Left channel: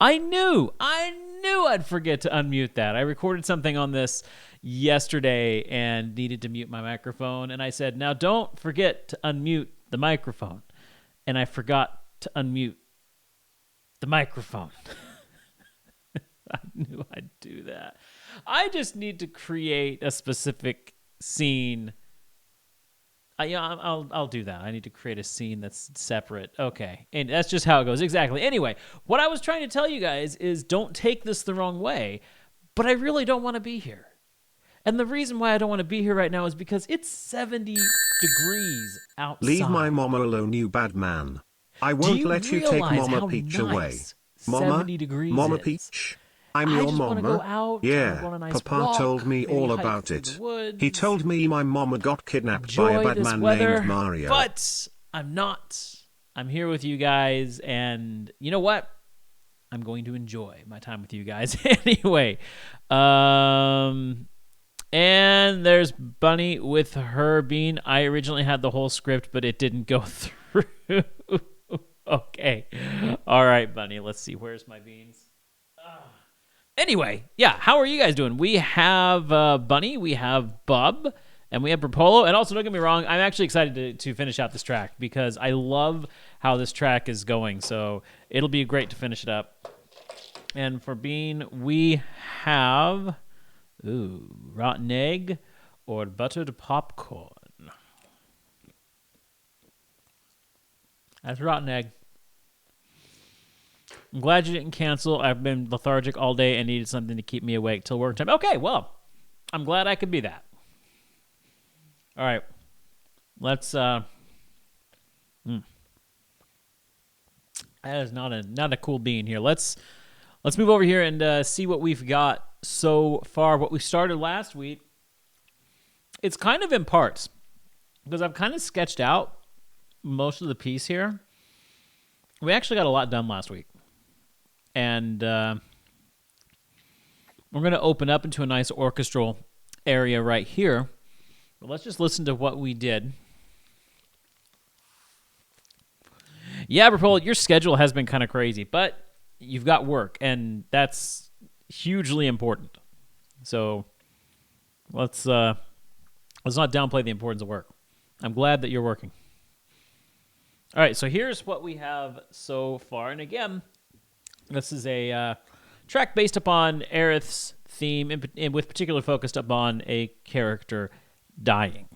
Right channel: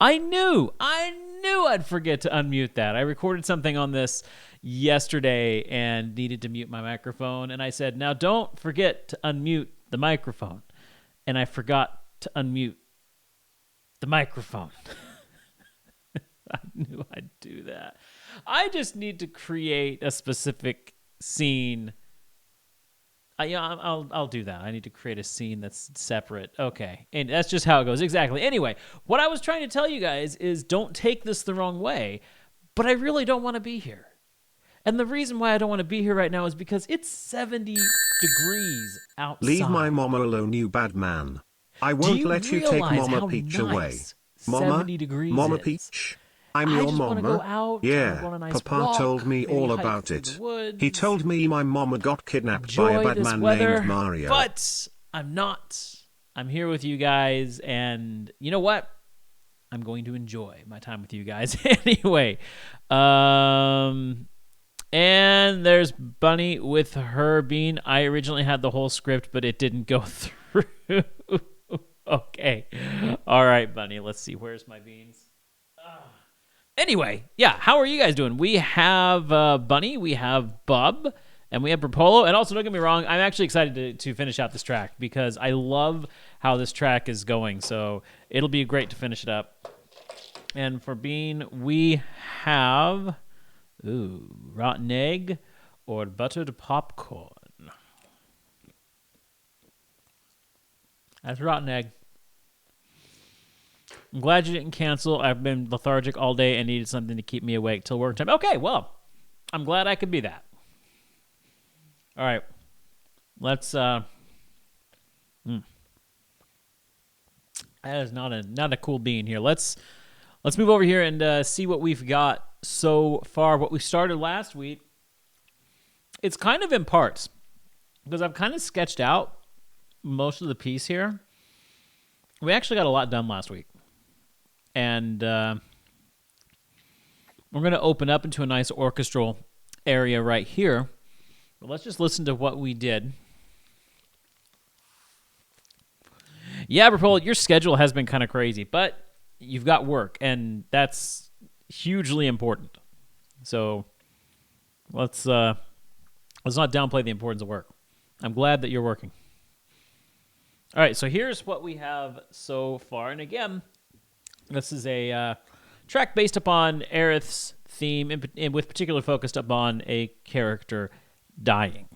I knew I'd forget to unmute that. I recorded something on this yesterday and needed to mute my microphone. And I said, now don't forget to unmute the microphone. And I forgot to unmute the microphone. I knew I'd do that. I just need to create a specific scene. I'll do that. I need to create a scene that's separate. Okay. And that's just how it goes. Exactly. Anyway, what I was trying to tell you guys is don't take this the wrong way, but I really don't want to be here. And the reason why I don't want to be here right now is because it's 70 degrees outside. Leave my mama alone, you bad man. I won't let you take Mama Peach away. Mama, 70 degrees Mama is. Peach, I'm I your just wanna mama. go out, Yeah, go on a nice Papa walk, told me maybe all hike about through it. the woods, He told me my mama got kidnapped by enjoy a bad this man weather, named Mario. But I'm not. I'm here with you guys, and you know what? I'm going to enjoy my time with you guys anyway. And there's Bunny with her bean. I originally had the whole script, but it didn't go through. Okay. All right, Bunny. Let's see. Where's my beans? Anyway, yeah. How are you guys doing? We have Bunny. We have Bub. And we have Propolo. And also, don't get me wrong, I'm actually excited to finish out this track because I love how this track is going. So it'll be great to finish it up. And for Bean, we have rotten egg or buttered popcorn. That's rotten egg. I'm glad you didn't cancel. I've been lethargic all day and needed something to keep me awake till work time. Okay, well, I'm glad I could be that. All right, let's. That is not a cool bean here. Let's move over here and see what we've got so far. What we started last week. It's kind of in parts because I've kind of sketched out most of the piece here. We actually got a lot done last week, and we're going to open up into a nice orchestral area right here. But let's just listen to what we did. Yeah, Rapol, your schedule has been kind of crazy, but you've got work, and that's hugely important. So let's not downplay the importance of work. I'm glad that you're working. All right, so here's what we have so far. And again, this is a track based upon Aerith's theme, and with particular focus upon a character dying.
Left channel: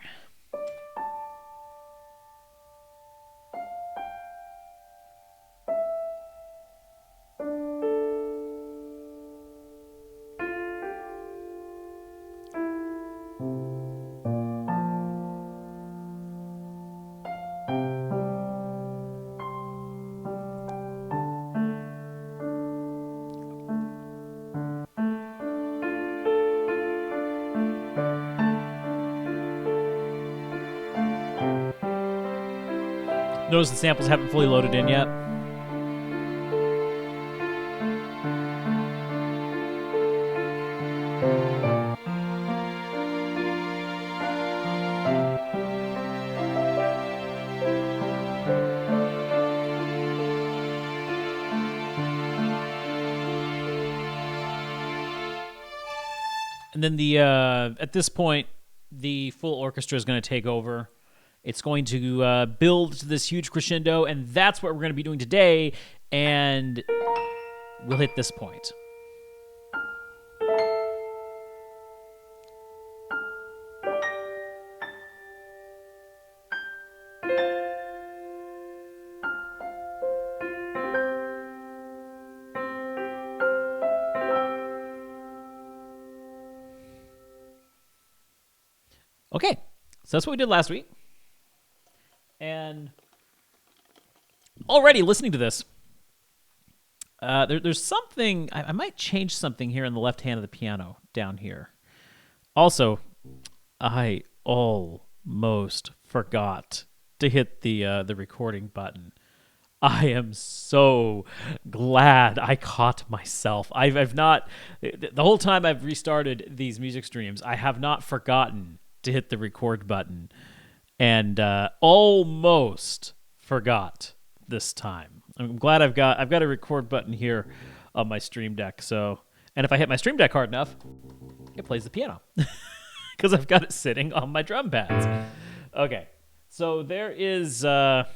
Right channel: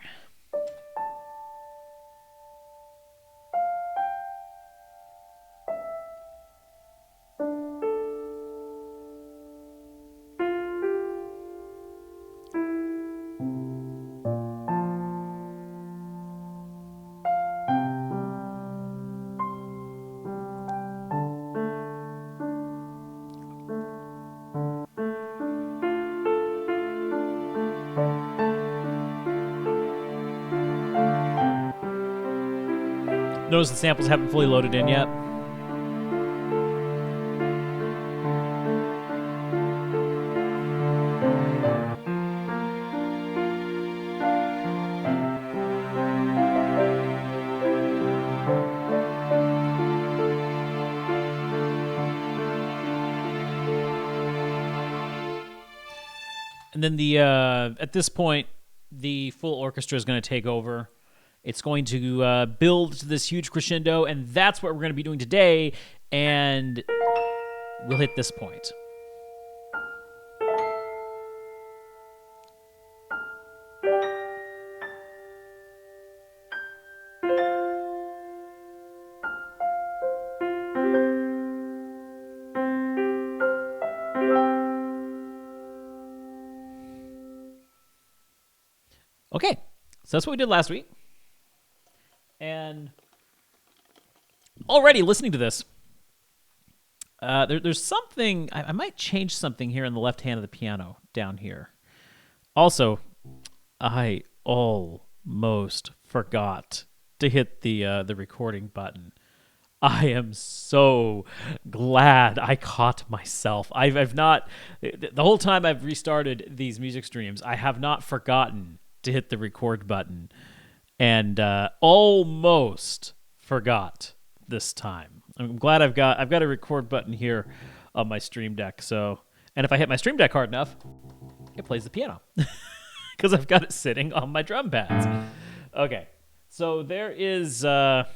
Notice the samples haven't fully loaded in yet. And then at this point, the full orchestra is going to take over. It's going to build to this huge crescendo, and that's what we're going to be doing today, and we'll hit this point. Okay, so that's what we did last week. And already listening to this, there's something, I might change something here in the left hand of the piano down here. Also, I almost forgot to hit the recording button. I am so glad I caught myself. I've not, the whole time I've restarted these music streams, I have not forgotten to hit the record button. And almost forgot this time. I'm glad I've got a record button here on my Stream Deck. So, and if I hit my Stream Deck hard enough, it plays the piano because I've got it sitting on my drum pads. Okay, so there's one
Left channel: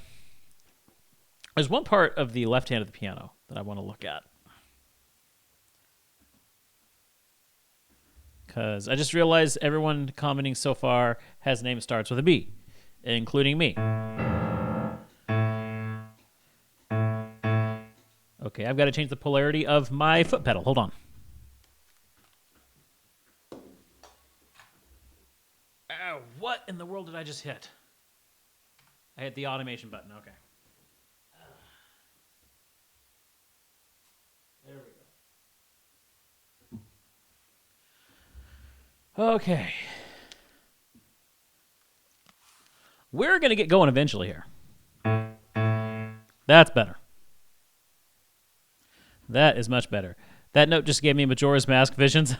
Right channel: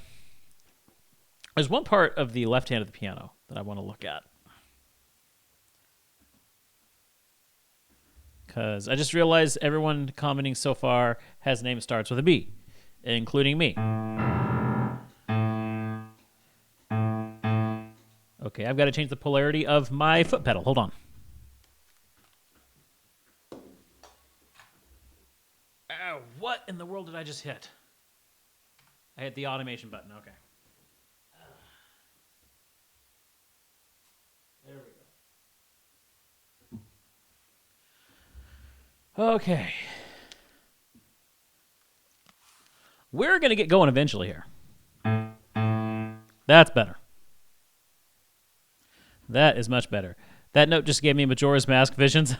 part of the left hand of the piano that I want to look at. Because I just realized everyone commenting so far has a name that starts with a B, including me. Okay, I've got to change the polarity of my foot pedal. Hold on. Ow, what in the world did I just hit? I hit the automation button. Okay. There we go. Okay. We're going to get going eventually here. That's better. That is much better. That note just gave me Majora's Mask visions.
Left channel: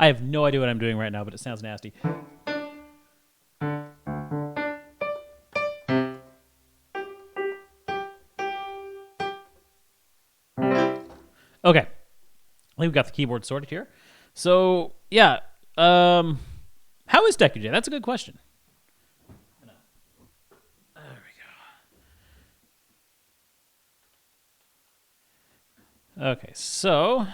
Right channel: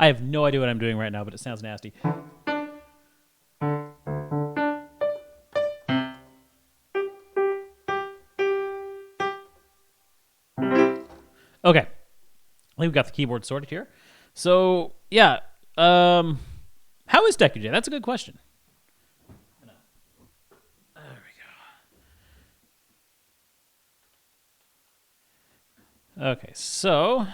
I have no idea what I'm doing right now, but it sounds nasty. Okay, I think we've got the keyboard sorted here. So yeah, how is Deku J? That's a good question. There we go. Okay, so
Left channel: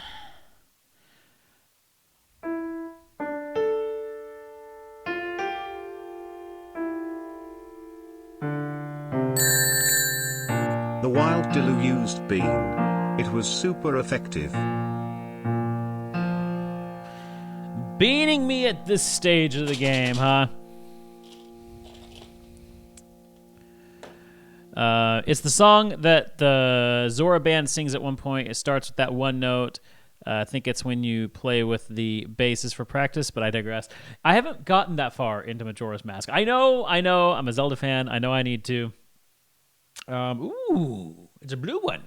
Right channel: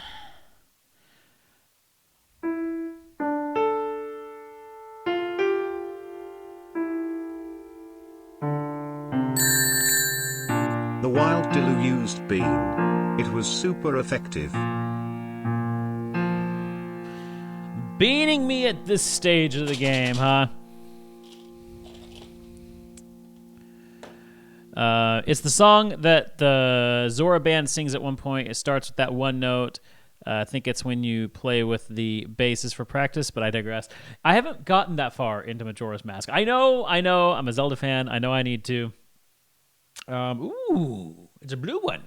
the wild Dilu used Bean. It was super effective. beating me at this stage of the game, huh? It's the song that the Zora band sings at one point. It starts with that one note. I think it's when you play with the basses for practice, but I digress. I haven't gotten that far into Majora's Mask. I know. I'm a Zelda fan. I know I need to. Ooh, it's a blue one.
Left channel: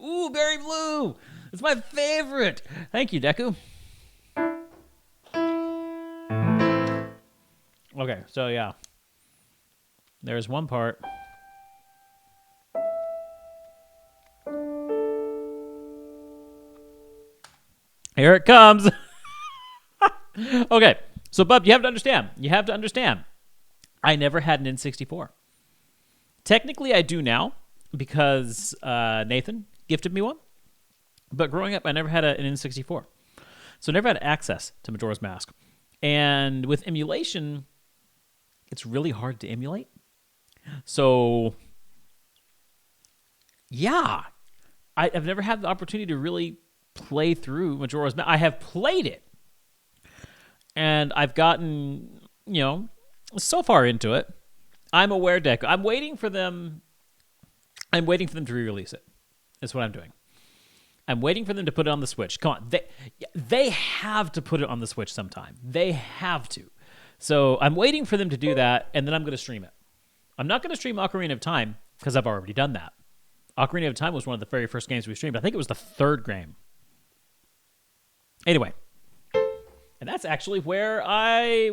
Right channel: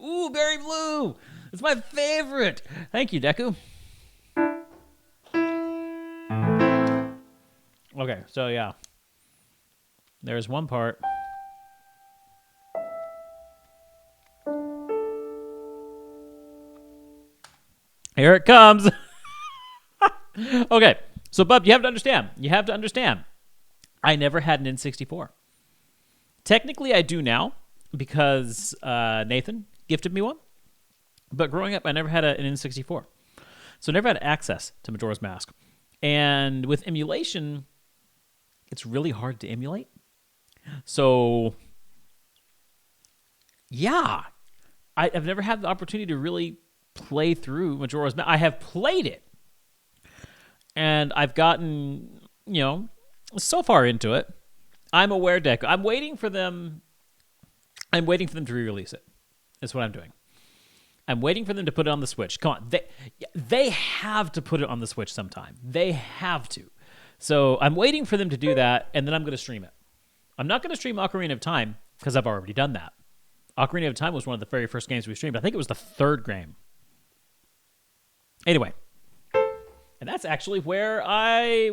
Ooh, berry blue. It's my favorite. Thank you, Deku. Okay, so yeah. There's one part. Here it comes. Okay, so Bub, you have to understand. I never had an N64. Technically, I do now because Nathan gifted me one. But growing up, I never had an N64. So I never had access to Majora's Mask. And with emulation, it's really hard to emulate. So, yeah, I've never had the opportunity to really play through Majora's Mask. I have played it, and I've gotten, so far into it. I'm aware, Deku. I'm waiting for them to re-release it. That's what I'm doing. I'm waiting for them to put it on the Switch. Come on, they have to put it on the Switch sometime. They have to. So I'm waiting for them to do that, and then I'm going to stream it. I'm not going to stream Ocarina of Time because I've already done that. Ocarina of Time was one of the very first games we streamed. I think it was the third game. Anyway, and that's actually where I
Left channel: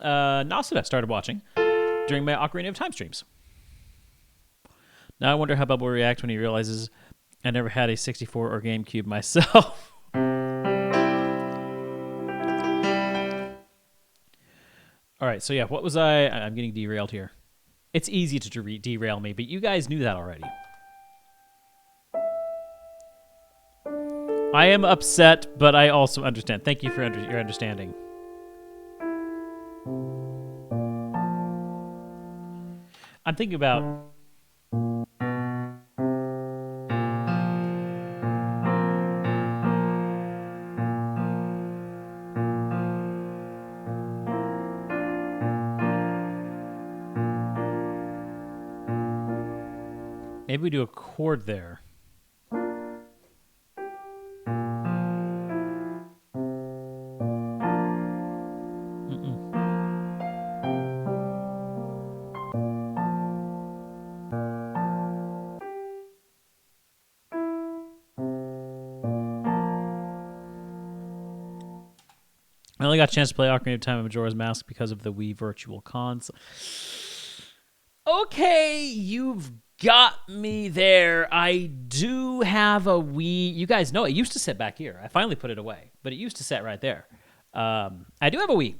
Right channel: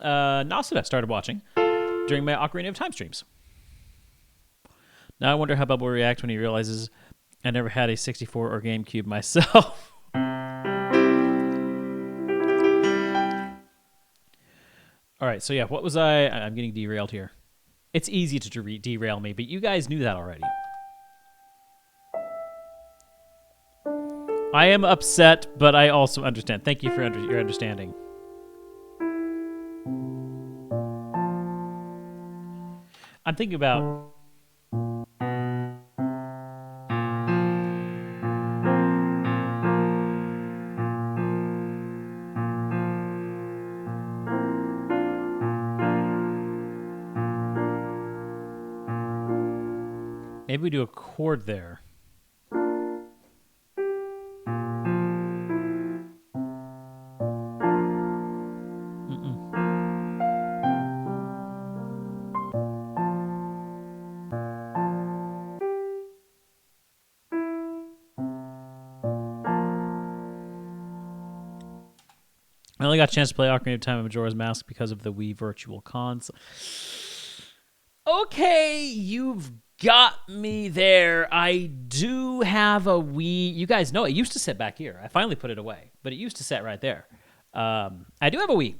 Nasuda started watching during my Ocarina of Time streams. Now I wonder how Bubba will react when he realizes I never had a 64 or GameCube myself. All right, so yeah, what was I'm getting derailed here. It's easy to derail me, but you guys knew that already. I am upset, but I also understand. Thank you for your understanding. I'm thinking about... maybe we do a chord there. I only got a chance to play Ocarina of Time and Majora's Mask because of the Wii Virtual Console. Okay, you've got me there. I do have a Wii. You guys know it used to sit back here. I finally put it away, but it used to sit right there. I do have a Wii.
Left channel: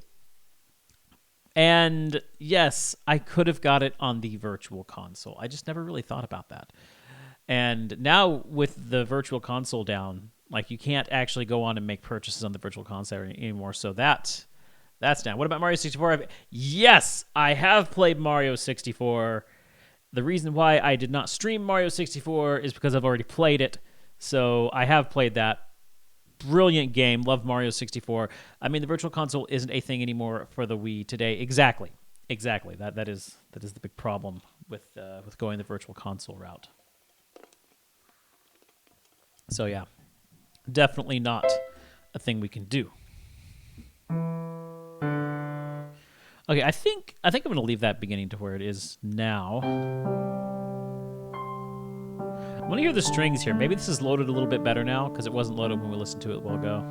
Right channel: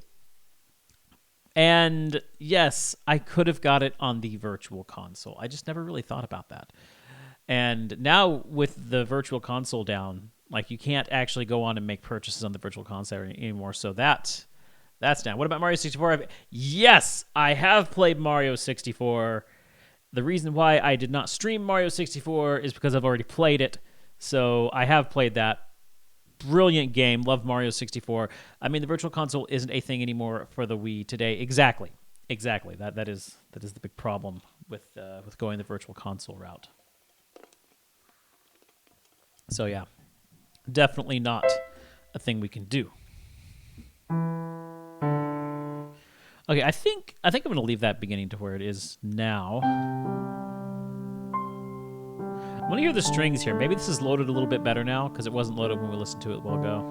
And yes, I could have got it on the Virtual Console. I just never really thought about that. And now with the Virtual Console down, like you can't actually go on and make purchases on the Virtual Console anymore. So that's down. What about Mario 64? Yes, I have played Mario 64. The reason why I did not stream Mario 64 is because I've already played it. So I have played that. Brilliant game. Love Mario 64. I mean, the Virtual Console isn't a thing anymore for the Wii today. Exactly. That is the big problem with going the Virtual Console route. So yeah, definitely not a thing we can do. Okay, I think I'm going to leave that beginning to where it is now. I want to hear the strings here. Maybe this is loaded a little bit better now because it wasn't loaded when we listened to it a while ago.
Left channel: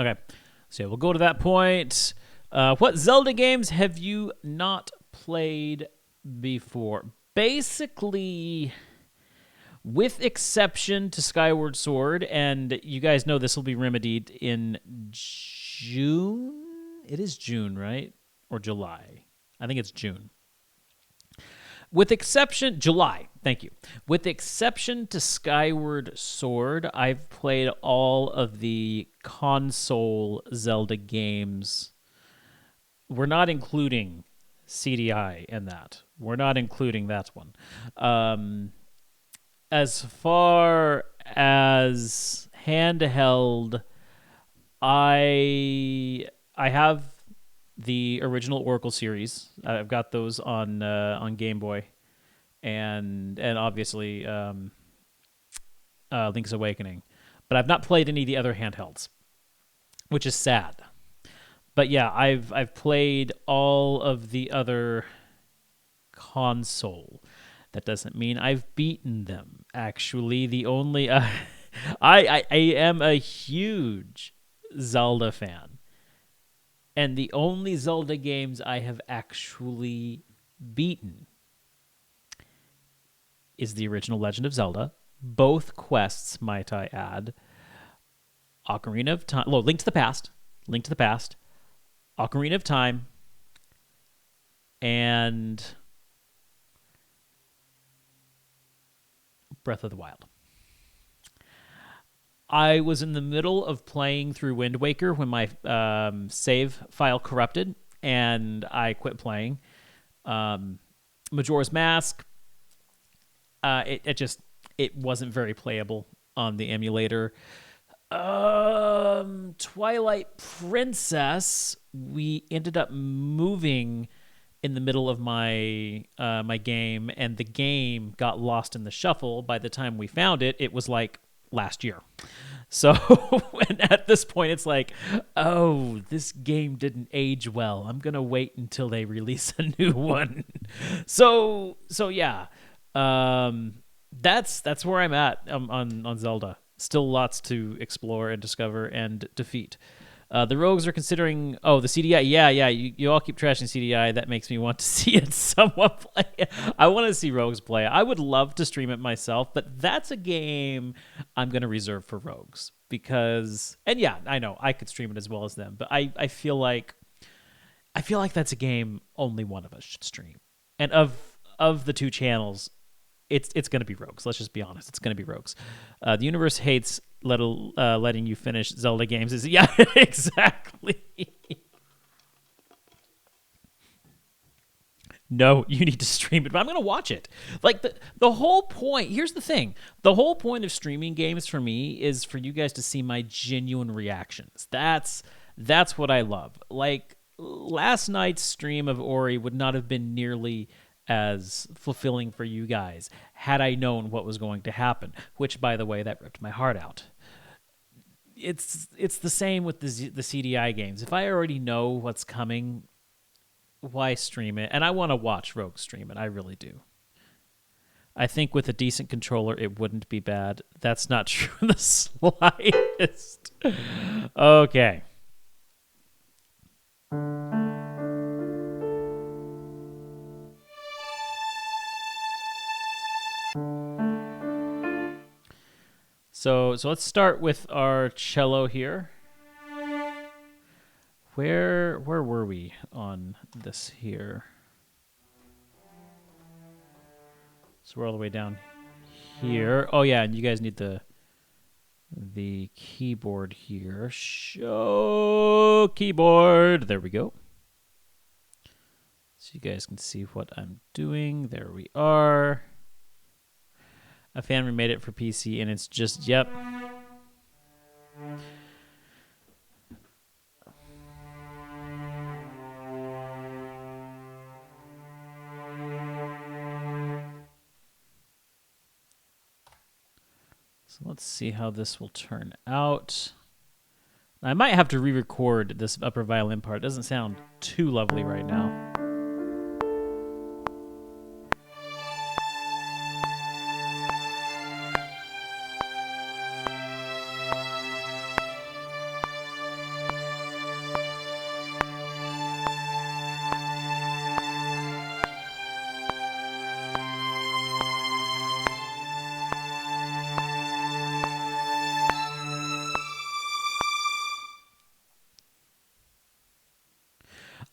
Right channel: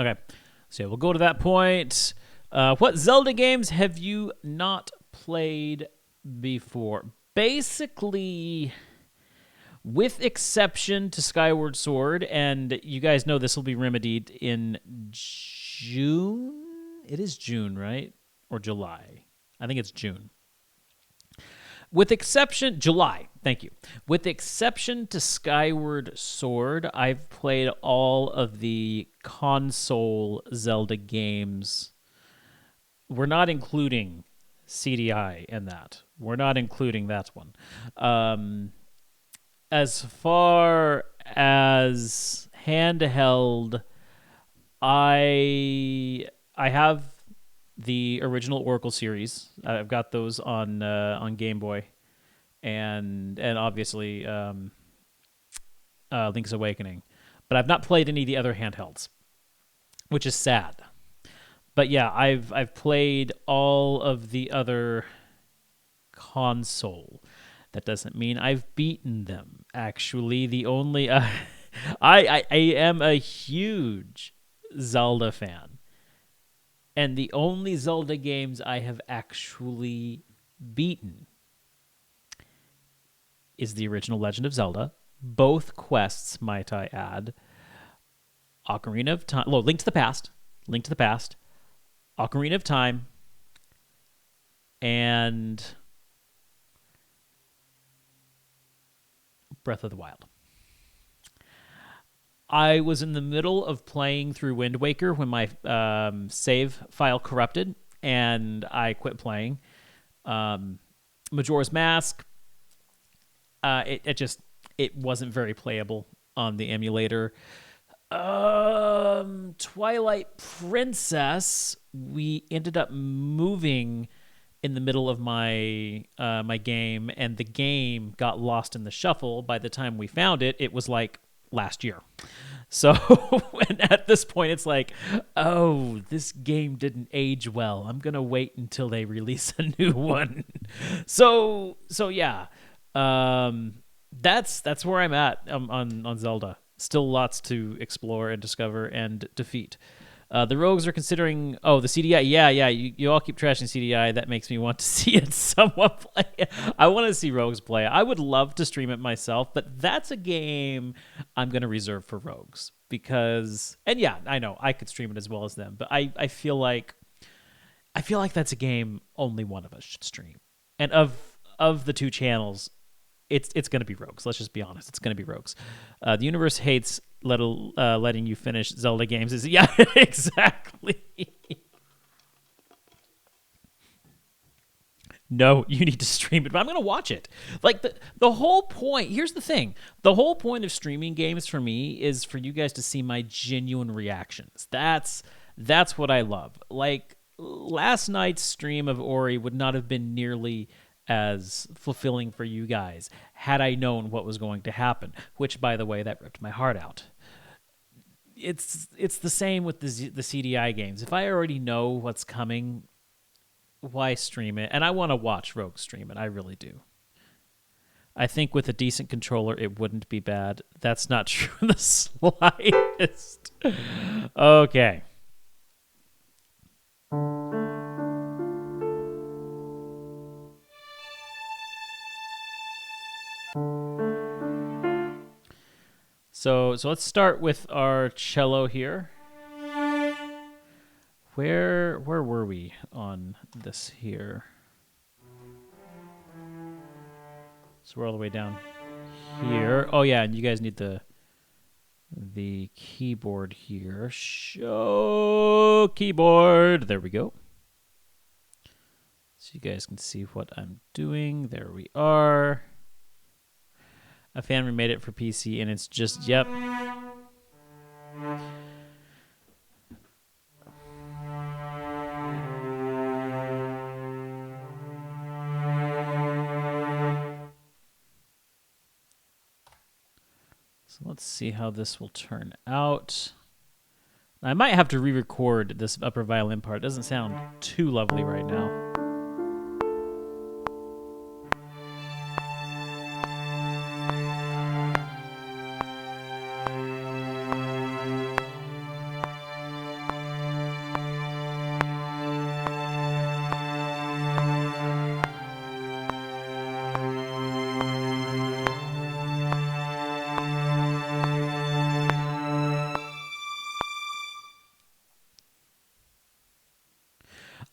Okay, so we'll go to that point. What Zelda games have you not played before? Basically, with exception to Skyward Sword, and you guys know this will be remedied in June? It is June, right? Or July? I think it's June. With exception, July, thank you. With exception to Skyward Sword, I've played all of the console Zelda games. We're not including CDI in that. We're not including that one. As far as handheld, I have the original Oracle series. I've got those on Game Boy, and obviously Link's Awakening. But I've not played any of the other handhelds, which is sad. But yeah, I've played all of the other console. That doesn't mean I've beaten them. Actually, the only I am a huge Zelda fan. And the only Zelda games I have actually beaten is the original Legend of Zelda, both quests, might I add, Ocarina of Time, Link to the Past, Ocarina of Time, and Breath of the Wild. I was in the middle of playing through Wind Waker when my save file corrupted, and I quit playing. Majora's Mask, it wasn't very playable on the emulator. Twilight Princess, we ended up moving in the middle of my my game, and the game got lost in the shuffle. By the time we found it, it was like last year. So and at this point it's like, oh, this game didn't age well. I'm going to wait until they release a new one. So yeah. That's where I'm at on Zelda. Still lots to explore and discover and defeat. The Rogues are considering... Oh, the CDI. Yeah. You all keep trashing CDI. That makes me want to see it somewhat play. I want to see Rogues play. I would love to stream it myself, but that's a game I'm going to reserve for Rogues. Because... And yeah, I know. I could stream it as well as them. But I feel like that's a game only one of us should stream. And of the two channels, it's going to be Rogues. Let's just be honest. It's going to be Rogues. The universe hates letting you finish Zelda games. Yeah, exactly. No, you need to stream it, but I'm going to watch it. Like the whole point, here's the thing. The whole point of streaming games for me is for you guys to see my genuine reactions. That's what I love. Like last night's stream of Ori would not have been nearly as fulfilling for you guys had I known what was going to happen, which by the way, that ripped my heart out. It's the same with the CDI games. If I already know what's coming, why stream it? And I want to watch Rogue stream it. I really do. I think with a decent controller, it wouldn't be bad. That's not true in the slightest. Okay. So let's start with our cello here. Where were we on this here? So we're all the way down here. Oh yeah, and you guys need the keyboard here. Show keyboard. There we go. So you guys can see what I'm doing. There we are. A fan remade it for PC, and it's just, yep. So let's see how this will turn out. I might have to re-record this upper violin part. It doesn't sound too lovely right now.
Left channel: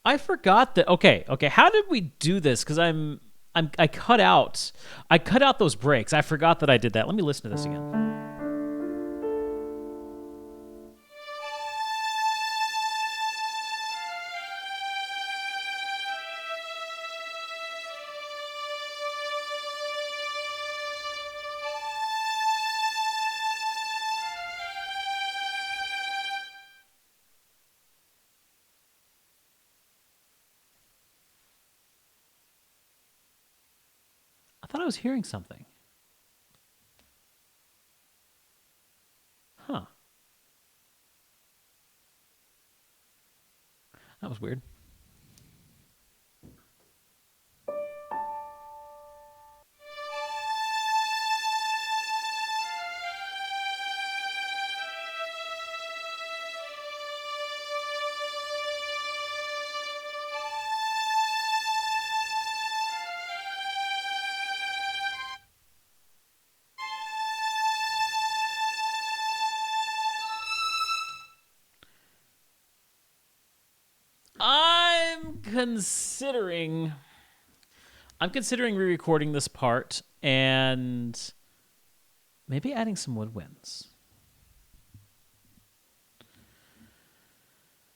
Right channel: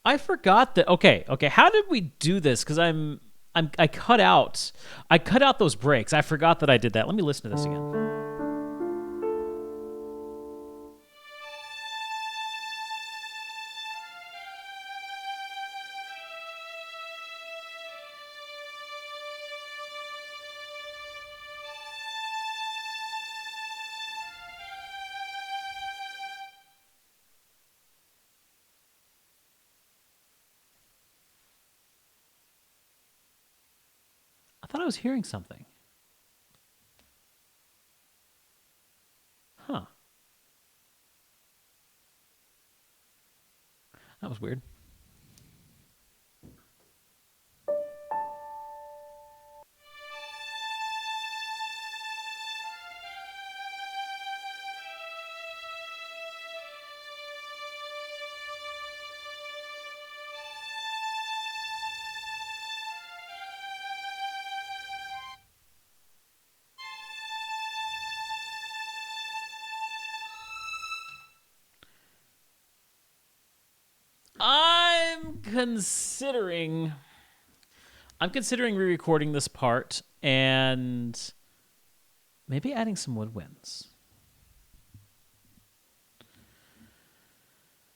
I forgot that. Okay. How did we do this? Because I cut out those breaks. I forgot that I did that. Let me listen to this again. I thought I was hearing something. Huh. That was weird. I'm considering re-recording this part and maybe adding some woodwinds.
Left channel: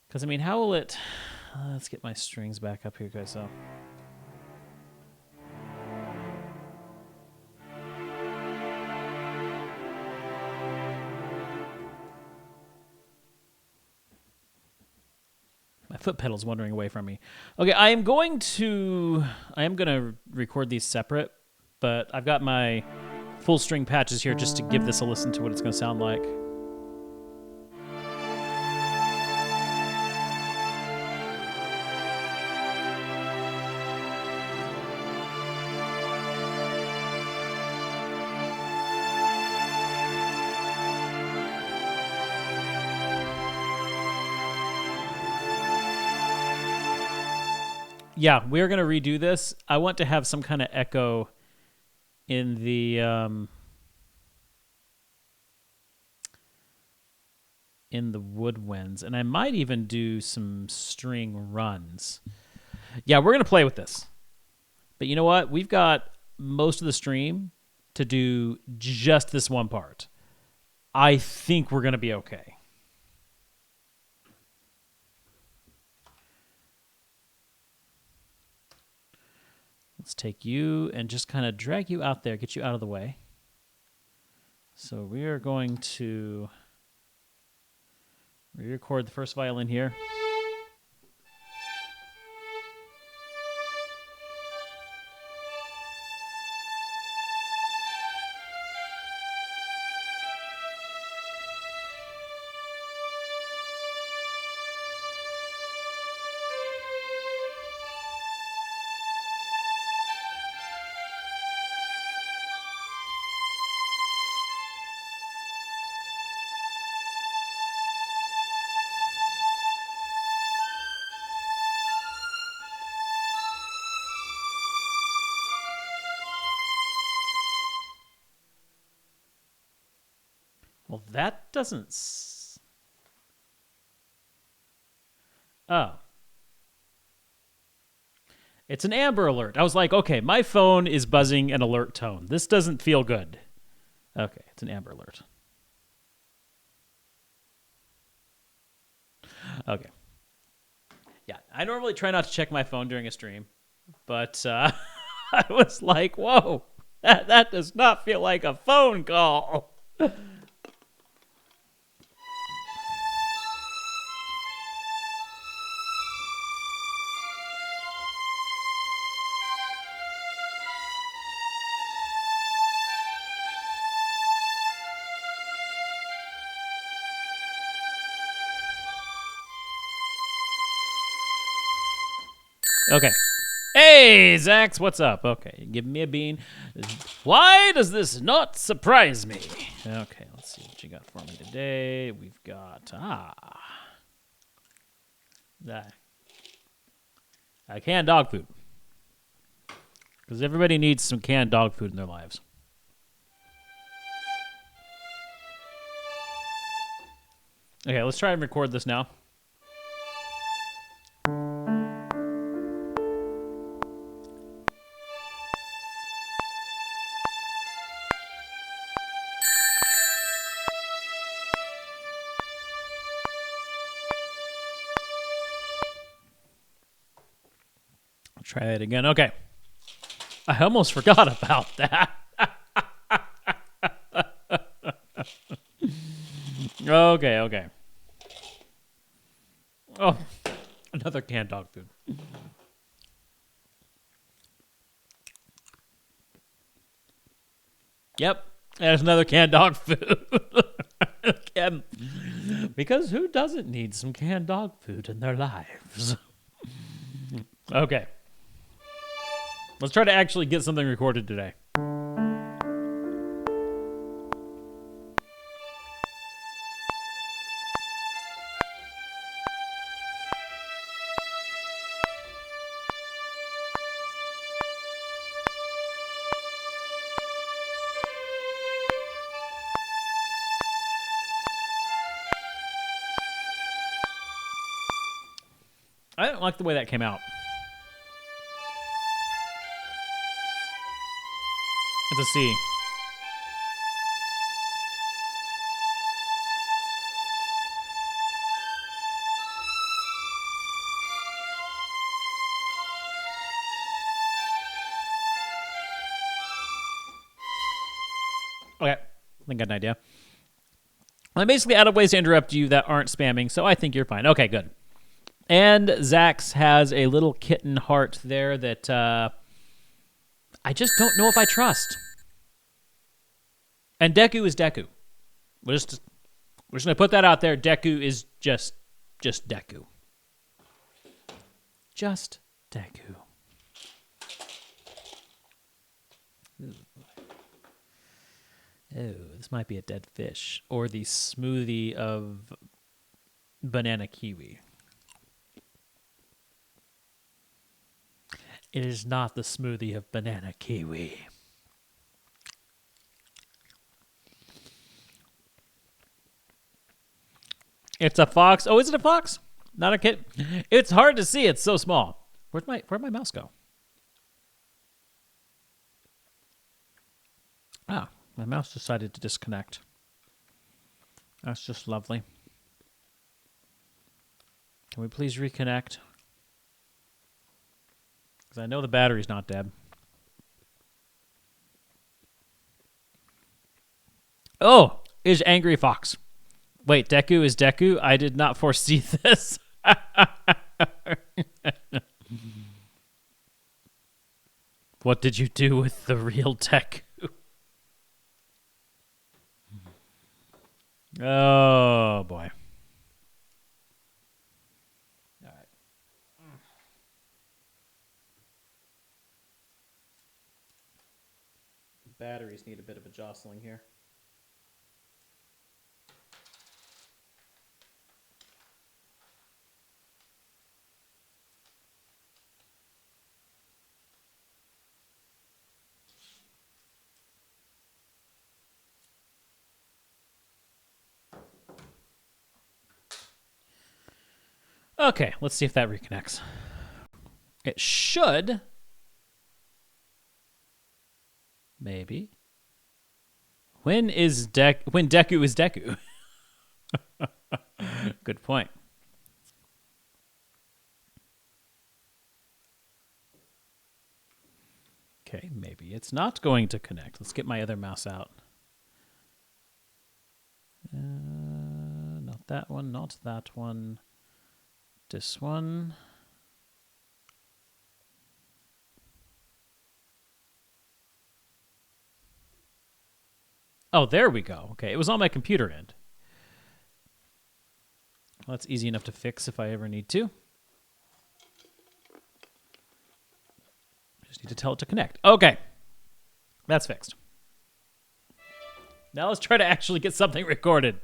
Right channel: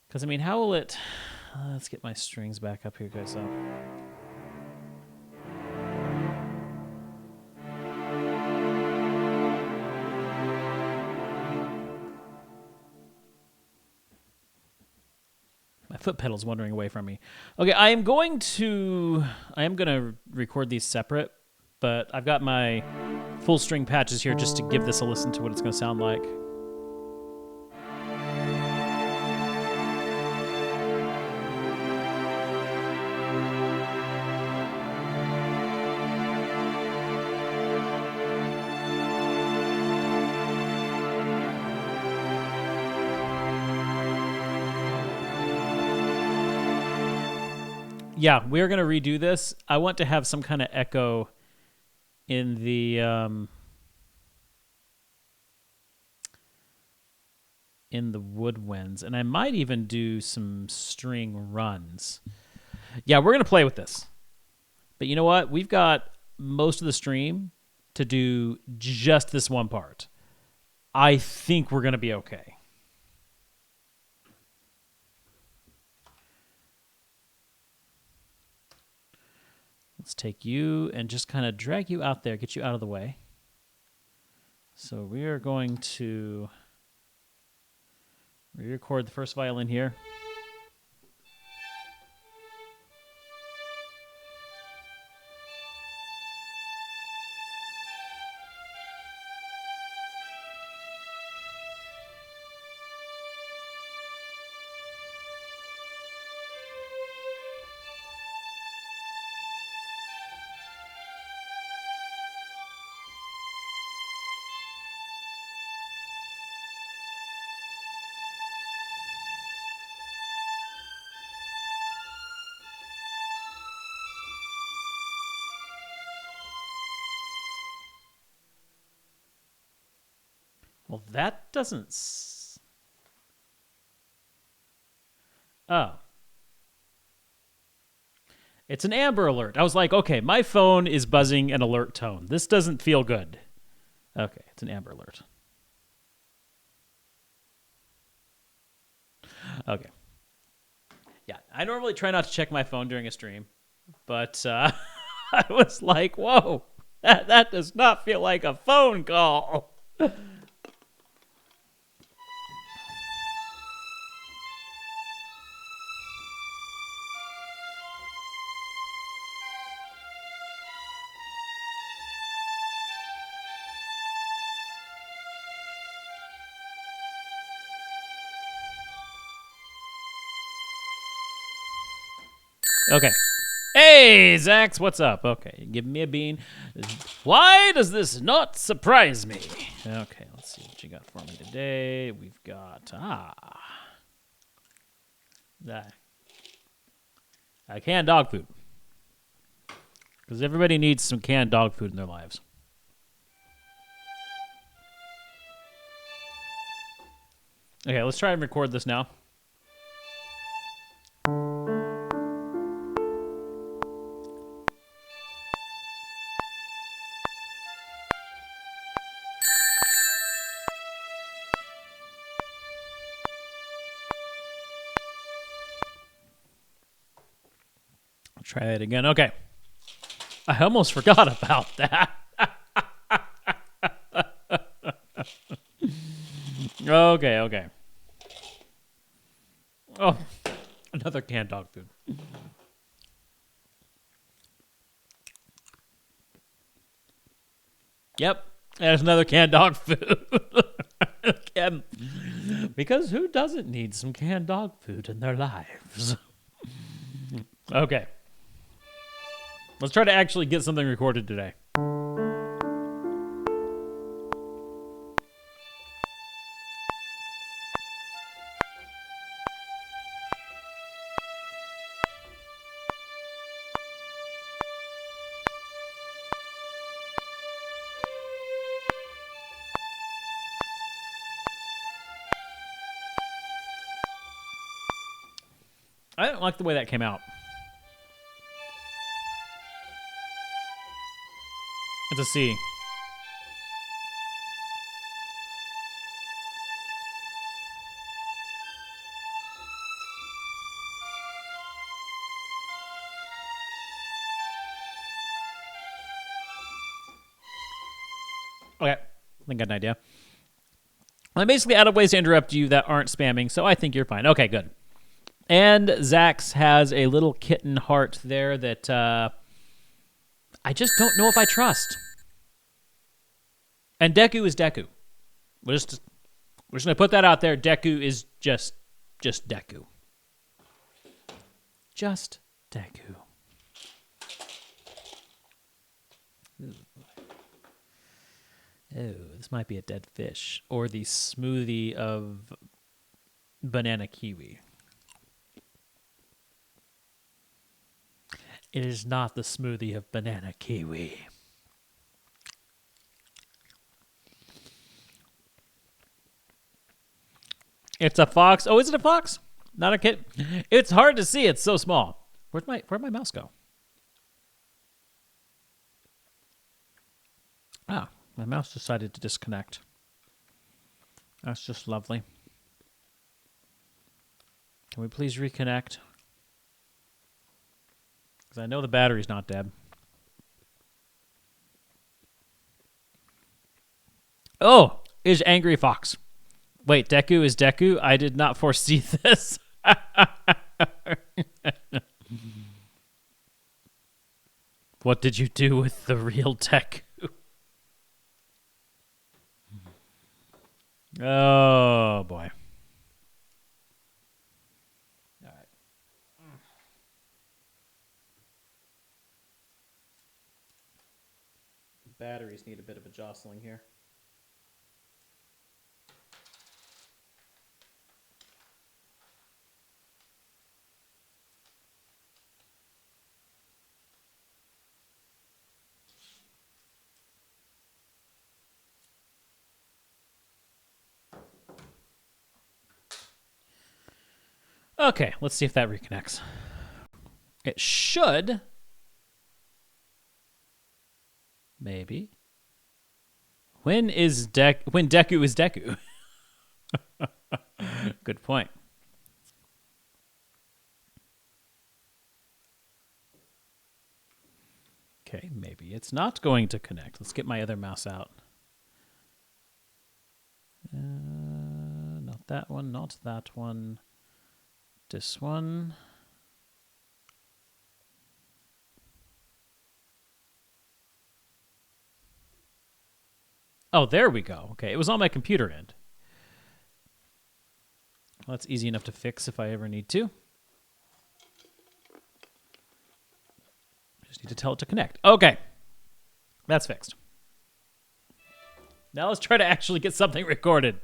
Because, I mean, how will it... let's get my strings back up here, guys. So. My foot pedal's wandering away from me. Okay, I am going to record these separate, but I've got my full string patches here just to give this a listen to what it's going to sound like. Yeah, we're going to redo this. I want to have some kind of echo in the woodwinds, and I might even do some string runs. Yeah, we're going to play with this. But you know what? We've got most of the stream to do just this one part. I think we're going to be okay. Let's take you and just kind of drag you out there, get you out of the way. So we are going to re-record the first violin here. Well, that doesn't... Oh. It's an Amber Alert. I was like, okay, my phone is buzzing an alert tone. This doesn't feel good. Okay, it's an Amber Alert. Okay. Yeah, I normally try not to check my phone during a stream, but I was like, whoa, that does not feel like a phone call. Okay. Hey, Zax, what's up? Okay, give me a bean. Why does this not surprise me? Okay, let's see what you got for me today. We've got, canned dog food. Because everybody needs some canned dog food in their lives. Okay, let's try and record this now. Try it again. Okay. I almost forgot about that. Okay. Oh, another canned dog food. Yep, there's another canned dog food. Because who doesn't need some canned dog food in their lives? Okay. Let's try to actually get something recorded today. I don't like the way that came out. It's a C. Okay, I think I got an idea. I'm basically out of ways to interrupt you that aren't spamming, so I think you're fine. Okay, good. And Zax has a little kitten heart there that I just don't know if I trust. And Deku is Deku. We're just gonna put that out there. Deku is just Deku. Just Deku. Ooh. Oh, this might be a dead fish. Or the smoothie of banana kiwi. It is not the smoothie of banana kiwi. It's a fox. Oh, is it a fox? Not a kid. It's hard to see. It's so small. Where'd my mouse go? Ah, my mouse decided to disconnect. That's just lovely. Can we please reconnect? Because I know the battery's not dead. Oh, is Angry Fox. Wait, Deku is Deku? I did not foresee this. What did you do with the real Deku? Oh, boy. All right. Batteries need a bit of a jostling here. Okay, let's see if that reconnects. It should. Maybe. When Deku is Deku? Good point. Okay, maybe it's not going to connect. Let's get my other mouse out. Not that one, not that one. This one. Oh, there we go. Okay, it was on my computer end. Well, that's easy enough to fix if I ever need to. Just need to tell it to connect. Okay. That's fixed. Now let's try to actually get something recorded.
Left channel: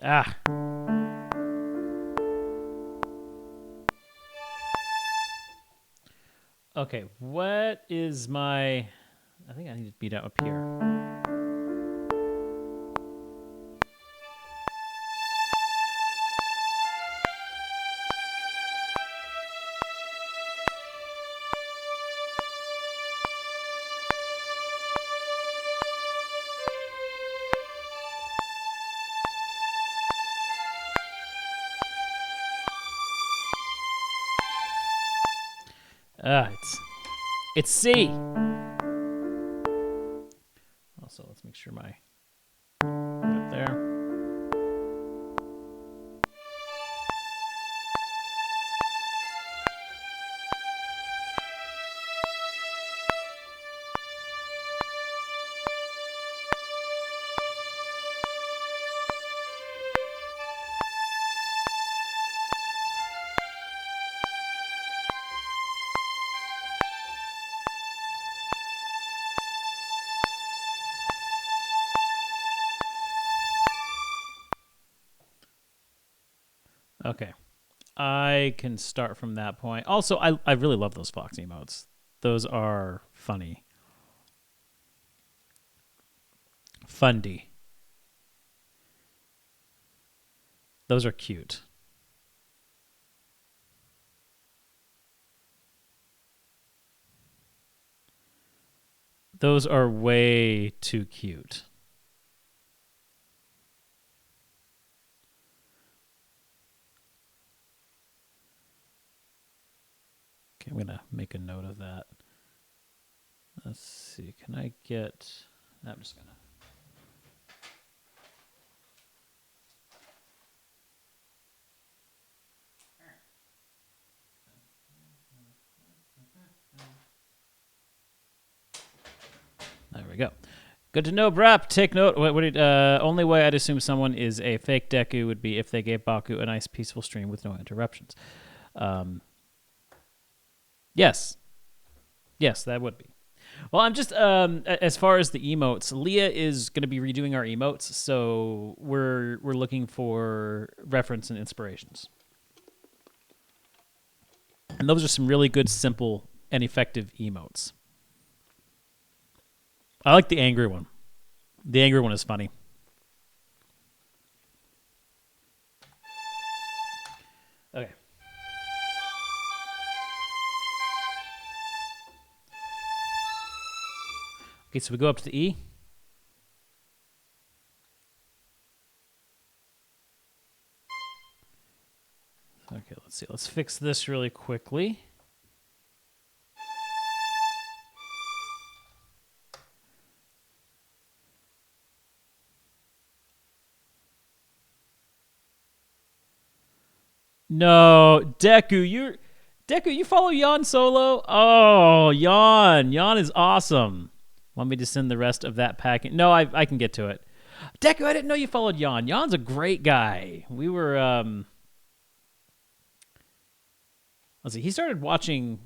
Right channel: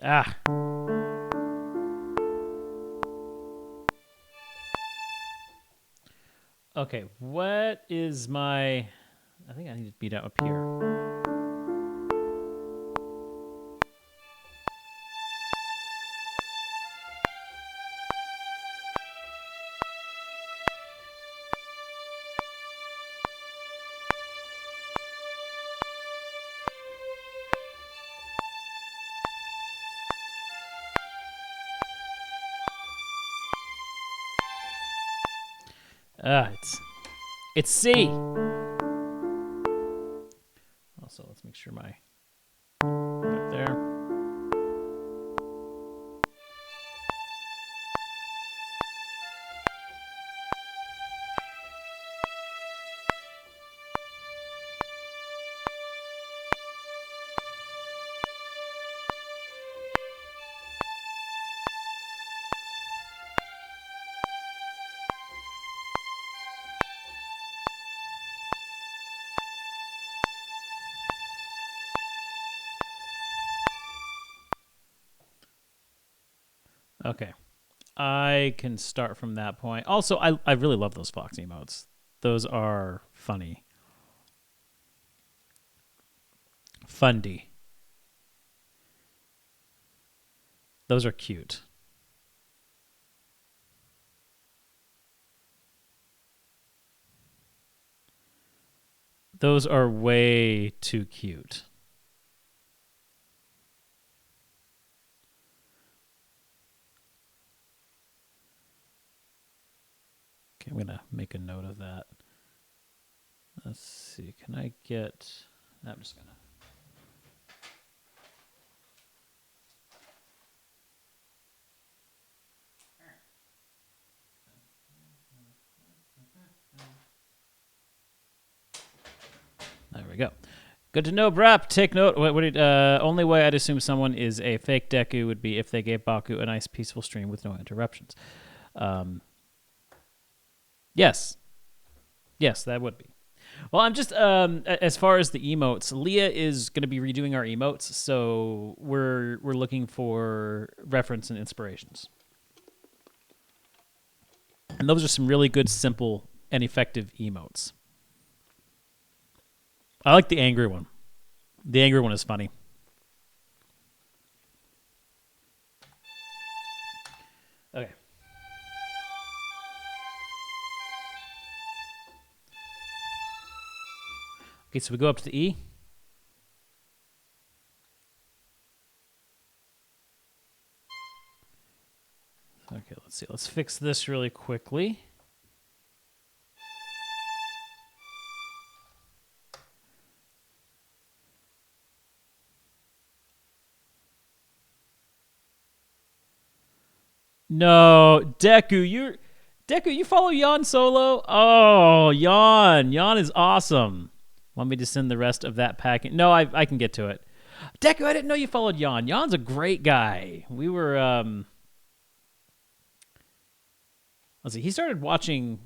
Ah. Okay, what is my... I think I need to beat out up here. It's C. Also, let's make sure my right up there. Okay. I can start from that point. Also, I really love those Fox emotes. Those are funny. Fundy. Those are cute. Those are way too cute. Okay, I'm going to make a note of that. Let's see. Can I get... I'm just going to... There we go. Good to know, Brap. Take note. Only way I'd assume someone is a fake Deku would be if they gave Baku a nice, peaceful stream with no interruptions. Yes. Yes, that would be. Well, I'm just, as far as the emotes, Leah is going to be redoing our emotes, so we're looking for reference and inspirations. And those are some really good, simple, and effective emotes. I like the angry one. The angry one is funny. Okay. Okay, so we go up to the E. Okay, let's see. Let's fix this really quickly. No, Deku, you follow Yon solo? Oh, Yon is awesome. Want me to send the rest of that packet? No, I can get to it. Deku, I didn't know you followed Yon. Yon's a great guy. We were let's see. He started watching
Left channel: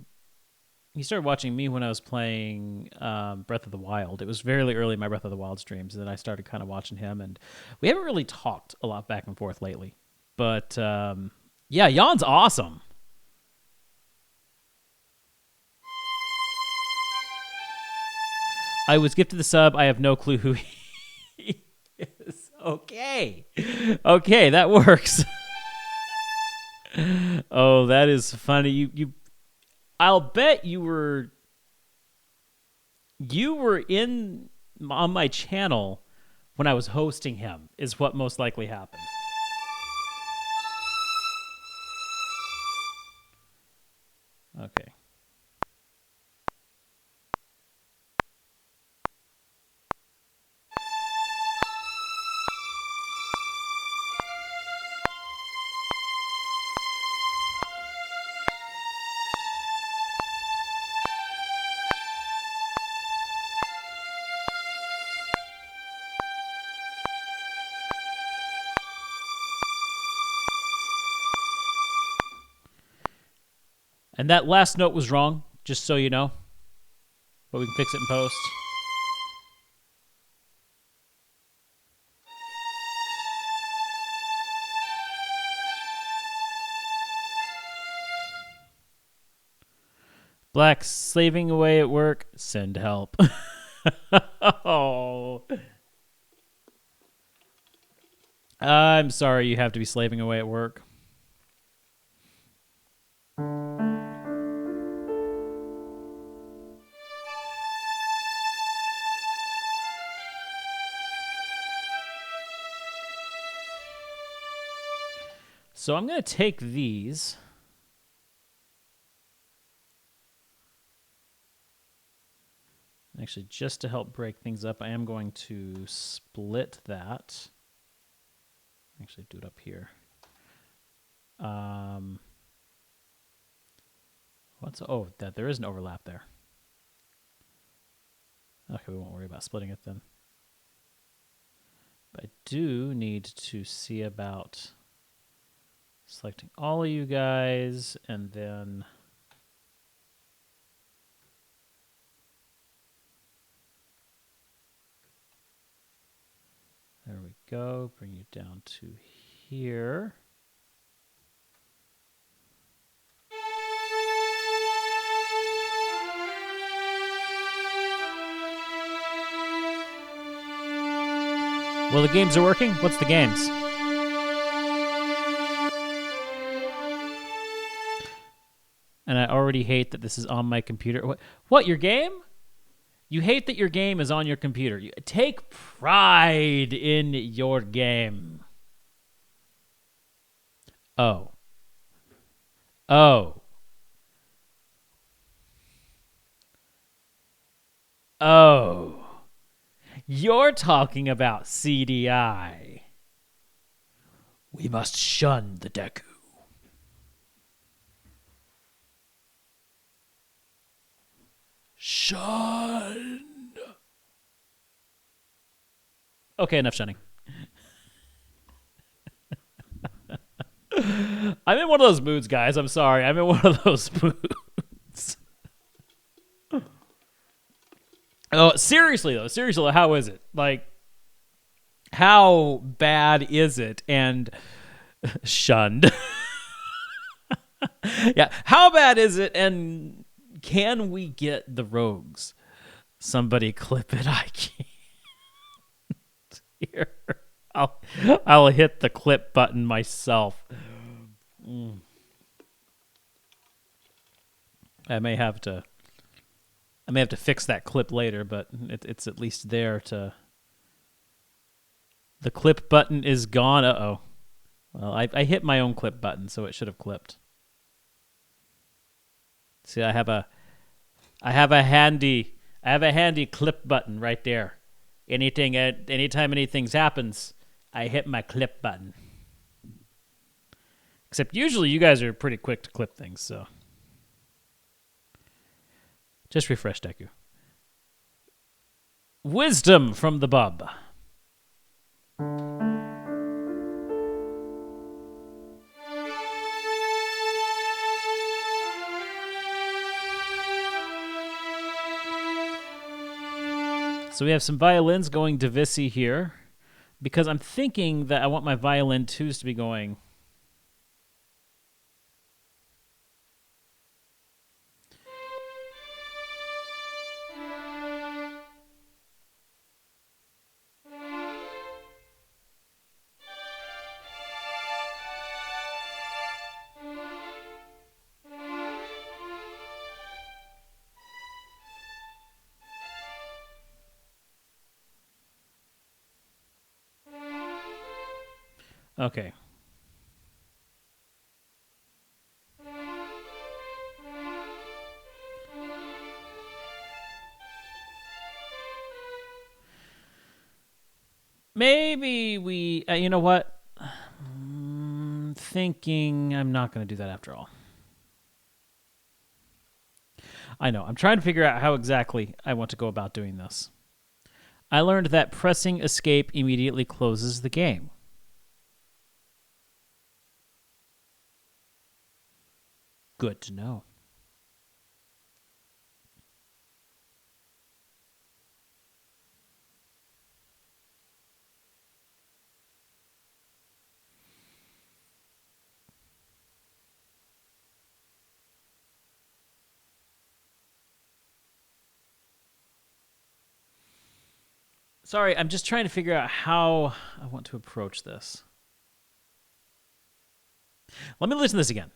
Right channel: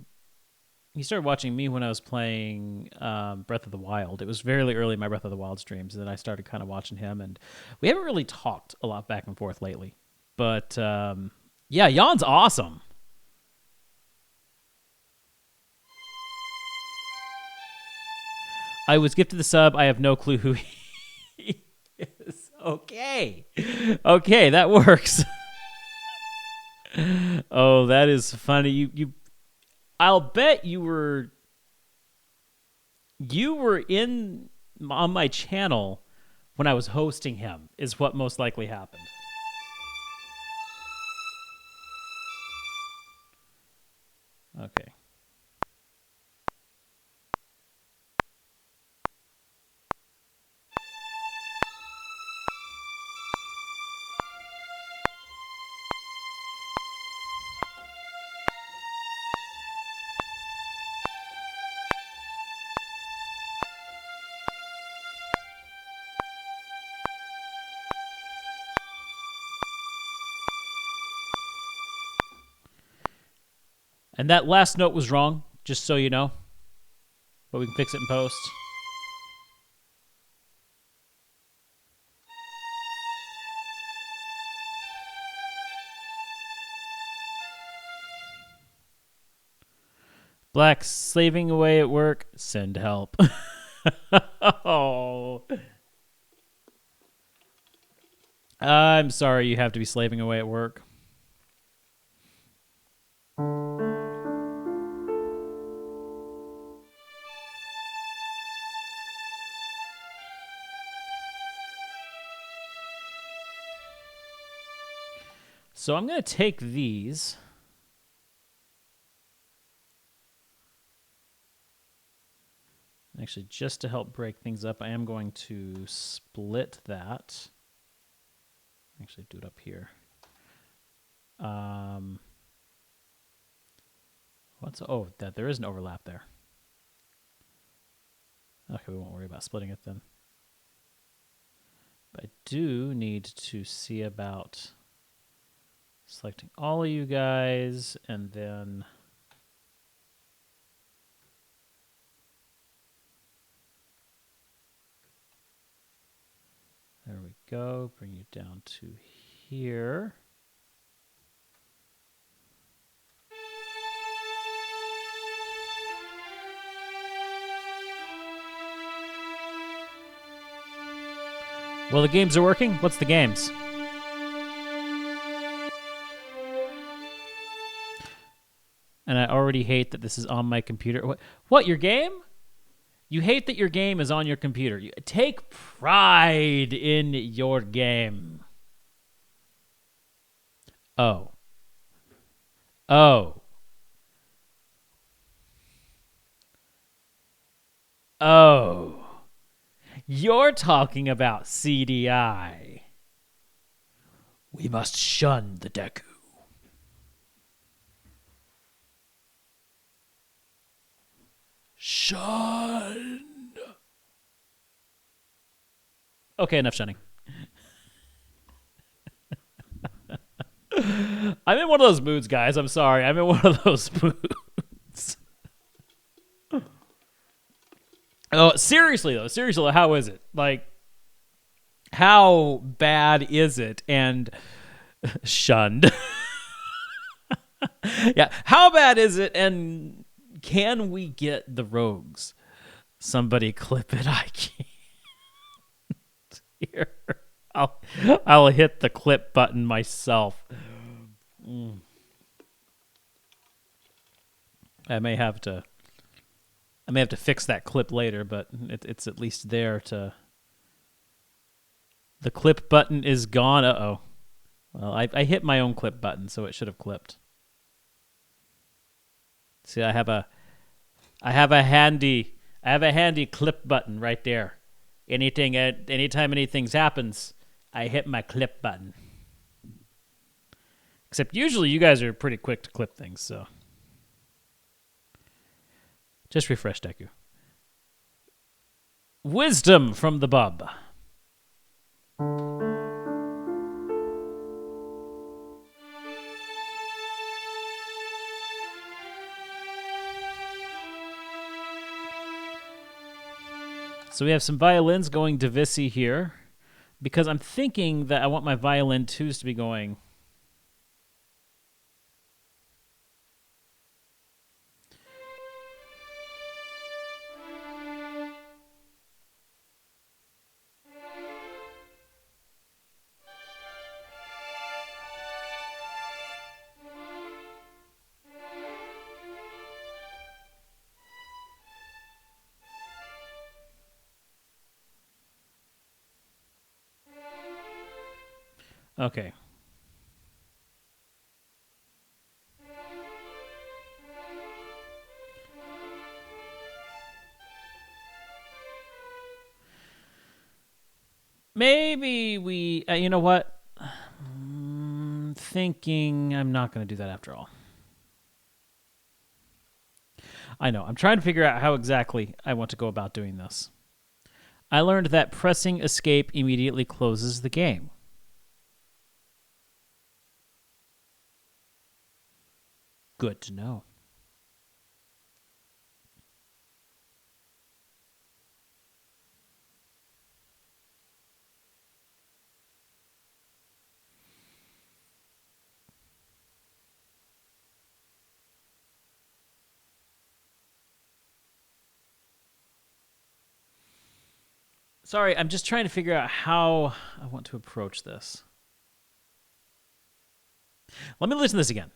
me when I was playing Breath of the Wild. It was very early in my Breath of the Wild streams, and then I started kind of watching him, and we haven't really talked a lot back and forth lately. But yeah, Yon's awesome. I was gifted the sub. I have no clue who he is. Okay, that works. Oh, that is funny. You. I'll bet you were in on my channel when I was hosting him. Is what most likely happened. Okay. And that last note was wrong, just so you know. But we can fix it in post. Black slaving away at work. Send help. Oh. I'm sorry you have to be slaving away at work. So I'm going to take these. Actually, just to help break things up, I am going to split that. Actually, do it up here. That there is an overlap there. Okay, we won't worry about splitting it then. But I do need to see about selecting all of you guys, and then there we go. Bring you down to here. Well, the games are working. What's the games? And I already hate that this is on my computer. What, your game? You hate that your game is on your computer. You take pride in your game. Oh. You're talking about CDI. We must shun the Deku. Shun. Okay, enough shunning. I'm in one of those moods, guys. I'm sorry. I'm in one of those moods. Oh, seriously, though. Seriously, how is it? Like, how bad is it? And shunned. Yeah, how bad is it? And can we get the rogues? Somebody clip it. I can't. Here, I'll hit the clip button myself. I may have to I may have to fix that clip later, but it's at least there to... The clip button is gone. Uh-oh. Well, I hit my own clip button, so it should have clipped. See, I have a handy clip button right there. Anytime anything happens, I hit my clip button. Except usually you guys are pretty quick to clip things, so... Just refresh, Deku. Wisdom from the bub. So we have some violins going to Vissy here, because I'm thinking that I want my violin twos to be going... Okay. Maybe we... you know what? Thinking I'm not going to do that after all. I know. I'm trying to figure out how exactly I want to go about doing this. I learned that pressing escape immediately closes the game. Good to know. Sorry, I'm just trying to figure out how I want to approach this. Let me listen to this again.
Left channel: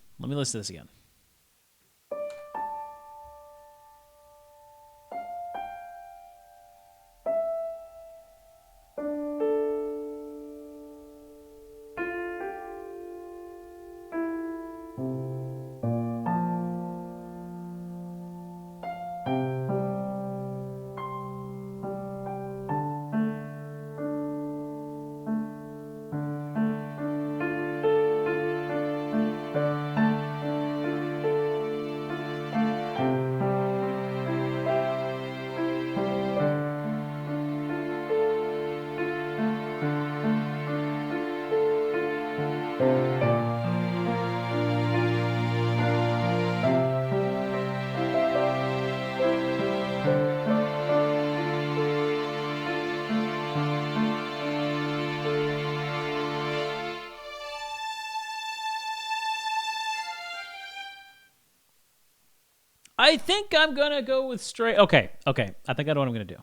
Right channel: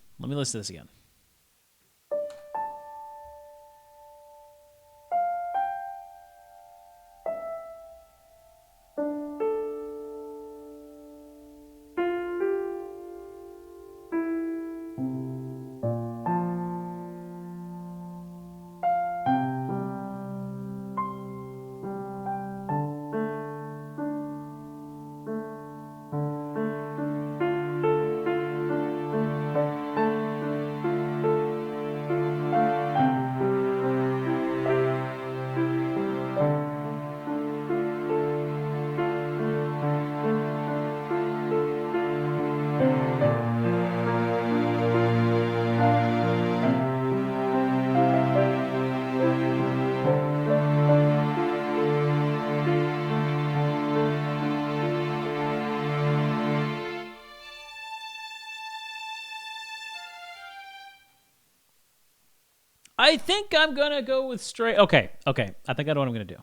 I think I'm going to go with straight... Okay. I think I know what I'm going to do.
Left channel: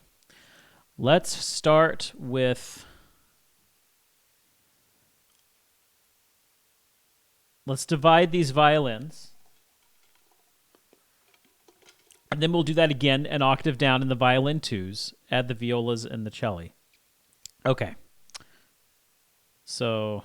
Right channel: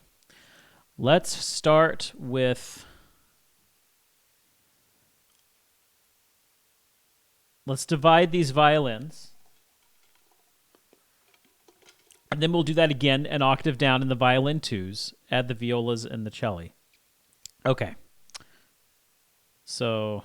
Let's start with... Let's divide these violins. And then we'll do that again an octave down in the violin twos. Add the violas and the cello. Okay. So...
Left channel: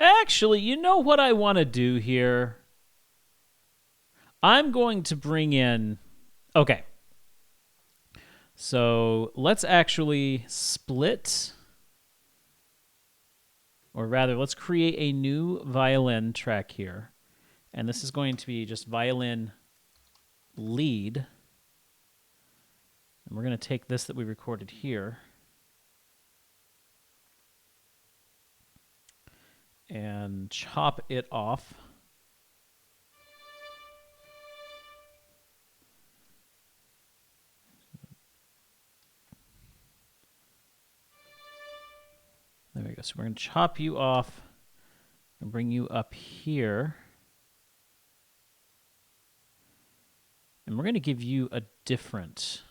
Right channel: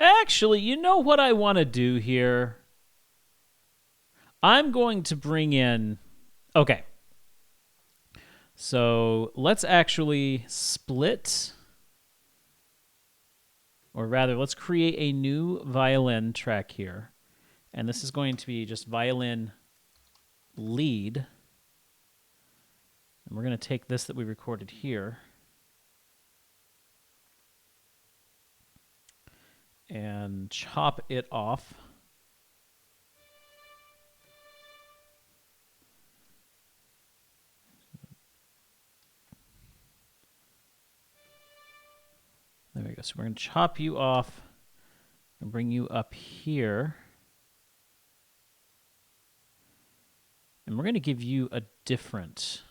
Actually, you know what I want to do here? I'm going to bring in... Okay. So let's actually split... Or rather, let's create a new violin track here. And this is going to be just violin lead. And we're going to take this that we recorded here. And chop it off. go. So we're going to chop you off and bring you up here. And we're going to give you a different...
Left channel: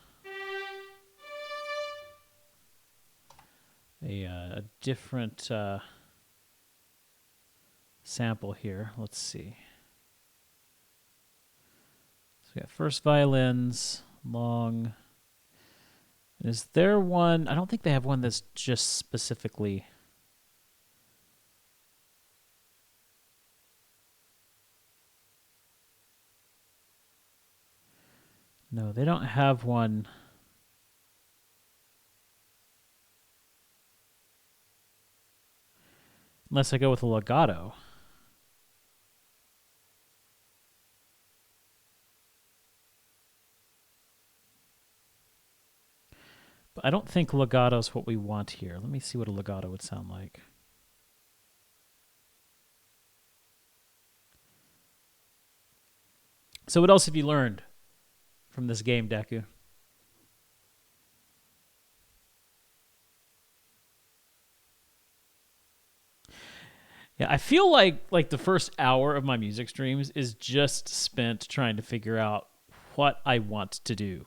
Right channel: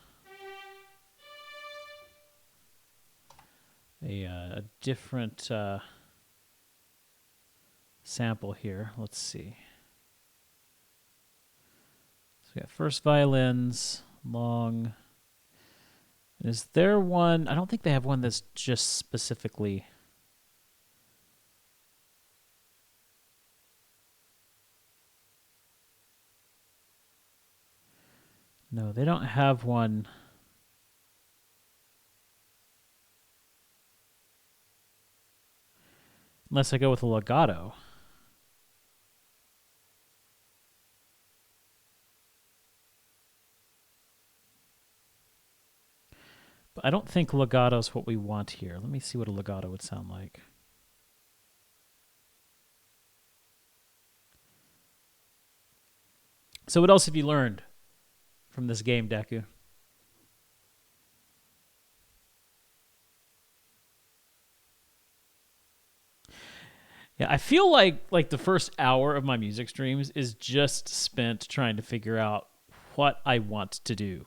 a different sample here. Let's see. So we got first violins, long. And is there one? I don't think they have one that's just specifically. No, they don't have one. Unless I go with a legato. But I don't think legato is what we want here. Let me see what a legato would sound like. So what else have you learned from this game, Deku? Yeah, I feel like the first hour of my music streams is just spent trying to figure out what I want to do.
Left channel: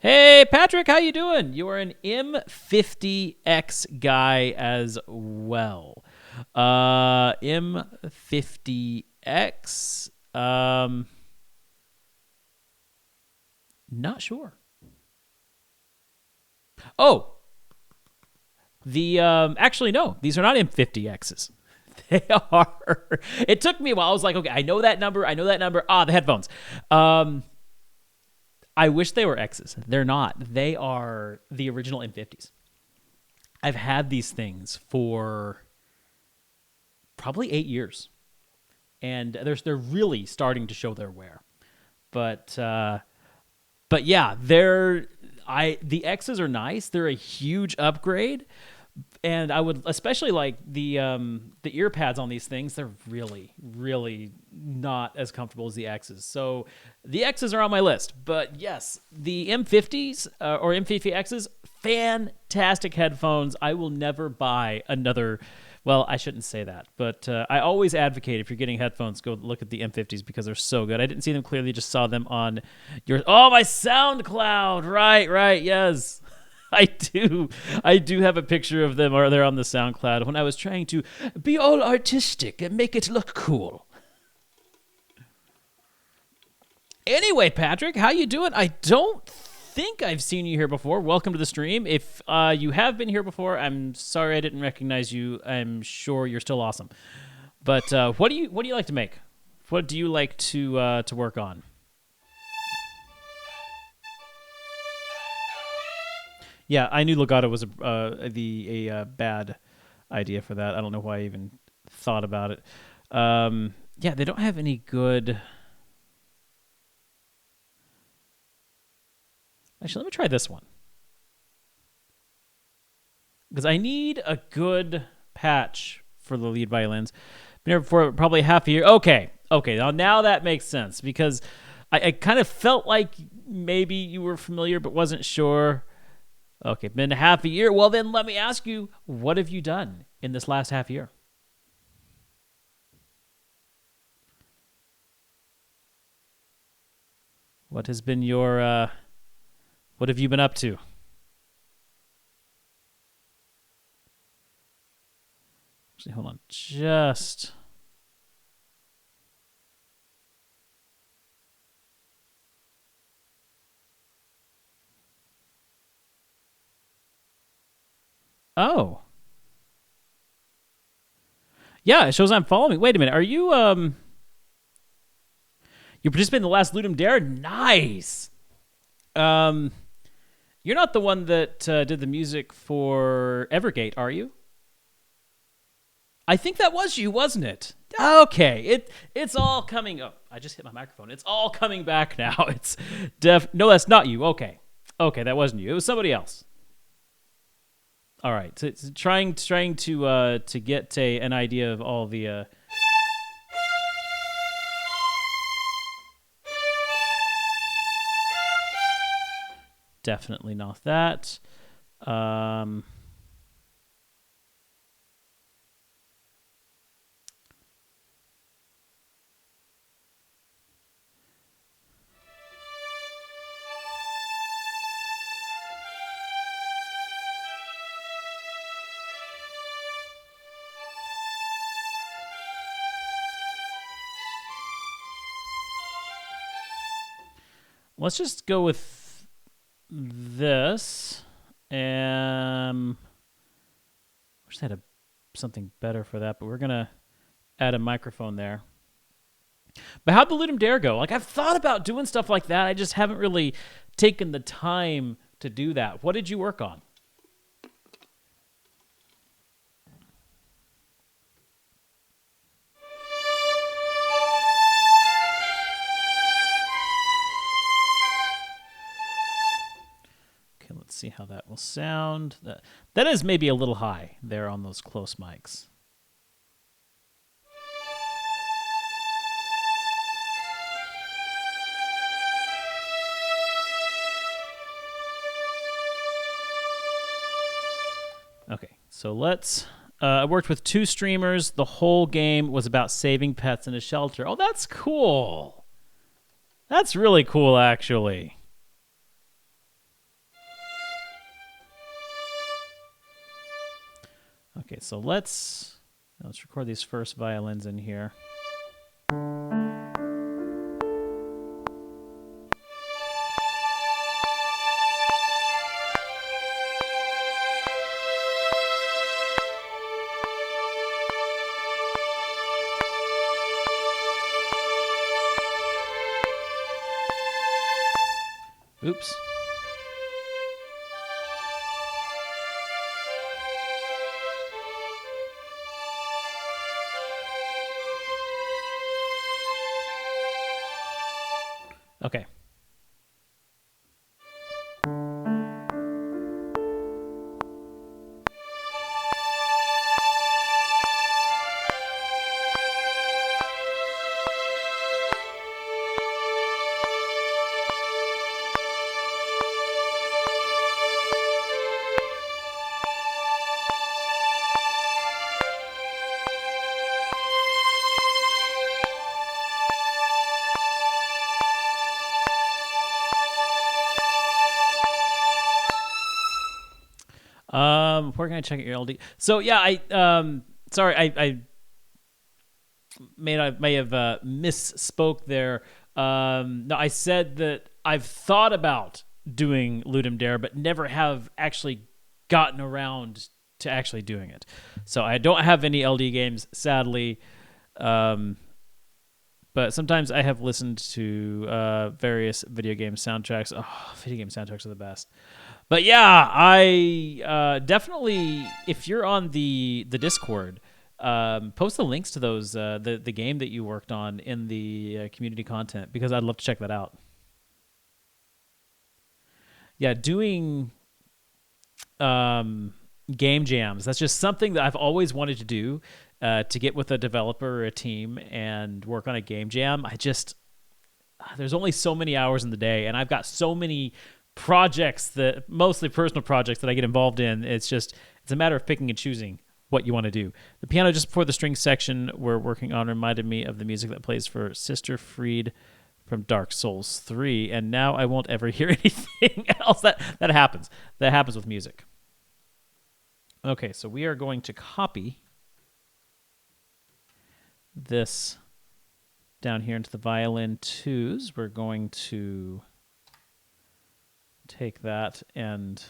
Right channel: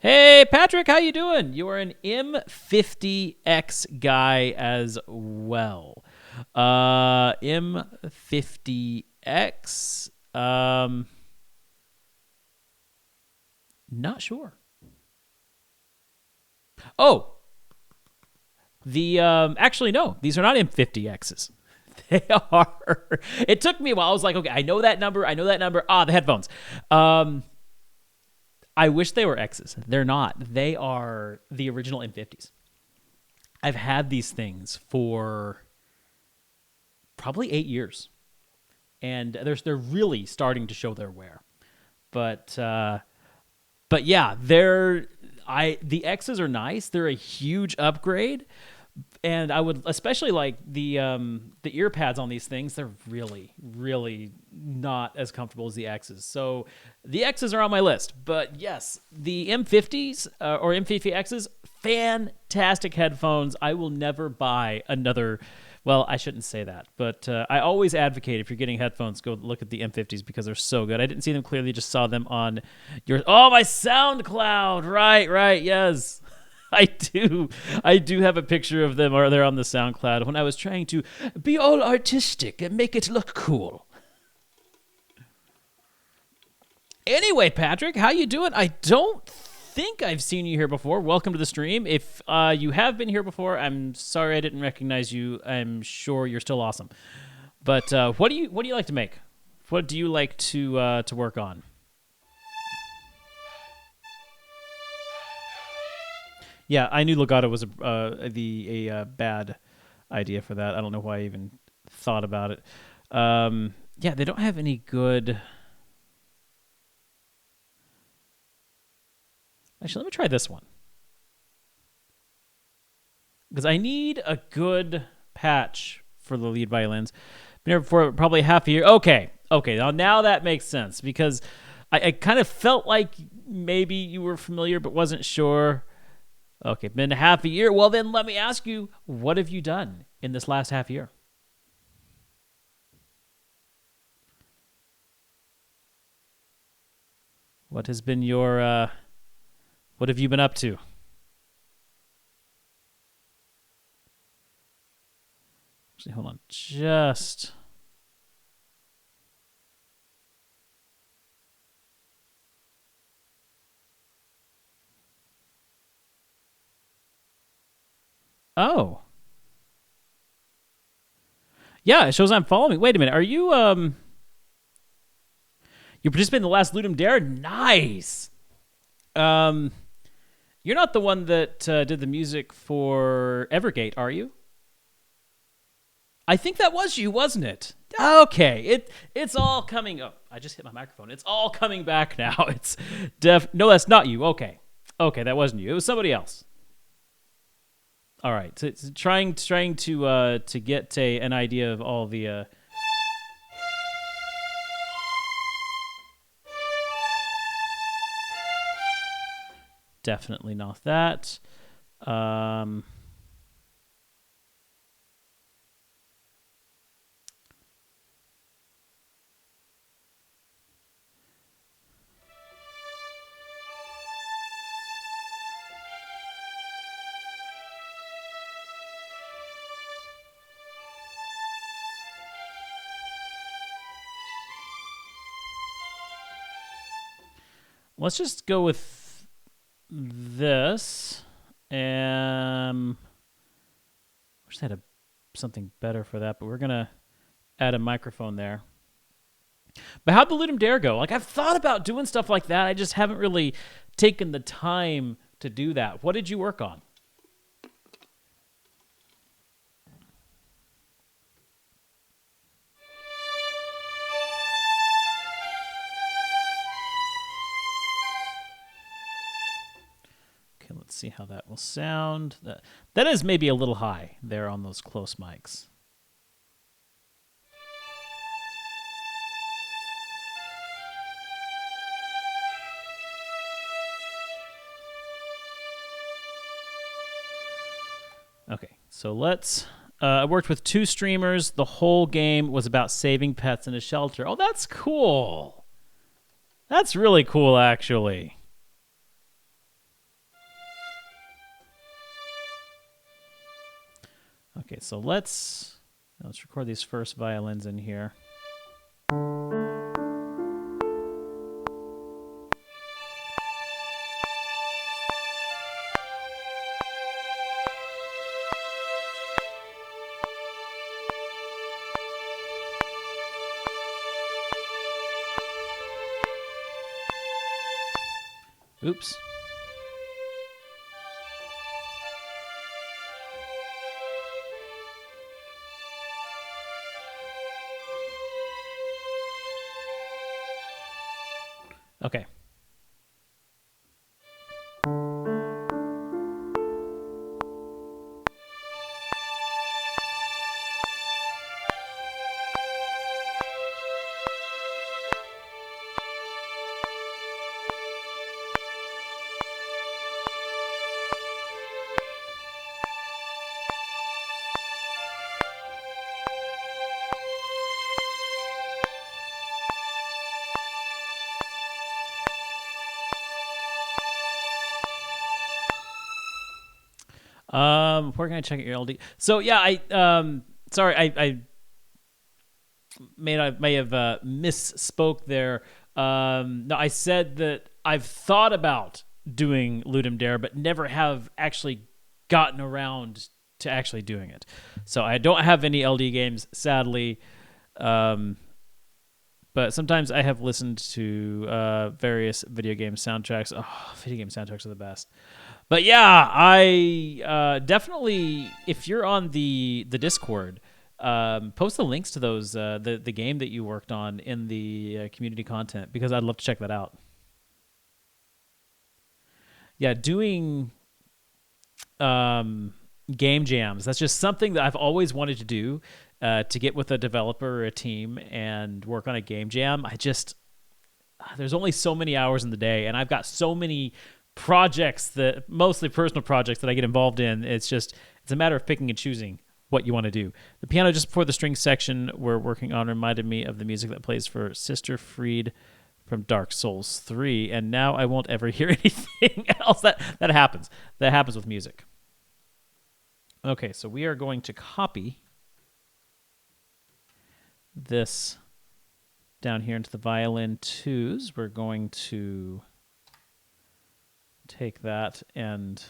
Hey, Patrick, how you doing? You are an M50X guy as well. M50X. Not sure. Oh. Actually, no. These are not M50Xs. They are... It took me a while. I was like, okay, I know that number. Ah, the headphones. I wish they were X's. They're not. They are the original M50s. I've had these things for probably 8 years, and they're really starting to show their wear. But yeah, the X's are nice. They're a huge upgrade, and I would especially like the ear pads on these things. They're really, really not as comfortable as the X's. So the X's are on my list. But yes, the M50s or M50X's, fantastic headphones. I will never buy another. Well, I shouldn't say that, but I always advocate if you're getting headphones, go look at the M50s because they're so good. I didn't see them clearly, just saw them on my SoundCloud. Right, yes. I do have a picture of them, or they're on the SoundCloud, when I was trying to be all artistic and make it look cool. Anyway, Patrick, how you doing? I don't think I've seen you here before. Welcome to the stream. If you have been here before, I'm sorry I didn't recognize you. I'm sure you're still awesome. But what do you like to make? What do you like to work on? Yeah, I knew legato was a bad idea for that. I don't know why I even thought about it. Yeah, they don't have any good... Actually, let me try this one. Because I need a good patch for the lead violins. Been here for probably half a year. Okay, now that makes sense. Because I kind of felt like maybe you were familiar but wasn't sure. Okay, been half a year. Well, then let me ask you, what have you done in this last half year? What has been your... what have you been up to? Actually, hold on. Just... Oh. Yeah, it shows I'm following. Wait a minute. Are you, you participated in the last Ludum Dare? Nice. You're not the one that did the music for Evergate, are you? I think that was you, wasn't it? Okay, it's all coming up. I just hit my microphone. It's all coming back now. It's no, that's not you. Okay, that wasn't you. It was somebody else. All right, so it's trying to get an idea of all the. Definitely not that. Um, let's just go with this. Wish I had something better for that, but we're gonna add a microphone there. But how'd the Ludum Dare go? Like, I've thought about doing stuff like that. I just haven't really taken the time to do that. What did you work on? Okay, let's see how that will sound. That is maybe a little high there on those close mics. Okay, so let's... I worked with 2 streamers. The whole game was about saving pets in a shelter. Oh, that's cool. That's really cool, actually. Okay, so let's record these first violins in here. Oops. Okay. Where can I check out your LD? So yeah, sorry, I may have misspoke there. No, I said that I've thought about doing Ludum Dare, but never have actually gotten around to actually doing it. So I don't have any LD games, sadly. But sometimes I have listened to various video game soundtracks. Oh, video game soundtracks are the best. But yeah, I definitely, if you're on the Discord, post the links to those the game that you worked on in the community content, because I'd love to check that out. Yeah, doing game jams, that's just something that I've always wanted to do, to get with a developer or a team and work on a game jam. There's only so many hours in the day, and I've got so many projects, that mostly personal projects, that I get involved in. It's a matter of picking and choosing what you want to do. The piano just before the string section we're working on reminded me of the music that plays for Sister Fried from Dark Souls 3, and now I won't ever hear anything else. That happens. That happens with music. Okay, so we are going to copy this down here into the violin 2s. We're going to take that and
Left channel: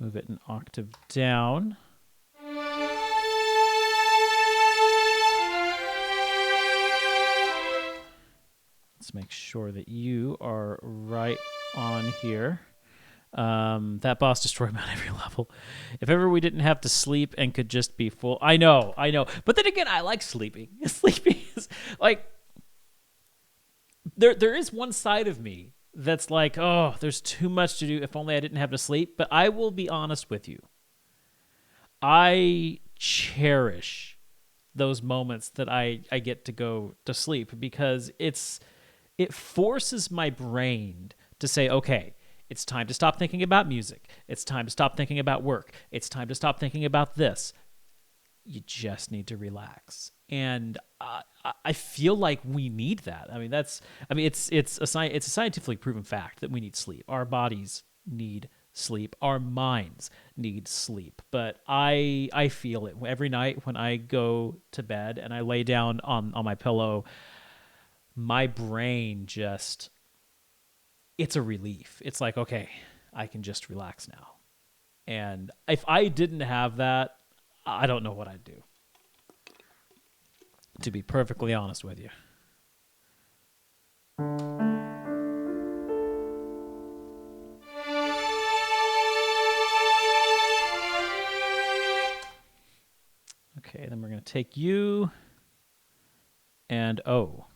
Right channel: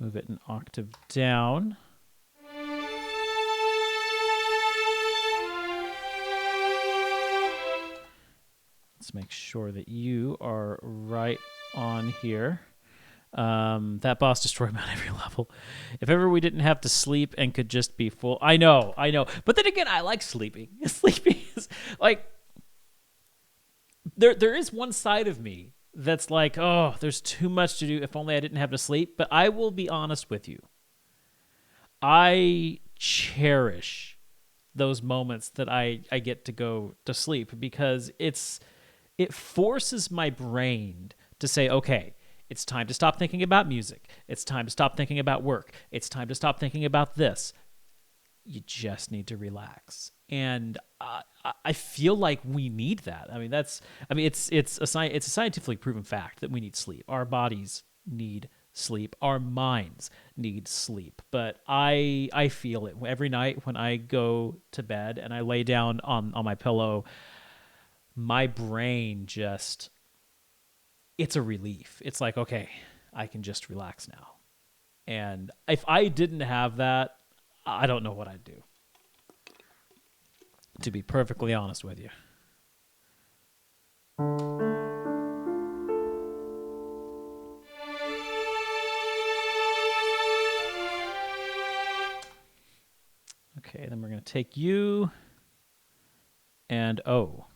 move it an octave down. Let's make sure that you are right on here. That boss destroyed me on every level. If ever we didn't have to sleep and could just be full. I know. But then again, I like sleeping. Sleeping is like, there is one side of me that's like, oh, there's too much to do. If only I didn't have to sleep. But I will be honest with you. I cherish those moments that I get to go to sleep, because it forces my brain to say, okay, it's time to stop thinking about music. It's time to stop thinking about work. It's time to stop thinking about this. You just need to relax. And I feel like we need that. I mean, it's a scientifically proven fact that we need sleep. Our bodies need sleep. Our minds need sleep. But I feel it every night when I go to bed and I lay down on my pillow. My brain just, it's a relief. It's like, okay, I can just relax now. And if I didn't have that, I don't know what I'd do, to be perfectly honest with you. Okay, then we're going to take you and O.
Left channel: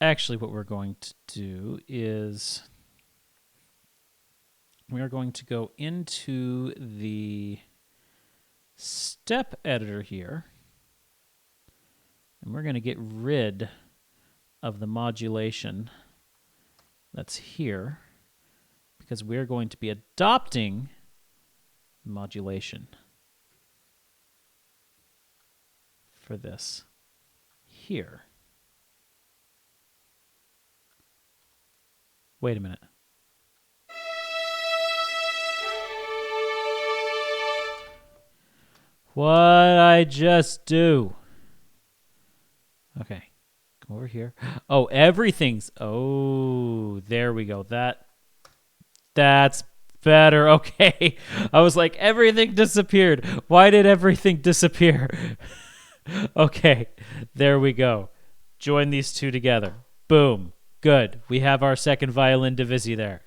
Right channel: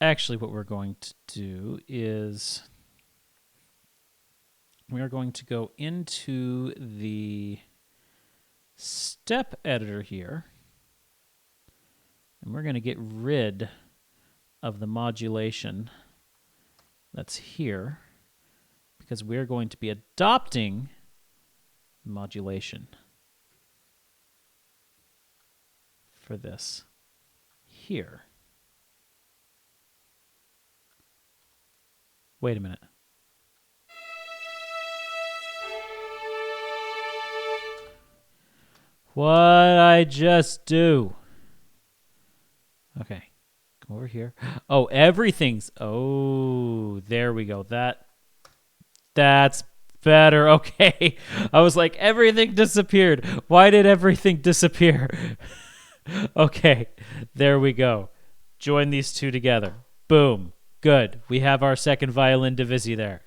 Actually, what we're going to do is we are going to go into the step editor here, and we're going to get rid of the modulation that's here, because we're going to be adopting modulation for this here. Wait a minute. What'd I just do? Okay. Come over here. Oh, everything's... Oh, there we go. That's better. Okay. I was like, everything disappeared. Why did everything disappear? Okay. There we go. Join these two together. Boom. Good. We have our second violin divisi there.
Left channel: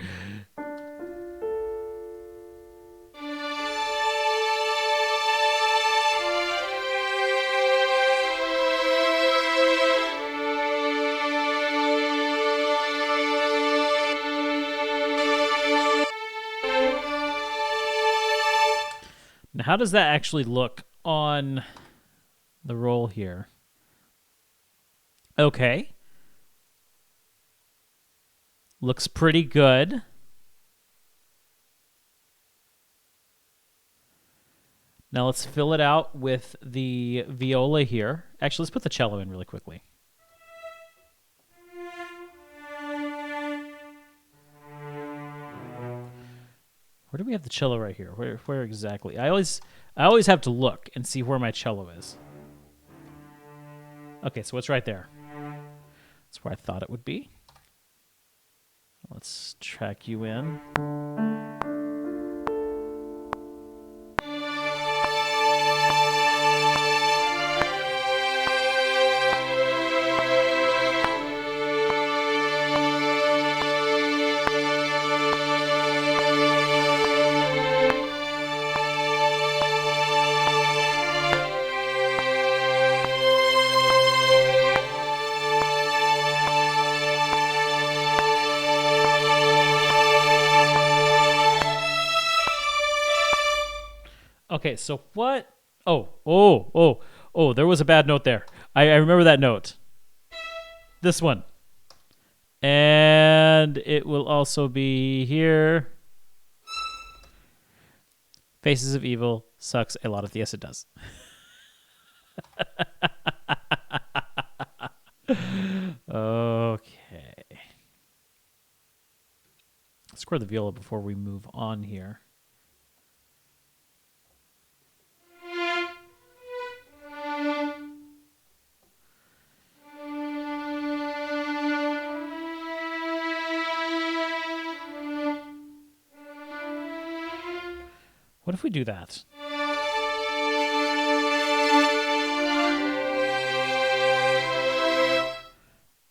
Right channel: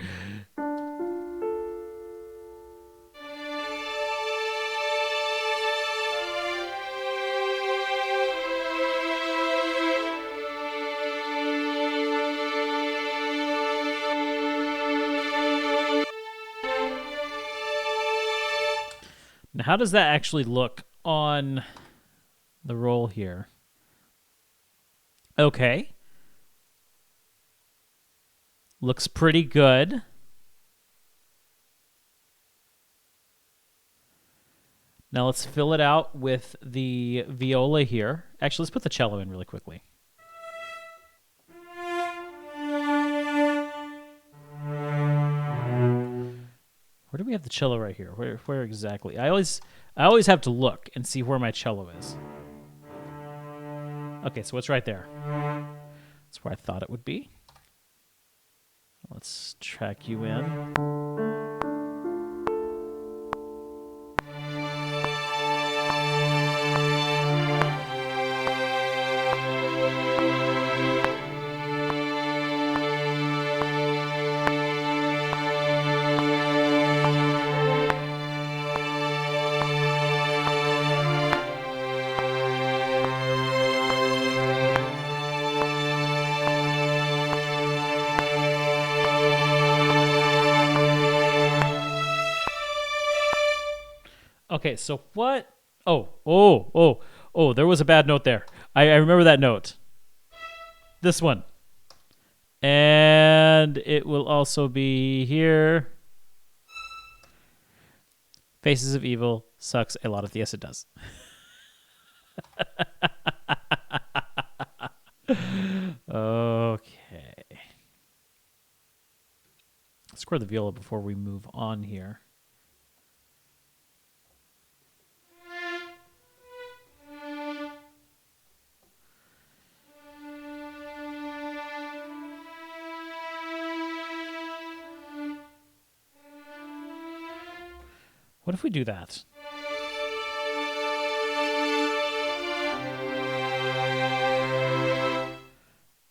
Now, how does that actually look on the roll here? Okay. Looks pretty good. Now let's fill it out with the viola here. Actually, let's put the cello in really quickly. Where do we have the cello right here? Where exactly? I always have to look and see where my cello is. Okay, so it's right there. That's where I thought it would be. Let's track you in. Okay, so what? Oh, there was a bad note there. I remember that note. This one. And it will also be here. Faces of Evil sucks a lot of... Yes, it does. Okay. Let's score the viola before we move on here. What if we do that?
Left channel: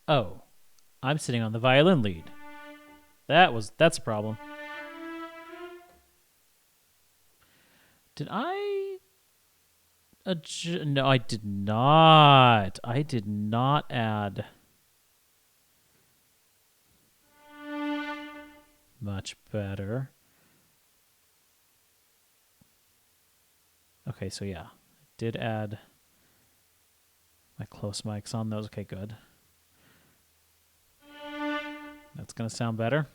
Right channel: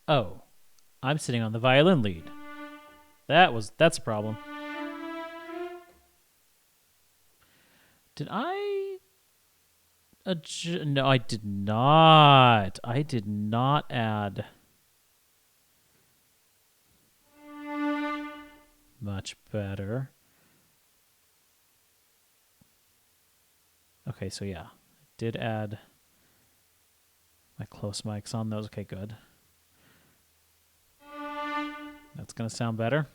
Oh, I'm sitting on the violin lead. That's a problem. Did I... No, I did not. I did not add... Much better. Okay, so yeah, did add my close mics on those. Okay, good. That's going to sound better.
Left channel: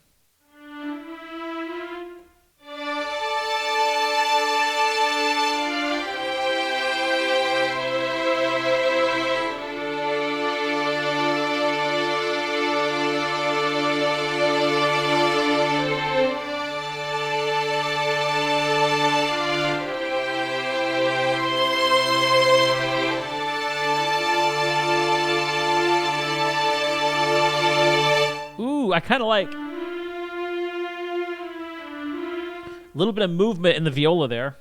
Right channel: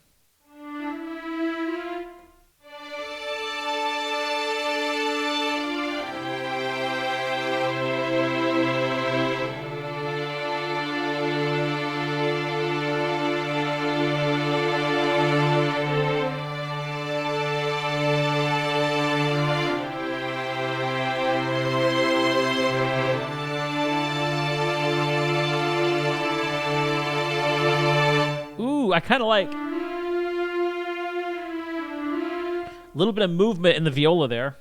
Ooh, I kind of like a little bit of movement in the viola there.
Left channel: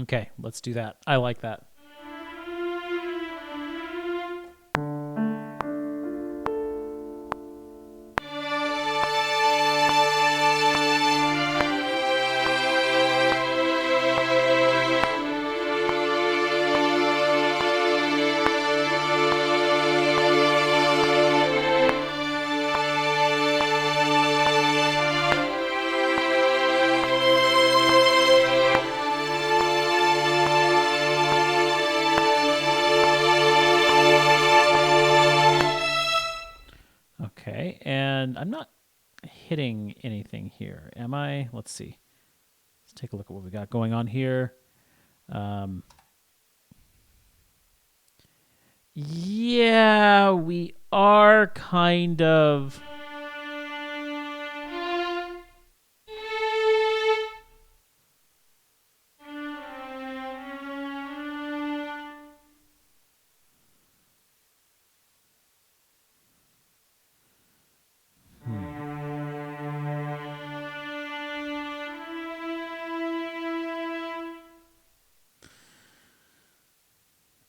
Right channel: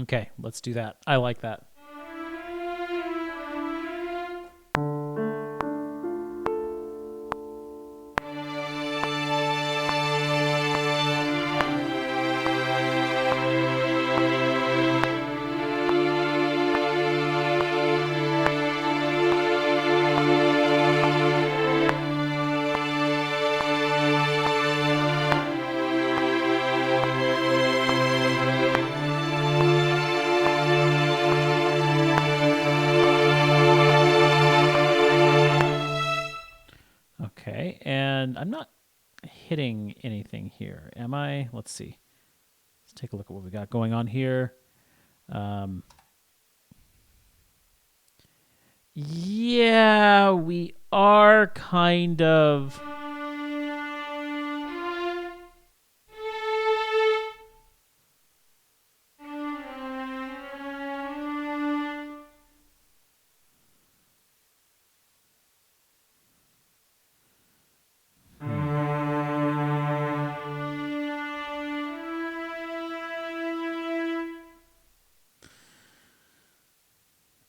Okay, let's do that. I like that. Okay, and I'm not hitting anything here, am I? Let's see. Let's take a look at what we got going on here. Yeah, we are kind of...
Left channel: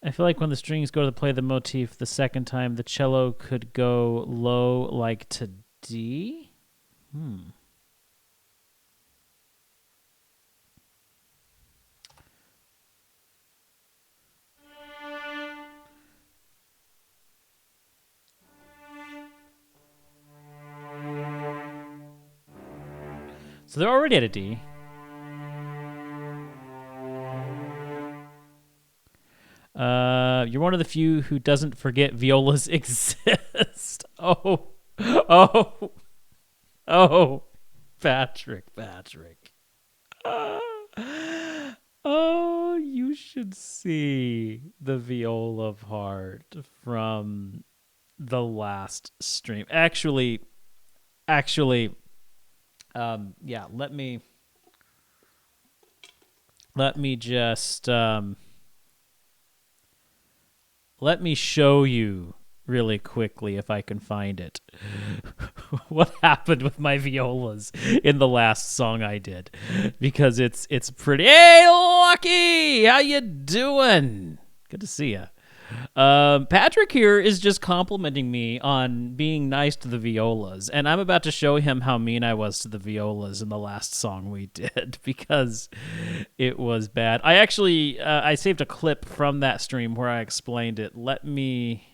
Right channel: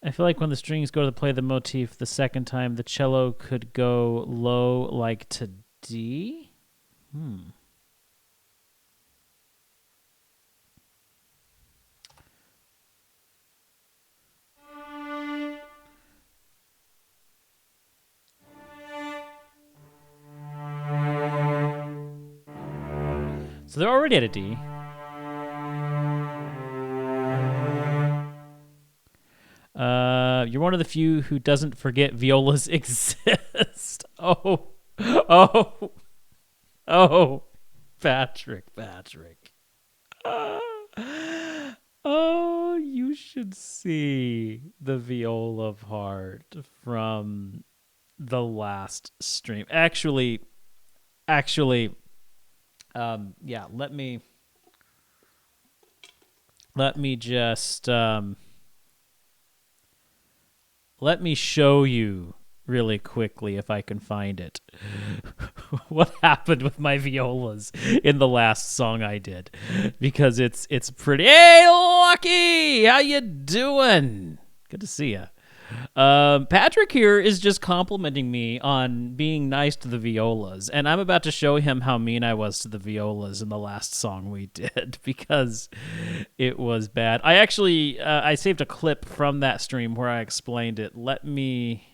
I feel like when the strings go to play the motif the second time, the cello could go low like to D? So they're already at a D. You're one of the few who doesn't forget violas exist. Oh, Patrick. Oh, you should see the viola part from the last stream. Actually, yeah. Let me just let me show you really quickly if I can find it. What happened with my violas in the last song I did, because it's pretty. Hey, Lucky, how you doing? Good to see you. Patrick here is just complimenting me on being nice to the violas, and I'm about to show him how mean I was to the violas in the last song we did, because it was bad. I actually I saved a clip from that stream where I explained it. Let me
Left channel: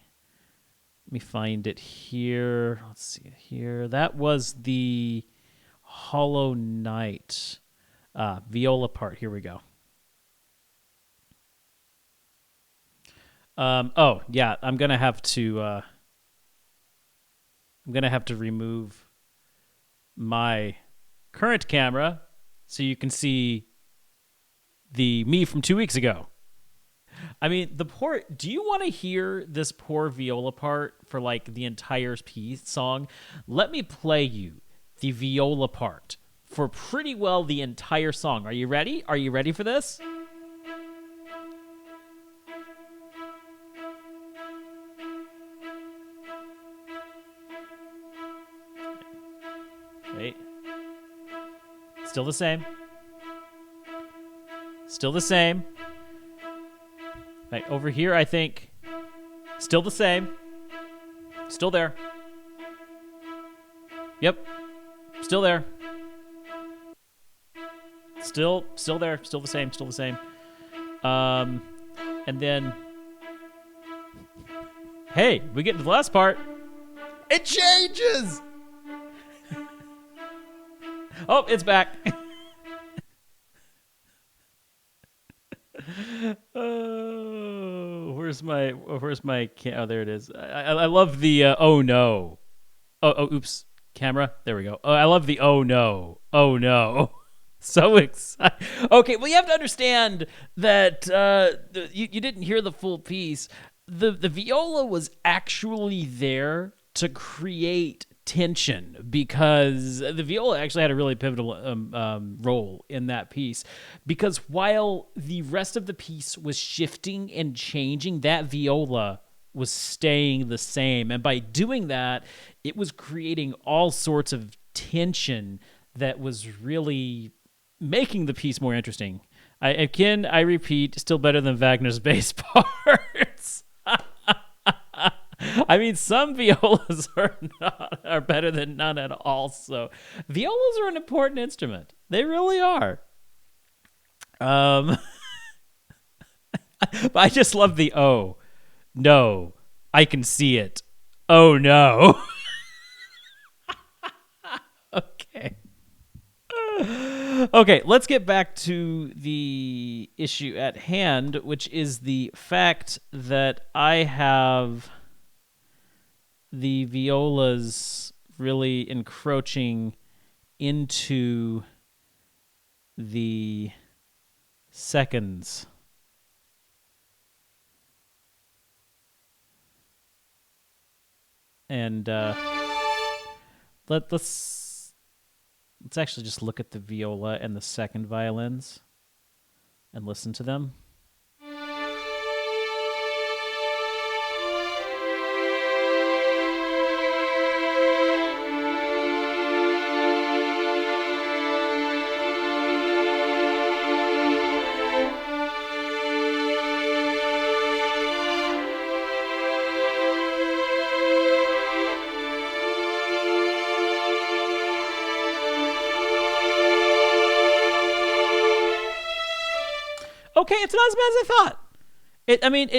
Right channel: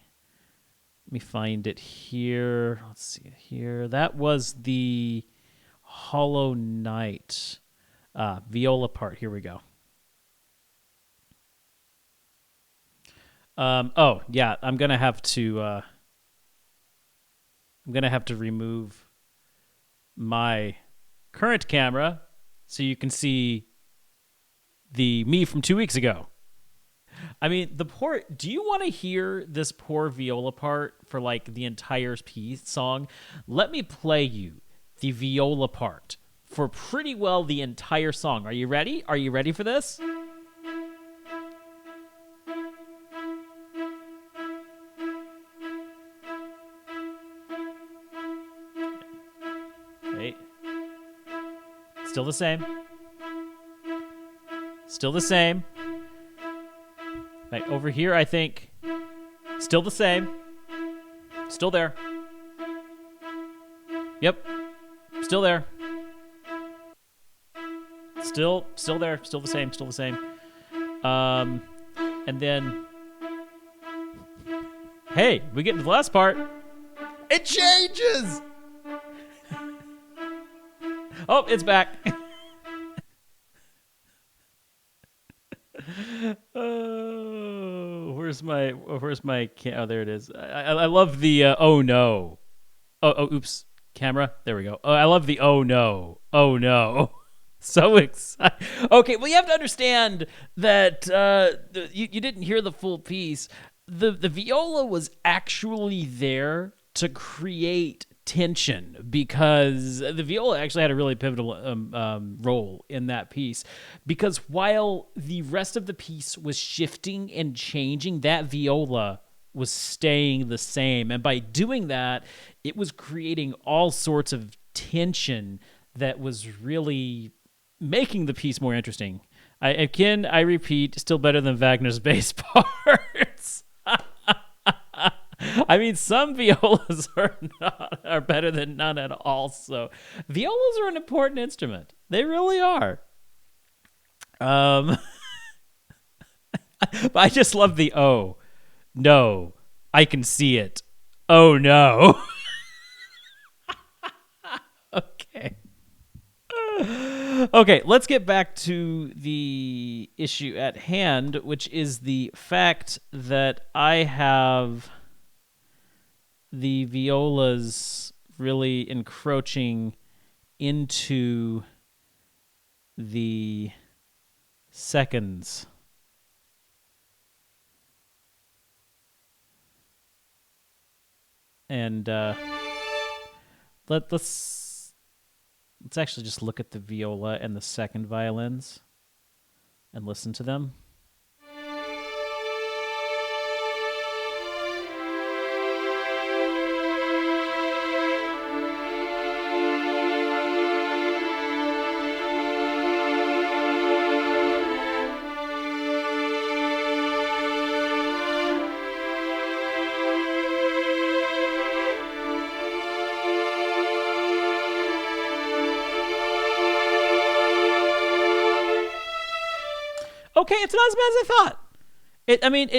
find it here. Let's see it here. That was the Hollow Knight viola part. Here we go. Oh yeah, I'm gonna have to remove my current camera so you can see the me from 2 weeks ago. I mean, do you want to hear this poor viola part for like the entire piece song? Let me play you the viola part for pretty well the entire song. Are you ready? Are you ready for this? Wait. Still the same. Still the same. Right, over here, I think, still the same. Still there. Yep. Still there. Still there. Still the same. Still the same. And then, hey, we get to the last part. It changes. Oh, it's back. Oh, where's my? Oh, there it is. I love the oh no. Oops. Camera. There we go. Oh, I love the oh no. Oh no. So excited. Okay, well, you have to understand that you didn't hear the full piece. The viola was actually there to create tension because the viola actually had a really pivotal role in that piece, because while the rest of the piece was shifting and changing, that viola was staying the same. And by doing that, it was creating all sorts of tension that was really making the piece more interesting. I repeat, still better than Wagner's bass parts. I mean, some violas are better than none at all. So, violas are an important instrument. They really are. But I just love the oh no, I can see it. Oh no. Okay. Okay, let's get back to the issue at hand, which is the fact that I have the violas really encroaching into the seconds. And let's actually just look at the viola and the second violins and listen to them. Okay, it's not as bad as I thought.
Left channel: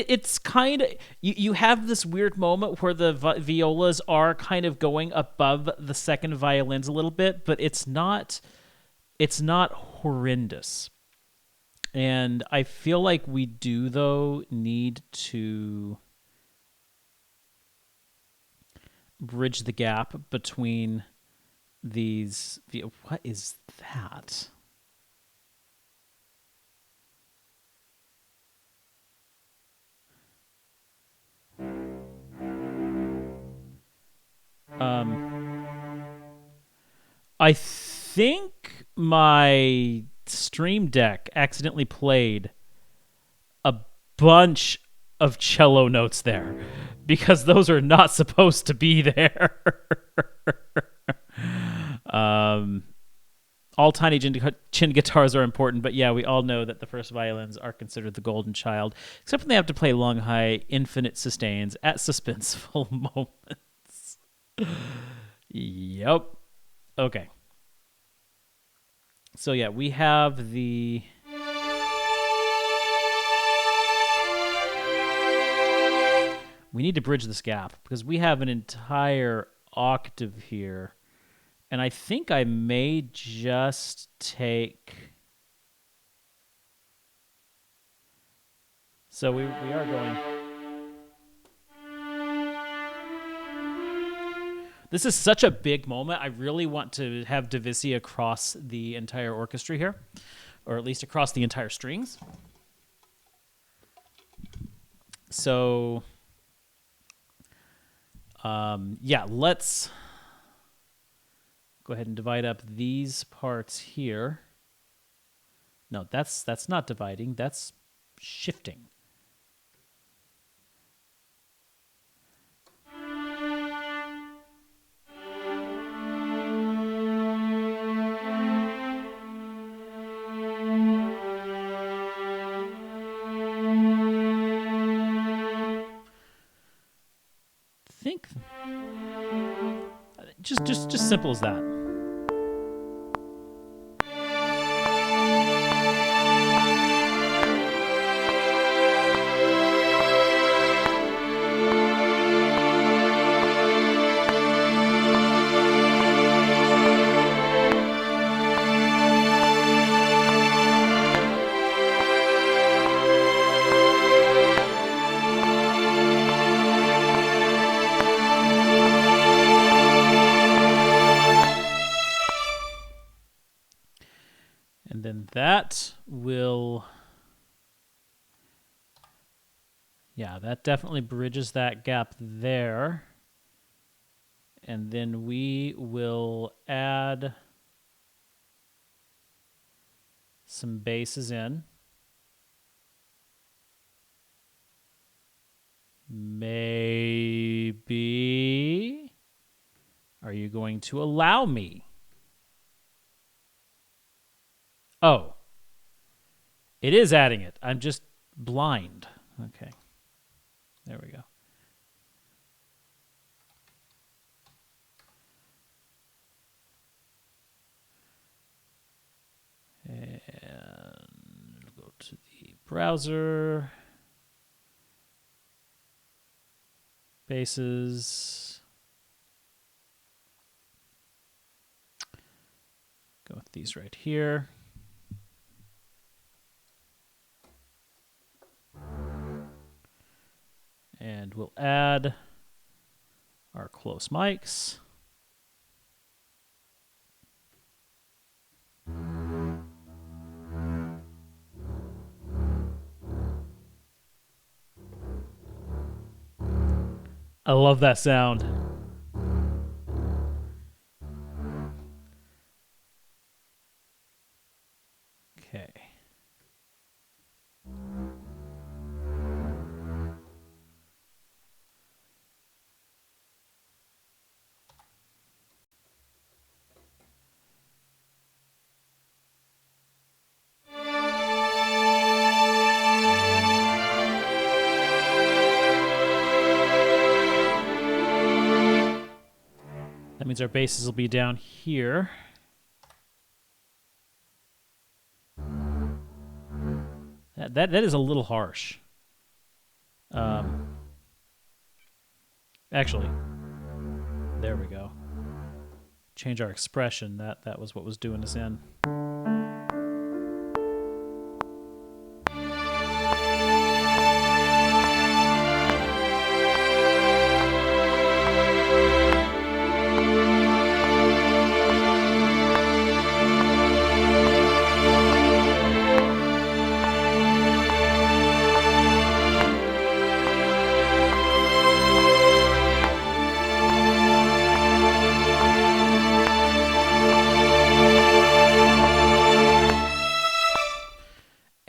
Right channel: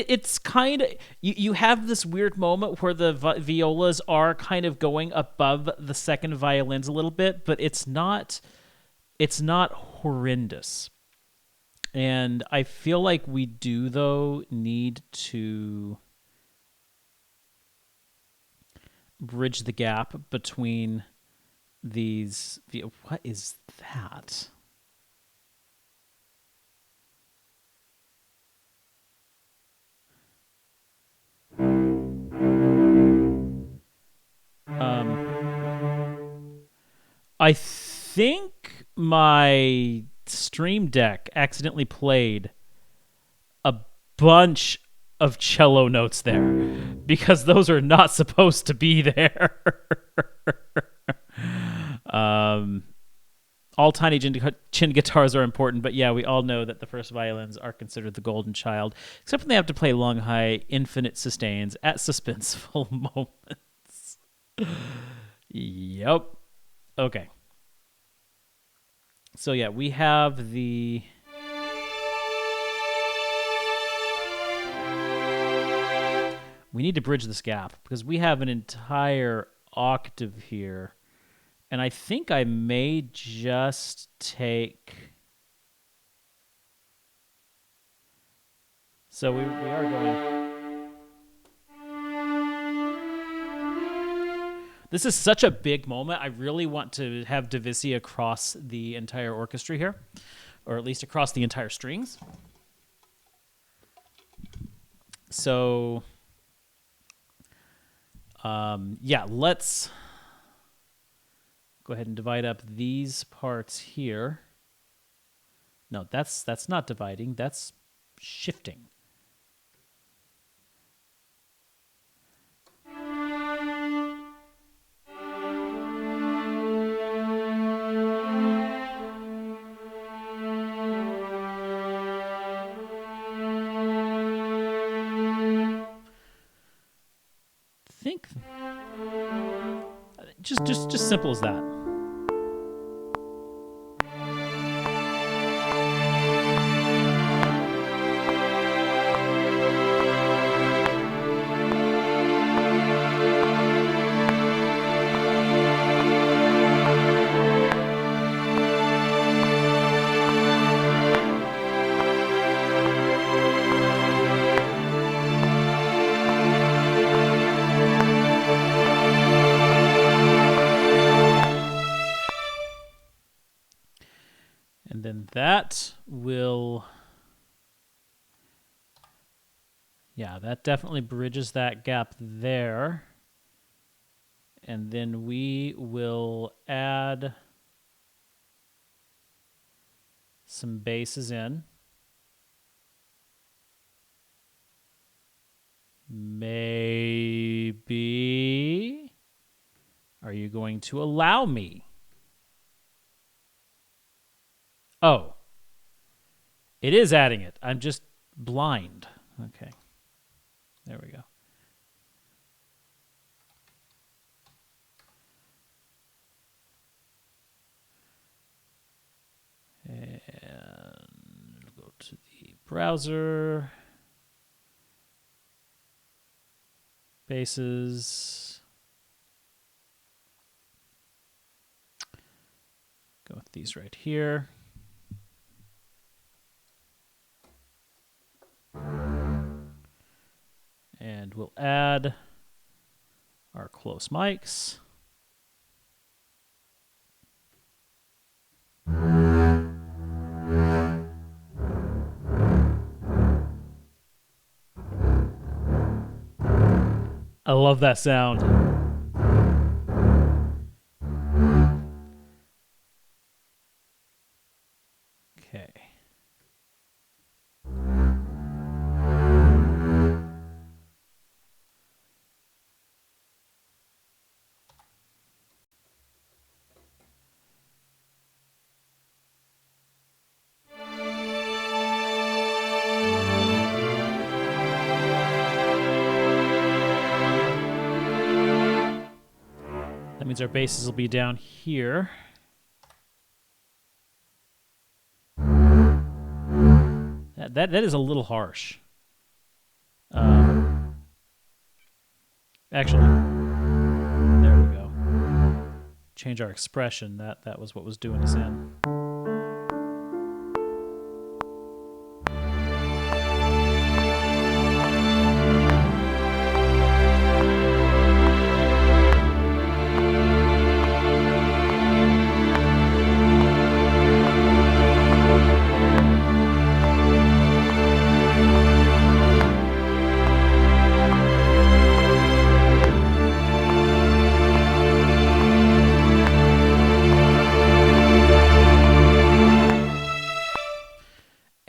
It's kind of you have this weird moment where the violas are kind of going above the second violins a little bit, but it's not horrendous. And I feel like we do though need to bridge the gap between these. What is that? I think my Stream Deck accidentally played a bunch of cello notes there because those are not supposed to be there. All tiny chin guitars are important, but yeah, we all know that the first violins are considered the golden child, except when they have to play long, high, infinite sustains at suspenseful moments. Yep. Okay. So yeah, we have the... We need to bridge this gap because we have an entire octave here. And I think I may just take... So we are going... This is such a big moment. I really want to have Divisi across the entire orchestra here, or at least across the entire strings. So, yeah, let's go ahead and divide up these parts here. No, that's not dividing. That's shifting. length. Just simple as that. And then that will, yeah, that definitely bridges that gap there. And then we will add some bases in. Maybe. Are you going to allow me? Oh. It is adding it. I'm just blind. Okay. There we go. And go to the browser. Bases. Go with these right here. And we'll add our close mics. I love that sound. Okay. That means our bases will be down here. That is a little harsh. Actually, there we go. Change our expression. That was what was doing us in.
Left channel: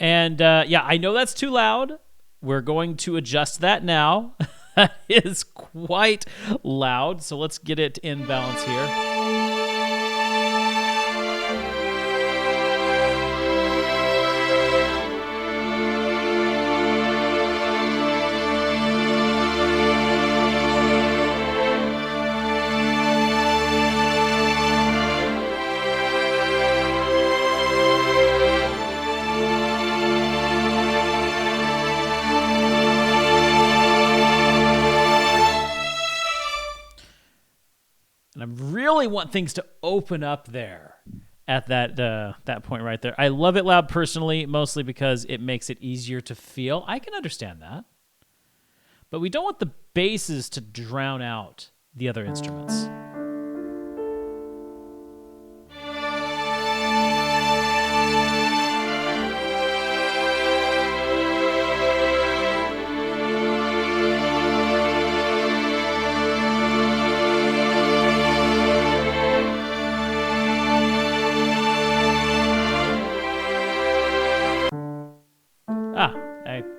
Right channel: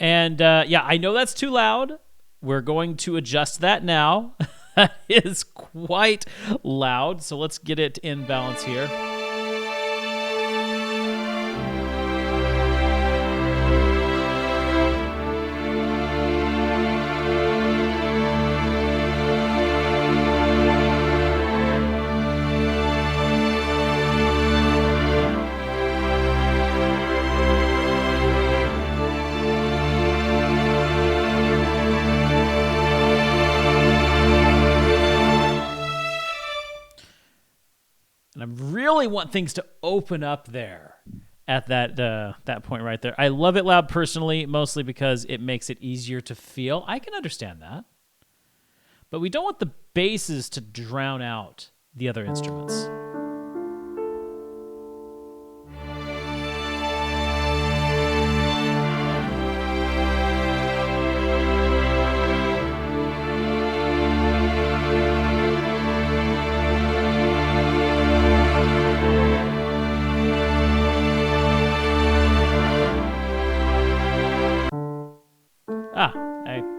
And yeah, I know that's too loud. We're going to adjust that now. That is quite loud. So let's get it in balance here. And I really want things to open up there at that point right there. I love it loud personally, mostly because it makes it easier to feel. I can understand that. But we don't want the basses to drown out the other instruments.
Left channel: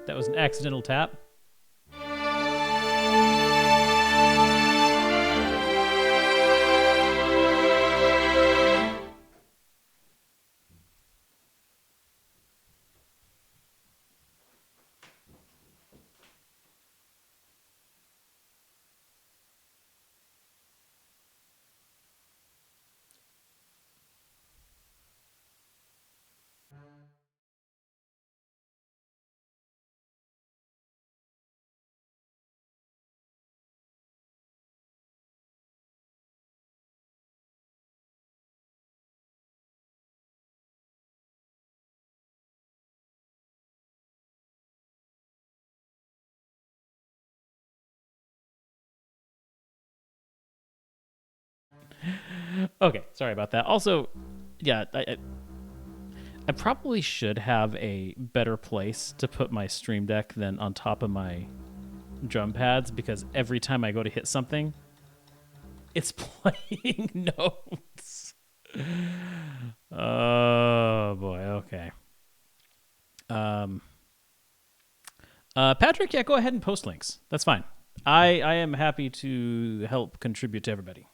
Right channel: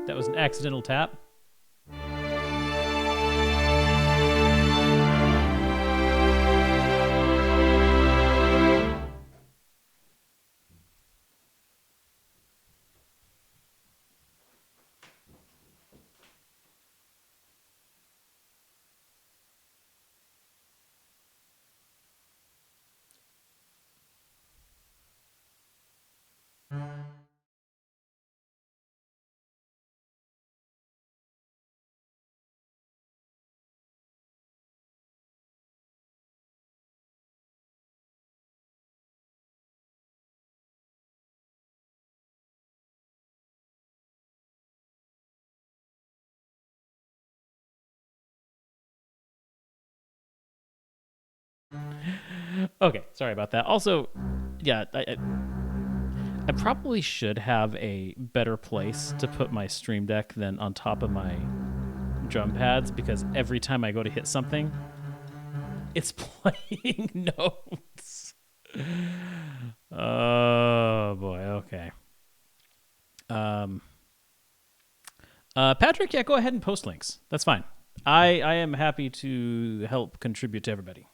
That was an accidental tap. Okay, sorry about that. Also, yeah, I probably should have a better place to put my Stream Deck than on top of my drum pads, because every time I go to hit something, it's playing notes. Oh boy, okay. Patrick, yeah, go ahead and post links. That's fine. I am happy to help contribute to everybody.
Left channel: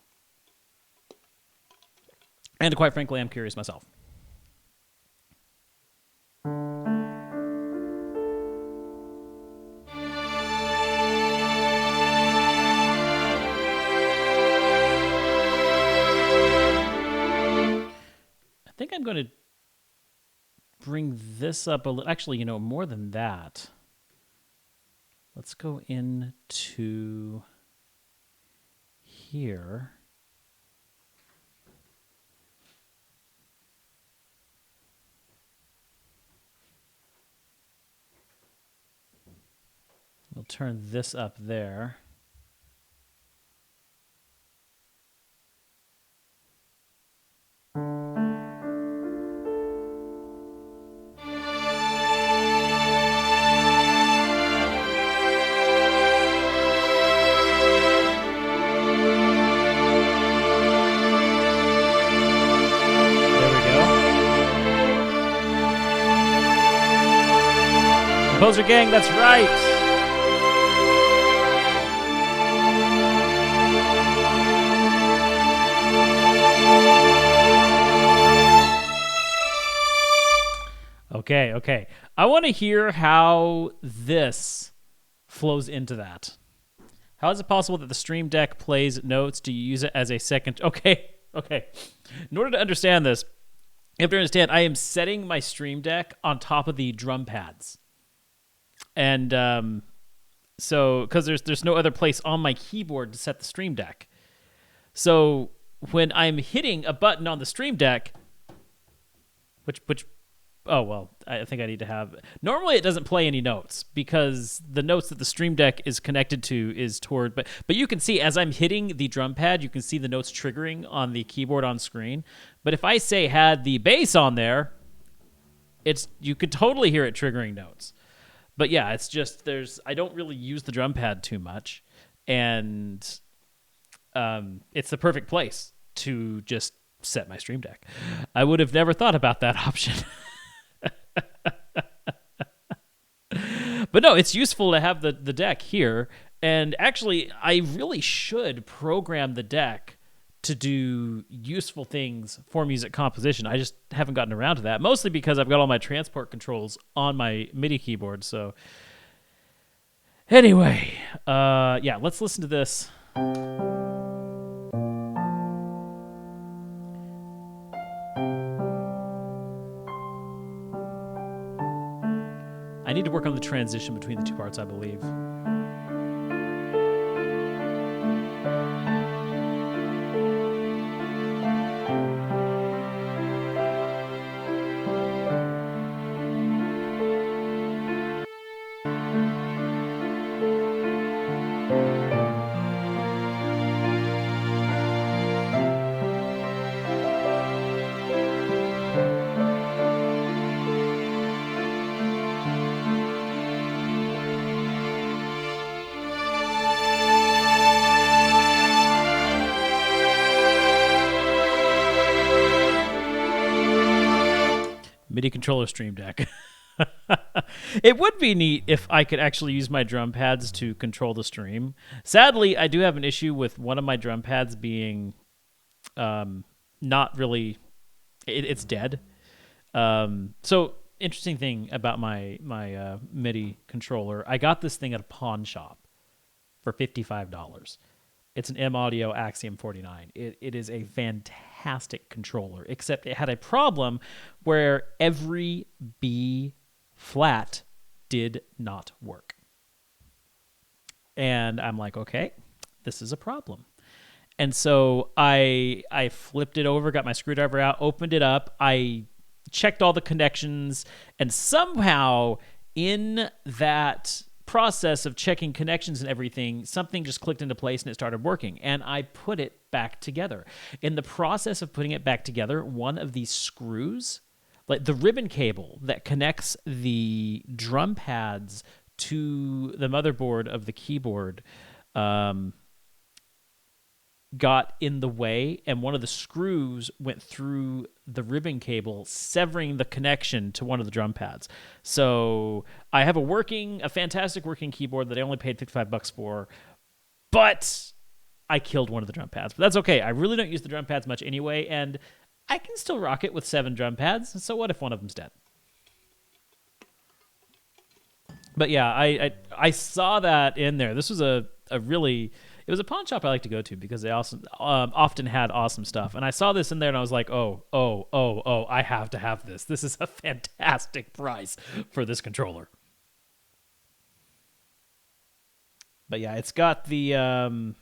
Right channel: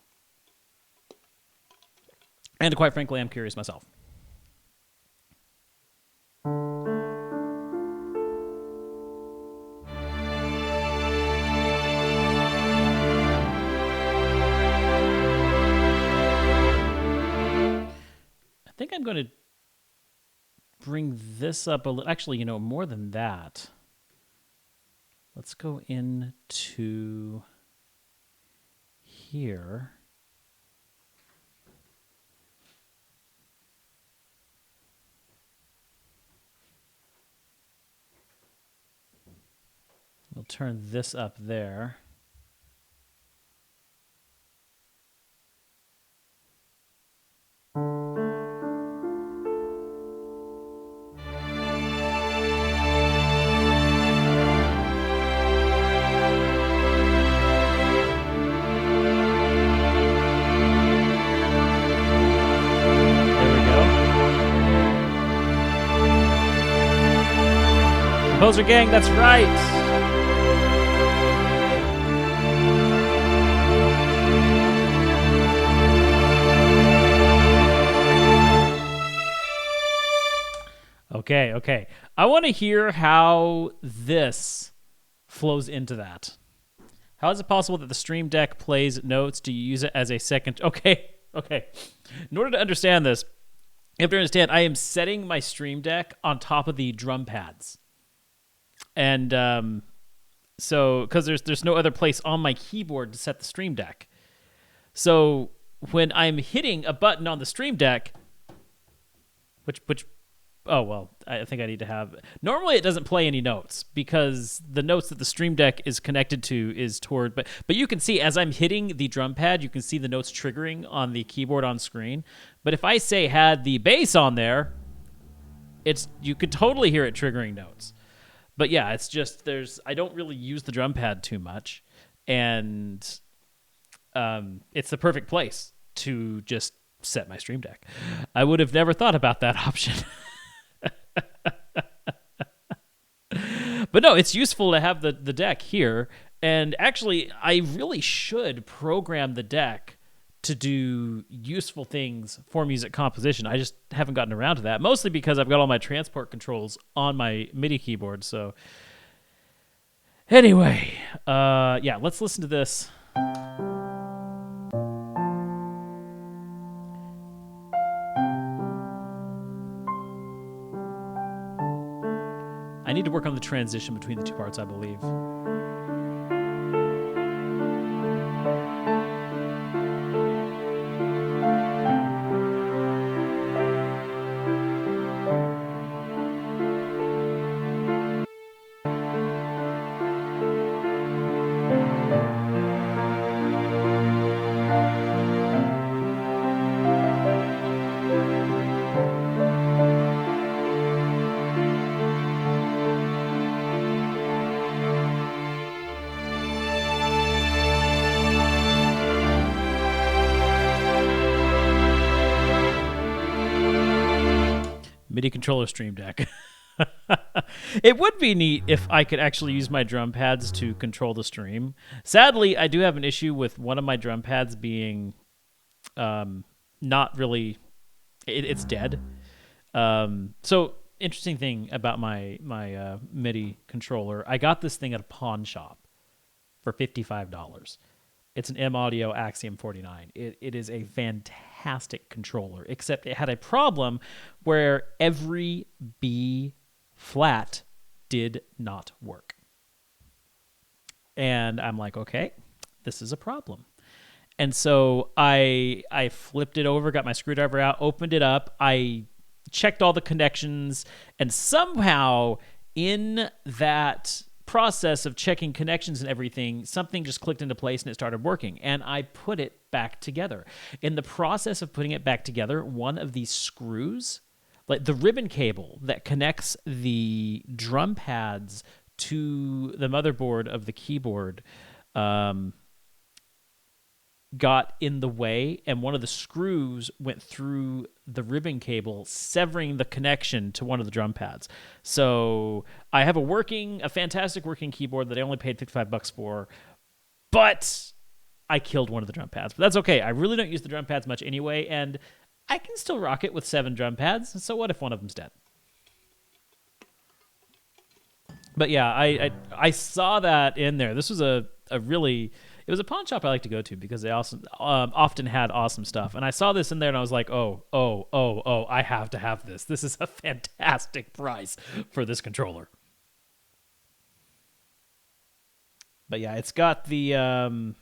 And quite frankly, I'm curious myself. I think I'm going to bring this up a little. Actually, more than that. Let's go into here. We'll turn this up there. Composer gang, that's right. Okay. I want to hear how this flows into that. How is it possible that the Stream Deck plays notes? Do you use it as a second? Okay. In order to understand this, you have to understand I am setting my Stream Deck on top of the drum pads. And so, because there's no other place on my keyboard to set the Stream Deck. So when I'm hitting a button on the Stream Deck, oh, well, I think I need to have... Normally it doesn't play any notes because the notes that the Stream Deck is connected to is toward... But you can see as I'm hitting the drum pad, you can see the notes triggering on the keyboard on screen. But if I say had the bass on there, you could totally hear it triggering notes. But yeah, it's just I don't really use the drum pad too much, and it's the perfect place to just set my Stream Deck. I would have never thought about that option. But no, it's useful to have the deck here, and actually, I really should program the deck to do useful things for music composition. I just haven't gotten around to that, mostly because I've got all my transport controls on my MIDI keyboard. So anyway, yeah, let's listen to this. I need to work on the transition between the two parts, I believe. MIDI controller Stream Deck. It would be neat if I could actually use my drum pads to control the stream. Sadly, I do have an issue with one of my drum pads being not really... It's dead. So, interesting thing about my MIDI controller. I got this thing at a pawn shop for $55. It's an M Audio Axiom 49. It is a fantastic controller, except it had a problem where every B flat did not work. And I'm like, okay, this is a problem. And so I flipped it over, got my screwdriver out, opened it up. I checked all the connections, and somehow in that process of checking connections and everything, something just clicked into place and it started working. And I put it back together. In the process of putting it back together, one of these screws, like the ribbon cable that connects the drum pads to the motherboard of the keyboard, got in the way, and one of the screws went through the ribbon cable, severing the connection to one of the drum pads. So I have a fantastic working keyboard that I only paid $55 for, but I killed one of the drum pads. But that's okay. I really don't use the drum pads much anyway, and I can still rock it with 7 drum pads. So what if one of them's dead? But yeah, I saw that in there. This was a really... It was a pawn shop I like to go to because they also often had awesome stuff. And I saw this in there and I was like, oh, I have to have this. This is a fantastic price for this controller. But yeah, it's got 9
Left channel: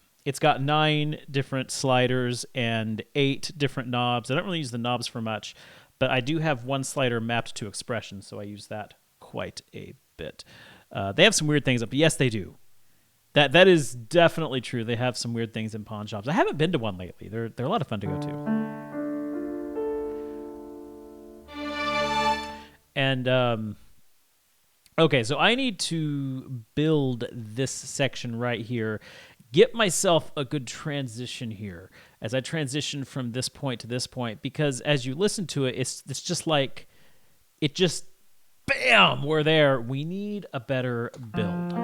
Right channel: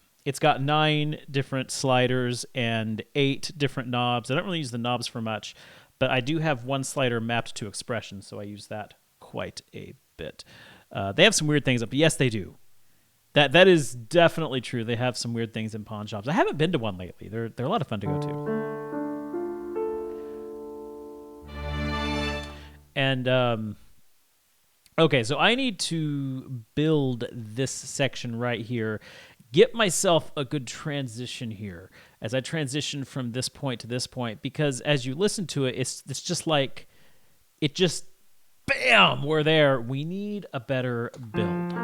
different sliders and 8 different knobs. I don't really use the knobs for much, but I do have one slider mapped to expression, so I use that quite a bit. They have some weird things up. Yes, they do. That is definitely true. They have some weird things in pawn shops. I haven't been to one lately. They're a lot of fun to go to. And okay, so I need to build this section right here. Get myself a good transition here as I transition from this point to this point, because as you listen to it, it's just like it just bam, we're there. We need a better build.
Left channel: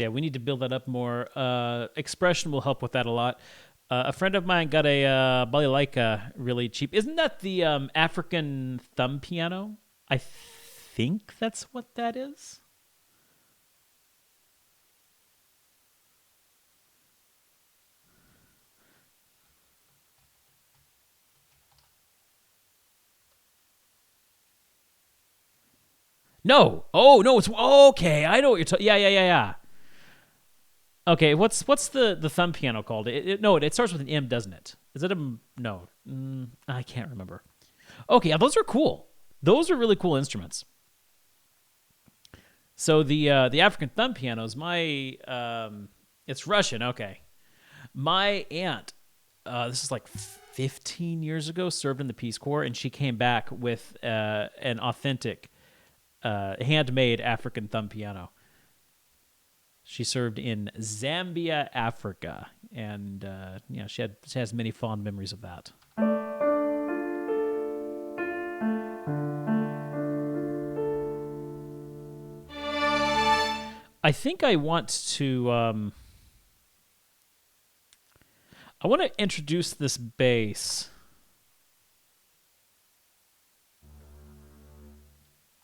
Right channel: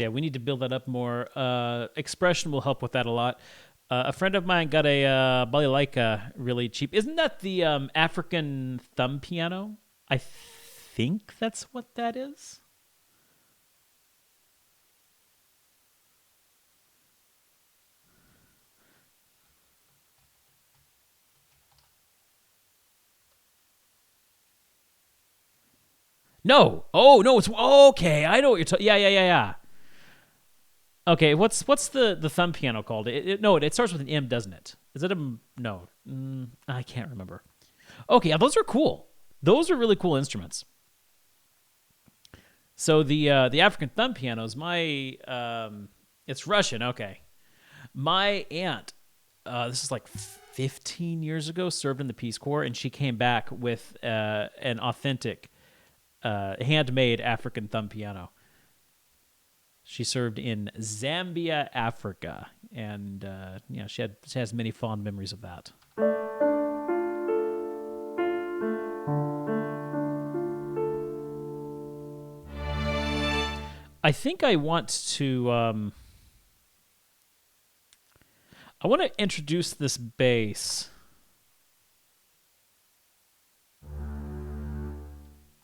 Yeah, we need to build that up more. Expression will help with that a lot. A friend of mine got a balalaika really cheap. Isn't that the African thumb piano? I think that's what that is. No. Oh, no, it's okay. I know what you're talking. Yeah. Okay, what's the thumb piano called? It starts with an M, doesn't it? Is it a no? I can't remember. Okay, yeah, those are cool. Those are really cool instruments. So the African thumb pianos, it's Russian. Okay, my aunt, this is like 15 years ago, served in the Peace Corps, and she came back with an authentic, handmade African thumb piano. She served in Zambia, Africa, and she has many fond memories of that. I think I want to introduce this bass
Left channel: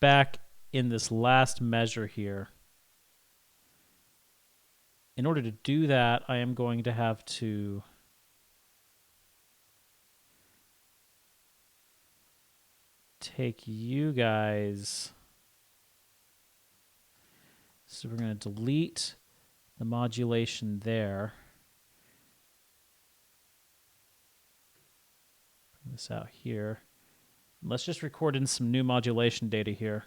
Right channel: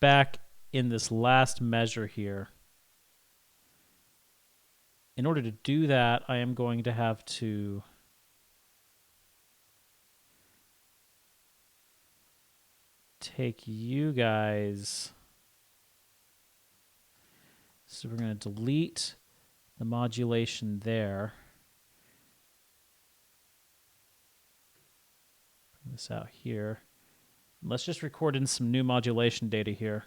back in this last measure here. In order to do that, I am going to have to take you guys. So we're going to delete the modulation there. Bring this out here. Let's just record in some new modulation data here.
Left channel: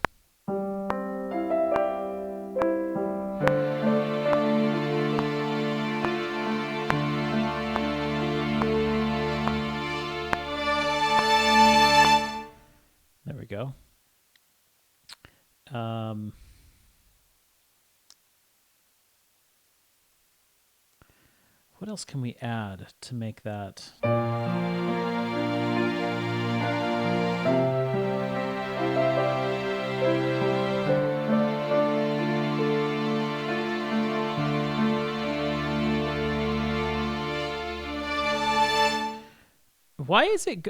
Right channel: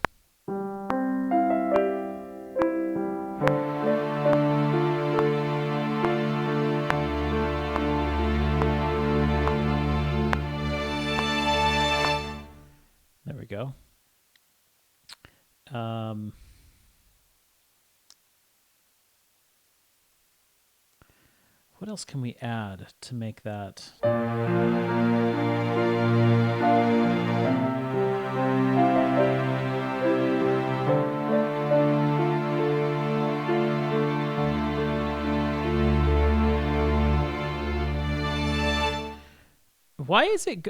Go. What else can we add to make that? Why is it...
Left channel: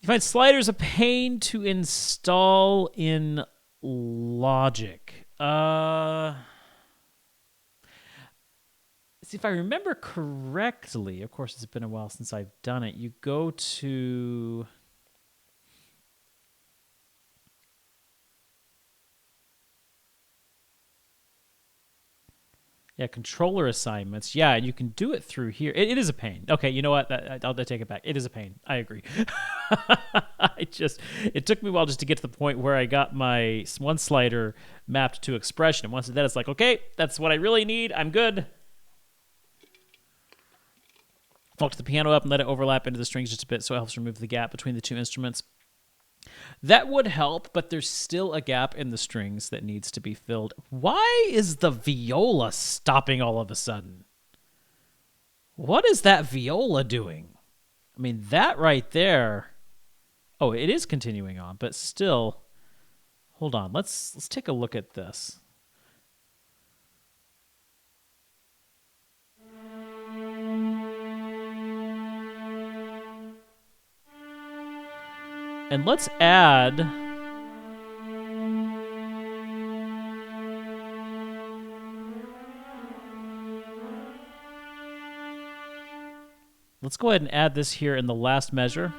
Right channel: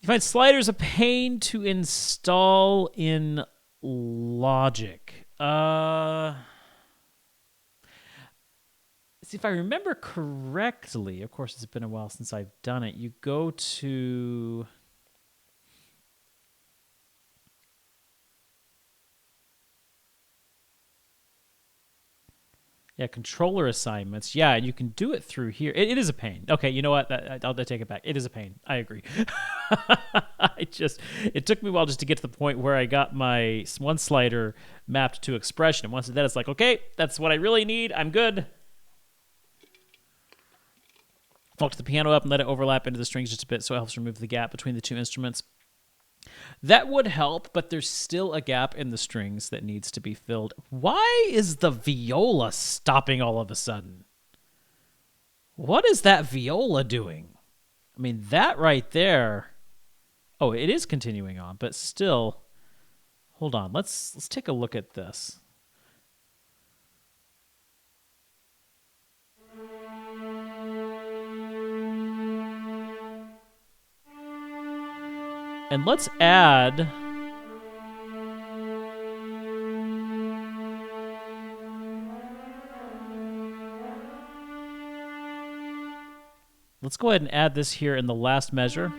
You find sliders a pain to install in Logic. See, if I remember correctly, of course, it's been a while since I've done it. You go to... Yeah, controller assignments. Yeah, and you can do it through here. It is a pain. Okay, you know what? I'll take it back. It is a pain. I agree. It took me a while just to get to the point where I got my one slider mapped to expression. And once that, it's like, okay, that's what I really need. I'm good. Walk to the piano up and let it overlap into the strings just a bit so it helps remove the gap between the two instruments. That would help, but there's still a gap in the strings that needs to be filled. Why is the viola stopping all of a sudden? What is that viola doing? I mean, that right there. Oh, it is continuing on, but still. Hold on. Let's take a look at this. And let's add... Let's go ahead and add this here in the last measure.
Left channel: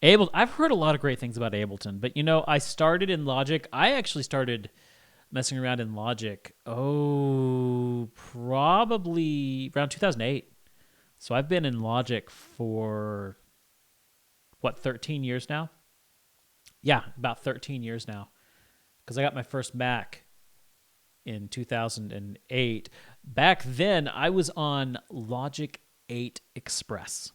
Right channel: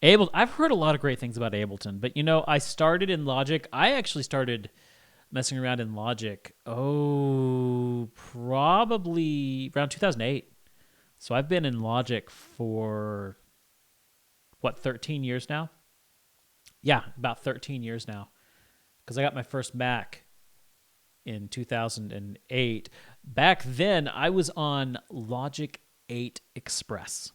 I've heard a lot of great things about Ableton, but I started in Logic. I actually started messing around in Logic, probably around 2008. So I've been in Logic for, 13 years now? Yeah, about 13 years now. Because I got my first Mac in 2008. Back then, I was on Logic 8 Express.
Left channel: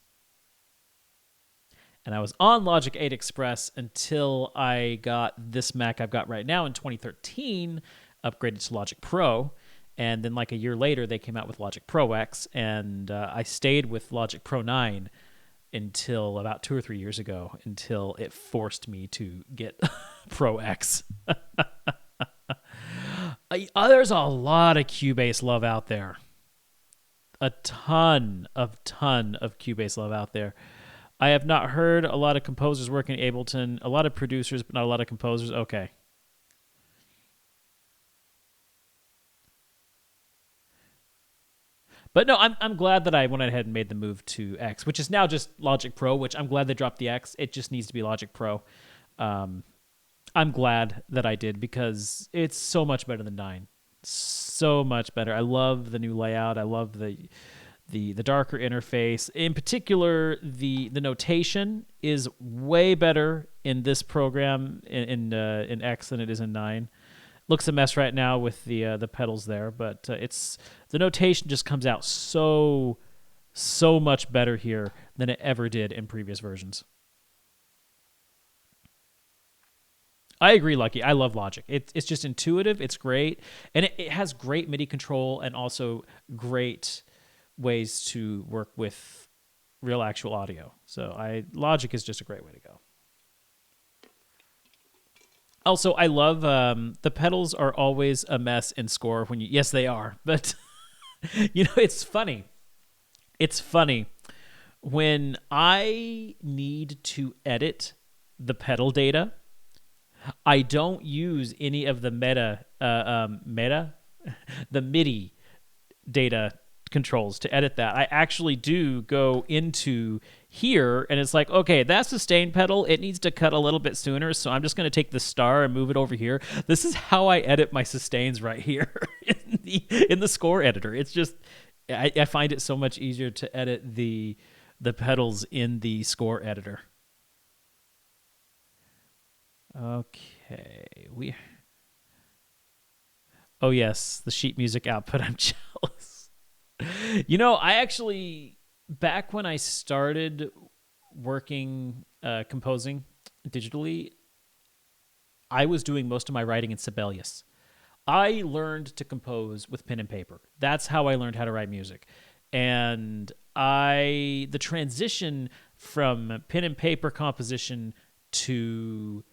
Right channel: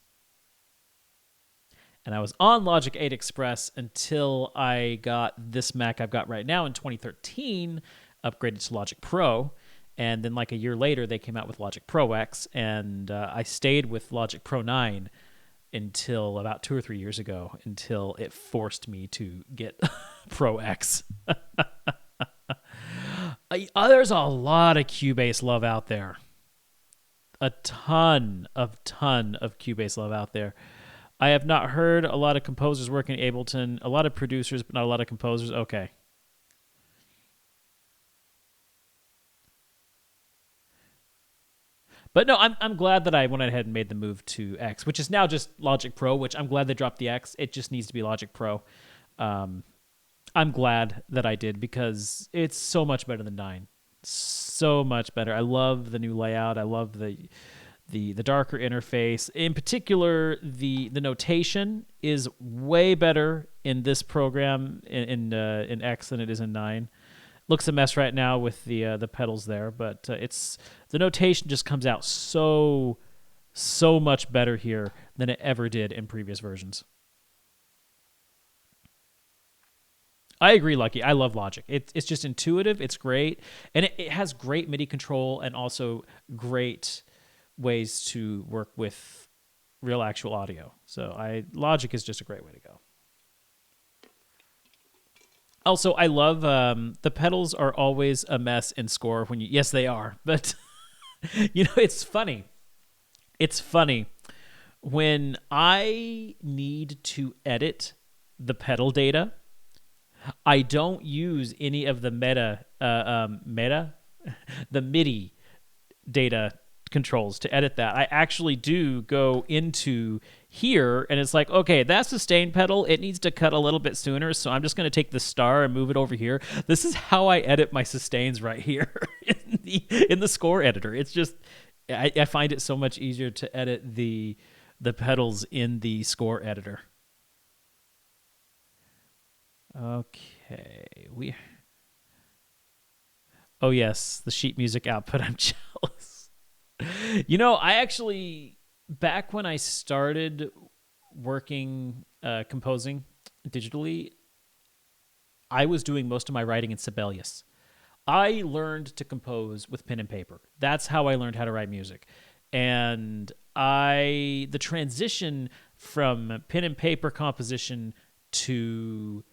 And I was on Logic 8 Express until I got this Mac I've got right now in 2013, upgraded to Logic Pro. And then like a year later, they came out with Logic Pro X, and I stayed with Logic Pro 9 until about 2 or 3 years ago, until it forced me to get Pro X. There's a lot of Cubase love out there. A ton of Cubase love out there. I have not heard a lot of composers working in Ableton, a lot of producers, but not a lot of composers. Okay. But no, I'm glad that I went ahead and made the move to X, which is now just Logic Pro, which I'm glad they dropped the X. It just needs to be Logic Pro. I'm glad that I did because it's so much better than 9. So much better. I love the new layout. I love the darker interface. In particular, the notation is way better in this program in X than it is in 9. Looks a mess right now with the pedals there, but the notation just comes out so much better here than it ever did in previous versions. I agree, Lucky. I love Logic. It's just intuitive. It's great, and it has great MIDI control and also great ways to work with real actual audio. So Logic is just a great way to go. Also, I love the pedals are always a mess in Score when yes, they are. But it's funny. It's funny when I need to edit the pedal data. I don't use any of the the MIDI data controls to edit that. I actually do go into here, and it's like, okay, that sustain pedal, it needs to cut a little bit sooner, so I'm just going to take the star and move it over here. This is how I edit my sustains right here in the Score editor. It's just, I find it so much easier to edit the pedals in the Score editor. Okay, oh yes, the sheet music output. I'm jealous. I actually, back when I started working, composing digitally, I was doing most of my writing in Sibelius. I learned to compose with pen and paper. That's how I learned how to write music. And the transition from pen and paper composition to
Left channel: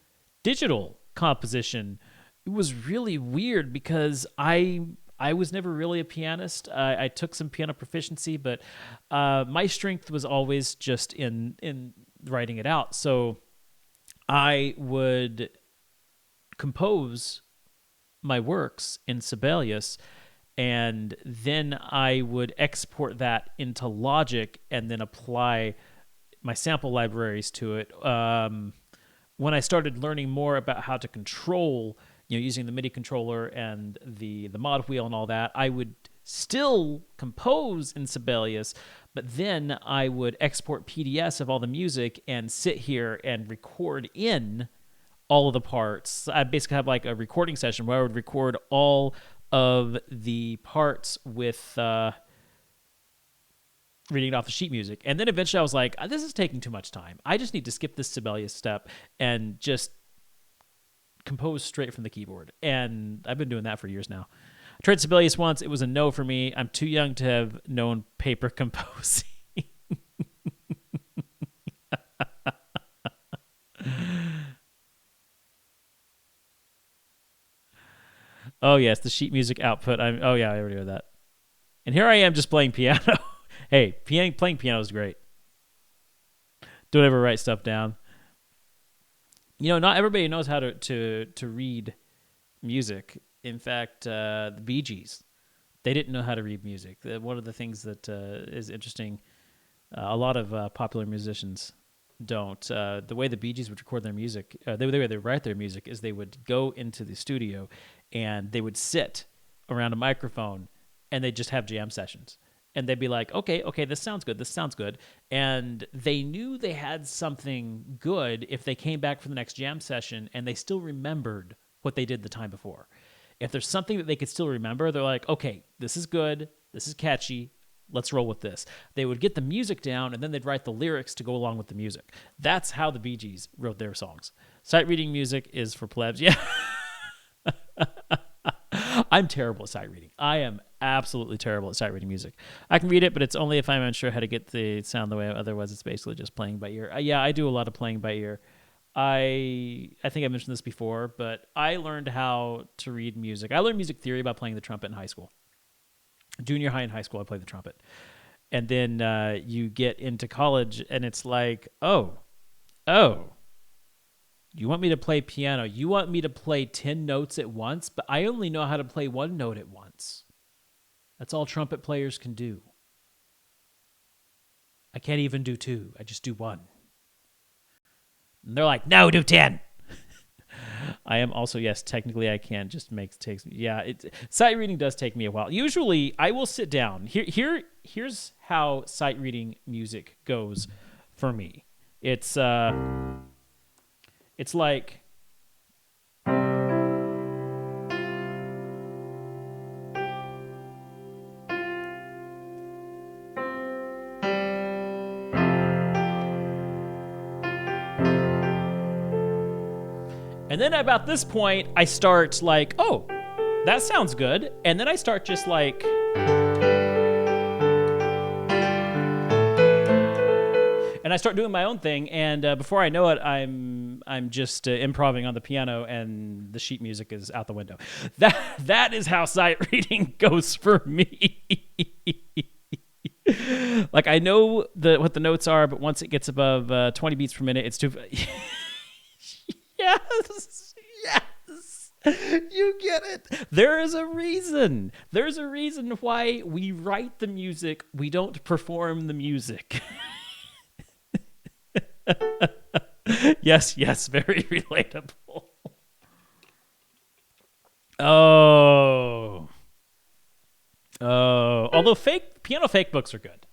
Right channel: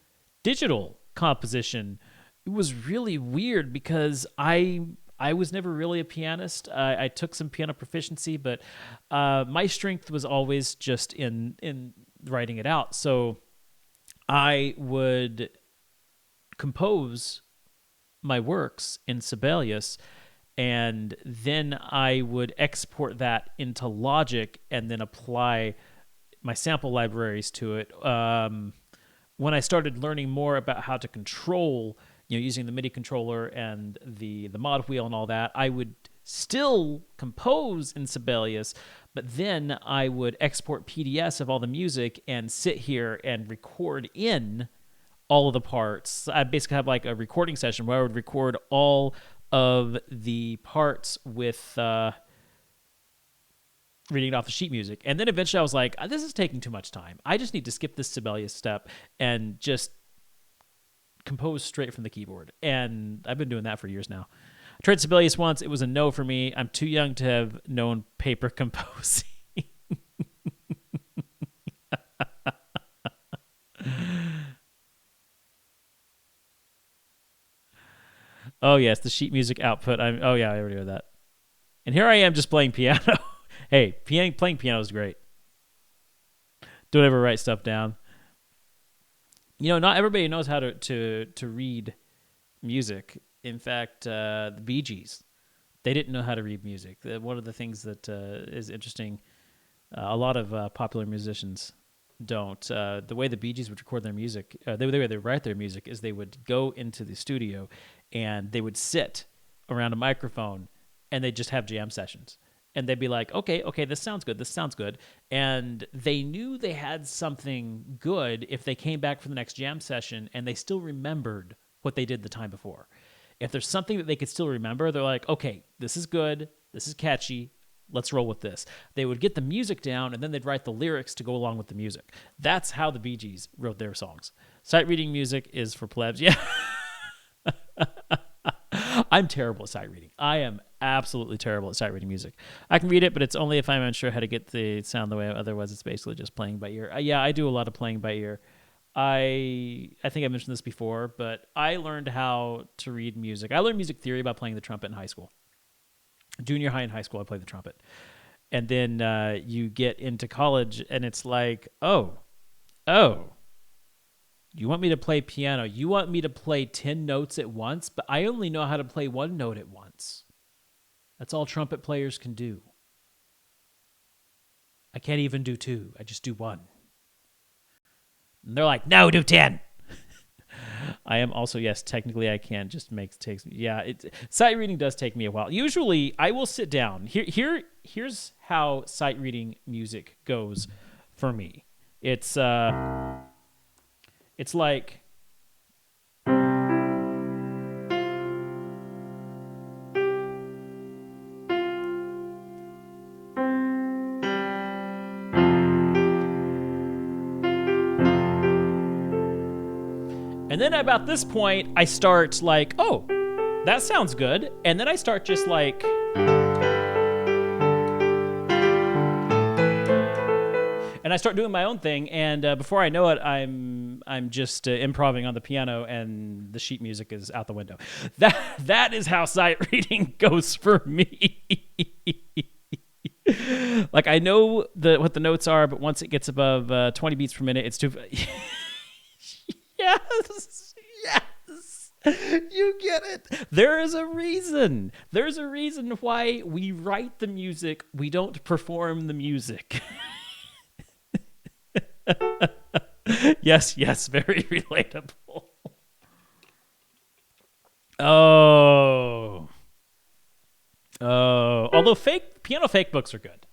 digital composition, it was really weird because I was never really a pianist. I took some piano proficiency, but my strength was always just in writing it out. So I would compose my works in Sibelius, and then I would export that into Logic and then apply my sample libraries to it. When I started learning more about how to control using the MIDI controller and the mod wheel and all that, I would still compose in Sibelius, but then I would export PDFs of all the music and sit here and record in all of the parts. I basically have like a recording session where I would record all of the parts with reading it off the sheet music. And then eventually I was like, this is taking too much time. I just need to skip this Sibelius step and just compose straight from the keyboard. And I've been doing that for years now. I tried Sibelius once. It was a no for me. I'm too young to have known paper composing. Oh, yes, the sheet music output. Oh, yeah, I already heard that. And here I am just playing piano. Hey, playing piano is great. Don't ever write stuff down. Not everybody knows how to read music. In fact, the Bee Gees, they didn't know how to read music. One of the things that is interesting, a lot of popular musicians don't. The way the Bee Gees would record their music, the way they write their music is they would go into the studio and they would sit around a microphone and they'd just have jam sessions. And they'd be like, okay, this sounds good. And they knew they had something good if they came back for the next jam session and they still remembered what they did the time before. If there's something that they could still remember, they're like, okay, this is good, this is catchy, let's roll with this. They would get the music down, and then they'd write the lyrics to go along with the music. That's how the Bee Gees wrote their songs. Sight reading music is for plebs. Yeah. I'm terrible at sight reading. I am absolutely terrible at sight reading music. I can read it, but it's only if I'm unsure how to get the sound the way. Otherwise, it's basically just playing by ear. Yeah, I do a lot of playing by ear. I think I mentioned this before, but I learned how to read music. I learned music theory by playing the trumpet in high school. Junior high and high school, I played the trumpet. And then you get into college, and it's like, oh, you want me to play piano? You want me to play 10 notes at once? But I only know how to play one note at once. That's all trumpet players can do. I can't even do 2. I just do 1. And they're like, no, do 10. I am also, yes, technically I can. Just takes me. Yeah, sight reading does take me a while. Usually I will sit down. Here's how sight reading music goes for me. It's like and then about this point, I start like, oh, that sounds good. And then I start just like, and I start doing my own thing. And before I know it, I'm just improvising on the piano, and the sheet music is out the window. That is how sight reading goes for me. Like I know what the notes are, but once it gets above 20 beats per minute, it's too. Yes. You get it. There is a reason. There's a reason why we write the music. We don't perform the music. Yes, very relatable. Oh. Although piano fake books are good.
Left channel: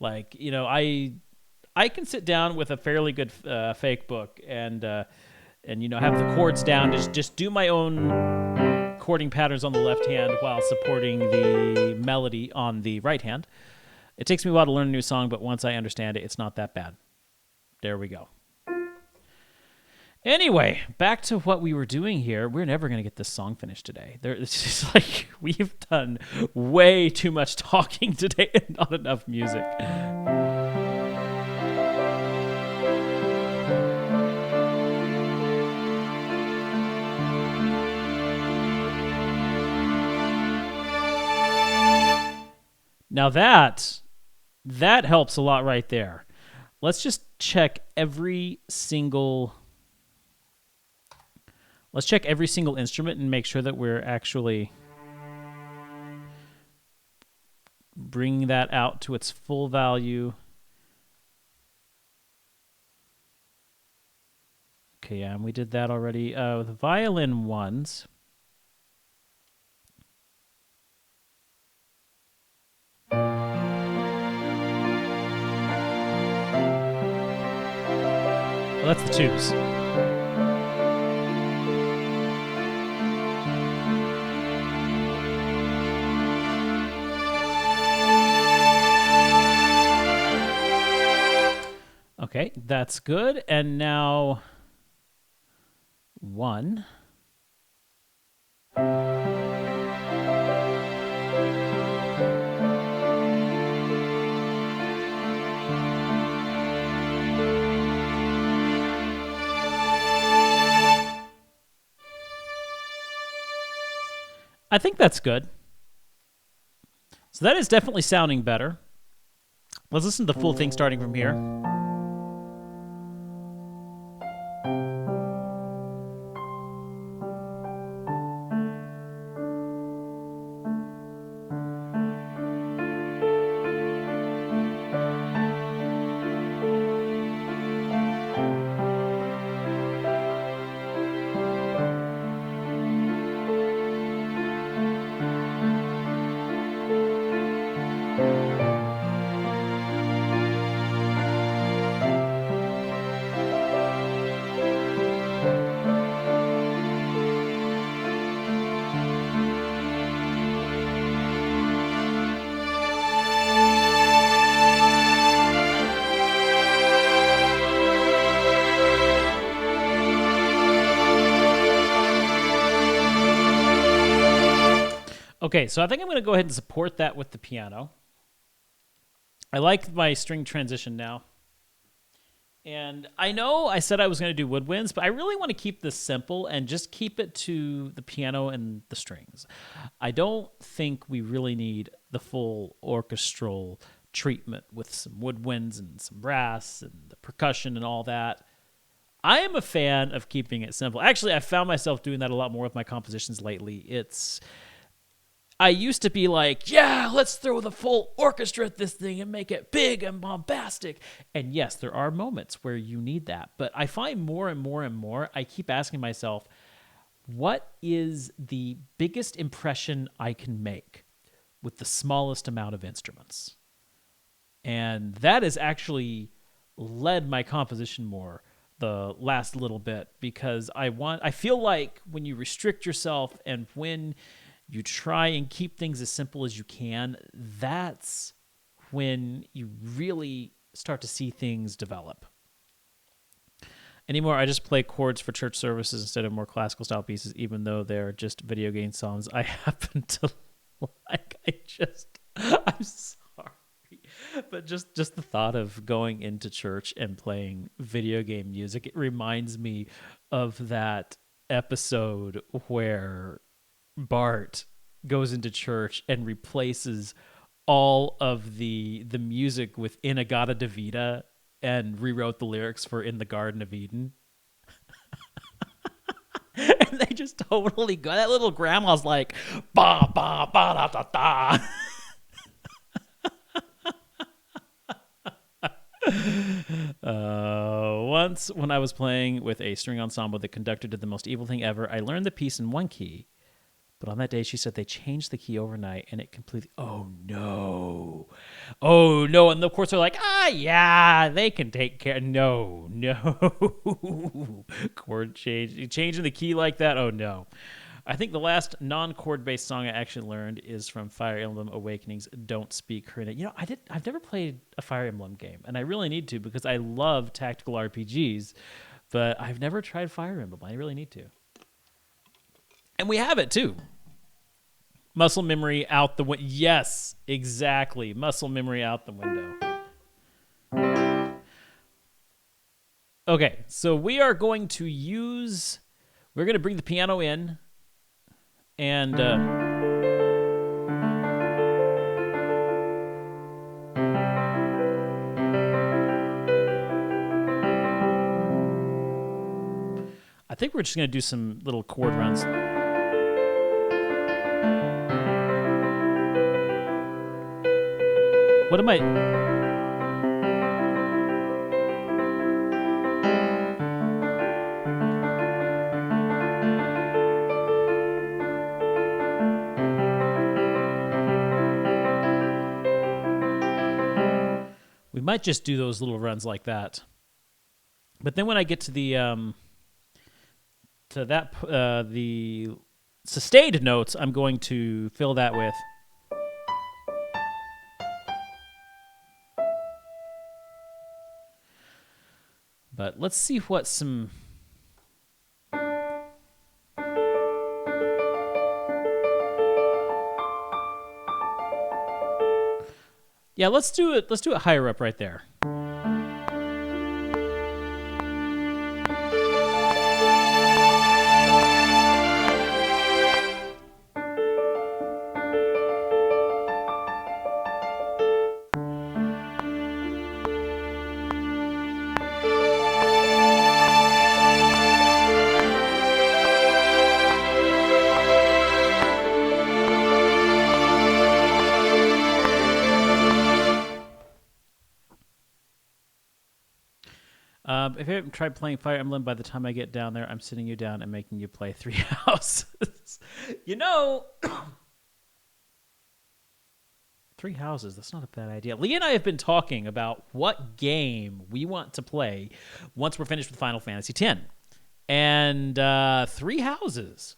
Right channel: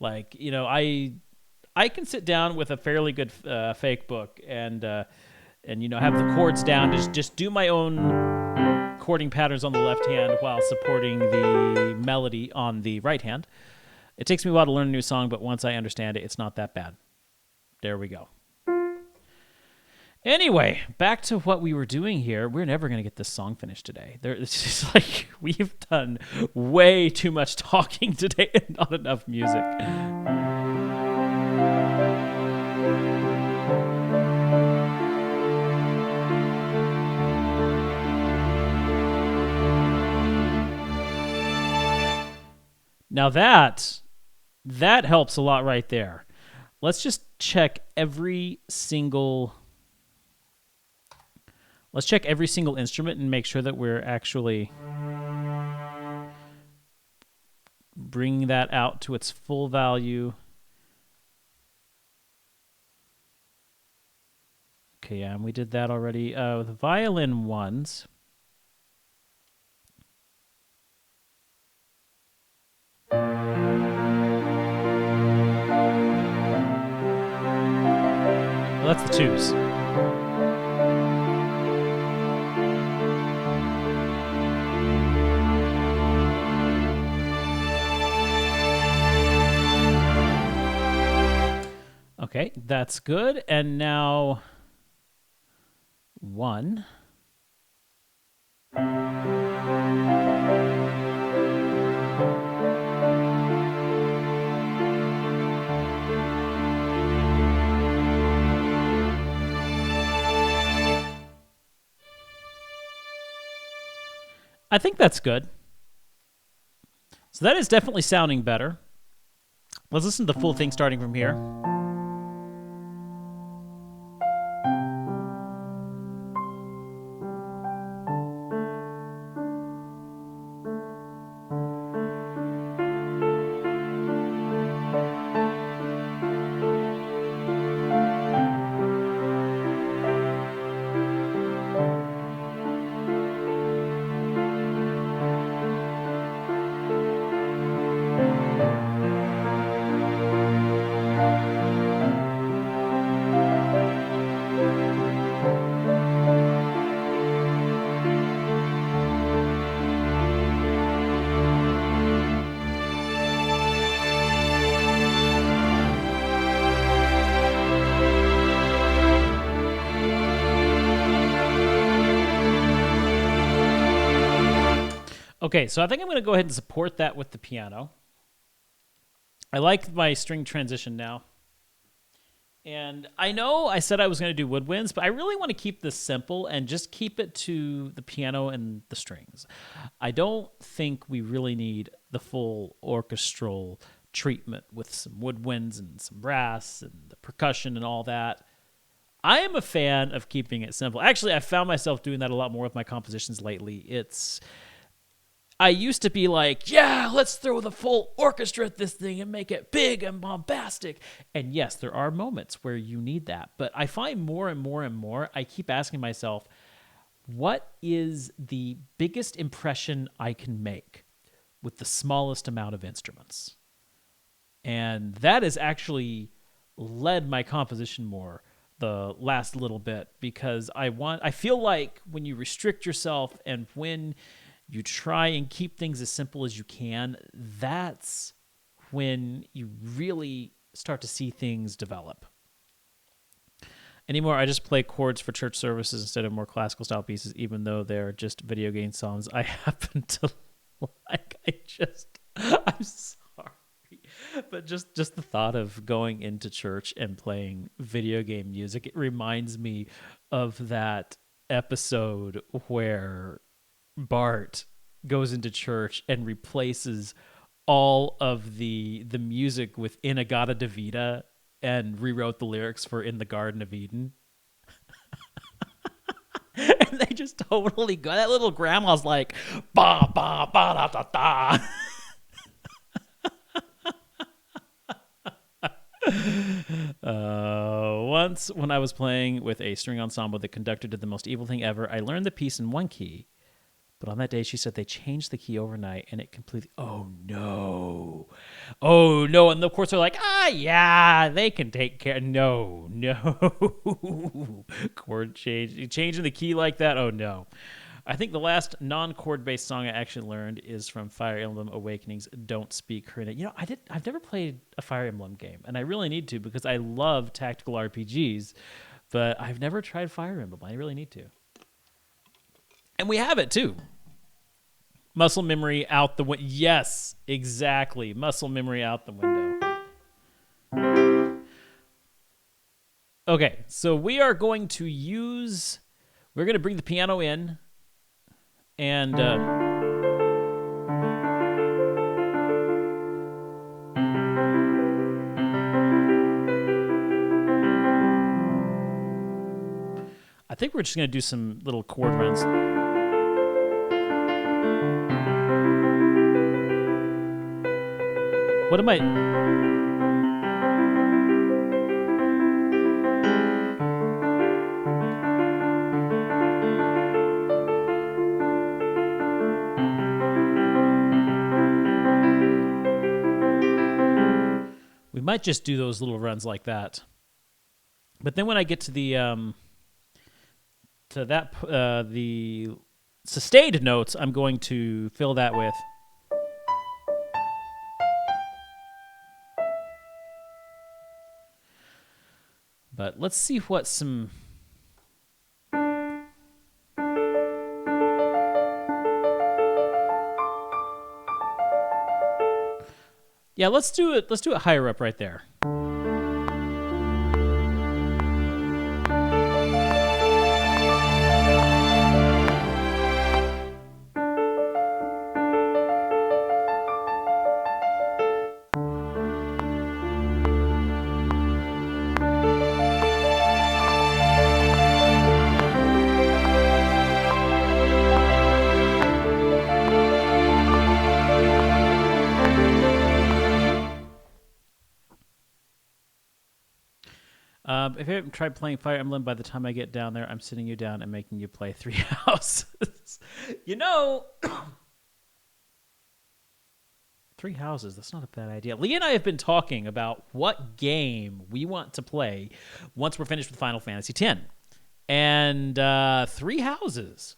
Like, I can sit down with a fairly good fake book and have the chords down, just do my own chording patterns on the left hand while supporting the melody on the right hand. It takes me a while to learn a new song, but once I understand it, it's not that bad. There we go. Anyway, back to what we were doing here. We're never going to get this song finished today. It's just like we've done way too much talking today and not enough music. Now that helps a lot right there. Let's just check every single instrument and make sure that we're actually bringing that out to its full value. Okay, yeah, and we did that already. The violin ones. Well, that's the twos. Okay, that's good. And now 1. I think that's good. So that is definitely sounding better. Let's listen to the full thing starting from here. Okay, so I think I'm going to go ahead and support that with the piano. I like my string transition now. And I know I said I was going to do woodwinds, but I really want to keep this simple and just keep it to the piano and the strings. I don't think we really need the full orchestral treatment with some woodwinds and some brass and the percussion and all that. I am a fan of keeping it simple. Actually, I found myself doing that a lot more with my compositions lately. I used to be like, yeah, let's throw the full orchestra at this thing and make it big and bombastic. And yes, there are moments where you need that. But I find more and more and more, I keep asking myself, what is the biggest impression I can make with the smallest amount of instruments? And that has actually led my composition more the last little bit, because I feel like when you restrict yourself and when you try and keep things as simple as you can, that's when you really start to see things develop. Anymore, I just play chords for church services instead of more classical style pieces, even though they're just video game songs I happen to like. I'm sorry. But just the thought of going into church and playing video game music, it reminds me of that episode where Bart goes into church and replaces all of the music with In-A-Gadda-Da-Vida and rewrote the lyrics for In the Garden of Eden. And they just totally go. That little grandma's like, ba ba ba da da da. Once when I was playing with a string ensemble, the conductor did the most evil thing ever. I learned the piece in one key, but on that day she said they changed the key overnight and it completely, oh no. And of course they're like, yeah, they can take care. No. Chord change, changing the key like that. Oh no. I think the last non-chord based song I actually learned is from Fire Emblem Awakening's Don't Speak Karina. You know, I've never played a Fire Emblem game, and I really need to because I love tactical RPGs, but I've never tried Fire Emblem. I really need to. And we have it too. Muscle memory out the window. Yes, exactly. Muscle memory out the window. Okay, so we're going to bring the piano in, and I think we're just going to do some little chord runs. What am I... might just do those little runs like that. But then when I get to the sustained notes, I'm going to fill that with. But let's see what some. Yeah, let's do it. Let's do it higher up right there. If you haven't tried playing Fire Emblem, by the time I get down there, I'm sitting you down and making you play 3 houses. 3 houses, that's not a bad idea. Lee and I have been talking about what game we want to play once we're finished with Final Fantasy X. And 3 houses,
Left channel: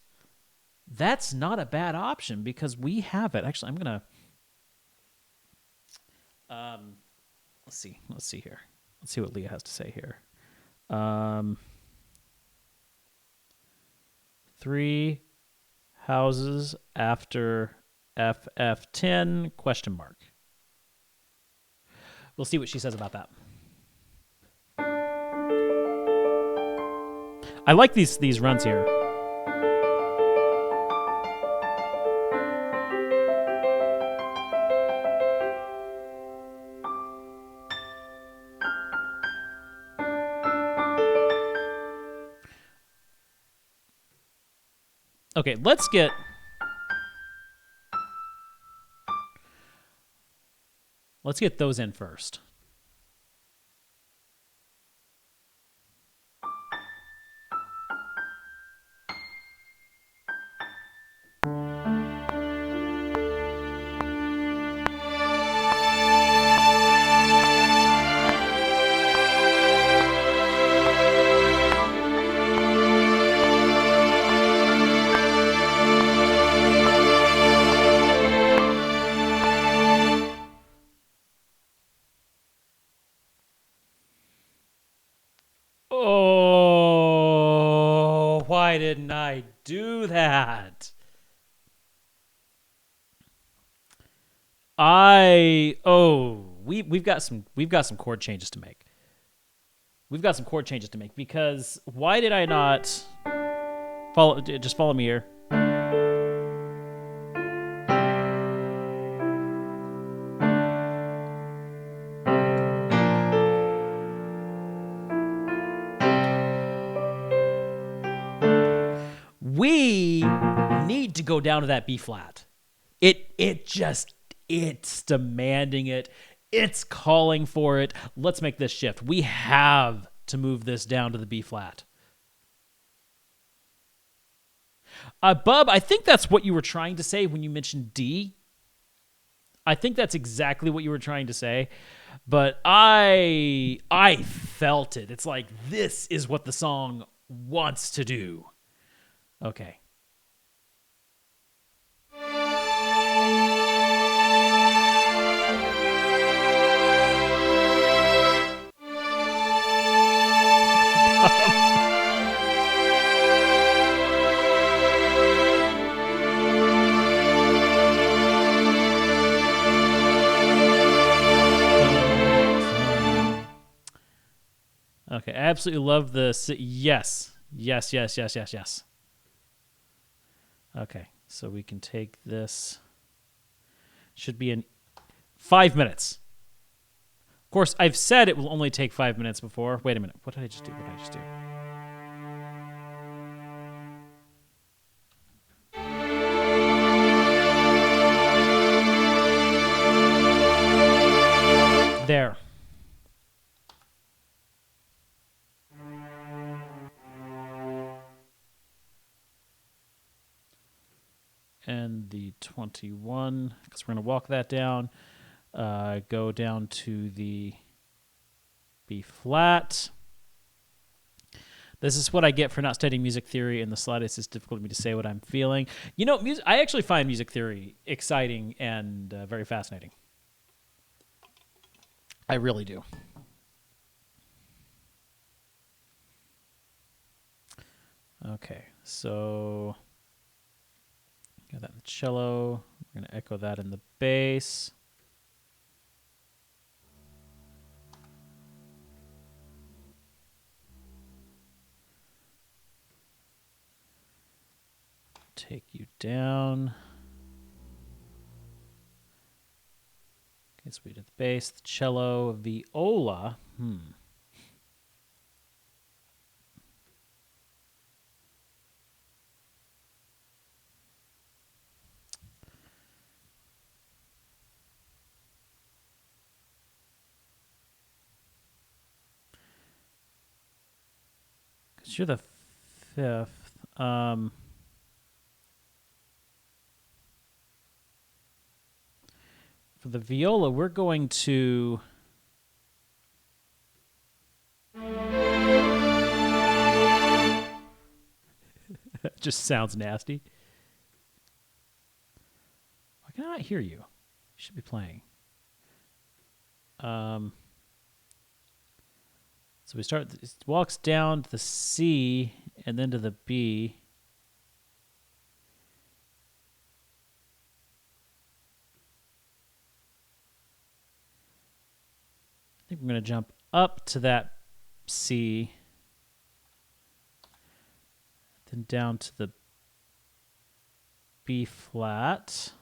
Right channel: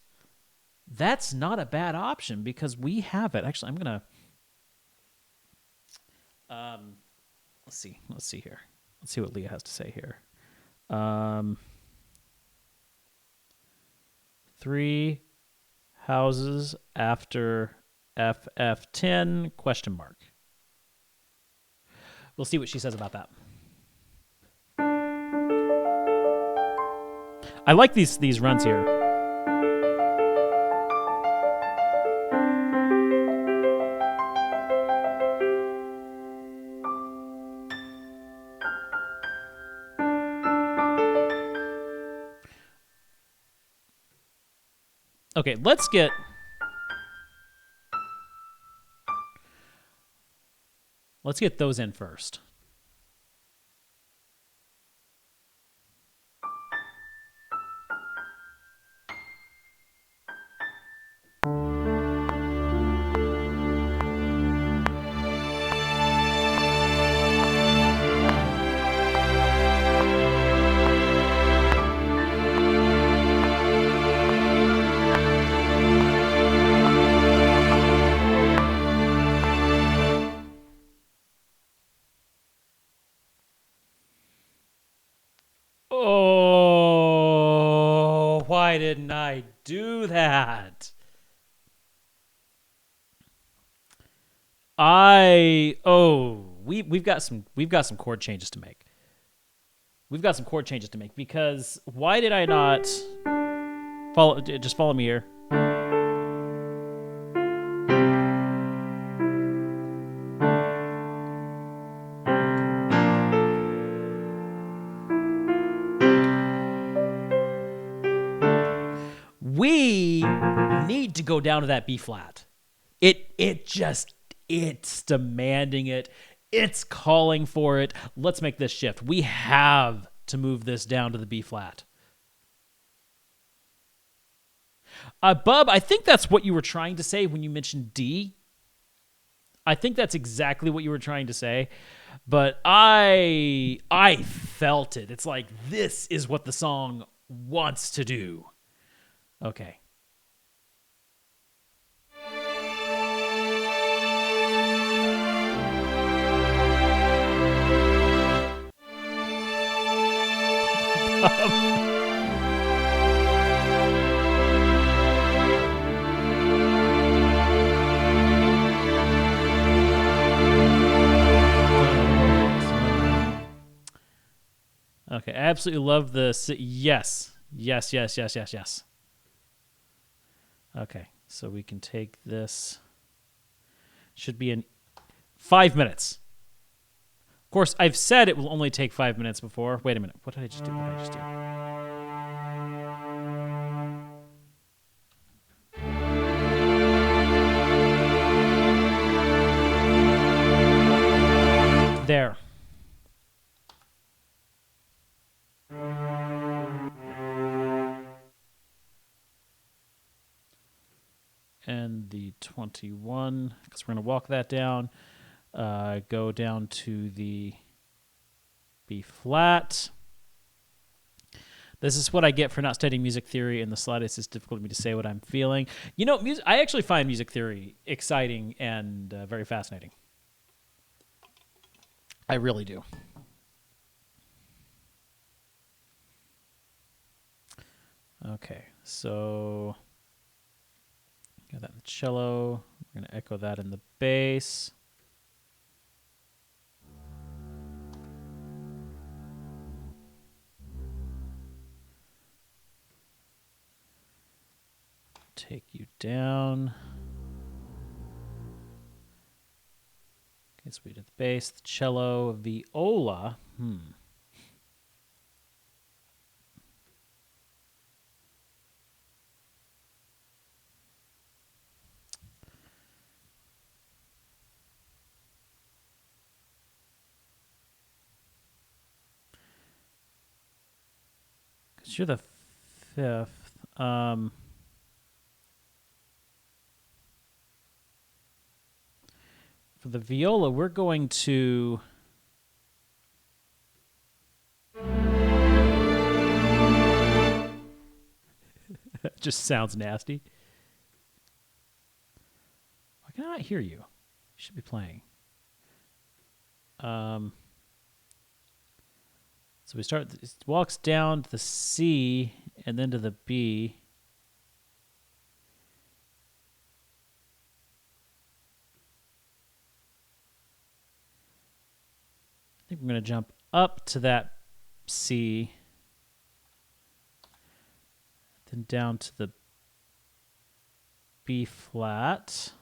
that's not a bad option because we have it. Actually, I'm going to... Let's see here. Let's see what Leah has to say here. 3 houses after FF10 ? We'll see what she says about that. I like these runs here. Okay, let's get those in first. Oh, why didn't I do that? We've got some chord changes to make. Because why did I not follow me here? We need to go down to that B flat. It's demanding it. It's calling for it. Let's make this shift. We have to move this down to the B flat. Bub, I think that's what you were trying to say when you mentioned D. I think that's exactly what you were trying to say. But I felt it. It's like, this is what the song wants to do. Okay. Okay, I absolutely love this. Yes. Okay, so we can take this. Should be in 5 minutes. Of course, I've said it will only take 5 minutes before. Wait a minute. What did I just do? There. And the 21, because we're going to walk that down. Go down to the B flat. This is what I get for not studying music theory in the slightest. It's difficult for me to say what I'm feeling. You know, I actually find music theory exciting and very fascinating. I really do. Okay, so got that in the cello. We're going to echo that in the bass. Take you down. Okay, so we did the bass, the cello, viola. Because you're the fifth. For the viola, we're going to... That just sounds nasty. Why can I not hear you? You should be playing. So we start, it walks down to the C and then to the B. I think we're going to jump up to that C, then down to the B flat.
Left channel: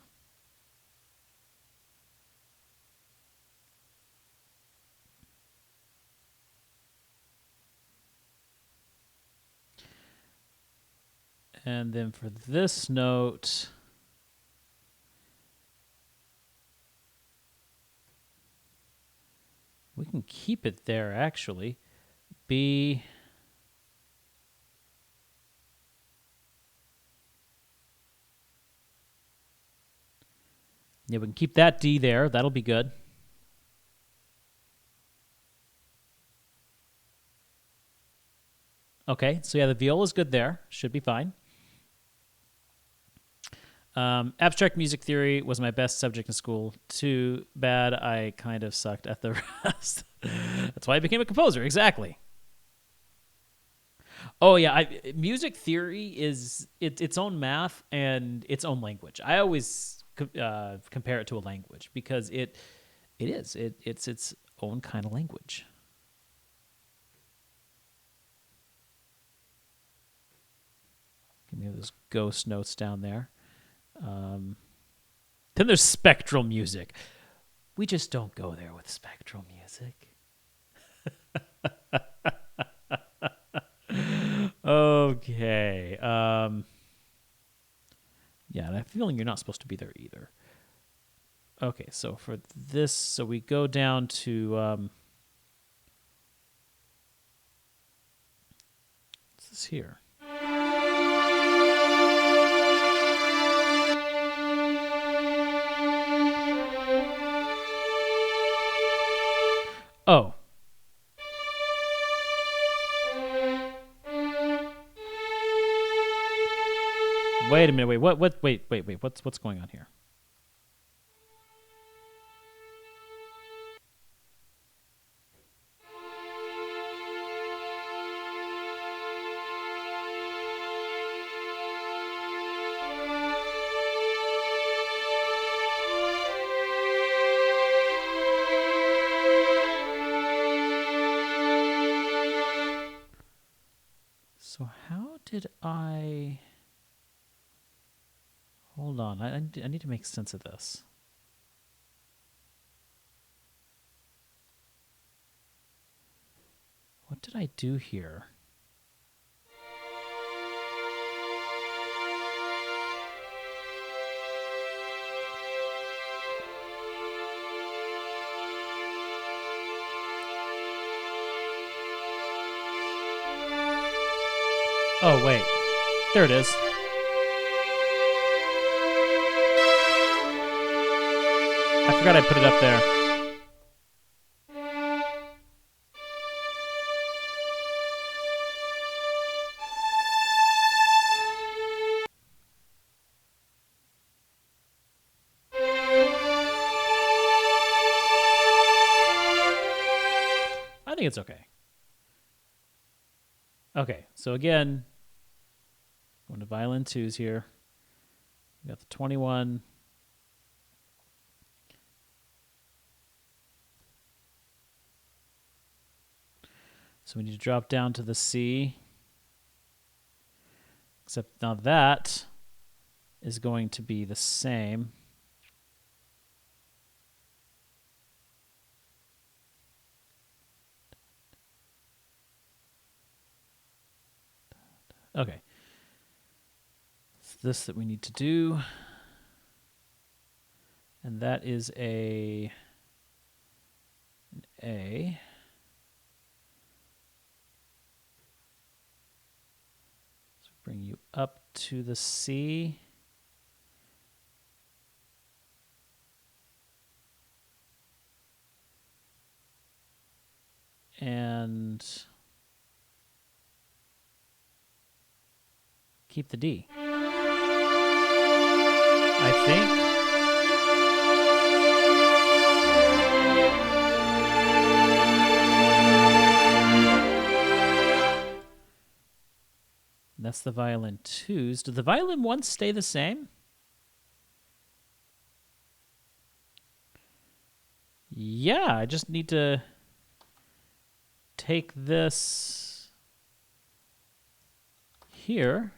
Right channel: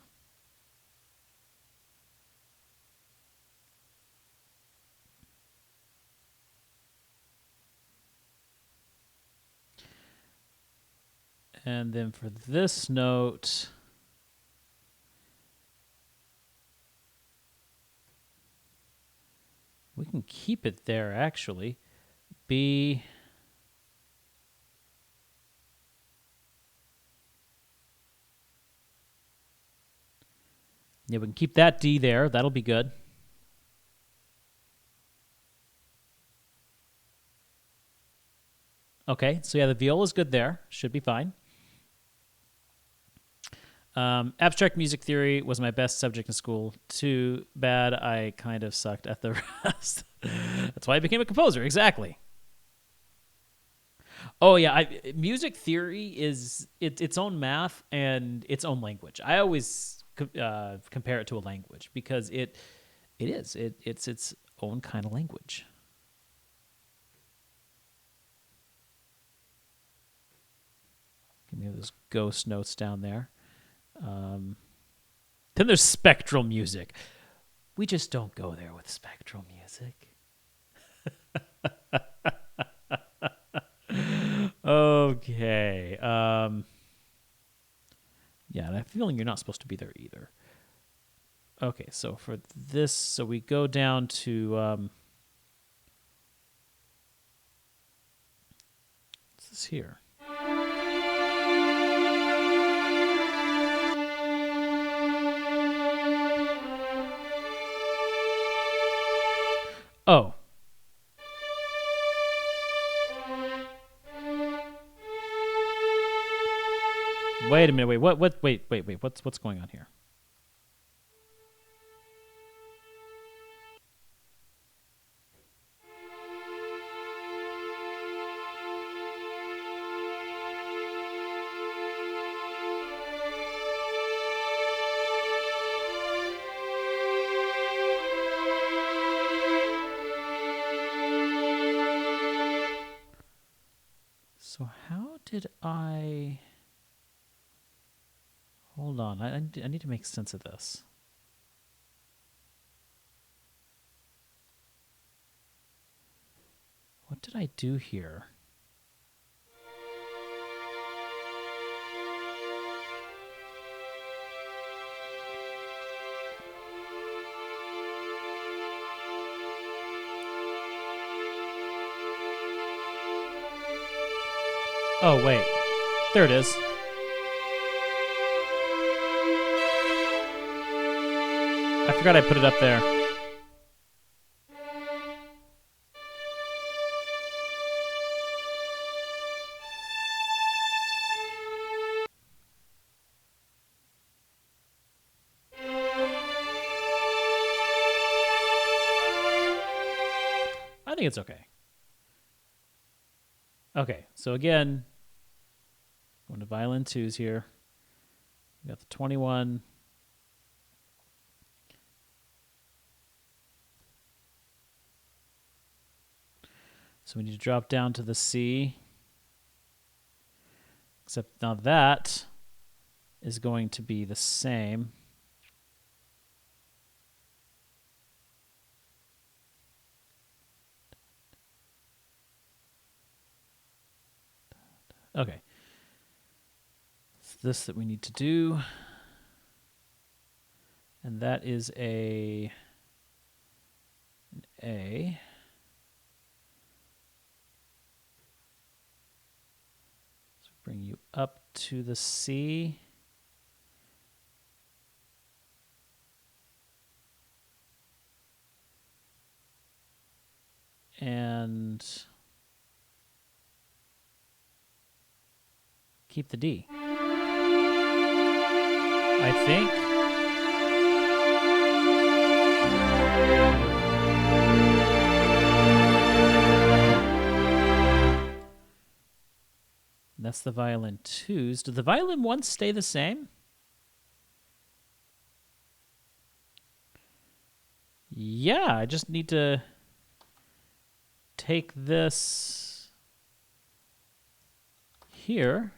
And then for this note, we can keep it there, actually. B. Yeah, we can keep that D there. That'll be good. Okay, so yeah, the viola's good there. Should be fine. Abstract music theory was my best subject in school. Too bad I kind of sucked at the rest. That's why I became a composer. Exactly. Oh yeah, music theory is its own math and its own language. I always compare it to a language because it's its own kind of language. Give me those ghost notes down there. Then there's spectral music. We just don't go there with spectral music. Okay. Yeah, and I have a feeling you're not supposed to be there either. Okay, so for this, so we go down to what's this here? Oh. Wait a minute. Wait. Wait. What's going on here? So how did I... Hold on. I need to make sense of this. What did I do here? Oh, wait. There it is. I forgot I put it up there. think it's okay. Okay, so again, going to violin 2s here. We got the 21. So we need to drop down to the C. Except now that is going to be the same. Okay. It's this that we need to do. And that is an A. So bring you up to the C. And keep the D. I think. That's the violin 2s. Did the violin 1s stay the same? Yeah, I just need to take this here,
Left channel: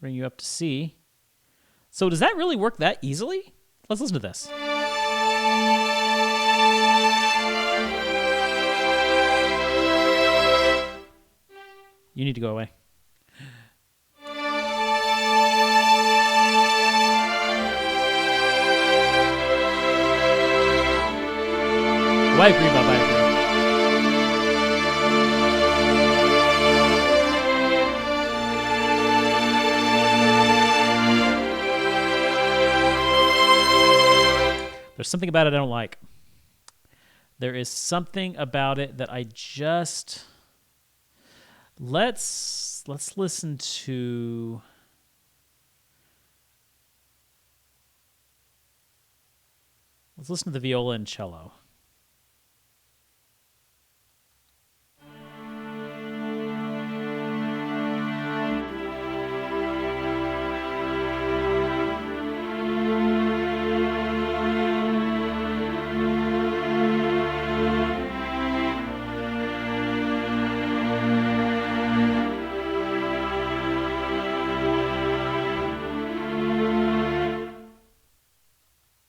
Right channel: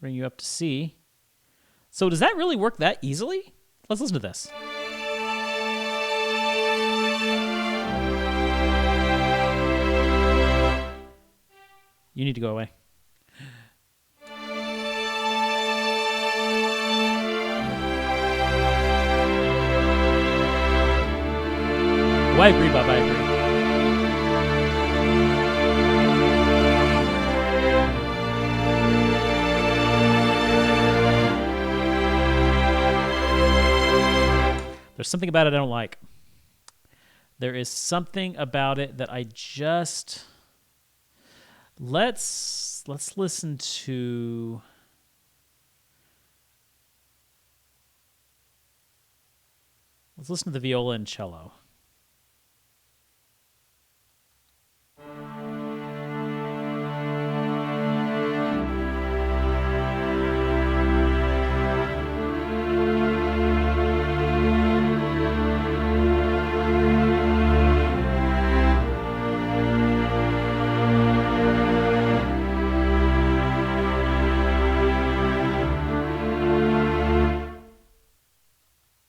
bring you up to C. So does that really work that easily? Let's listen to this. You need to go away. Oh, I agree, Bob. I agree. There's something about it I don't like. There is something about it that I just... Let's listen to... Let's listen to the viola and cello.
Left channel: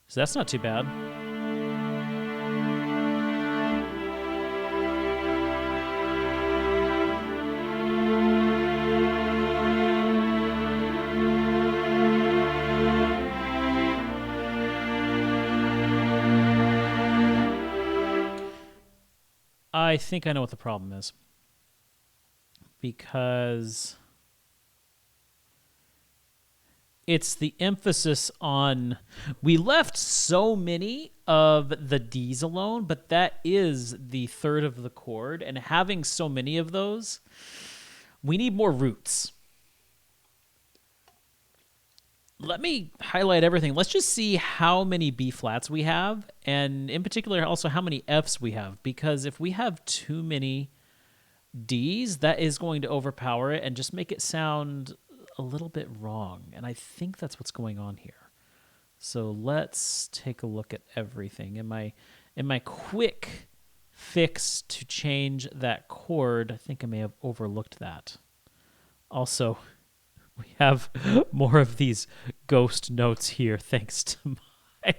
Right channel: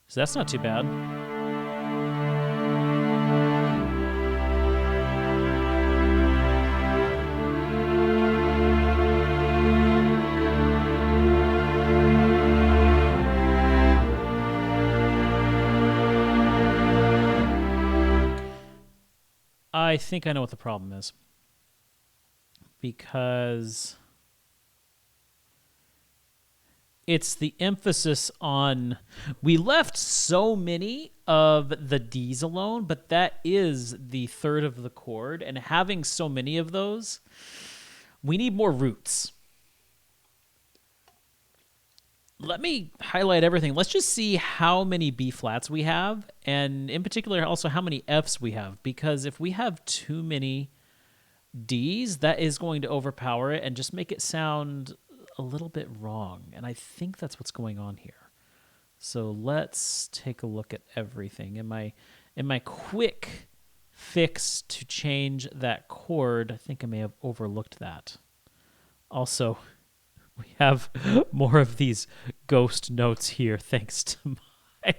So that's not too bad. I think I know what the problem is. Because it's the emphasis on... We left so many of the Ds alone, but that is the third of the chord. And having so many of those, we need more roots. Let me highlight everything. Let's just see how many B flats we have, and in particular also how many Fs we have. Because if we have too many Ds, that is going to overpower it and just make it sound a little bit wrong. And I think that's what's going on here. So let's take a look at everything. In my quick fix to change that chord, I think I may have overlooked that. Also, we have more of these ghost notes here thanks to my...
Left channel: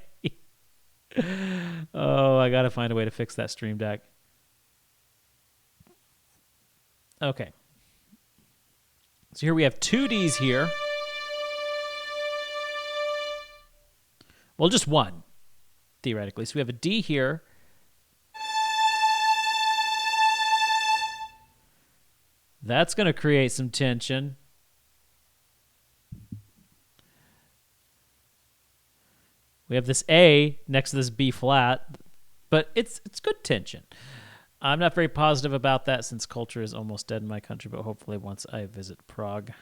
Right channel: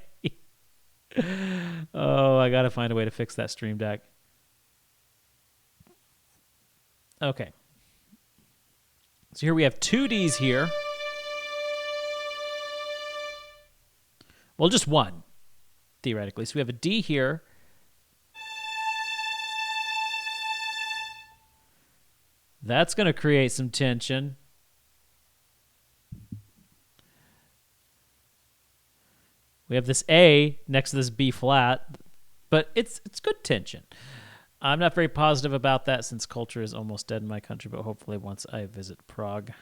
Oh, I gotta find a way to fix that Stream Deck. Okay. So here we have two Ds here. Well, just one, theoretically. So we have a D here. That's going to create some tension. We have this A next to this B flat, but it's good tension. I'm not very positive about that since culture is almost dead in my country, but hopefully once I visit Prague.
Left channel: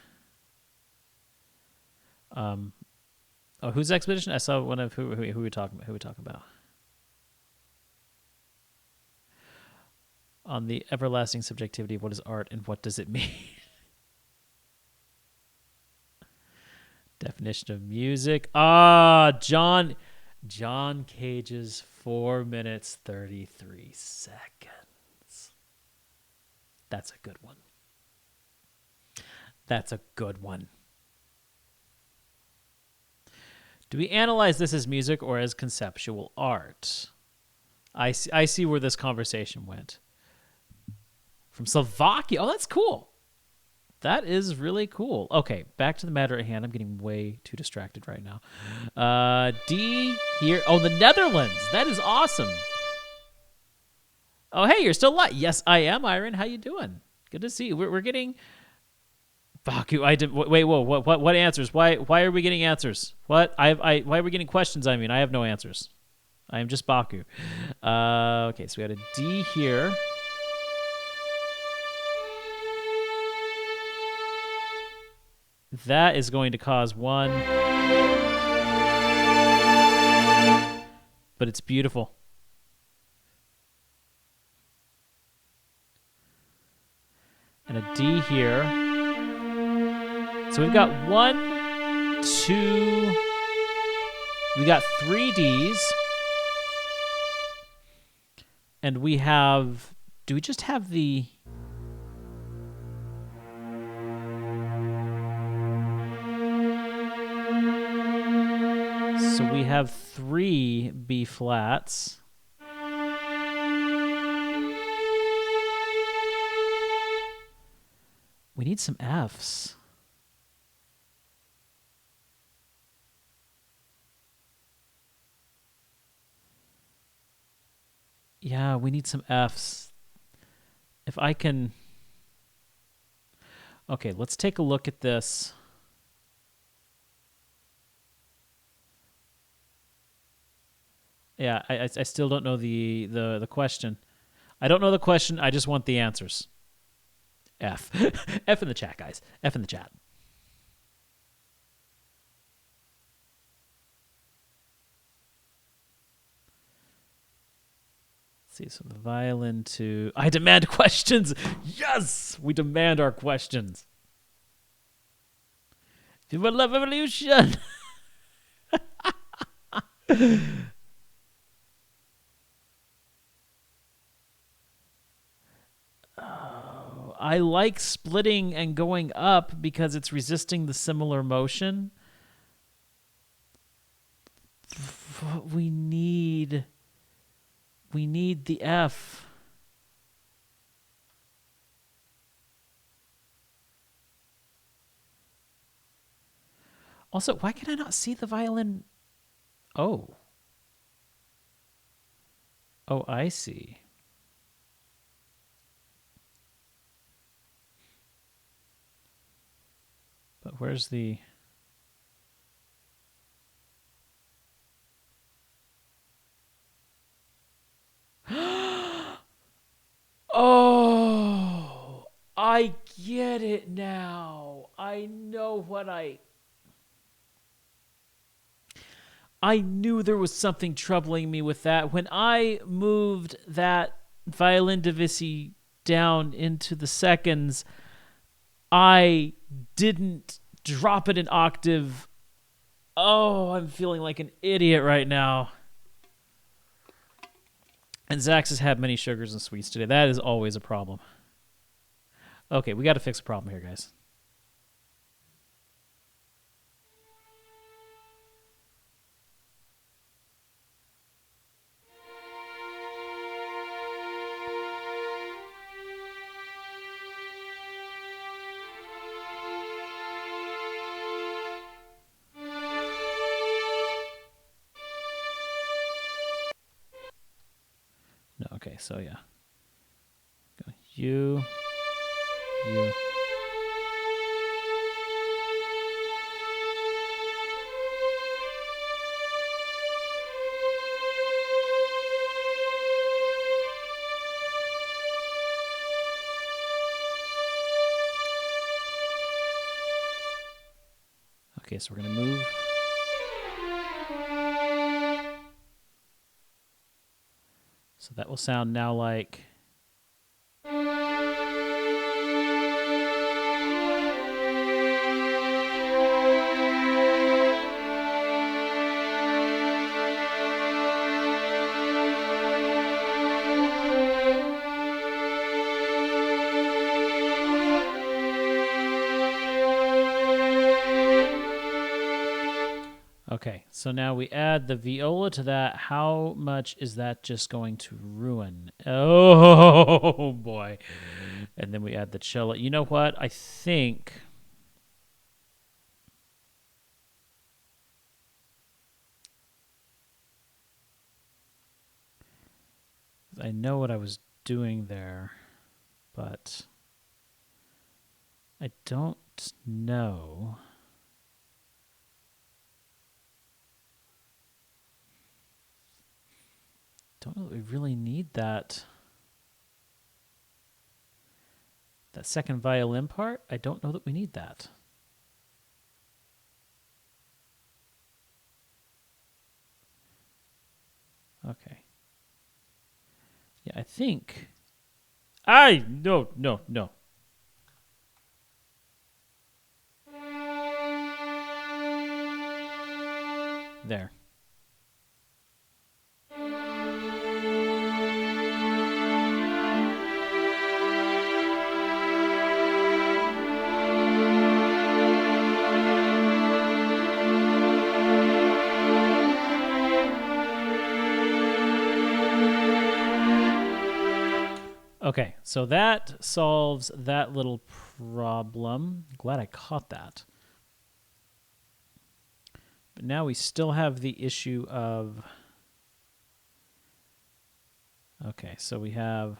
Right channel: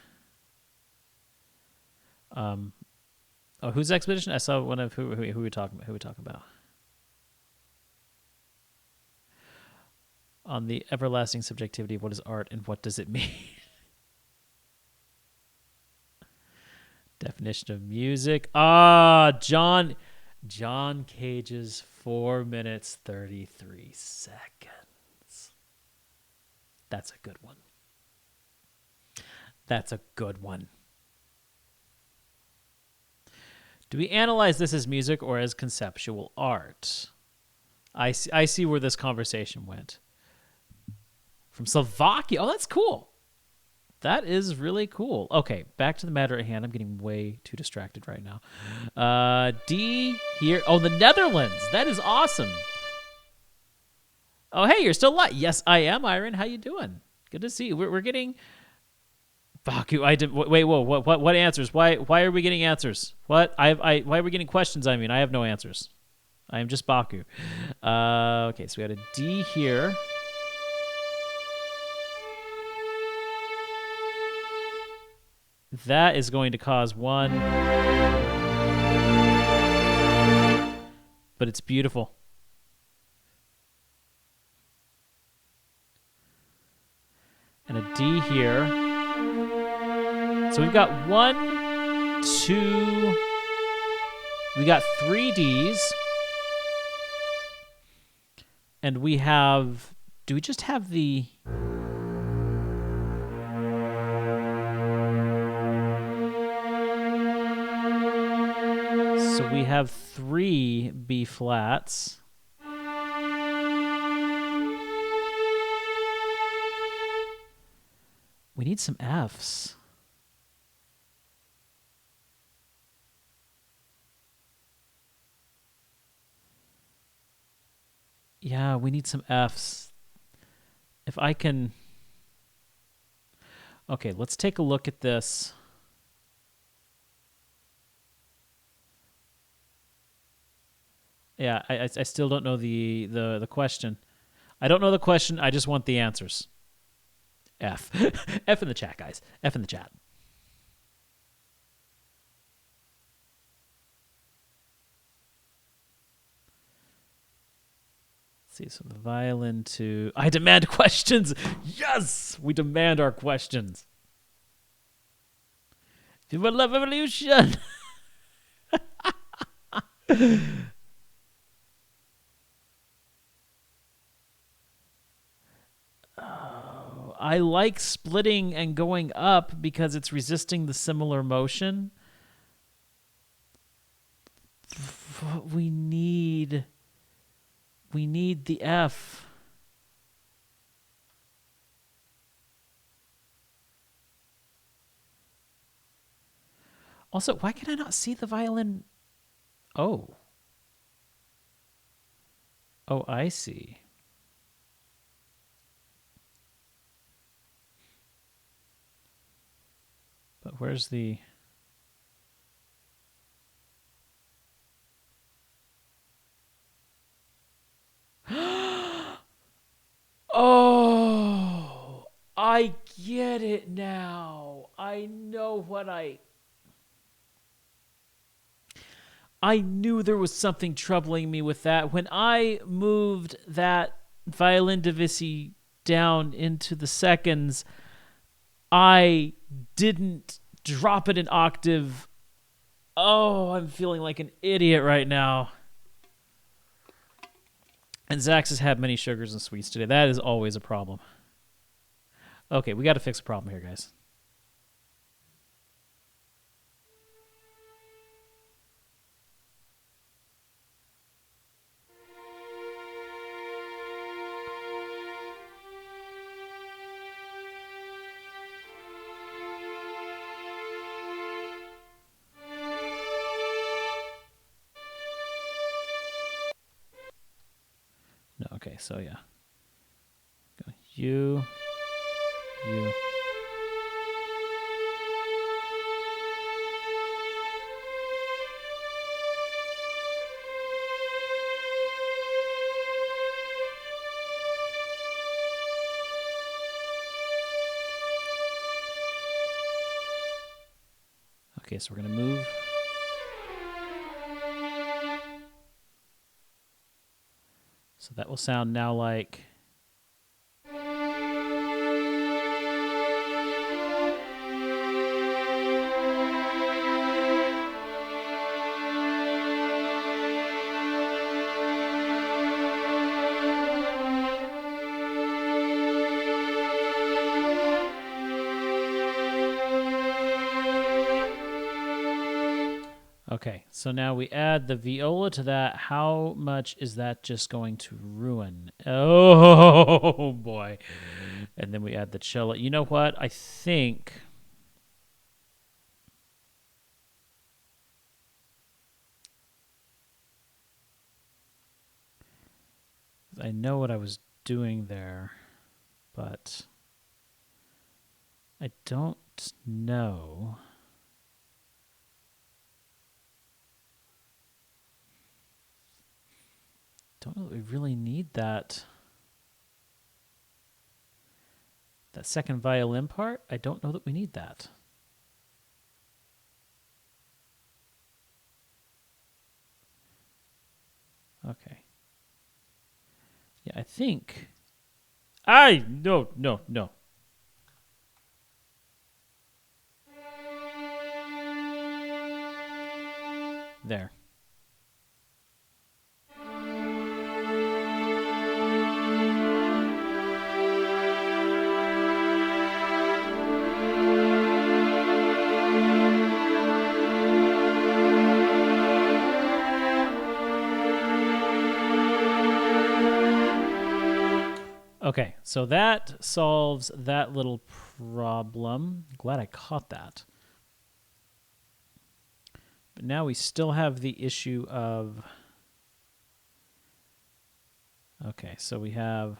Oh, who's Expedition? I saw one of who we talking about. on the everlasting subjectivity of what is art and what does it mean. Definition of music. John Cage's 4 minutes 33 seconds. That's a good one. That's a good one. Do we analyze this as music or as conceptual art? I see where this conversation went. From Slovakia. Oh, that's cool. That is really cool. Okay, back to the matter at hand. I'm getting way too distracted right now. D here. Oh, the Netherlands. That is awesome. Oh, hey, you're still alive. Yes, I am, Iron. How you doing? Good to see you. We're getting... Baku, I did. Wait, whoa. What answers? Why are we getting answers? What? Why are we getting questions? I mean, I have no answers. I am just Baku. Okay, so we had a D here. That is going to cause one. But it's beautiful. And a D here. So we've got 1, 2. We got 3 Ds. And we have... Do we just have the... So we have 3 B flats. We need some Fs. Yeah, we need some Fs. If I can... Okay, let's take a look at this. Yeah, I still don't know the question. I don't know the question. I just want the answers. F. F in the chat, guys. F in the chat. Let's see, so the violin to... I demand questions! Yes! We demand our questions. People love evolution! I like splitting and going up because it's resisting the similar motion. We need the F. Also, why can I not see the violin? Oh. Oh, I see. But where's the... Oh, I get it now. I know what I knew there was something troubling me with that. When I moved that violin divisi down into the seconds, I didn't drop it an octave. Oh, I'm feeling like an idiot right now. And Zax has had many sugars and sweets today. That is always a problem. Okay, we got to fix a problem here, guys. No, okay, so yeah. Go you. Okay, so we're going to move. So that will sound now like... Okay, so now we add the viola to that. How much is that just going to ruin? Oh, boy. And then we add the cello. You know what? I think... I know what I was doing there, but I don't know... Don't know that we really need that second violin part. I don't know that we need that. Okay. Yeah, I think no. There. Okay, so that solves that little problem. Glad I caught that. But now we still have the issue of... Okay, so we have...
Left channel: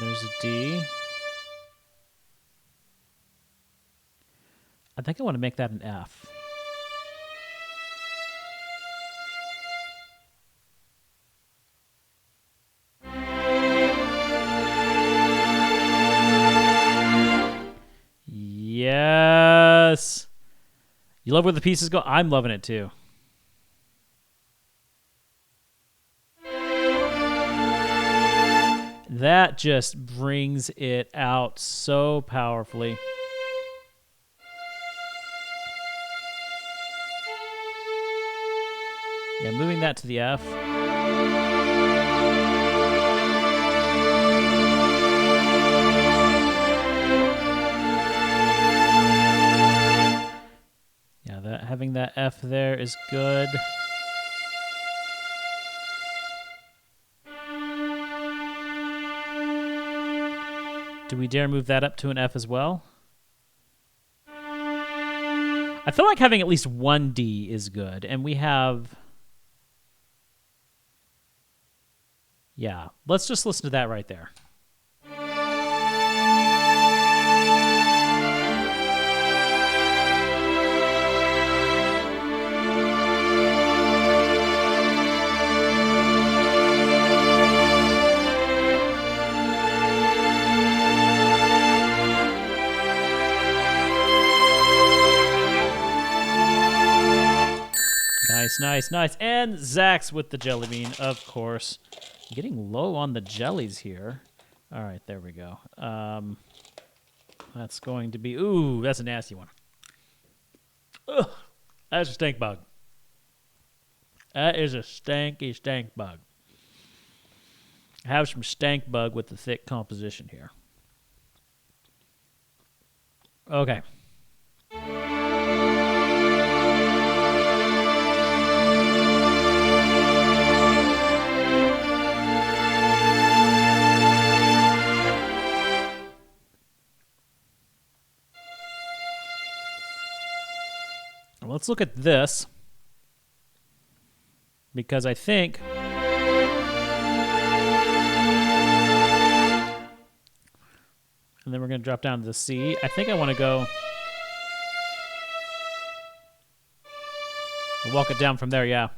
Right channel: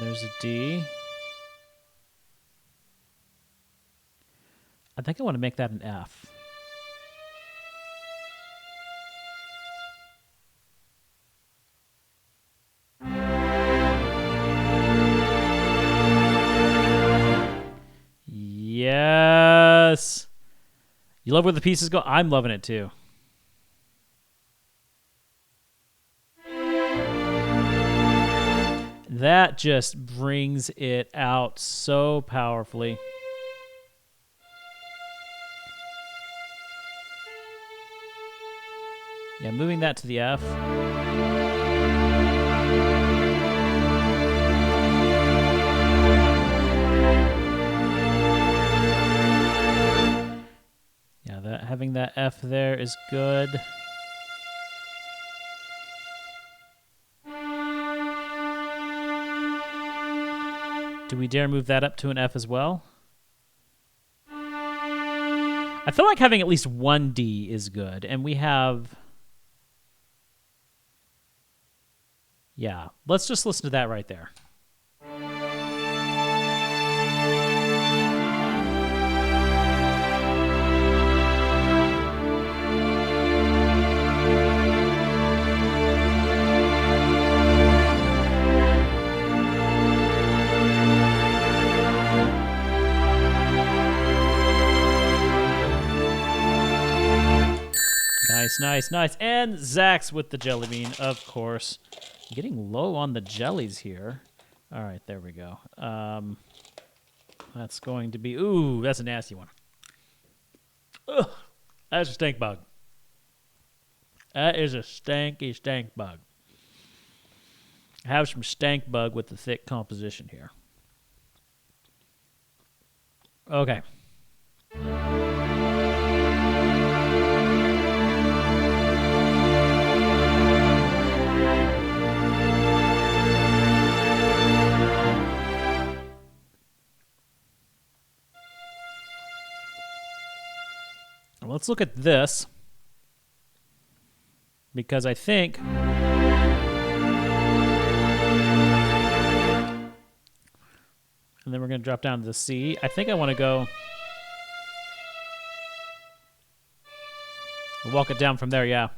There's a D. I think I want to make that an F. Yes. You love where the pieces go? I'm loving it too. That just brings it out so powerfully. Yeah, moving that to the F. Yeah, having that F there is good. Do we dare move that up to an F as well? I feel like having at least one D is good, and we have... Yeah, let's just listen to that right there. Nice. And Zach's with the jelly bean, of course. Getting low on the jellies here. All right, there we go. That's going to be... Ooh, that's a nasty one. Ugh, that's a stink bug. That is a stanky stank bug. I have some stank bug with the thick composition here. Okay. Let's look at this, because I think and then we're going to drop down to the C. I think I want to go walk it down from there, yeah.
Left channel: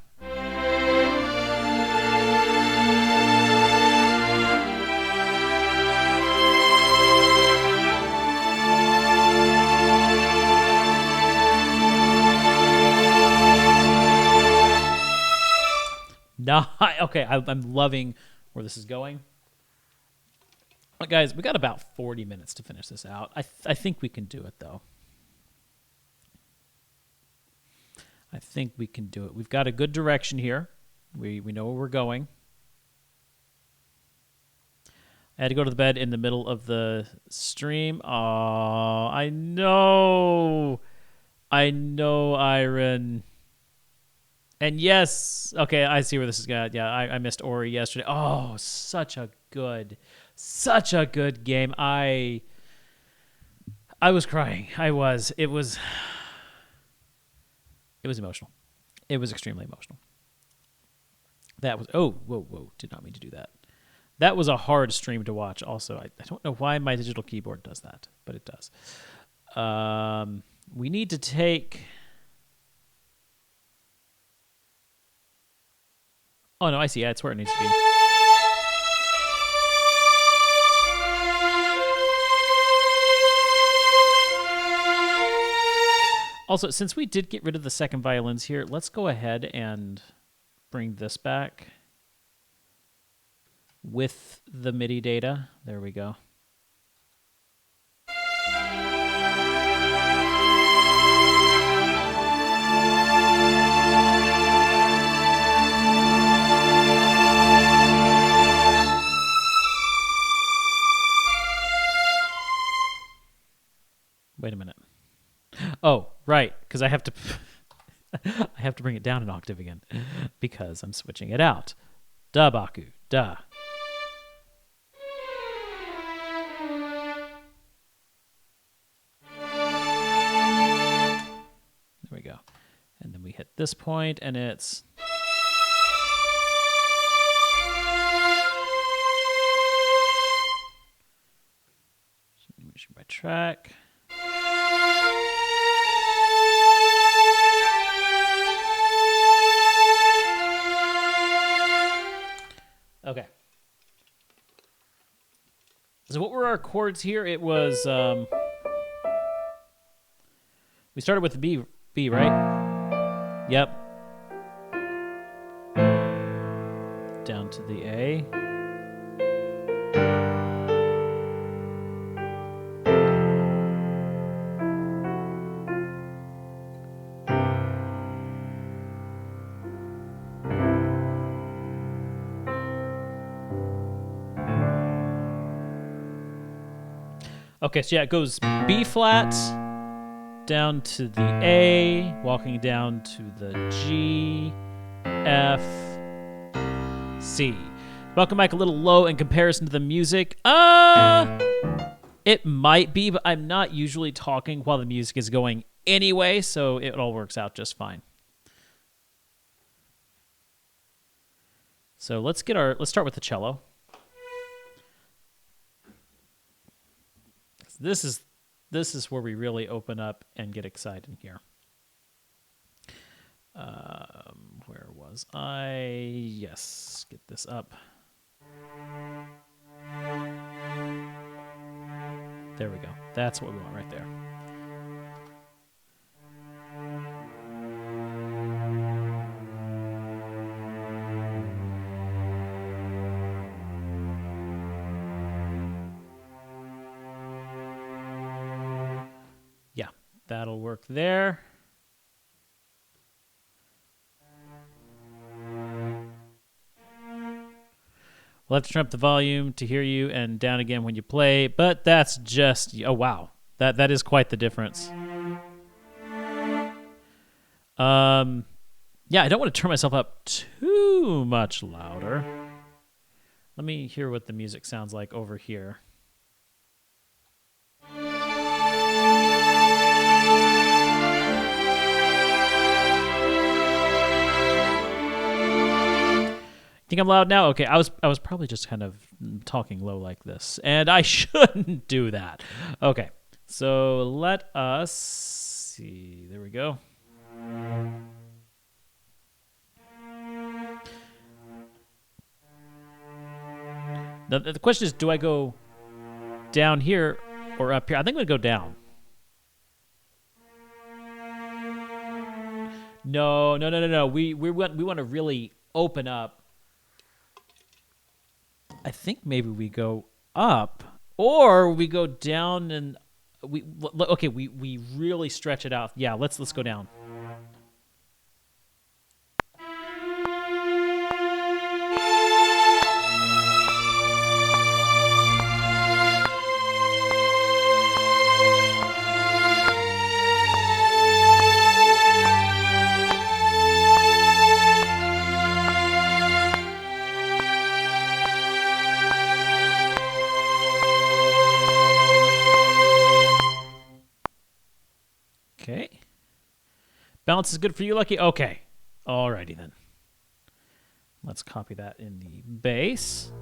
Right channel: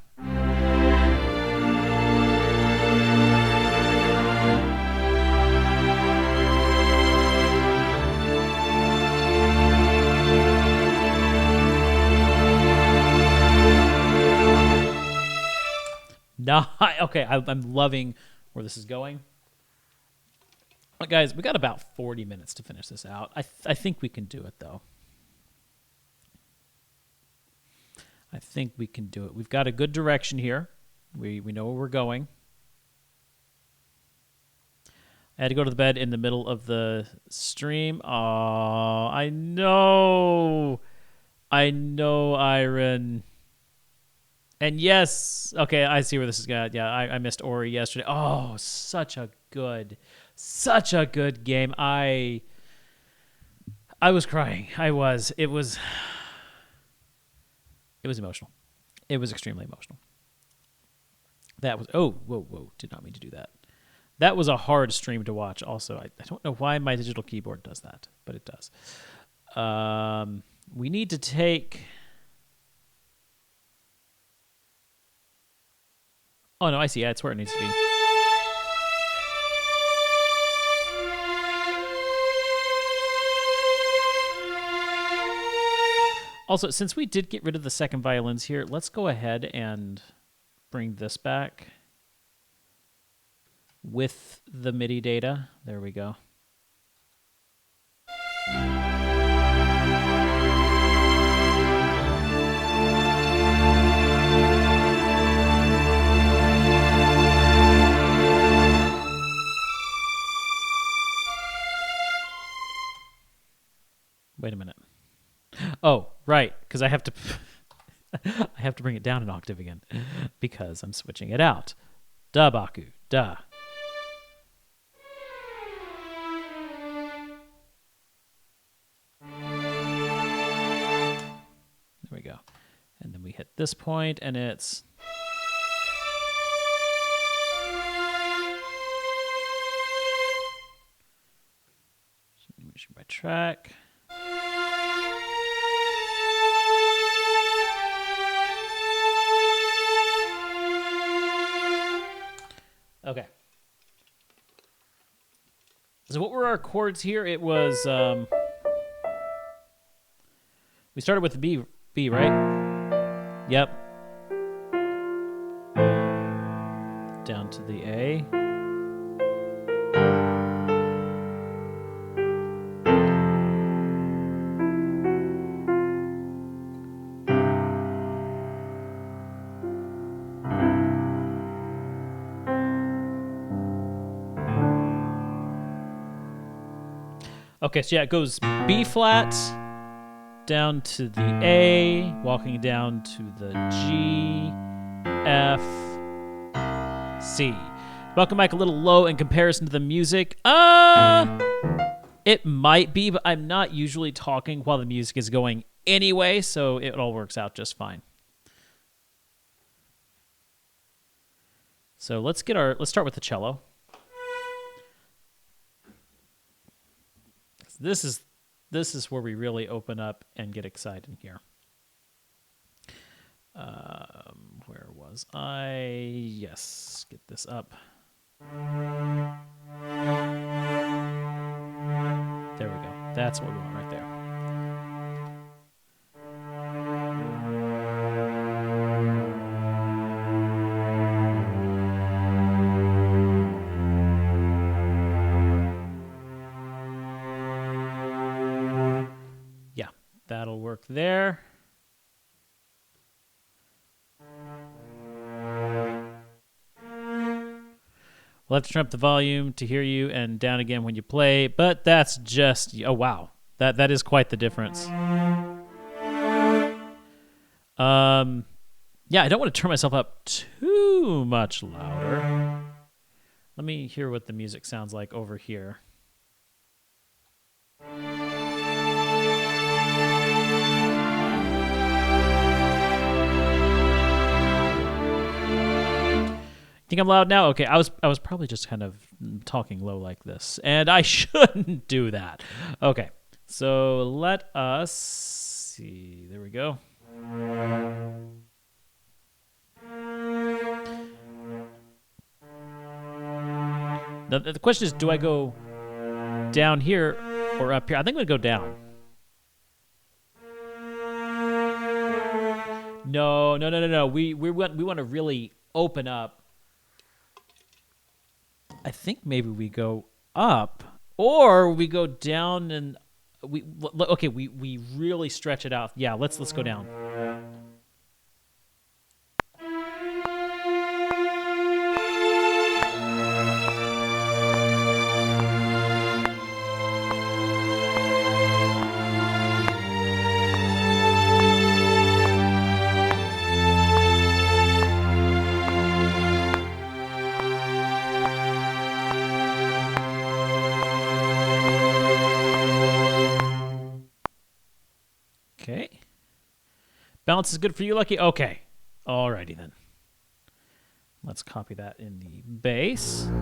Okay, I'm loving where this is going. But guys, we got about 40 minutes to finish this out. I think we can do it, though. I think we can do it. We've got a good direction here. We know where we're going. I had to go to the bed in the middle of the stream. Oh, I know, Iron. And yes, okay, I see where this is going. Yeah, I missed Ori yesterday. Oh, such a good game. I was crying. I was. It was emotional. It was extremely emotional. That was, oh, whoa, did not mean to do that. That was a hard stream to watch also. I don't know why my digital keyboard does that, but it does. We need to take... Oh, no, I see. Yeah, it's where it needs to be. Also, since we did get rid of the second violins here, let's go ahead and bring this back with the MIDI data. There we go. Wait a minute. Oh, right, because I have to I have to bring it down an octave again because I'm switching it out. Duh, Baku, duh. There we go. And then we hit this point, and it's... Mission by track. Okay. So what were our chords here? It was... we started with the B, right? Yep. Down to the A. Okay, so yeah, it goes B flat, down to the A, walking down to the G, F, C. Welcome back a little low in comparison to the music. It might be, but I'm not usually talking while the music is going anyway, so it all works out just fine. So let's start with the cello. This is where we really open up and get excited here. Where was I? Yes, get this up. There we go. That's what we want right there. That'll work there. We'll have to turn up the volume to hear you and down again when you play, but that's just... Oh, wow. That is quite the difference. Yeah, I don't want to turn myself up too much louder. Let me hear what the music sounds like over here. Think I'm loud now? Okay, I was probably just kind of talking low like this, and I shouldn't do that. Okay, so let us see. There we go. The question is, do I go down here or up here? I think I'm gonna go down. No. We want to really open up. I think maybe we go up, or we go down, and we really stretch it out. Yeah, let's go down. Balance is good for you, Lucky? Okay. Alrighty then. Let's copy that in the base.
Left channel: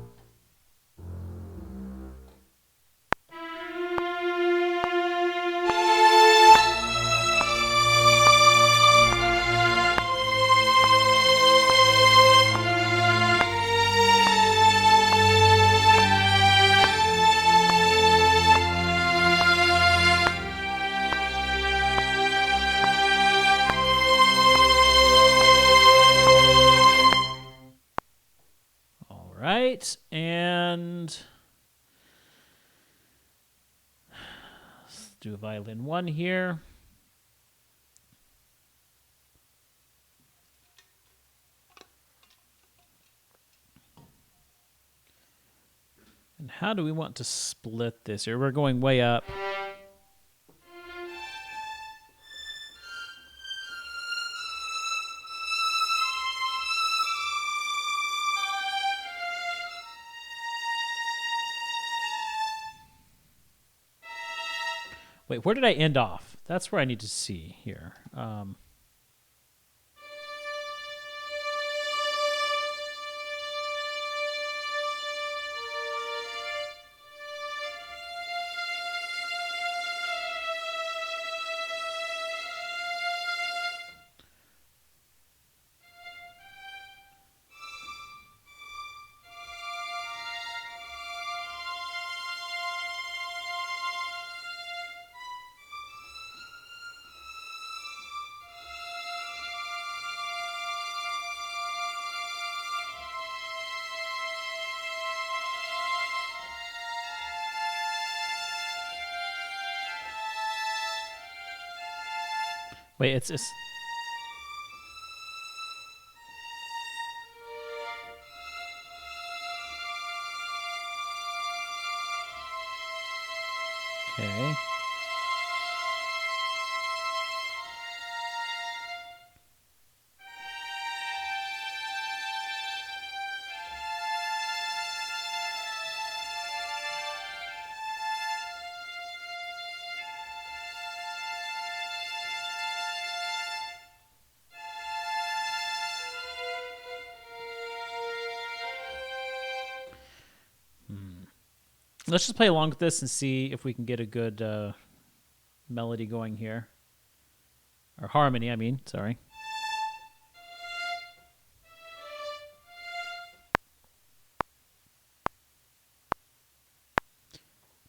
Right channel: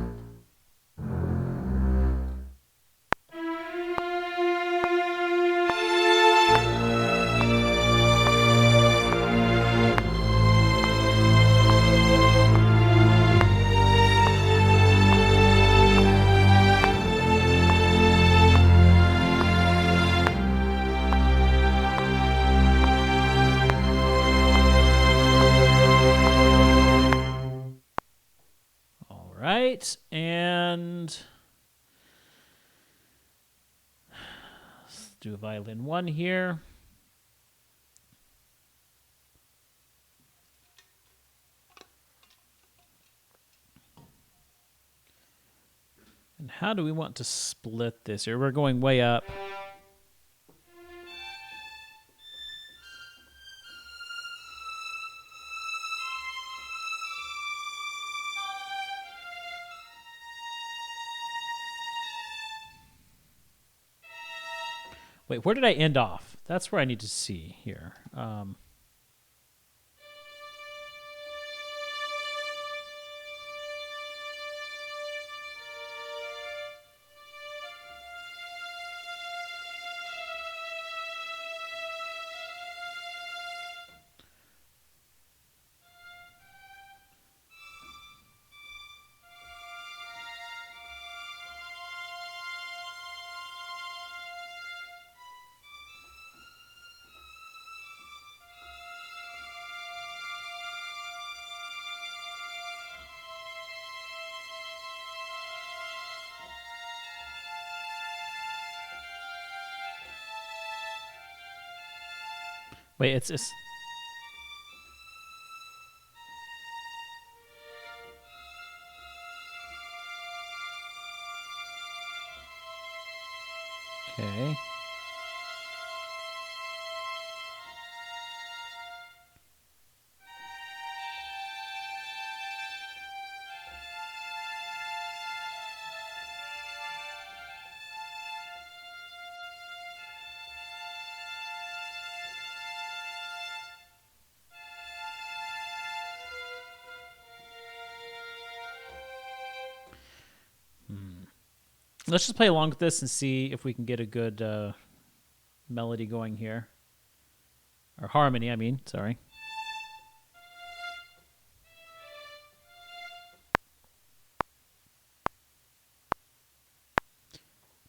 Right, and let's do a violin 1 here. And how do we want to split this here? We're going way up. Wait, where did I end off? That's where I need to see here. Wait, it's okay. Let's just play along with this and see if we can get a good melody going here. Or harmony, I mean, sorry.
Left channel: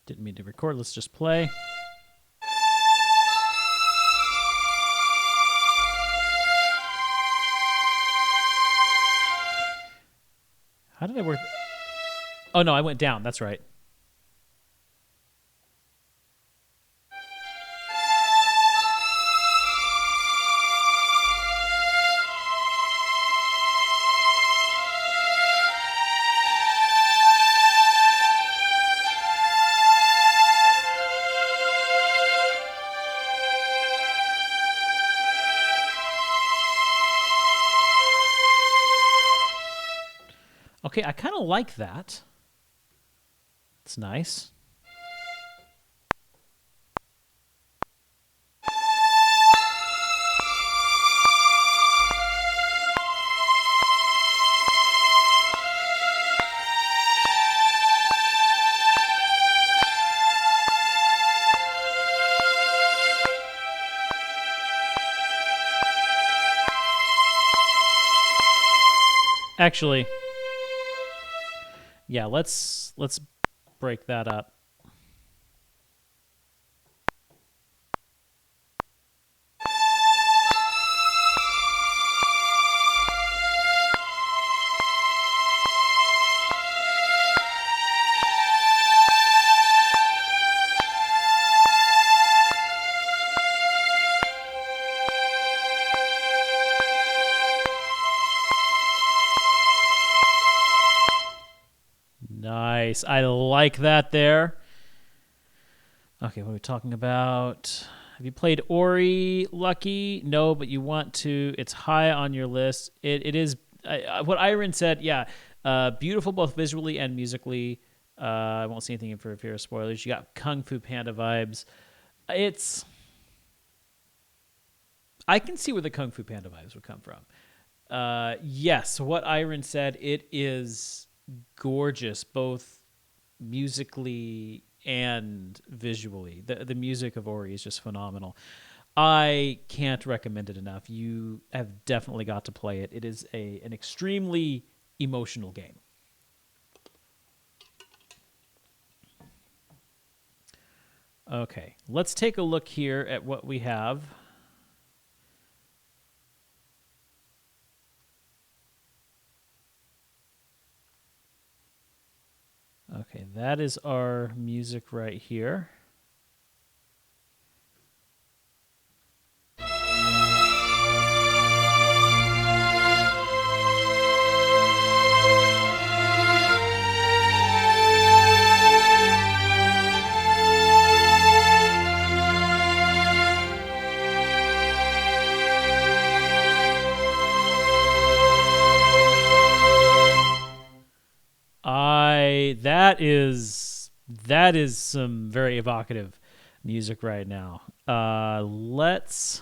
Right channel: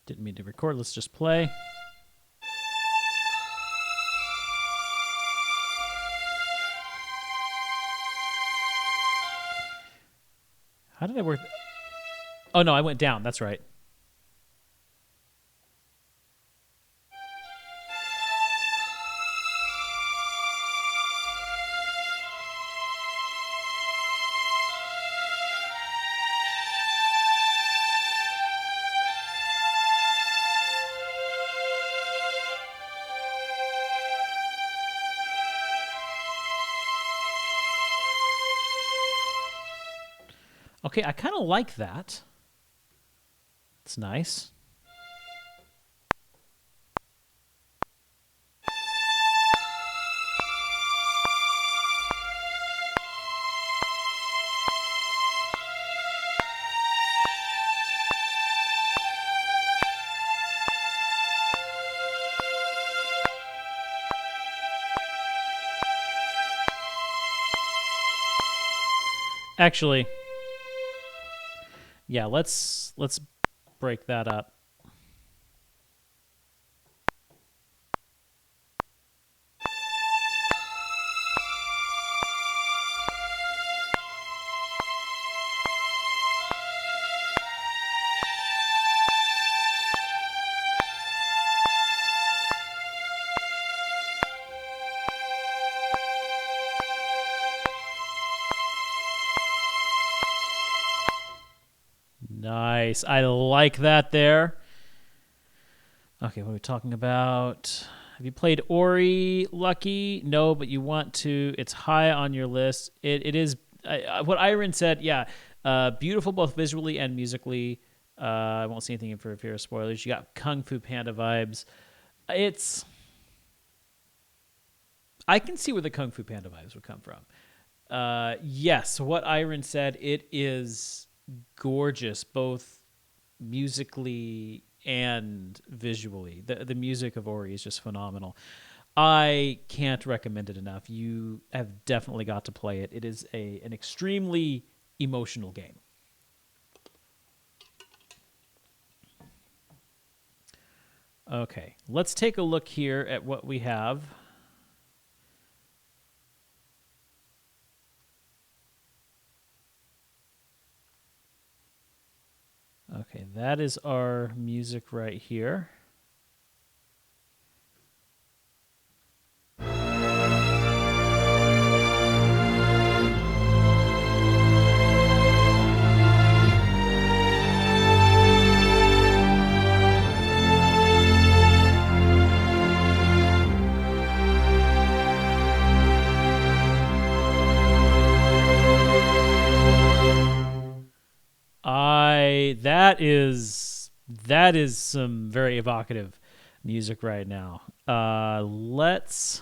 Didn't mean to record, let's just play. How did I work? Oh no, I went down, that's right. Okay, I kind of like that. It's nice. Actually, yeah, let's break that up. Nice. I like that there. Okay, what are we talking about? Have you played Ori, Lucky? No, but you want to. It's high on your list. It is what Iron said. Yeah, beautiful both visually and musically. I won't say anything for fear of spoilers. You got Kung Fu Panda vibes. I can see where the Kung Fu Panda vibes would come from. Yes, what Iron said, it is gorgeous, both musically and visually. The music of Ori is just phenomenal. I can't recommend it enough. You have definitely got to play it. It is an extremely emotional game. Okay, let's take a look here at what we have. Okay, that is our music right here. That is some very evocative music right now. Let's.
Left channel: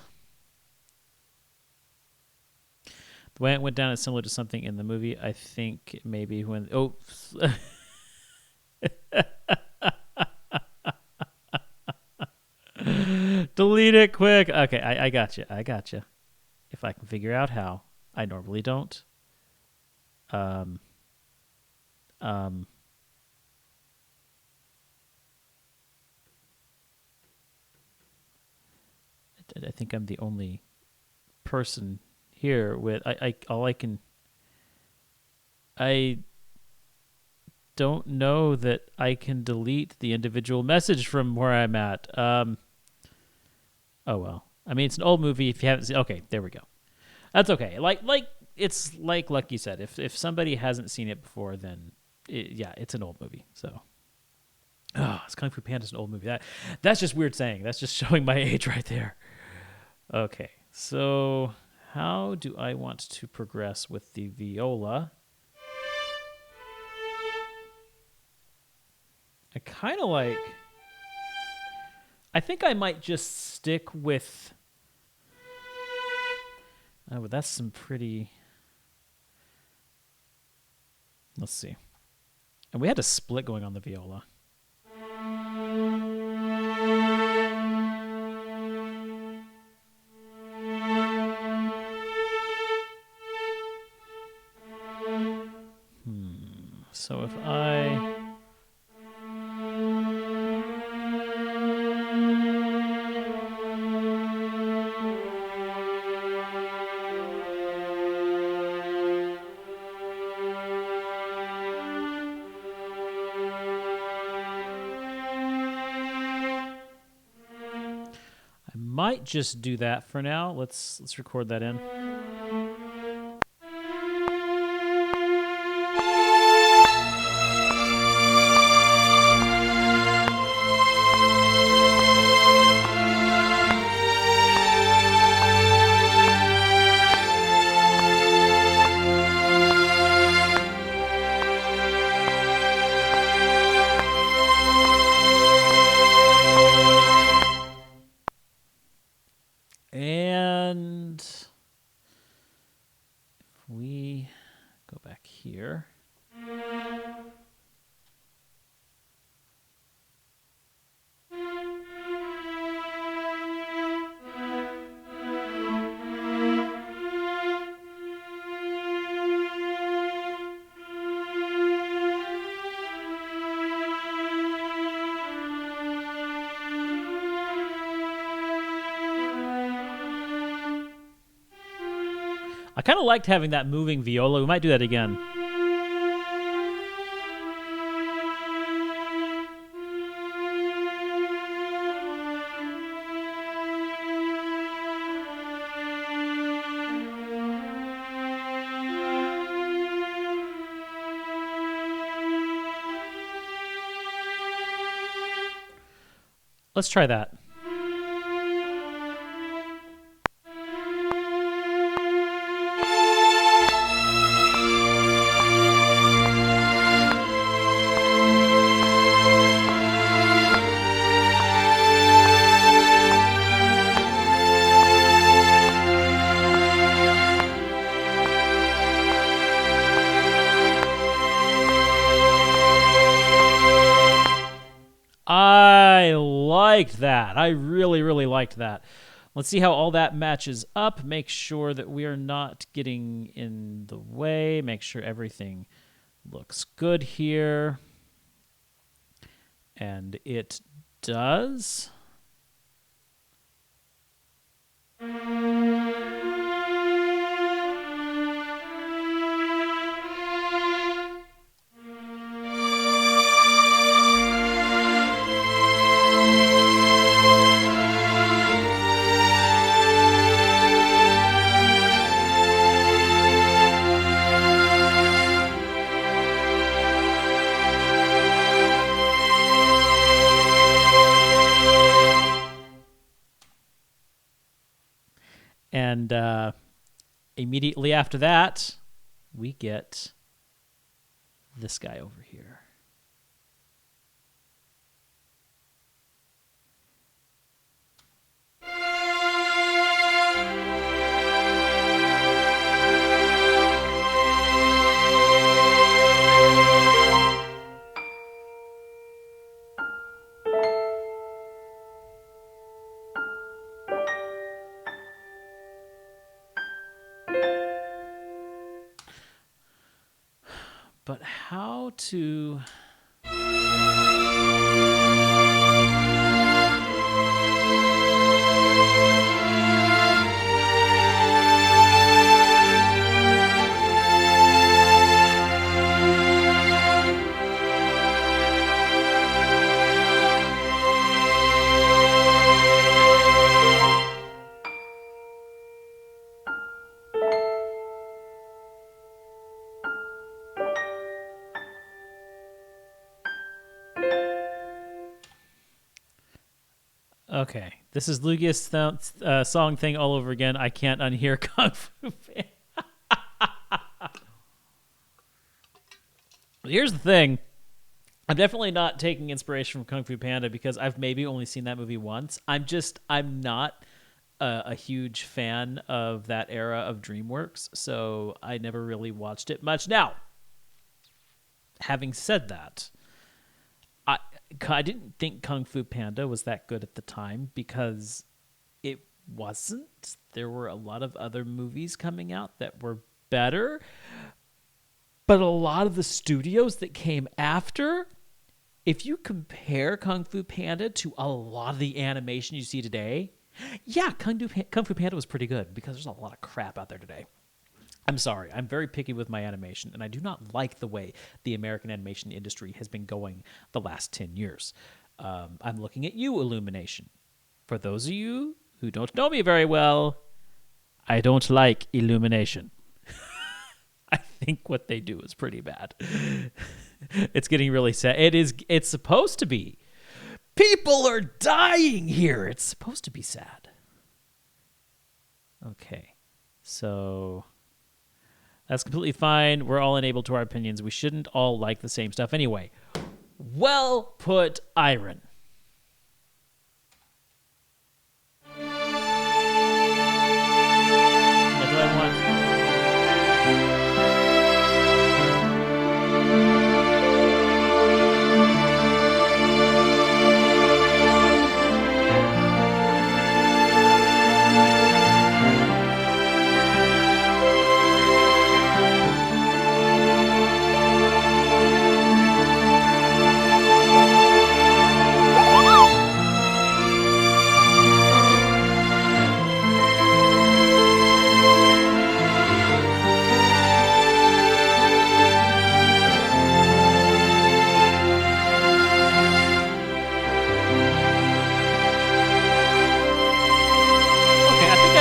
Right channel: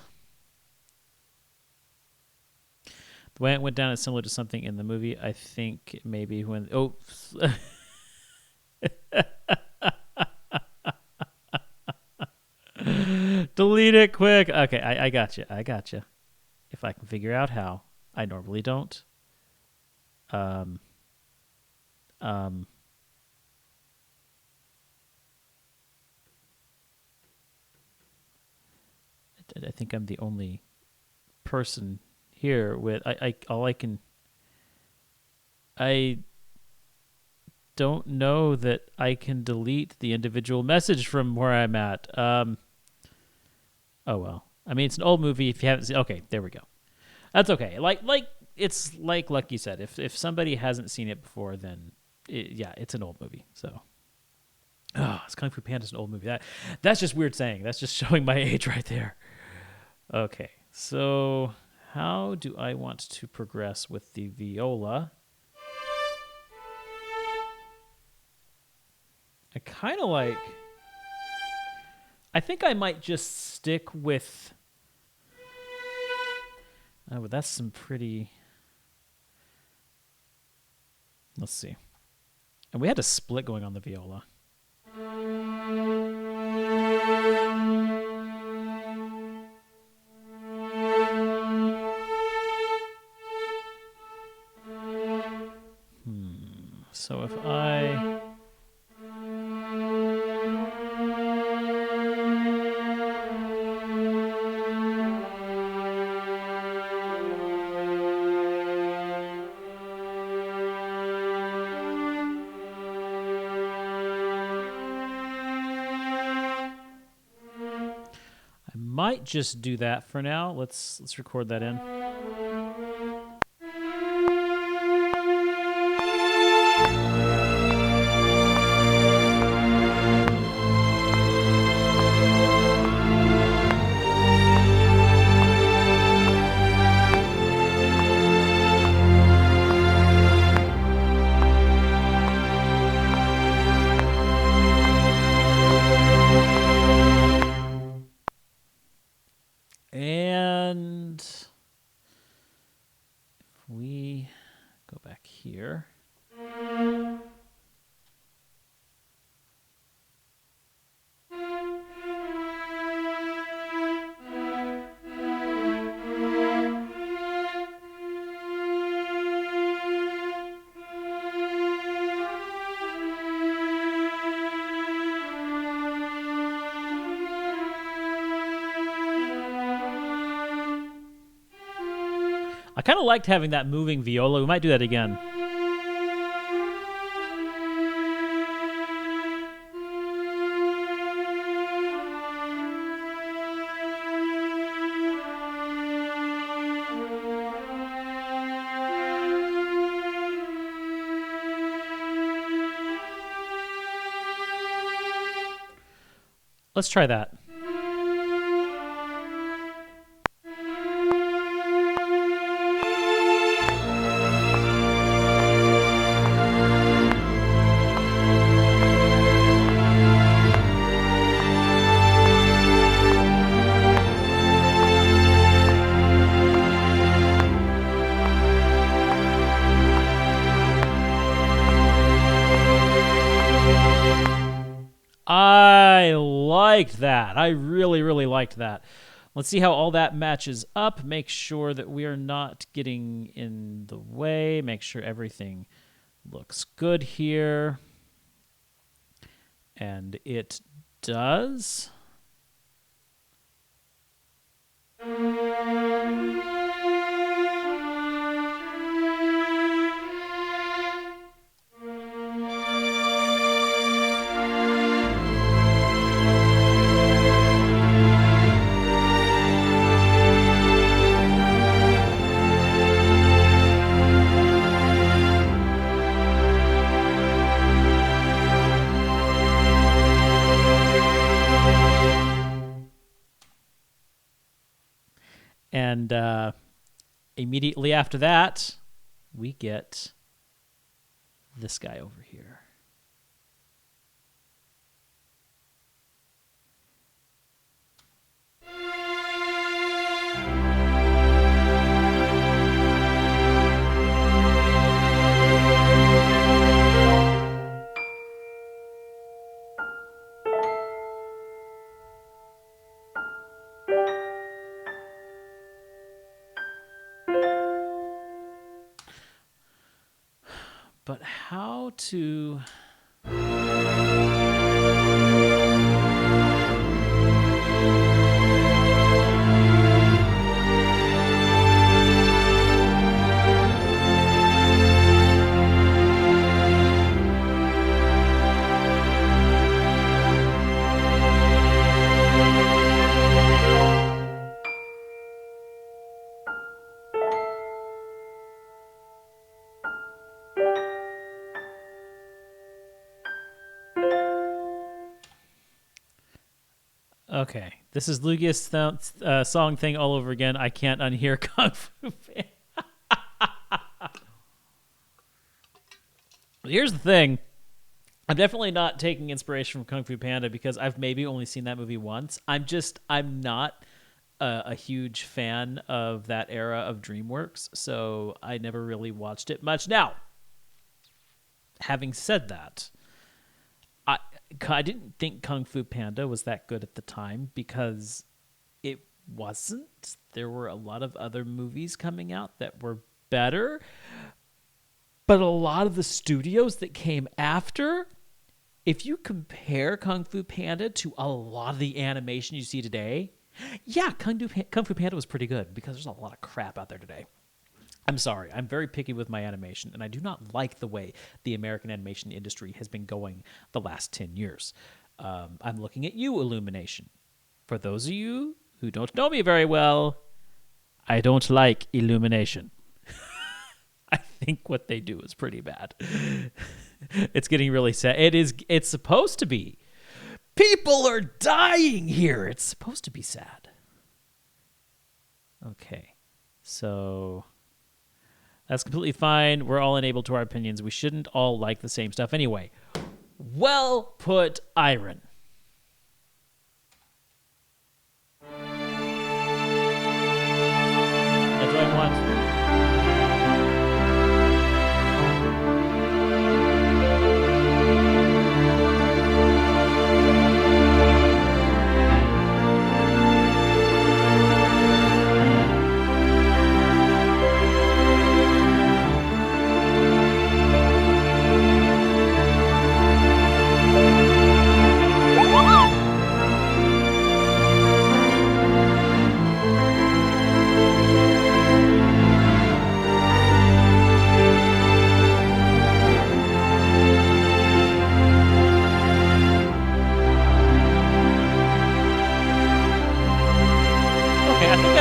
The way it went down is similar to something in the movie. I think maybe when delete it quick. Okay, I got you. I got you. If I can figure out how, I normally don't. I think I'm the only person here with I don't know that I can delete the individual message from where I'm at. Oh well. I mean, it's an old movie. If you haven't seen, okay, there we go. That's okay. Like it's like Lucky said. If somebody hasn't seen it before, then it's an old movie. So, it's Kung Fu Panda's an old movie. That's just weird saying. That's just showing my age right there. Okay, so how do I want to progress with the viola? I kind of like... I think I might just stick with... Oh, but that's some pretty... Let's see. And we had a split going on the viola. So if I... I might just do that for now. Let's record that in. And if we go back here. I kind of liked having that moving viola. We might do that again. Let's try that. I liked that. I really, really liked that. Let's see how all that matches up. Make sure that we are not getting in the way. Make sure everything looks good here. And it does. And immediately after that, we get this guy over here. But how to... Okay, this is Lugia's song thing all over again. I can't unhear Kung Fu Panda. Here's the thing. I'm definitely not taking inspiration from Kung Fu Panda because I've maybe only seen that movie once. I'm not a huge fan of that era of DreamWorks, so I never really watched it much. Now, having said that, I didn't think Kung Fu Panda was that good at the time because it wasn't. There were a lot of other movies coming out that were better. But a lot of the studios that came after, if you compare Kung Fu Panda to a lot of the animation you see today, yeah, Kung Fu Panda was pretty good because there's a lot of crap out there today. I'm sorry. I'm very picky with my animation, and I do not like the way the American animation industry has been going the last 10 years. I'm looking at you, Illumination. For those of you who don't know me very well, I don't like Illumination. I think what they do is pretty bad. It's getting really sad. It's supposed to be. People are dying here. It's supposed to be sad. Okay. So... that's completely fine. We're all enabled to our opinions. We shouldn't all like the same stuff anyway. Well put, Iron. That's what I want.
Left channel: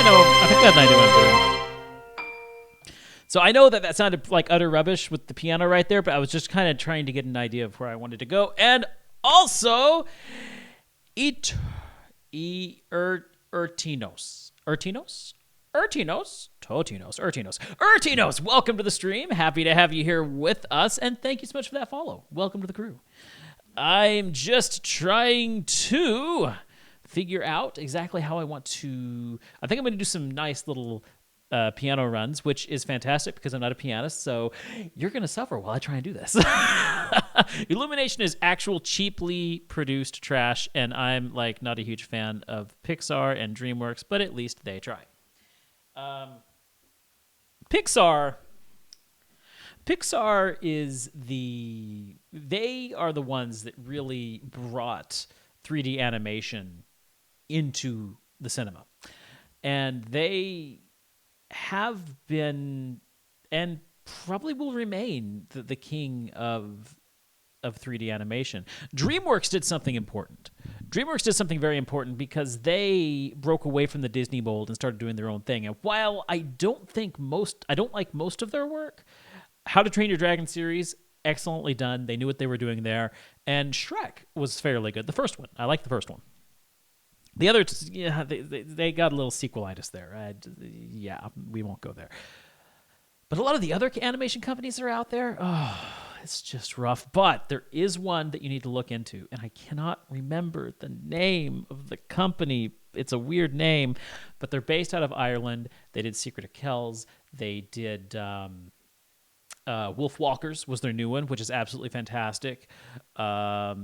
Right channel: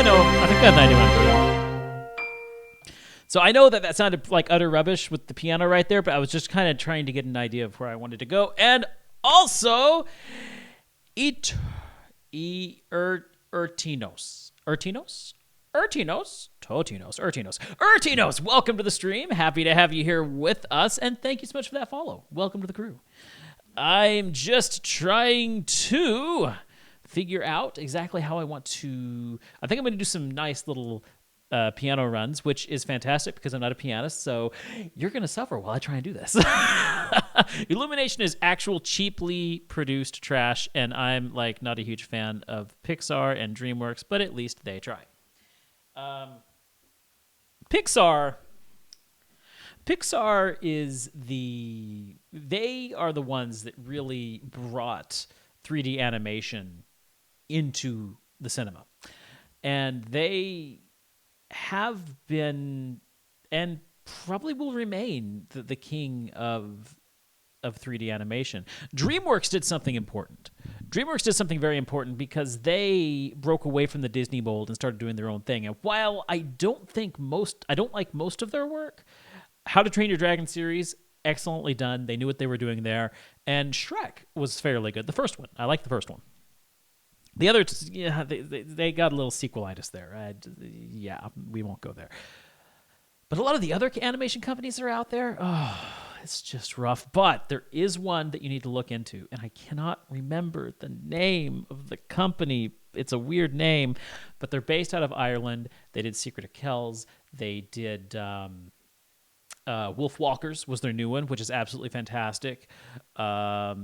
I think I have an idea what I'm doing. So I know that sounded like utter rubbish with the piano right there, but I was just kind of trying to get an idea of where I wanted to go. And also, Urtinos, welcome to the stream. Happy to have you here with us, and thank you so much for that follow. Welcome to the crew. I'm just trying to figure out exactly how I want to... I think I'm going to do some nice little piano runs, which is fantastic because I'm not a pianist, so you're going to suffer while I try and do this. Illumination is actual cheaply produced trash, and I'm like not a huge fan of Pixar and DreamWorks, but at least they try. Pixar is they are the ones that really brought 3D animation into the cinema. And they have been and probably will remain the king of 3D animation. DreamWorks did something important. DreamWorks did something very important because they broke away from the Disney mold and started doing their own thing. And while I don't like most of their work, How to Train Your Dragon series, excellently done. They knew what they were doing there. And Shrek was fairly good. The first one, I like the first one. The other, yeah, they got a little sequelitis there. Yeah, we won't go there. But a lot of the other animation companies that are out there, oh, it's just rough. But there is one that you need to look into, and I cannot remember the name of the company. It's a weird name, but they're based out of Ireland. They did Secret of Kells. They did Wolf Walkers was their new one, which is absolutely fantastic. What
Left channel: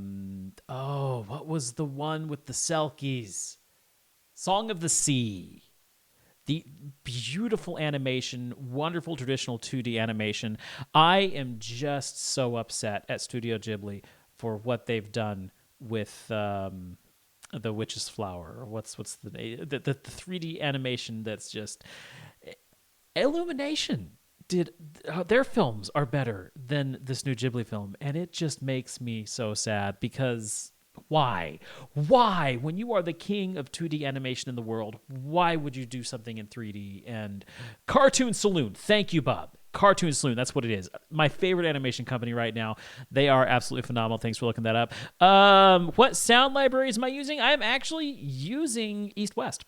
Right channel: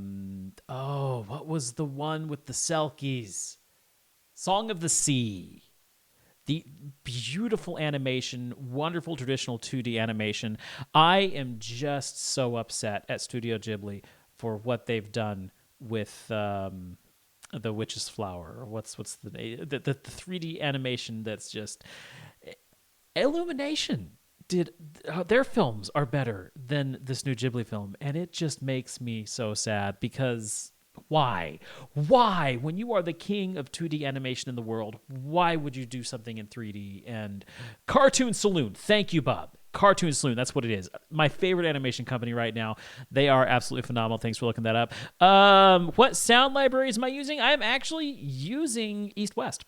was the one with the Selkies? Song of the Sea. The beautiful animation, wonderful traditional 2D animation. I am just so upset at Studio Ghibli for what they've done with the Witch's Flower. Or what's the 3D animation that's just Illumination. Their films are better than this new Ghibli film, and it just makes me so sad because why? When you are the king of 2D animation in the world, why would you do something in 3D? And Cartoon Saloon, thank you, Bob. Cartoon Saloon, that's what it is. My favorite animation company right now. They are absolutely phenomenal. Thanks for looking that up. What sound libraries am I using? I am actually using East West.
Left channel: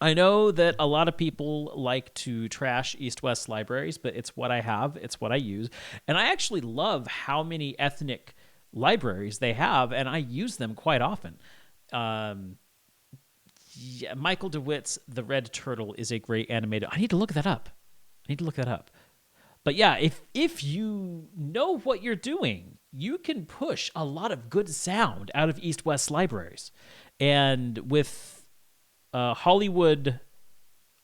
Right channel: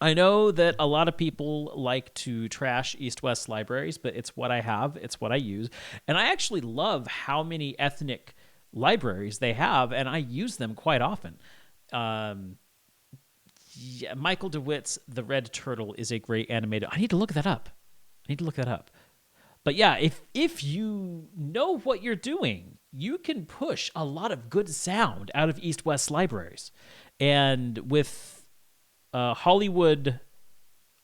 I know that a lot of people like to trash East-West libraries, but it's what I have. It's what I use. And I actually love how many ethnic libraries they have, and I use them quite often. Michael DeWitt's The Red Turtle is a great animated. I need to look that up. But yeah, if you know what you're doing, you can push a lot of good sound out of East-West libraries. And with Hollywood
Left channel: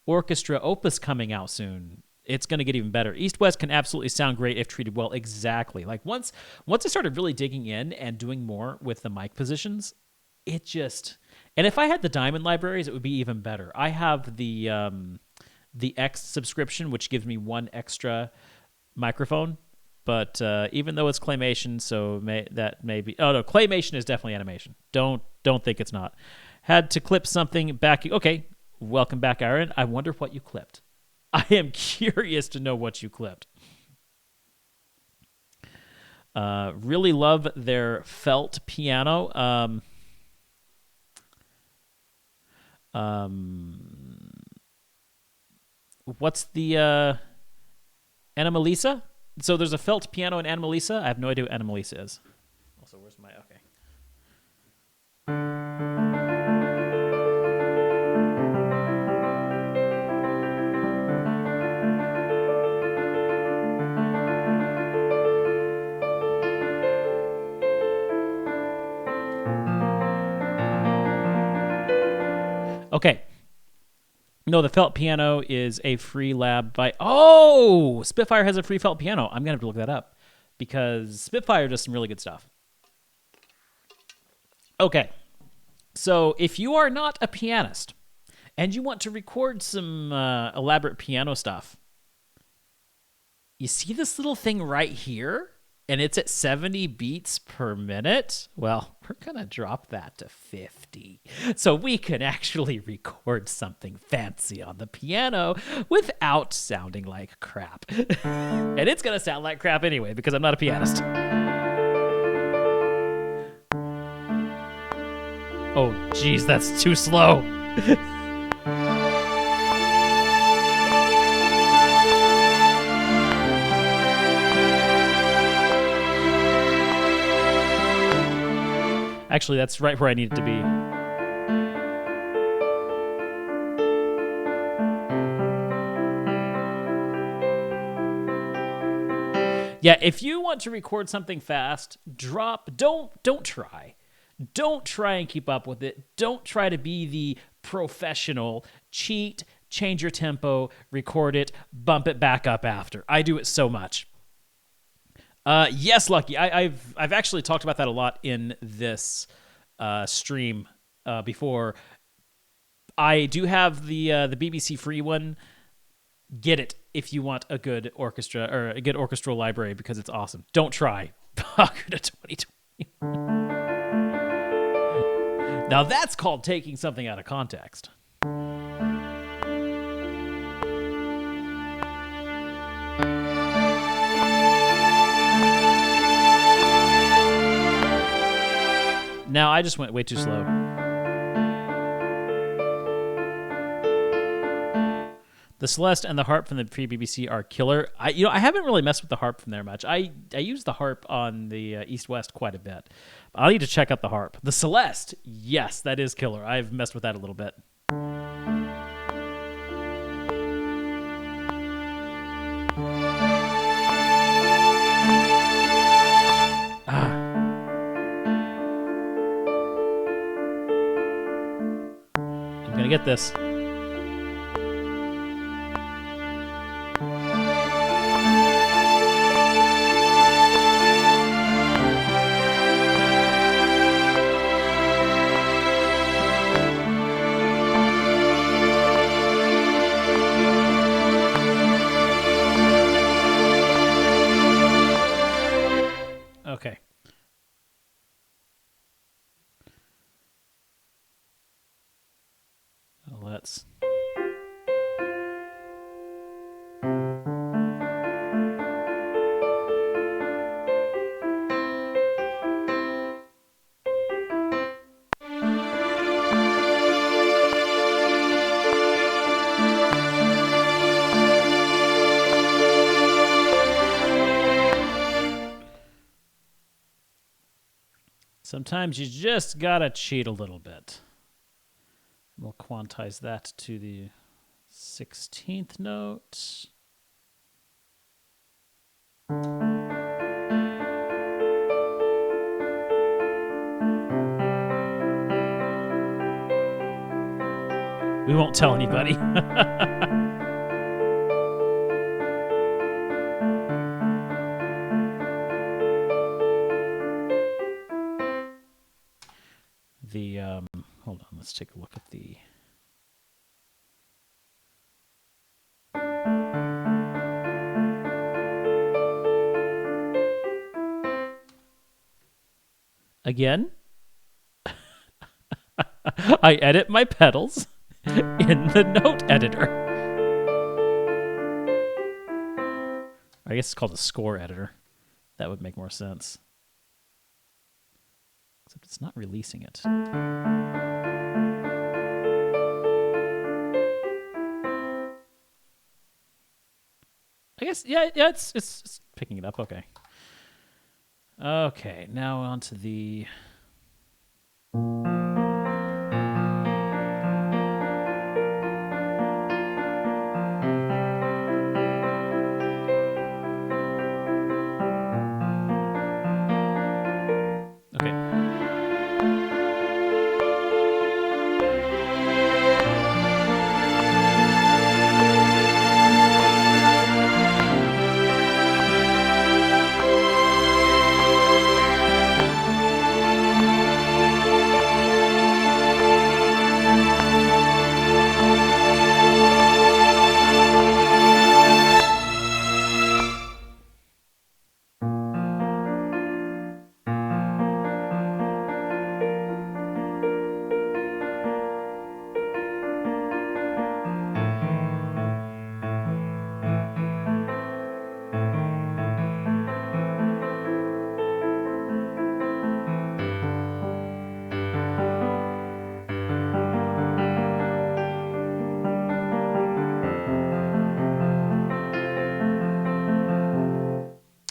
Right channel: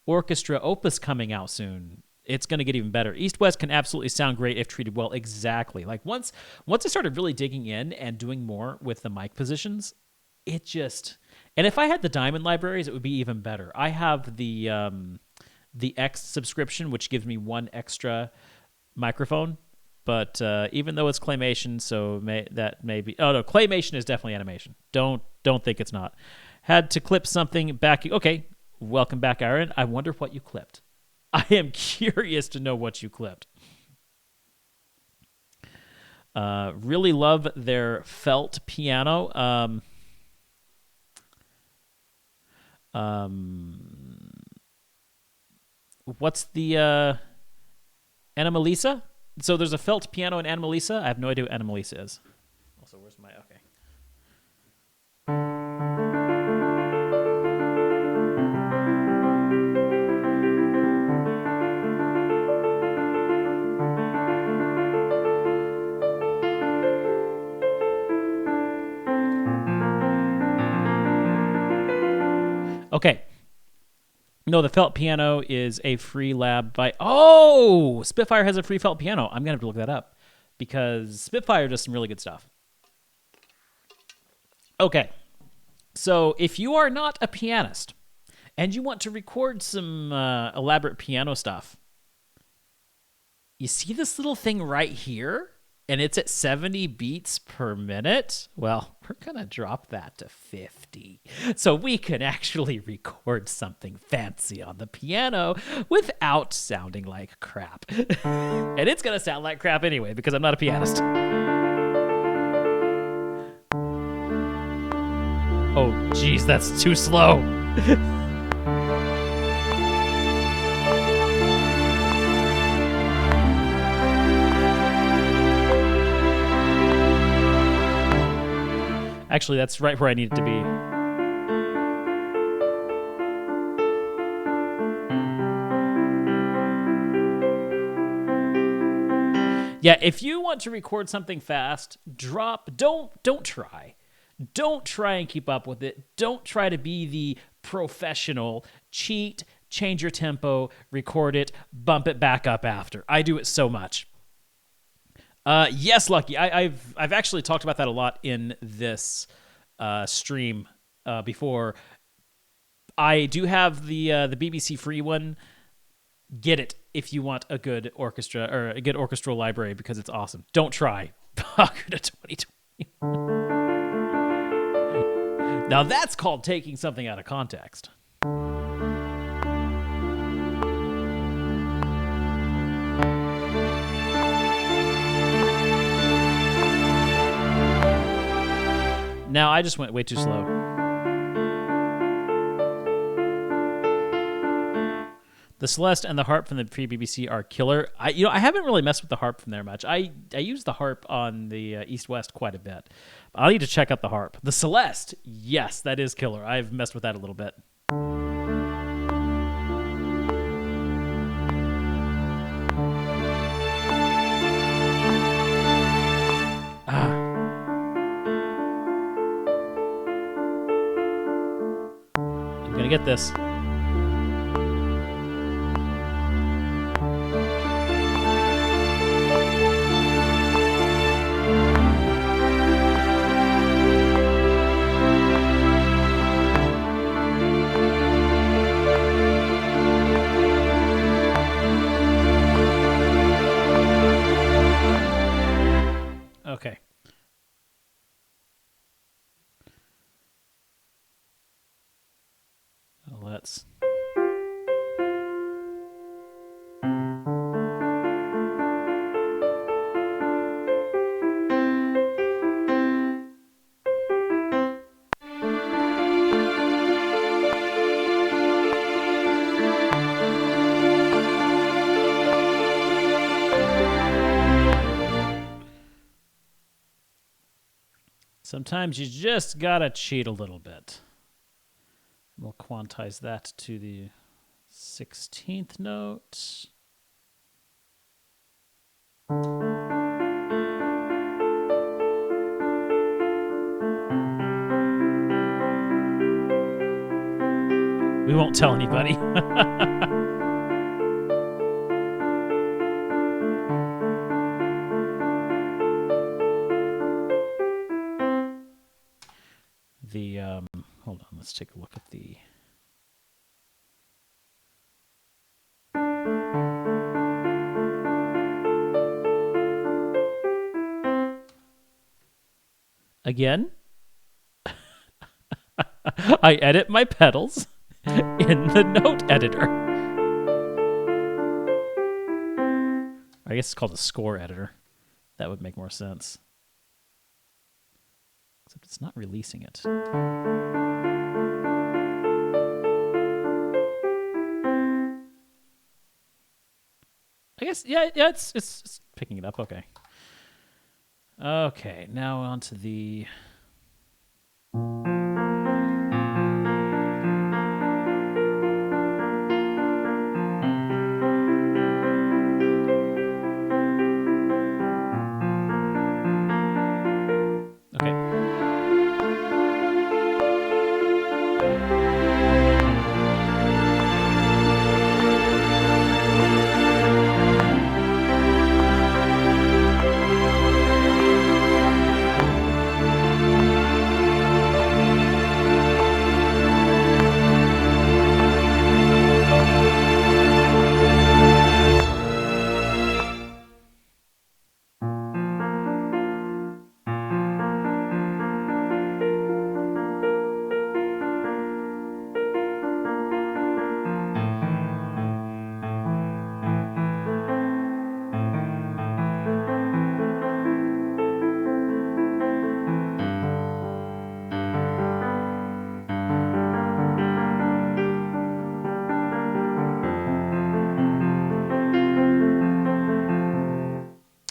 Orchestra Opus coming out soon, it's going to get even better. East West can absolutely sound great if treated well. Exactly. Like once I started really digging in and doing more with the mic positions, it just. And if I had the Diamond libraries, it would be even better. I have the X subscription, which gives me one extra microphone. But even though it's claymation, that may be. Oh no, claymation is definitely animation. Don't think it's not. Had to clip something back. Okay, welcome back, Aaron. I wonder what you clipped. I am curious to know what you clipped. Really love their felt piano. What's the Anomalisa? So there's a felt piano in Anomalisa. I have no idea what Anomalisa is. Also, where's my... Okay. Okay. No, the felt piano is a free lab by... Oh! Spitfire has a free felt piano. I'm going to have to look that up because Spitfire does some really good stuff. Okay. So if you are not a pianist and you want to record some elaborate piano stuff, you see this little thing right here? And it's at 70 beats per minute. Well, we're going to drop that to 50. So we can actually record something fancy on the piano without sounding like crap. And it's going to sound like crap anyway because I'm not a pianist. Oh, geez, that's too slow. Actually, that's right where I need it to be. Yeah, if you want to record something fast, don't try. Don't try and keep up with it. Don't try to be the professional. Cheat, change your tempo, record it, bump it back up after. I do it so much. Yes, Lucky. I've actually talked about that a lot in this stream before. I do have the BBC free one. Get it if you want a good orchestra or a good orchestral library because it's awesome. Don't try. Pocket to 2020. Now that's called taking something out of context. Now I just went way too slow. The Celeste and the harp from the pre-BBC are killer. I haven't really messed with the harp from there much. I use the harp on the East-West quite a bit. I'll need to check out the harp. The Celeste, yes, that is killer. I've messed with that a little bit. I'm gonna get this. Okay. Let's. Sometimes you just gotta cheat a little bit. We'll quantize that to the 16th note. We won't tell anybody. Hold on, let's take a look at the. Again, I edit my pedals in the note editor. I guess it's called a score editor. That would make more sense. Except it's not releasing it. I guess, yeah, it's picking it up. Okay. Okay, now on to the. Okay.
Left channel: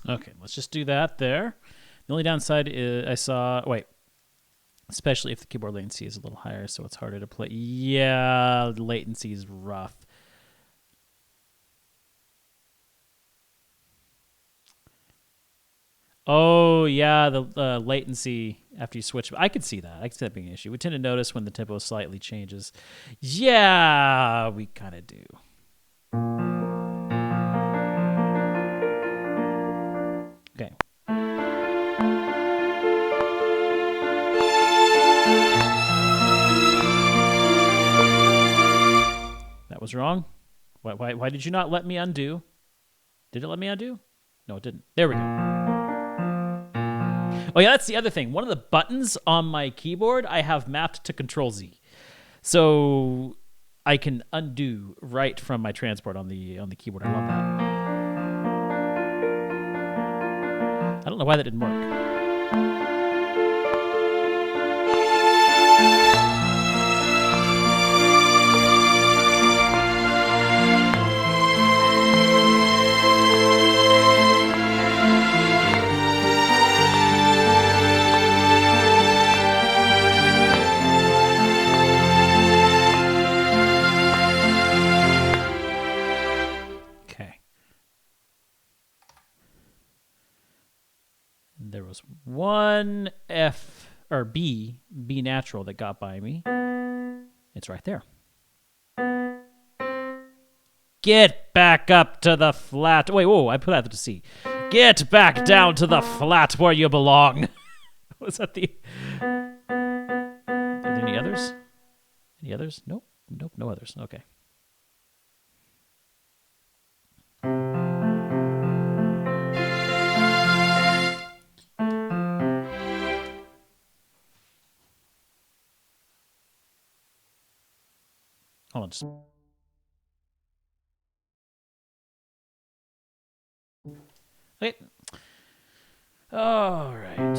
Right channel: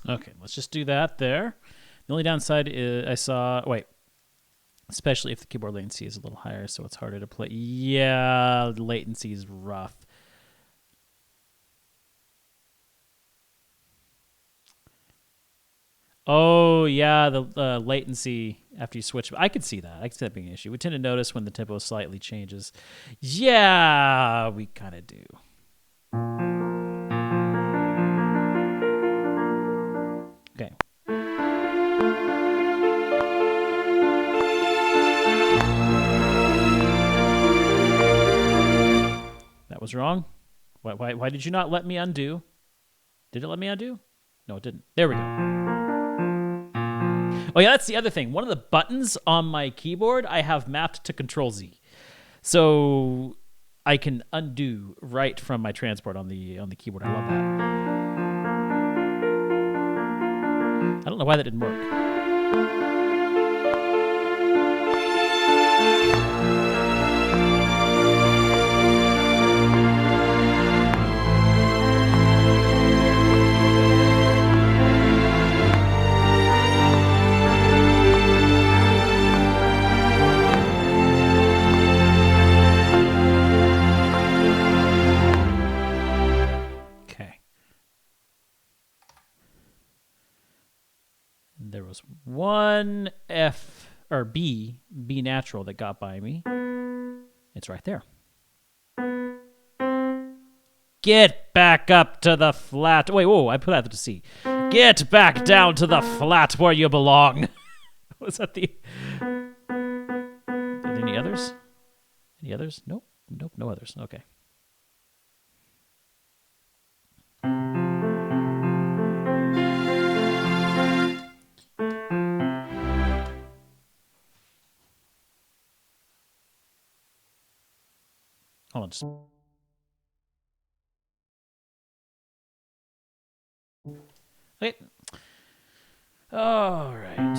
Okay, let's just do that there. The only downside is especially if the keyboard latency is a little higher, so it's harder to play. Yeah, the latency is rough. Oh, yeah, the latency after you switch. I could see that. I could see that being an issue. We tend to notice when the tempo slightly changes. Yeah, we kind of do. Okay. That was wrong. Why did you not let me undo? Did it let me undo? No, it didn't. There we go. Oh, yeah, that's the other thing. One of the buttons on my keyboard I have mapped to Control-Z. So I can undo right from my transport on the keyboard. I love that. I don't know why that didn't work. There was one B natural that got by me. It's right there. Get back up to the flat. Wait, whoa, I put that to C. Get back down to the flat where you belong. Was that the... Any others? Any others? Nope, no others. Okay. Hold on, just... Okay. All right.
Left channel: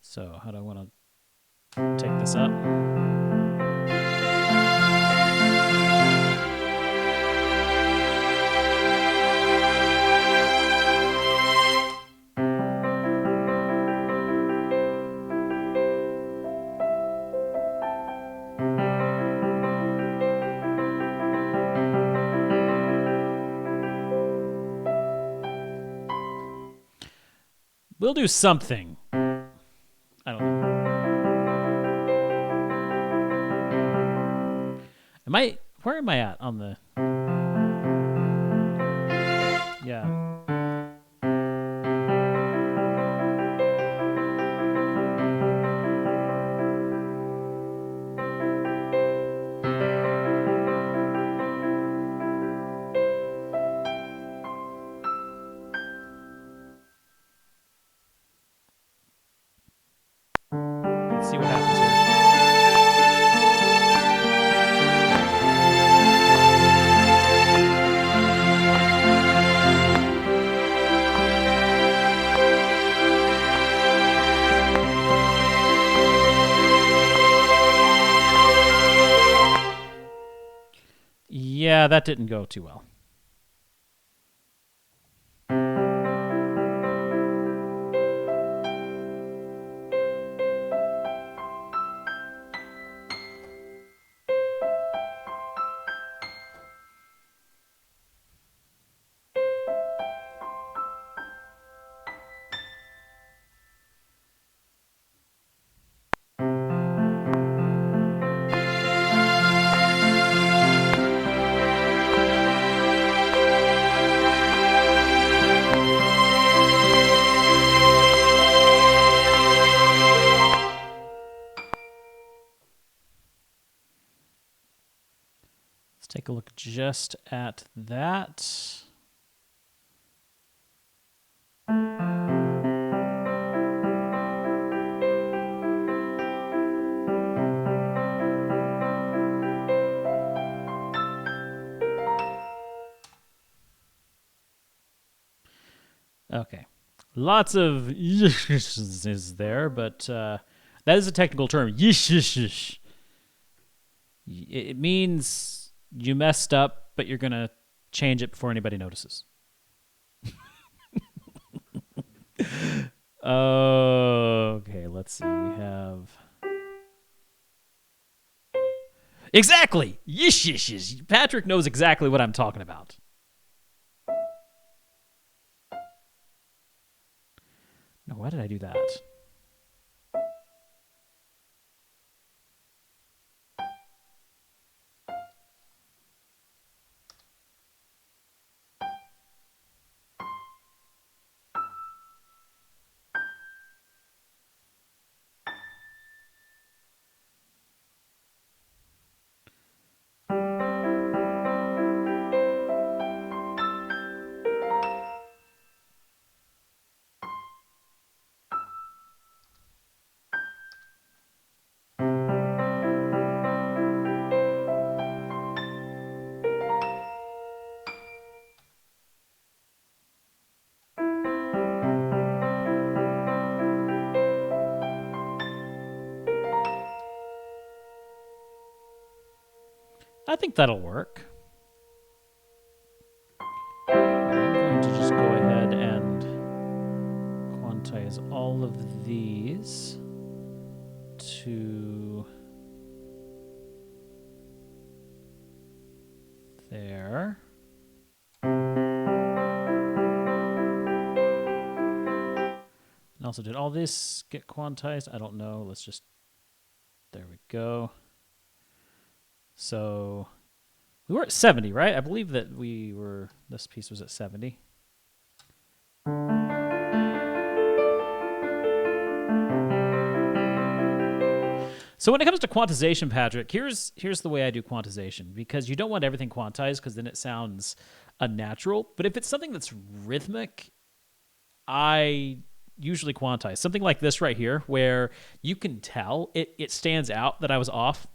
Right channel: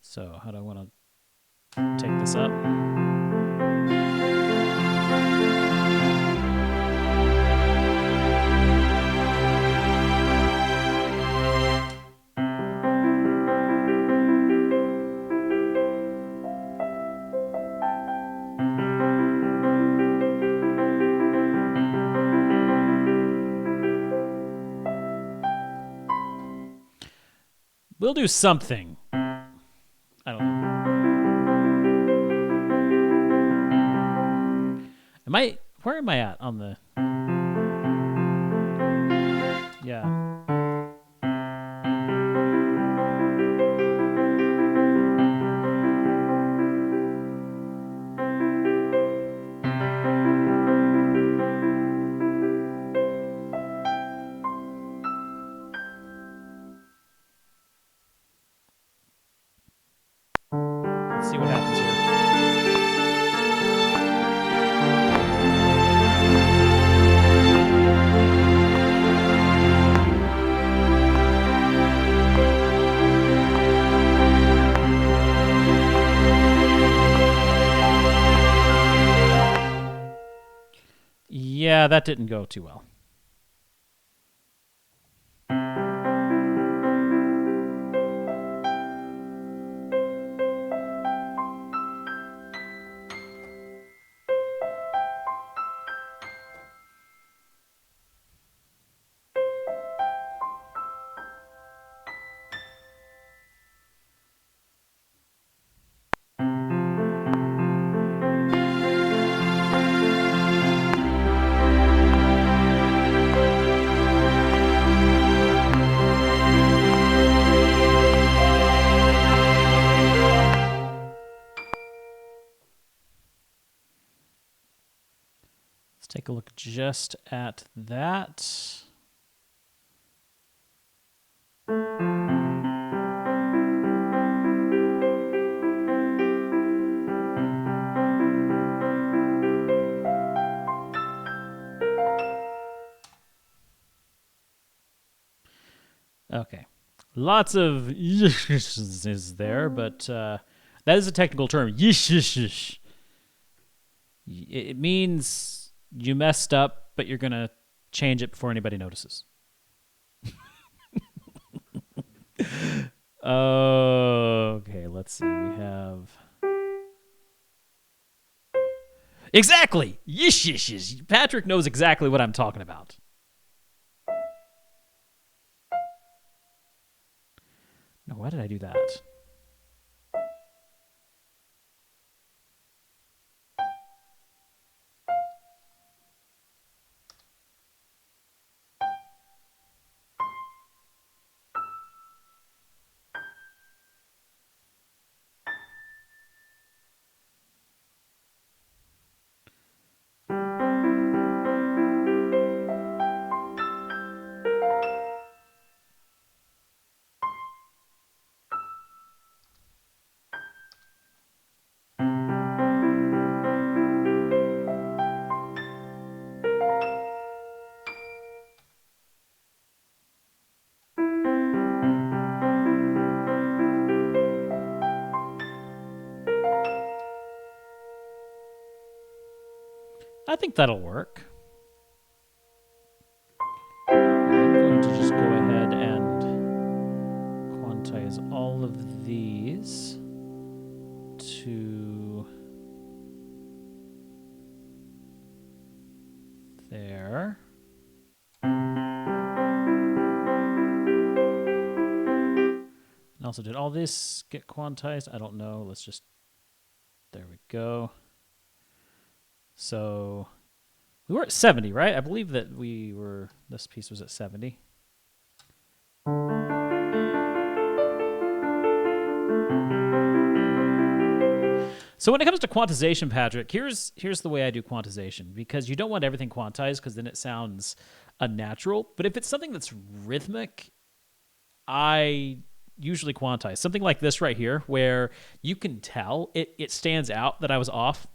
So how do I want to take this up? We'll do something. I don't know. Where am I at on the... Yeah. Let's see what happens here. Yeah, that didn't go too well. Let's take a look just at that. Okay. Lots of is there, but that is a technical term. It means you messed up, but you're going to change it before anybody notices. Okay, let's see. We have... Exactly. Yish, yish, yish. Patrick knows exactly what I'm talking about. No, why did I do that? I think that'll work. I'm going to just go ahead and quantize all of these to there. And also, did all this get quantized? I don't know. Let's just, there we go. So we were at 70, right? I believe that this piece was at 70. So when it comes to quantization, Patrick, here's the way I do quantization, because you don't want everything quantized because then it sounds unnatural. But if it's something that's rhythmic, I usually quantize. Something like this right here, where you can tell it stands out that I was off,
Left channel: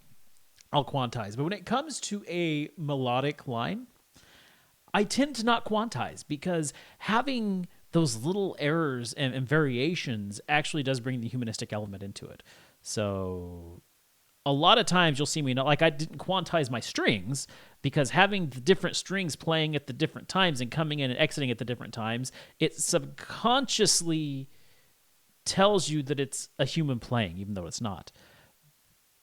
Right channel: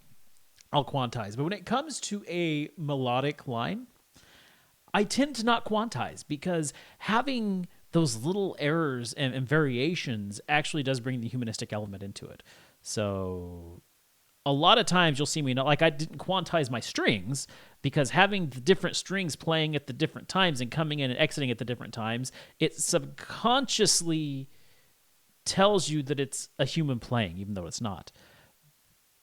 I'll quantize. But when it comes to a melodic line, I tend to not quantize, because having those little errors and variations actually does bring the humanistic element into it. So a lot of times you'll see me not, like, I didn't quantize my strings, because having the different strings playing at the different times and coming in and exiting at the different times, it subconsciously tells you that it's a human playing, even though it's not.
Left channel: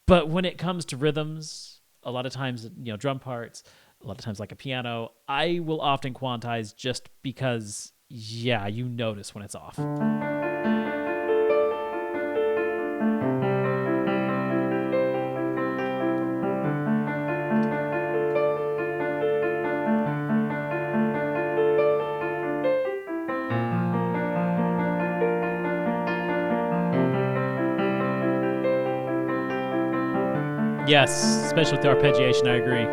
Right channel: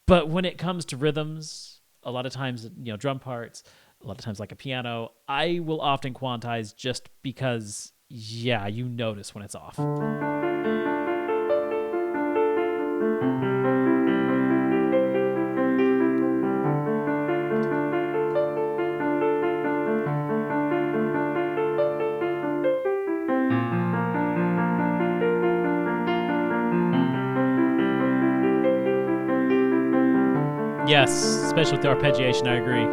But when it comes to rhythms, a lot of times, drum parts, a lot of times like a piano, I will often quantize just because, you notice when it's off. Yes, especially with the arpeggiation, I agree.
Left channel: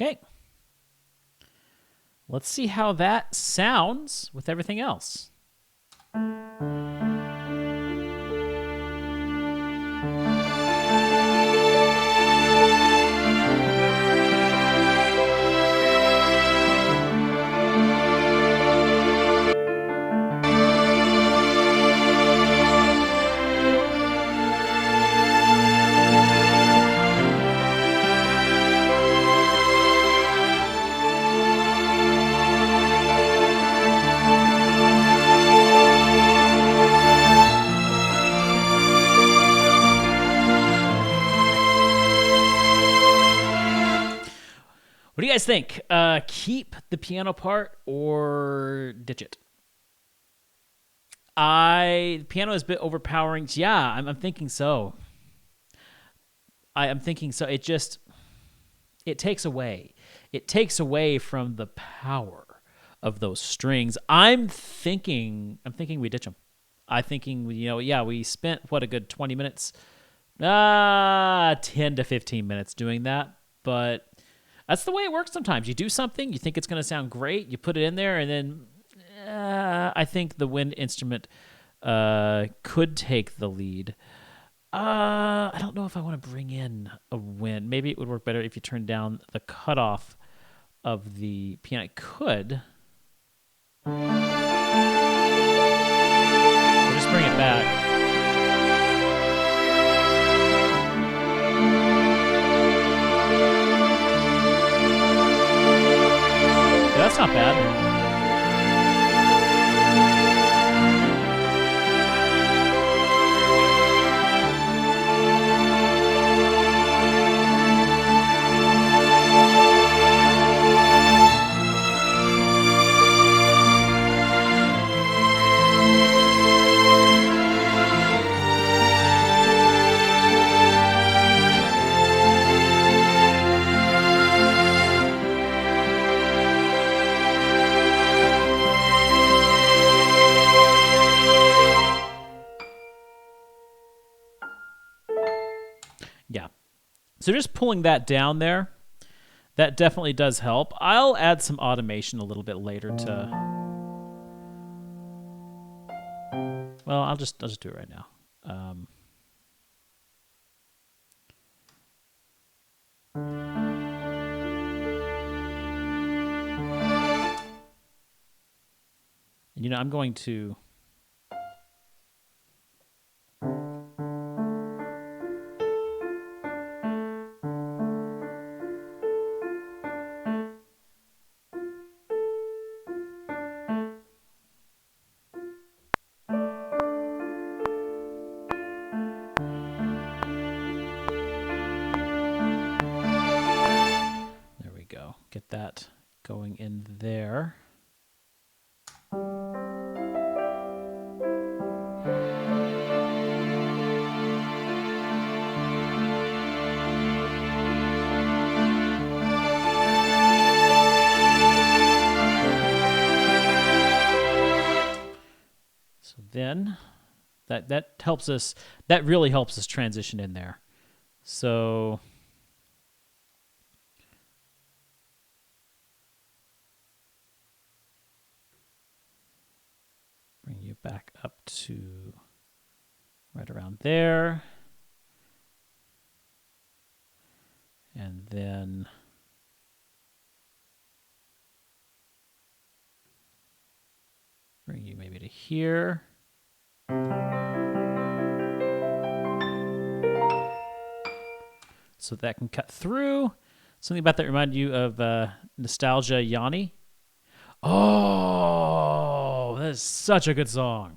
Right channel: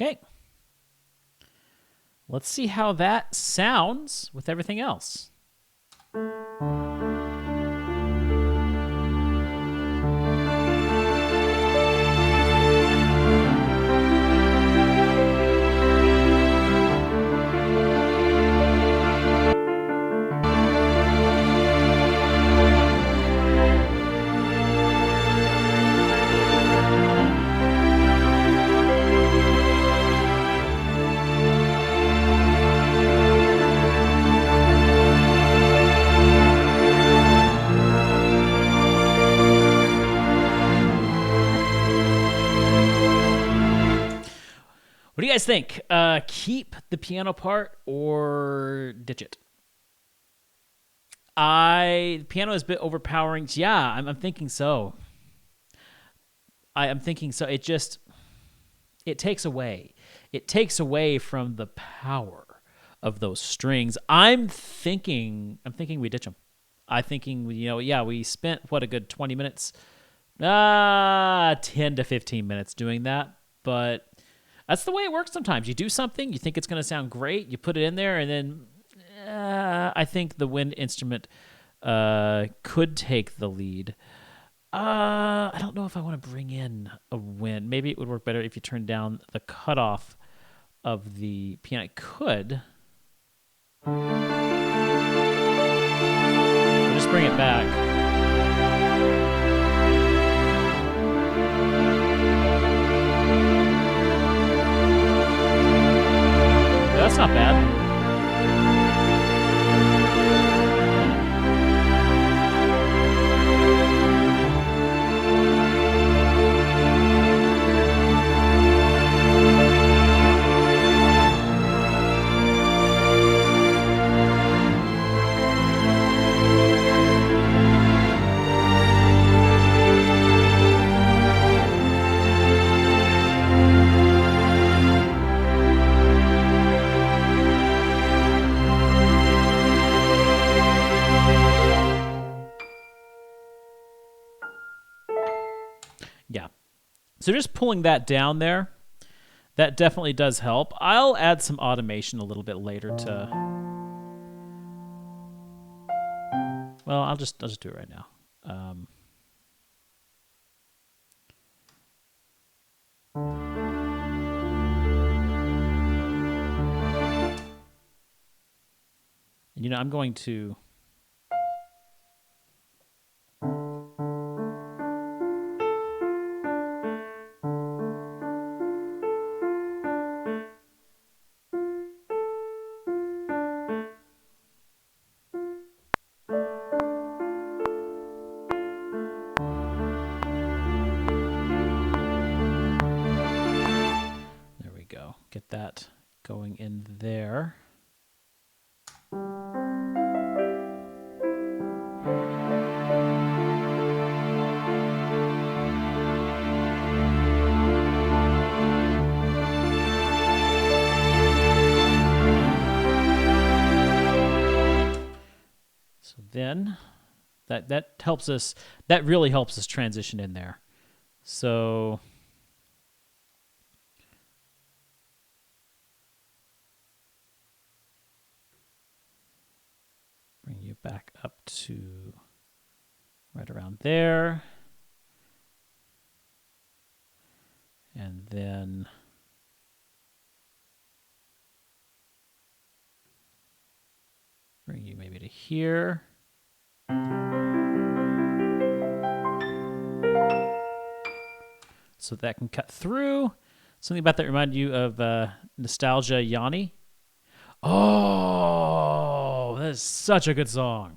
Okay. Let's see how that sounds with everything else. What do you guys think? Keep the piano part or ditch it? Piano is a bit overpowering. Yeah, I'm thinking so. I'm thinking so. It takes away. It takes away from the power of those strings. I'm thinking we ditch them. I'm thinking, we spent a good 20 minutes, 10 to 15 minutes doing that, but that's the way it works sometimes. You do something, you think it's going to sound great, you put it in there, and then I think the wind instrument could take the lead. I don't know if I want to bring in a wind. Maybe it would work better if you turned down the cutoff of the piano. I could. We'll just bring it back. Yeah, that's not bad. Yeah. So just pulling that down there, that definitely does help. I'll add some automation a little bit later to... Well, I'll just do it right now. And, I'm going to... There we go. Get that going in there. So then that helps us, that really helps us transition in there. So bring you back up to right around there. And then bring you maybe to here. So that can cut through. Something about that reminded you of Nostalgia Yanni. Oh, that is such a good song.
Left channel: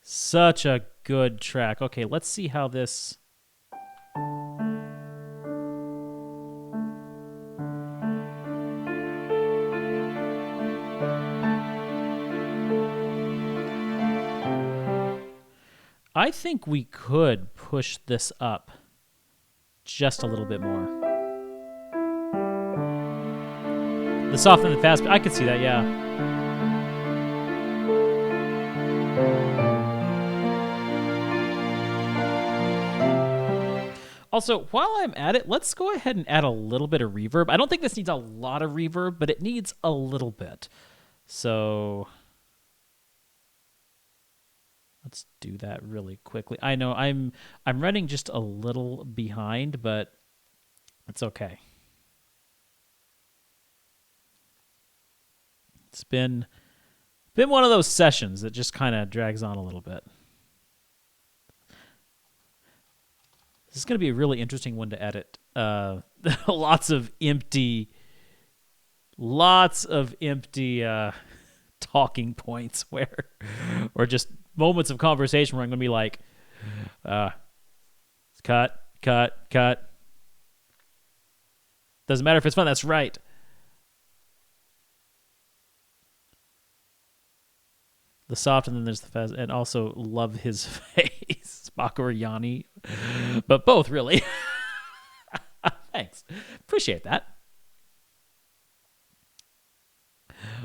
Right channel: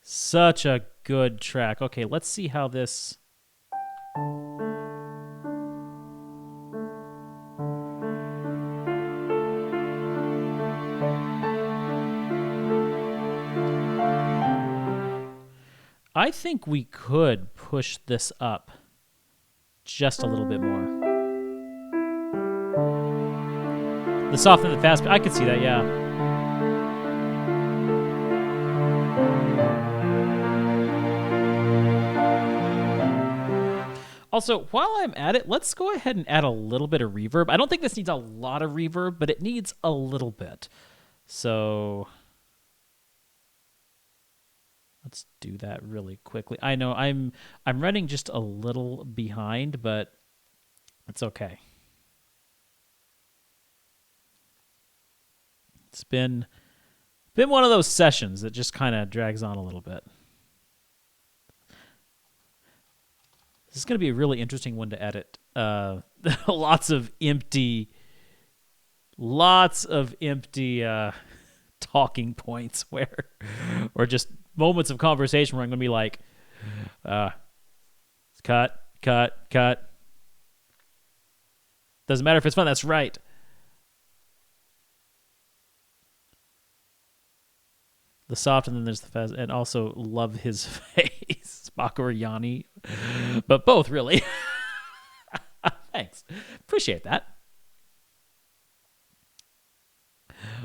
Such a good track. Okay, let's see how this... I think we could push this up just a little bit more. The soft and the fast, I could see that, yeah. Also, while I'm at it, let's go ahead and add a little bit of reverb. I don't think this needs a lot of reverb, but it needs a little bit. So let's do that really quickly. I know I'm running just a little behind, but it's okay. It's been one of those sessions that just kind of drags on a little bit. This is going to be a really interesting one to edit. Lots of empty talking points or just moments of conversation where I'm going to be like, cut. Doesn't matter if it's fun. That's right. The soft, and then there's the fast, and also love his face, Mako or Yanni, but both really. Thanks, appreciate that.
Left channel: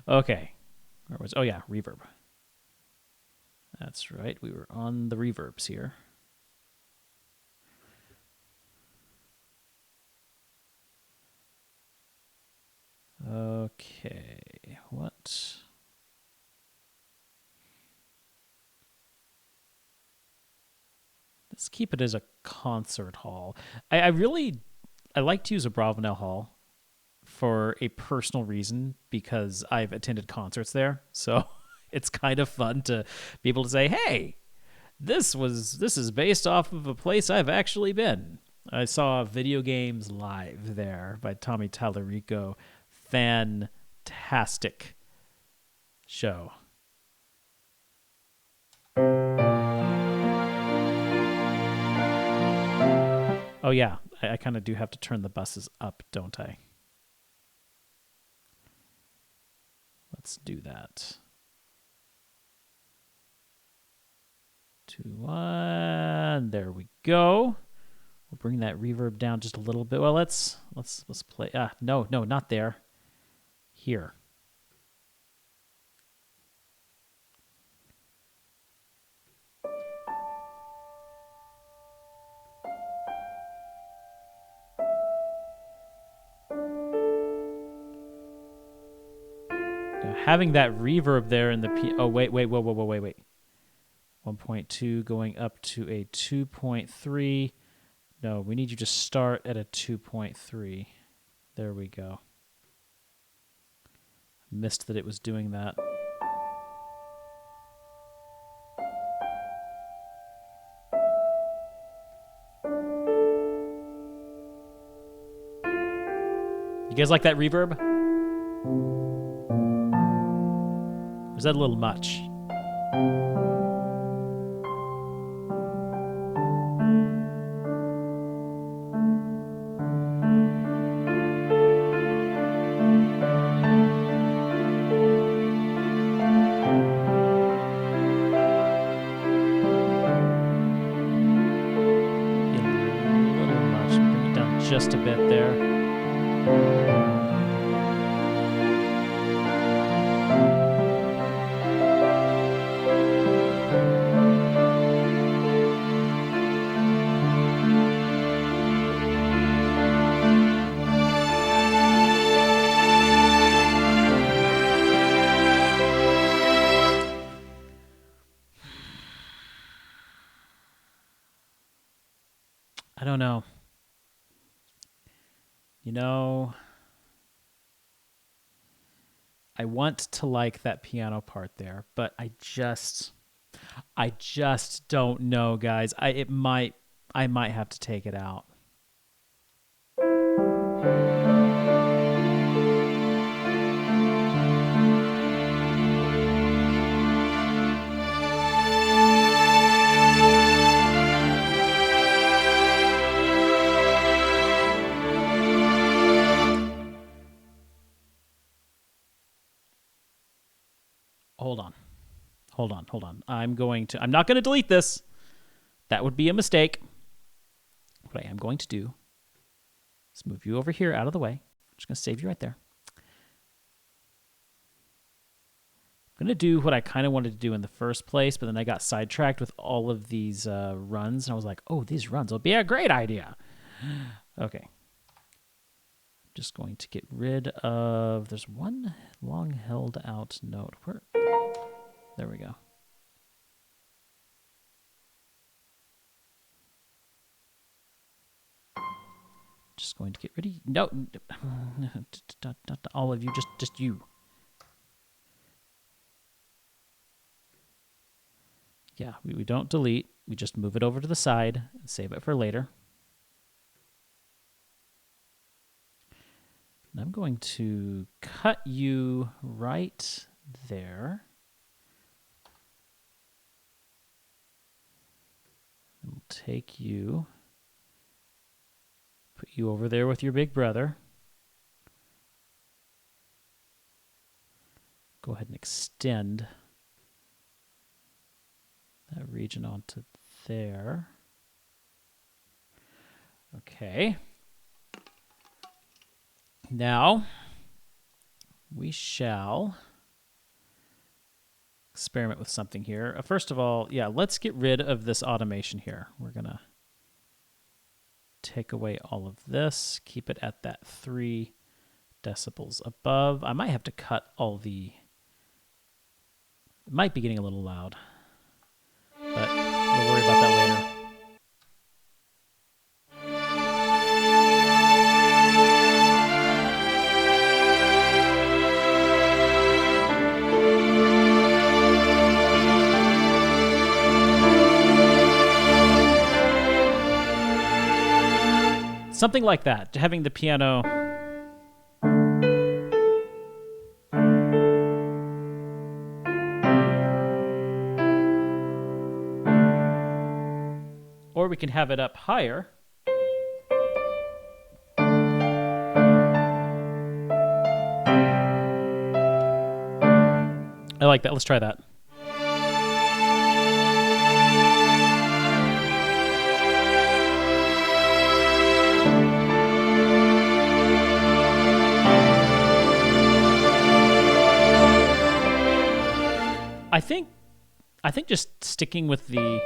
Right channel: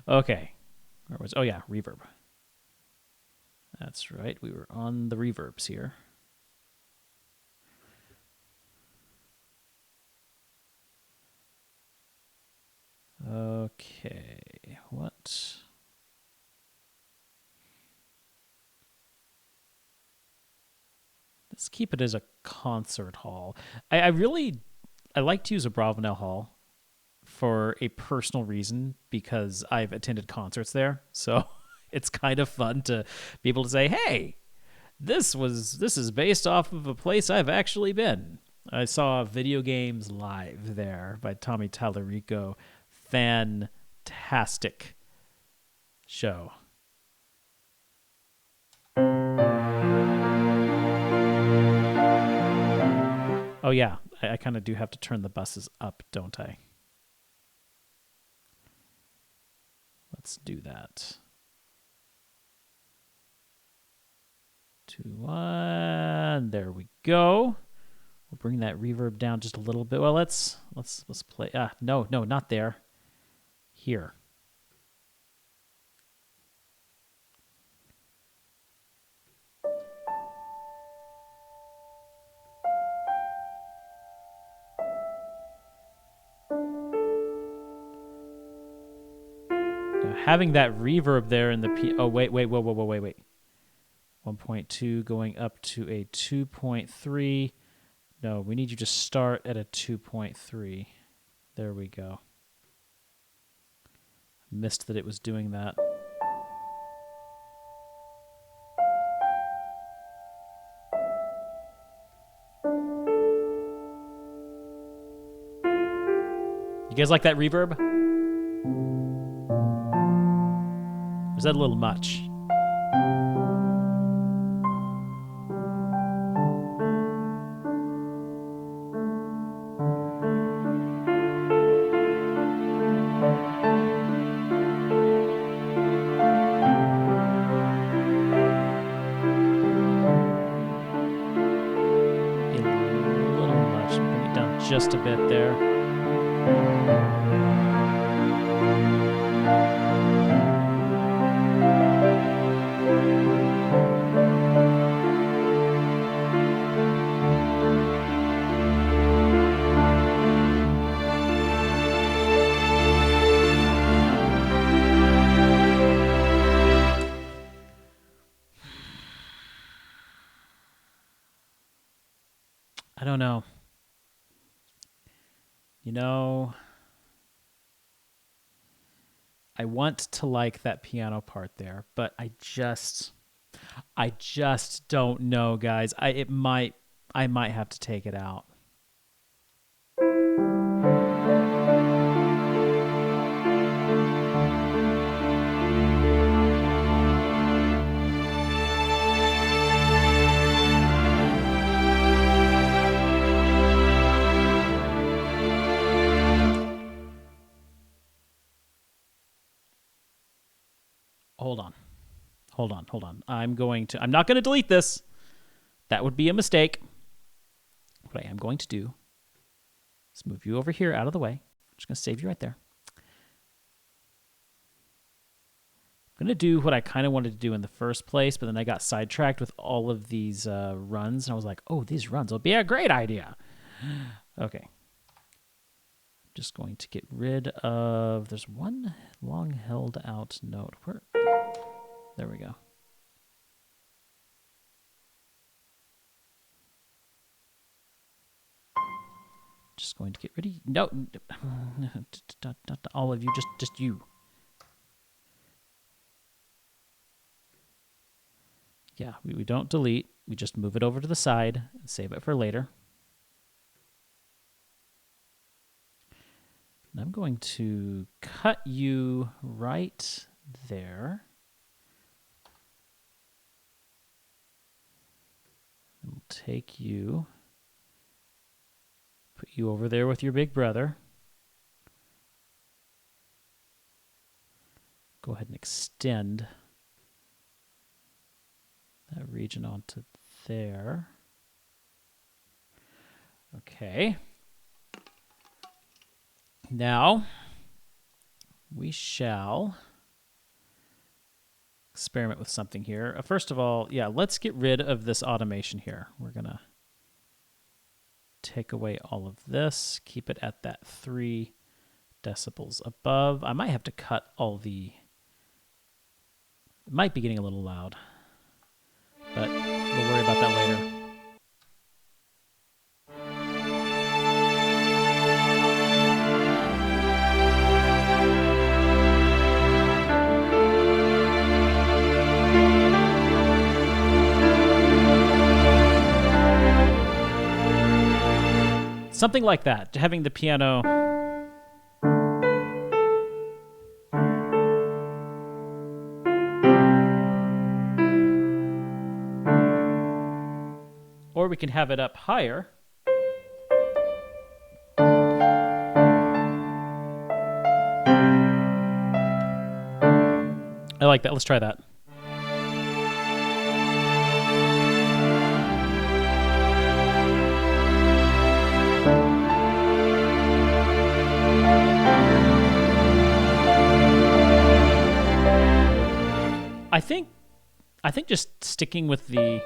Okay, where was? Oh yeah, reverb. That's right. We were on the reverbs here. Okay, what? Let's keep it as a concert hall. I like to use a Bravenel Hall for a personal reason because I've attended concerts there. So it's kind of fun to be able to say, hey, this is based off of a place I've actually been. I saw Video Games Live there by Tommy Tallarico. Fantastic show. Oh yeah, I kind of do have to turn the buses up, don't I? Let's do that. 2, 1. There we go. We'll bring that reverb down just a little bit. Well, let's play. No, not there. Here. Now, having that reverb there in the oh wait. 1.2 going up to a 2.3. No, we need you to start at a 2.3. There we go. Missed that it was doing that. You guys like that reverb? Or is that a little much? Just a bit there. I don't know. You know, I want to like that piano part there, but I just don't know, guys. I might have to take it out. Hold on. I'm not going to delete this. That would be a mistake. What I am going to do is move you over here out of the way. I'm just going to save you right there. I'm going to do what I kind of wanted to do in the first place, but then I got sidetracked with all of these runs, and I was like, oh, these runs will be a great idea. Okay. I'm just going to get rid of... There's one long held out note. Where... There we go. Just going to get rid of you. No, not all of you, just you. Yeah, we don't delete. We just move it over to the side and save it for later. And I'm going to cut you right there. And we'll take you, put you over there with your big brother. Go ahead and extend that region onto there. Okay. Now, we shall experiment with something here. First of all, yeah, let's get rid of this automation here. We're going to take away all of this, keep it at that 3 decibels above. I might have to cut all the... It might be getting a little loud, but we'll worry about that later. Something like that, having the piano. Or we can have it up higher. I like that. Let's try that. I think just sticking with the,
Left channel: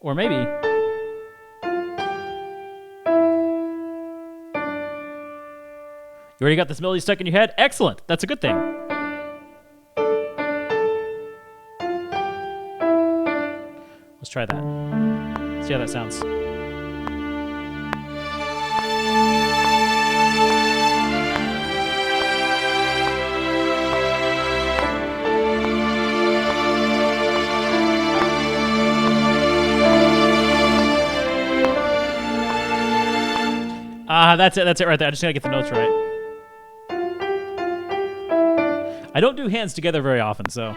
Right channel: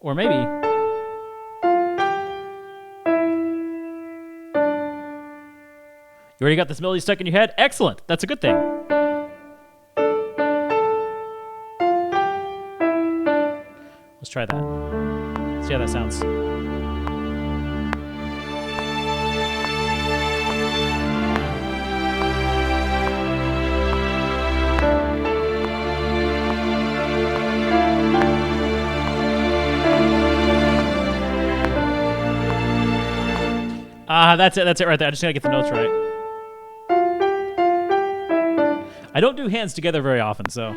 or maybe, you already got this melody stuck in your head? Excellent. That's a good thing. Let's try that. See how that sounds. That's it. That's it right there. I just gotta get the notes right. I don't do hands together very often, so.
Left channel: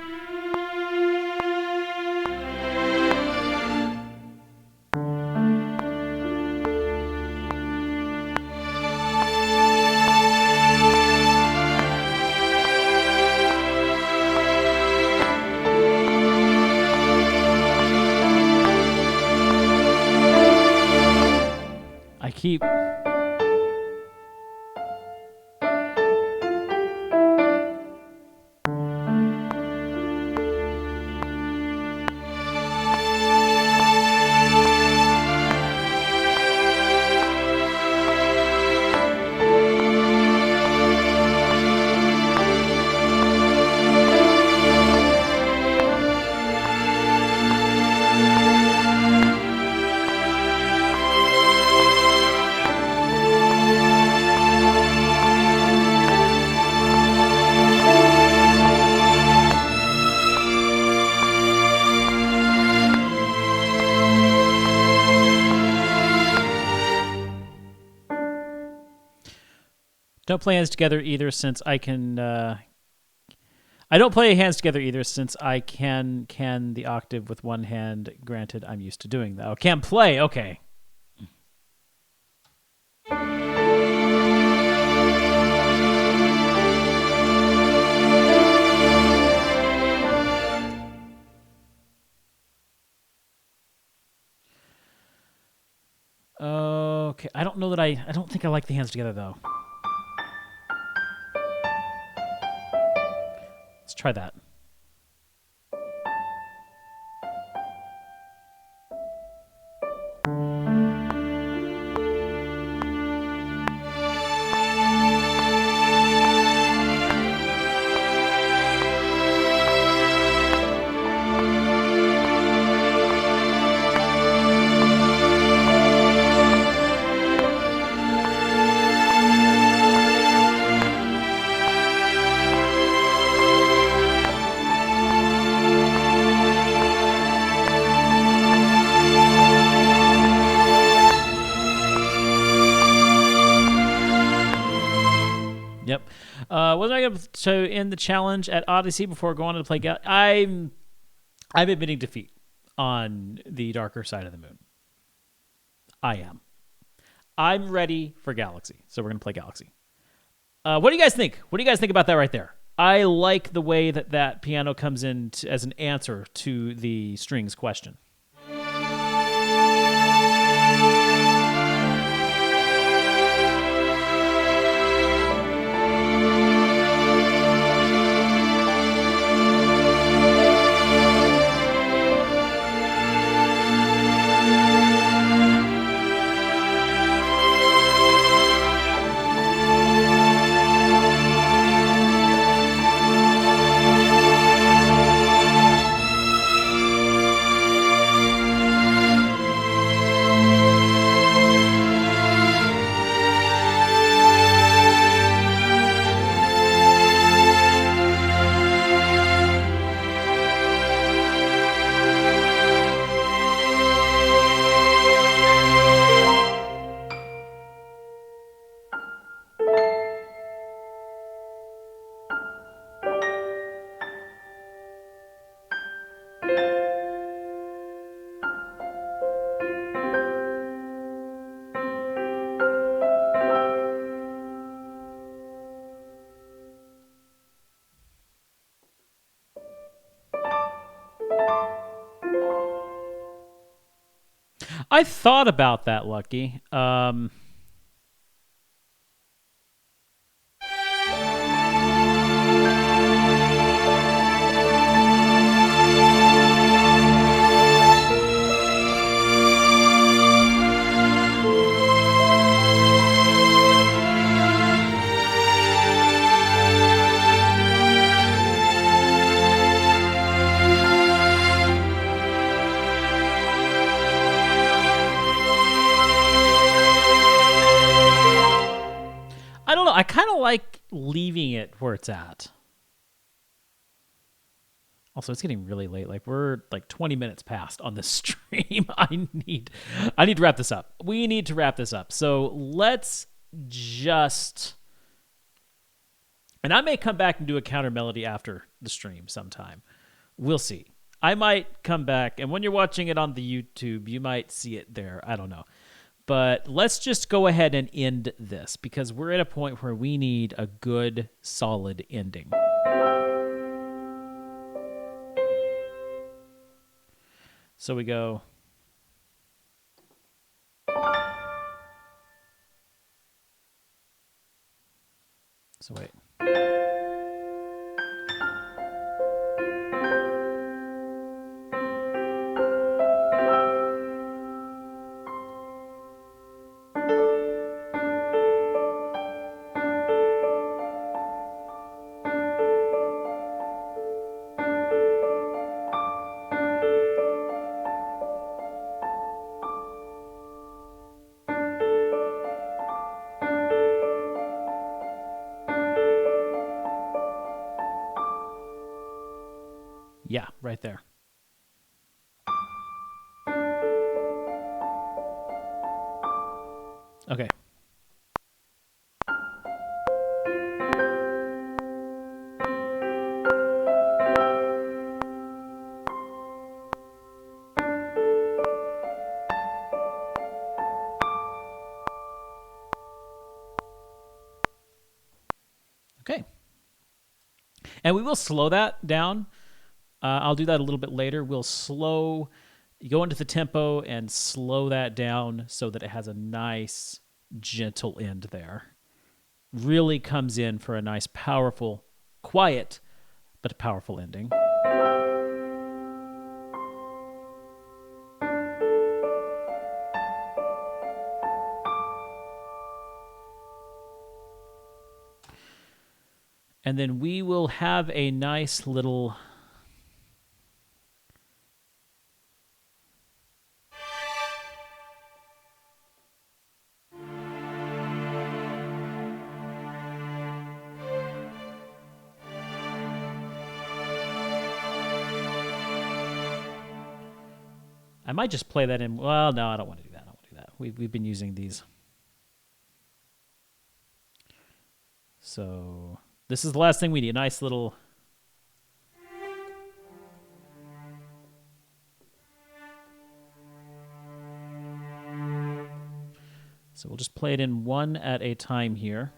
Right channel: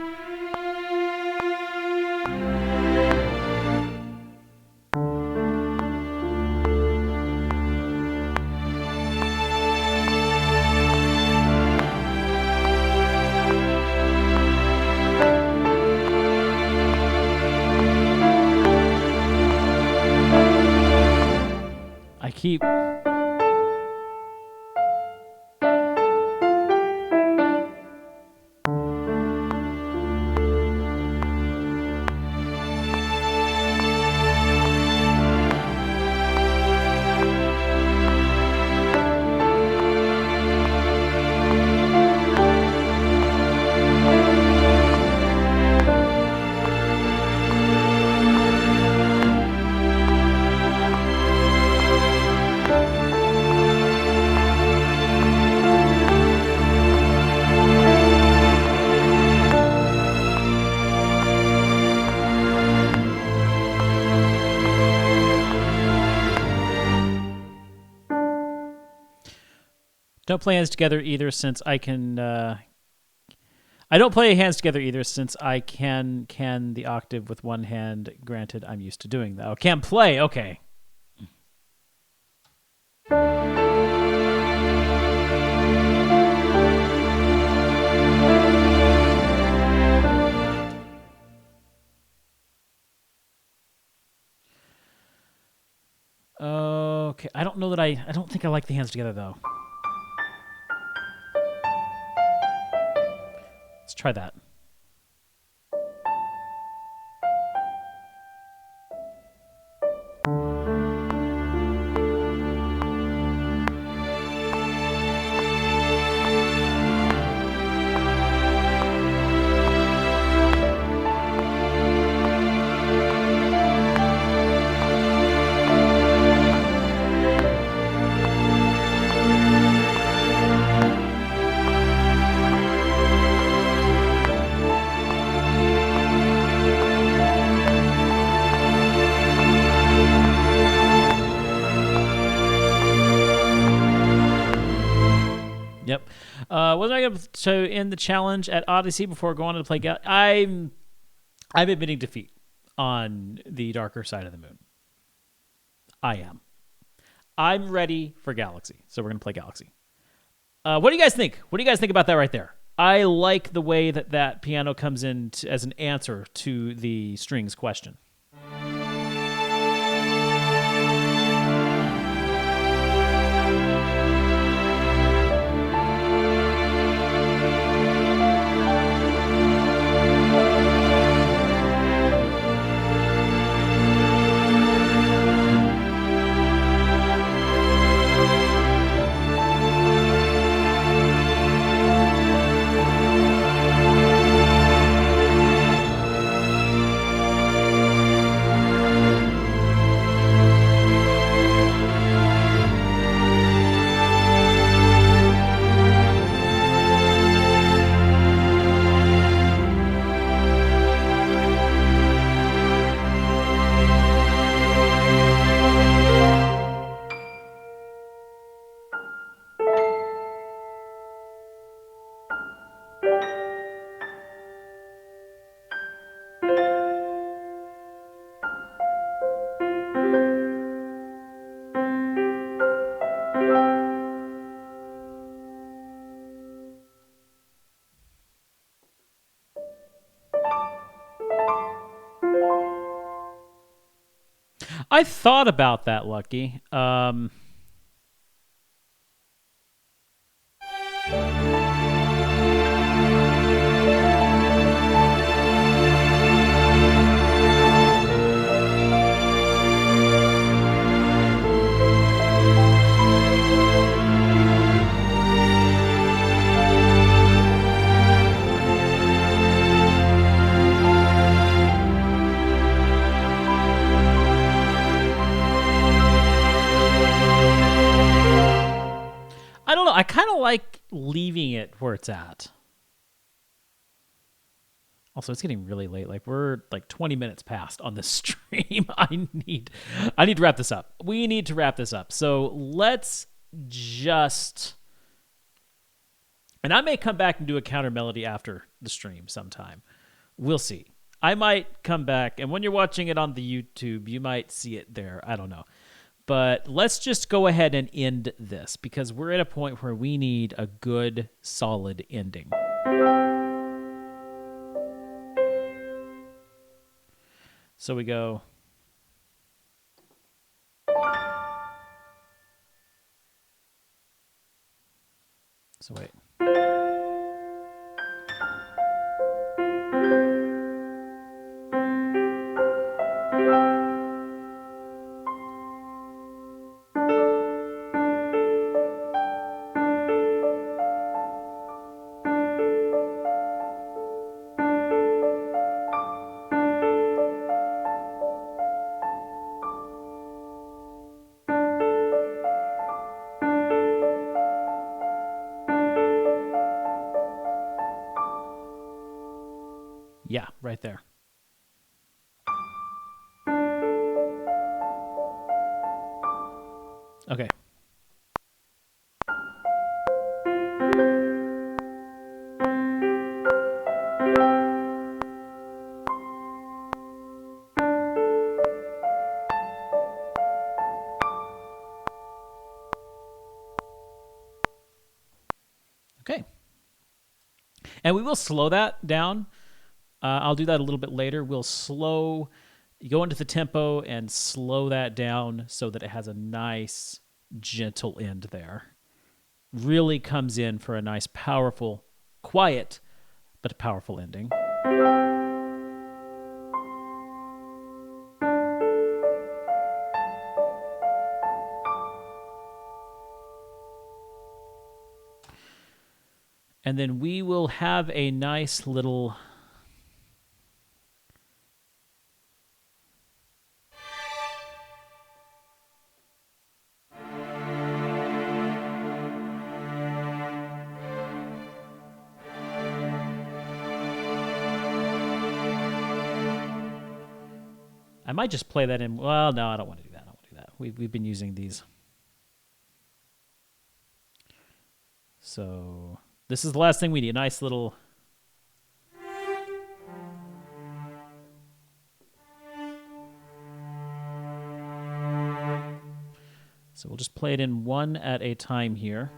I keep. Don't play hands together either, since I can. I don't play hands together either, since I can the octave with one hand. Granted, I'm used to doing that. Oh, can play. Okay. Okay. I don't know that I don't think I like the hands together though. Let's try that. Yep. Wasn't I able to end the challenge at Odyssey before going on to play? I'm admitting defeat on the darker side of the moon. I am. I'm ready for Galaxy, so we're gonna play Galaxy. What do you guys think? What do you guys think about that right there? I like the way that piano comes in as an answer to the strings question. I thought about that, Lucky. I don't know. I kind of like leaving it where it's at. Also, it's getting really late. Like we're like 20 minutes past on this stream. I need to wrap this up. We need to wrap this up. So let's just, and I may come back and do a counter melody after the stream sometime. We'll see. I might come back, and when you're watching it on the YouTube, you might see it there. I don't know. But let's just go ahead and end this because we're at a point where we need a good, solid ending. So we go. So wait. Yeah, right there. Okay. Okay. And we will slow that down. I'll do that a little bit later. We'll go into the tempo and slow that down so that it has a nice, gentle end there. Really comes in for a nice, powerful, quiet, but powerful ending. And then we will have a nice little... I might just play that in... Well, no, I don't want to do that. We've been using these. So this is the last thing we need. A nice little... So we'll just play it in one at a time here.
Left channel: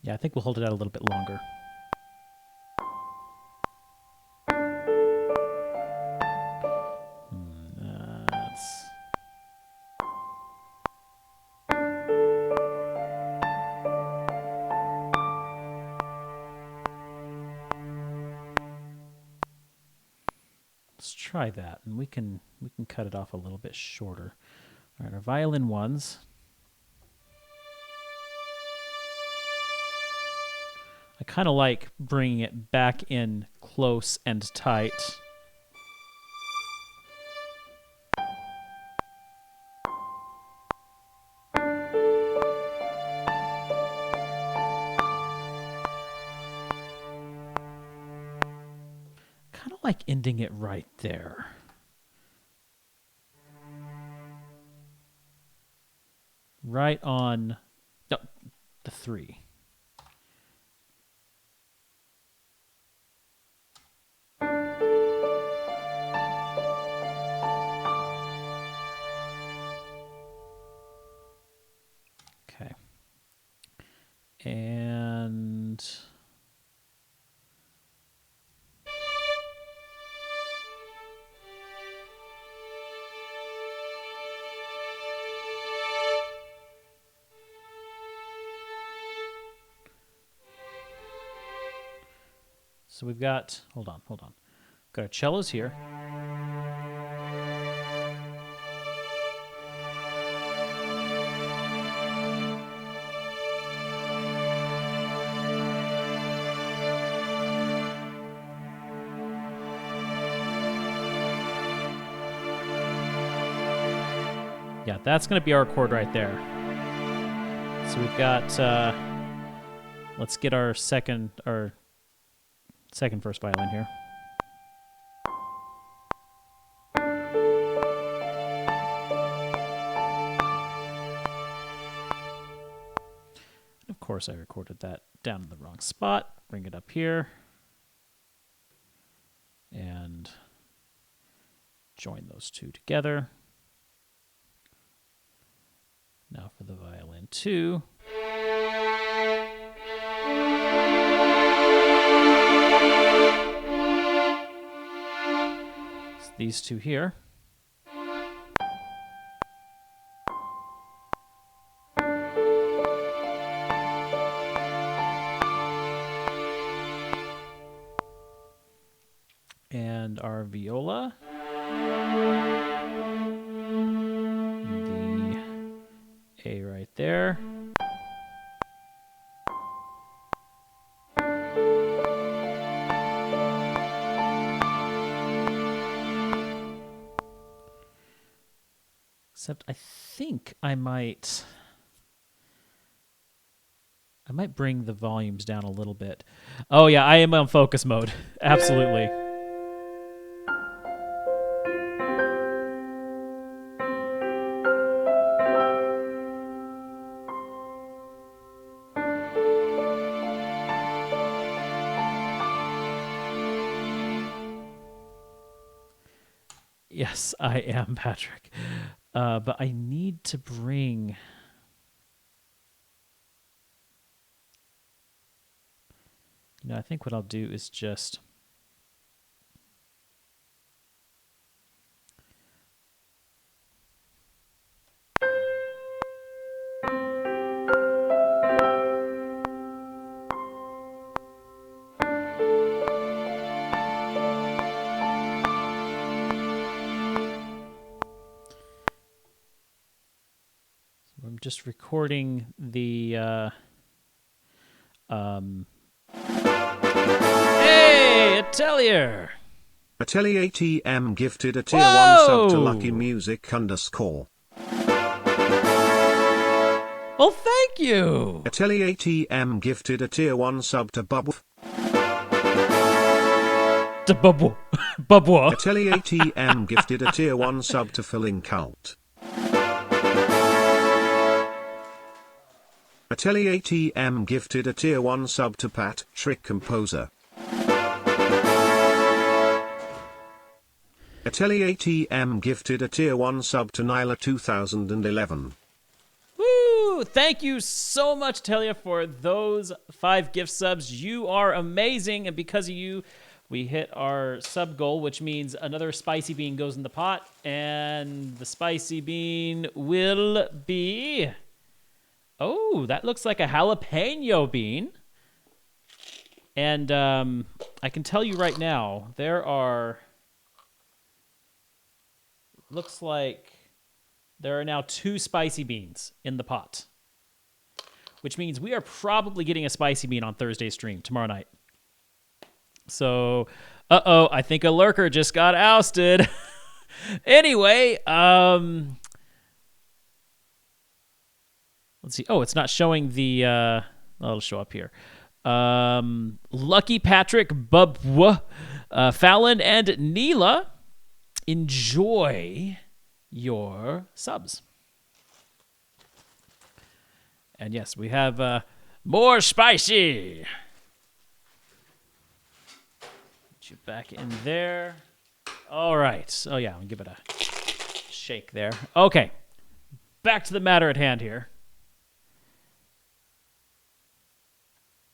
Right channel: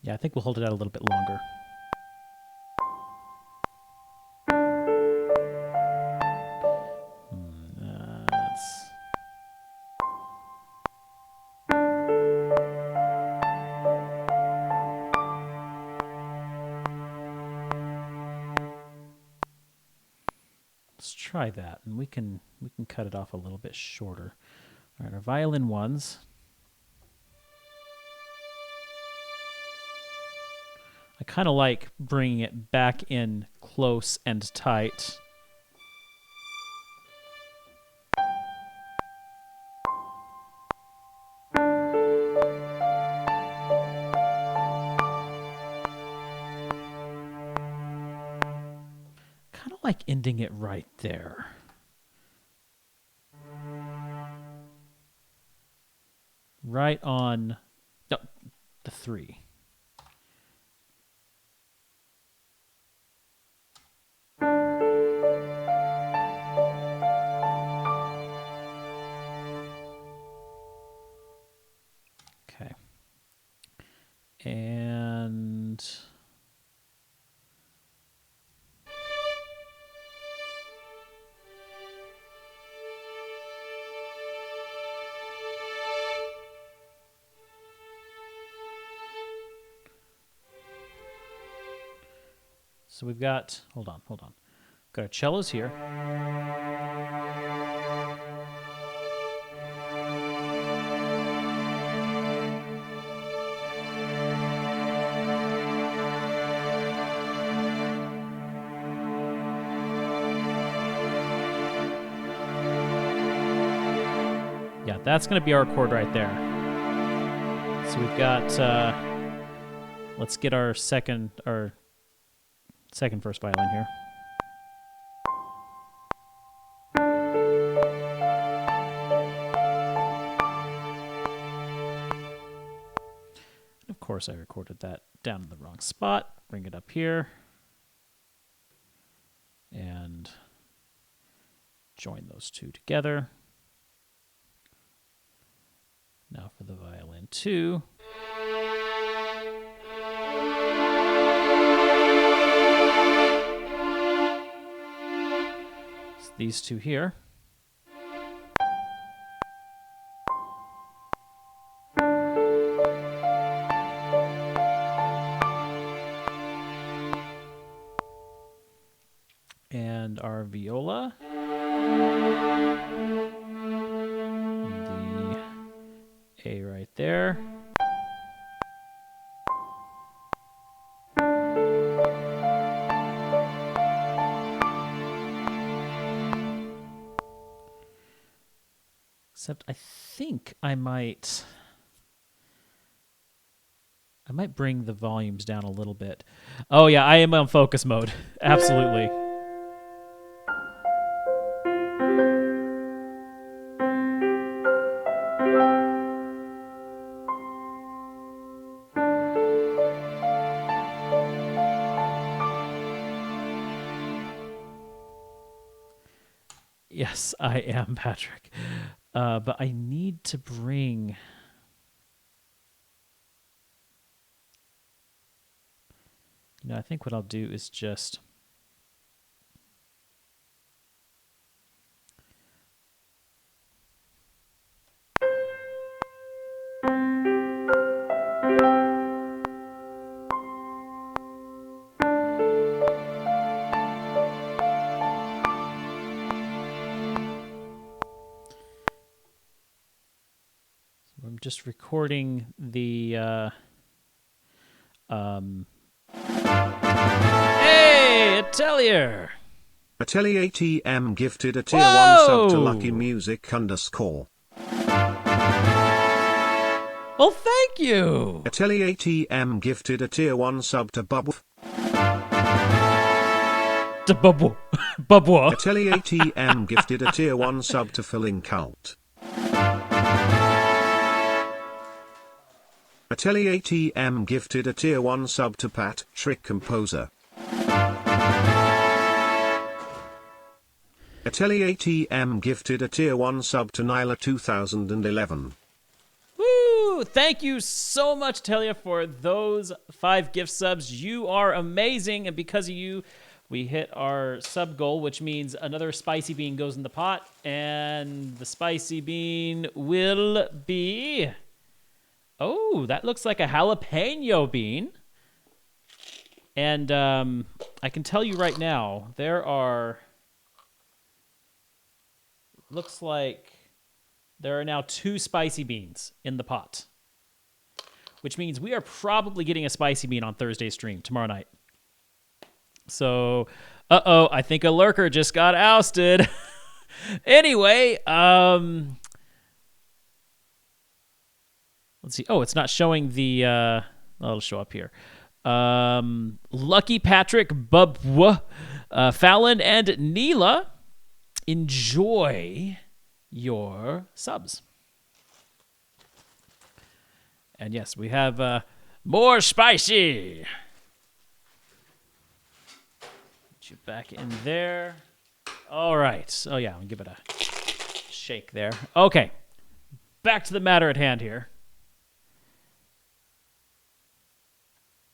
Yeah, I think we'll hold it out a little bit longer. Let's try that, and we can cut it off a little bit shorter. All right, our violin ones. I kind of like bringing it back in close and tight. Kind of like ending it right there. Right on the 3. And so we've got, hold on. Got our cellos here. Yeah, that's going to be our chord right there. So we've got, let's get our second first violin here. Of course, I recorded that down in the wrong spot. Bring it up here. And join those two together. Now for the violin 2. It's these two here. And our viola. A right there. Except I think I might bring the volumes down a little bit. Oh yeah, I am on focus mode. Absolutely. Yes, I am, Patrick. But I need to bring... You know, I think what I'll do is just... I'm just recording the... Hey, Atelier! Atelier TM gifted a tier 1 sub to Lucky Music _. Well, thank you! Atelier TM gifted a tier 1 sub to Bubble. Bubble. Atelier TM gifted a tier 1 sub to Filling Cult. Atelier TM gifted a tier 1 sub to Pat, Trick Composer. Atelier TM gifted a tier 1 sub to Nyla 2011. Woo! Thank you so much, Atelier, for those 5 gift subs. You are amazing, and because of you, we hit our sub goal, which means another spicy bean goes in the pot, and the spicy bean will be... Oh, that looks like a jalapeno bean. And I can tell you right now, there are... Looks like there are now 2 spicy beans in the pot. Which means we are probably getting a spicy bean on Thursday's stream tomorrow night. So, I think a lurker just got ousted. Anyway, let's see. Oh, it's not showing the... it'll show up here. Lucky Patrick, Bubwa, Fallon, and Neela, enjoy your subs. And yes, we have more spicy. Get you back in there. All right. Oh, yeah, I'll give it a shake there. Okay. Back to the matter at hand here.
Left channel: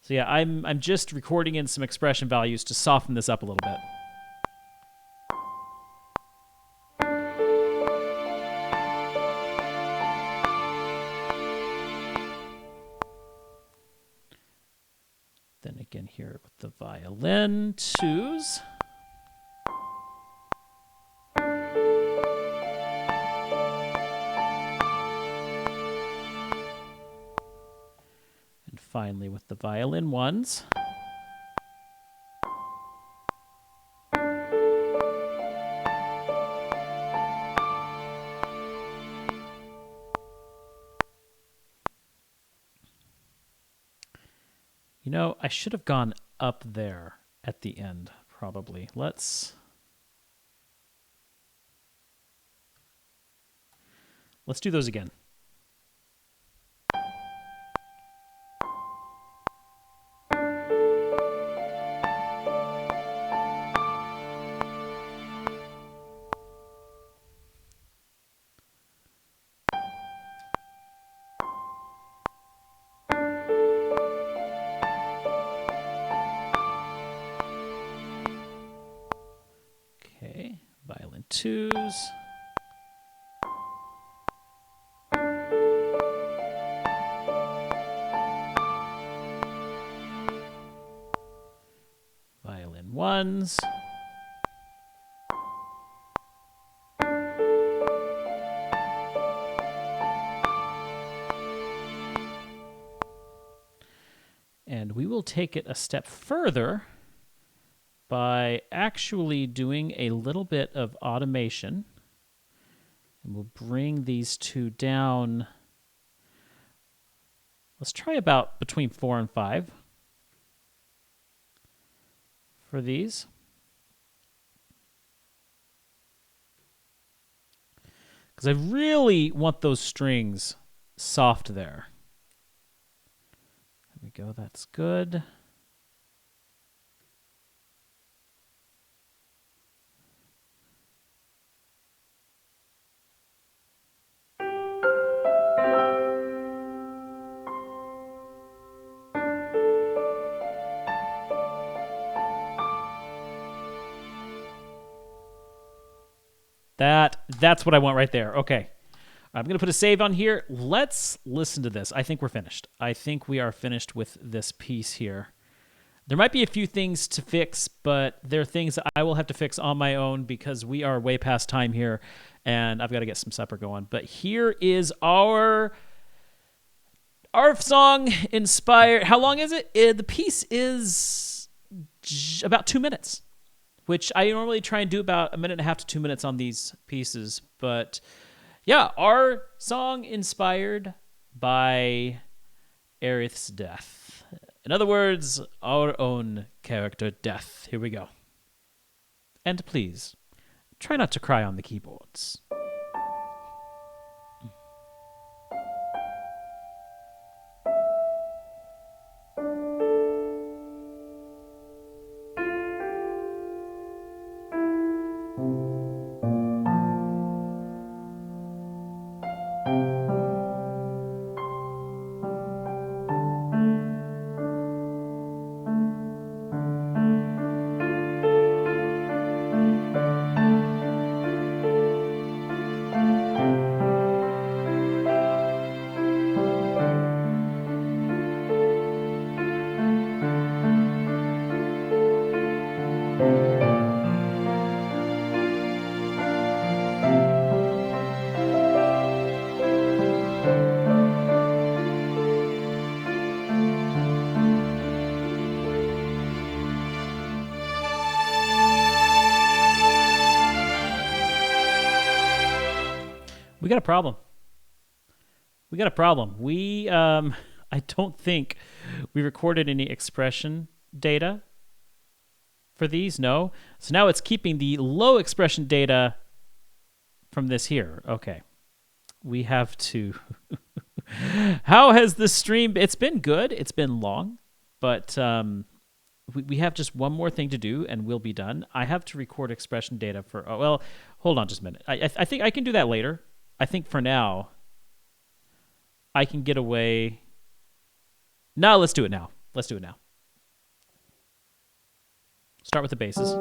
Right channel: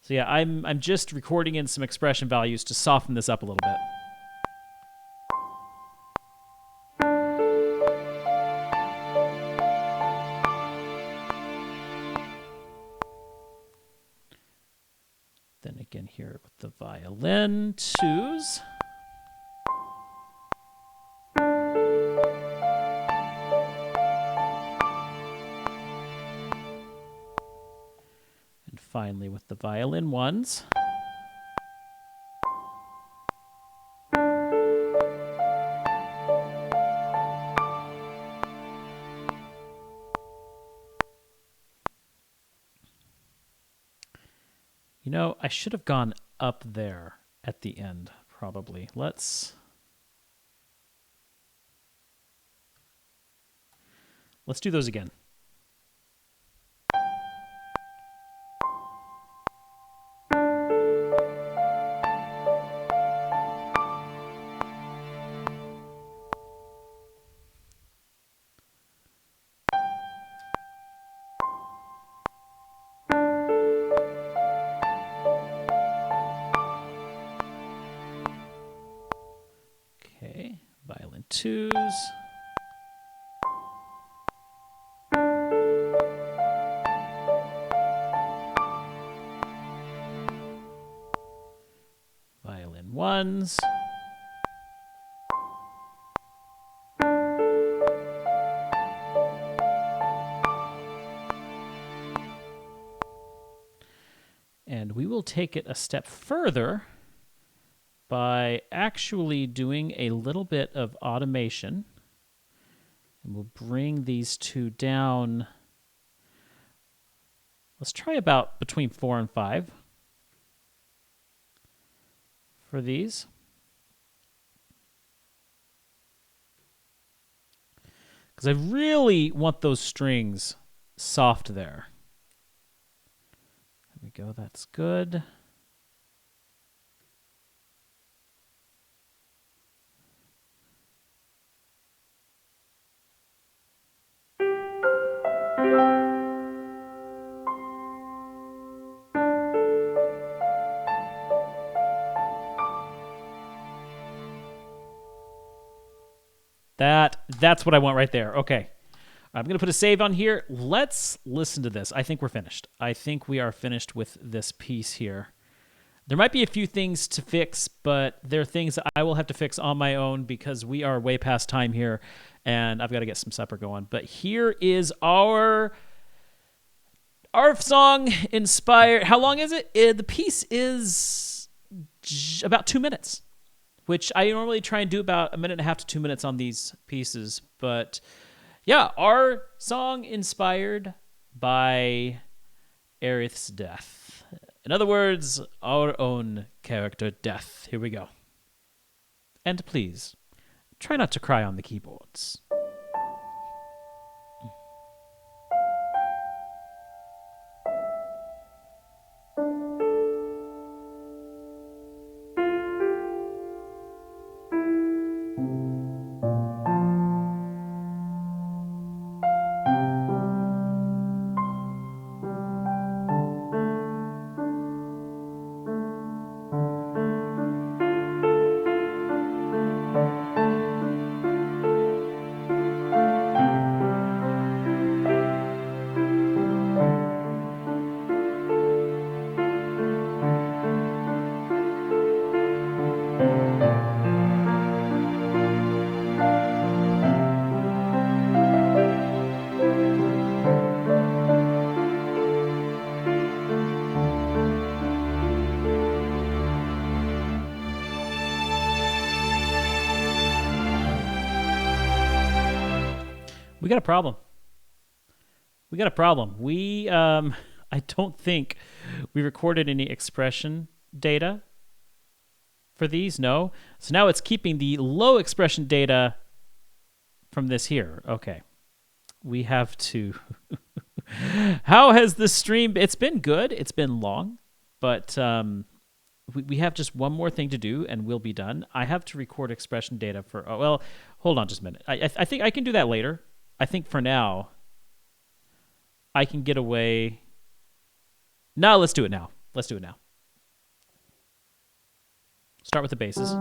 So yeah, I'm just recording in some expression values to soften this up a little bit. Then again here with the violin twos. And finally with the violin ones. You know, I should have gone up there at the end, probably. Let's do those again. Okay, violin twos. Violin ones. And we will take it a step further by actually doing a little bit of automation. And we'll bring these two down. Let's try about between 4 and 5 for these. Because I really want those strings soft there. There we go, that's good. That's what I want right there. Okay. I'm going to put a save on here. Let's listen to this. I think we're finished. I think we are finished with this piece here. There might be a few things to fix, but there are things that I will have to fix on my own because we are way past time here, and I've got to get some supper going. But here is our song inspired. How long is it? The piece is about 2 minutes, which I normally try and do about 1.5 to 2 minutes on these pieces. But yeah, our song inspired by Aerith's death. In other words, our own character death. Here we go. And please, try not to cry on the keyboards. We got a problem. I don't think we recorded any expression data for these, no. So now it's keeping the low expression data from this here. Okay. We have to... How has the stream... It's been good. It's been long, but we have just one more thing to do and we'll be done. I have to record expression data for... Oh, well, hold on just a minute. I think I can do that later. I think for now, I can get away. No, let's do it now. let's do it now. Start with the basses.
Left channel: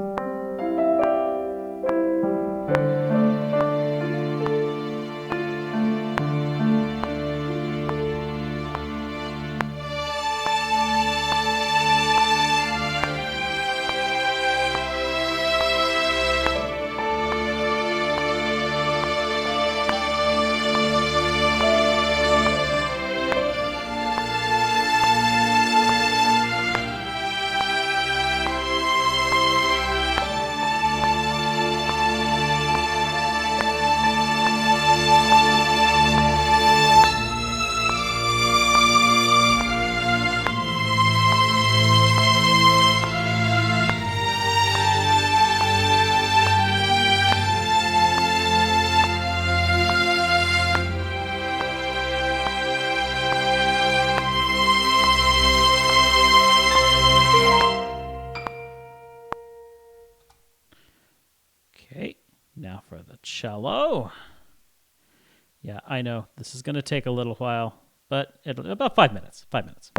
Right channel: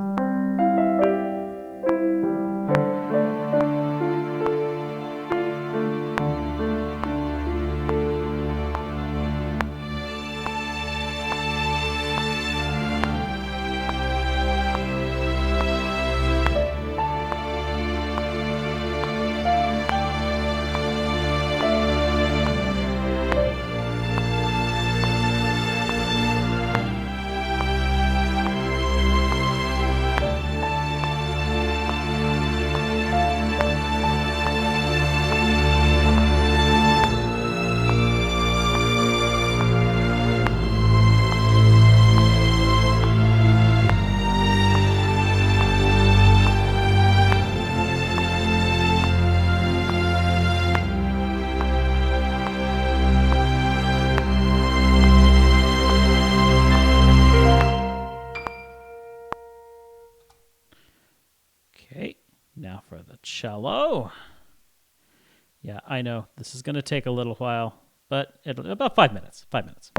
Okay, now for the cello. Yeah, I know this is going to take a little while, but about 5 minutes. 5 minutes.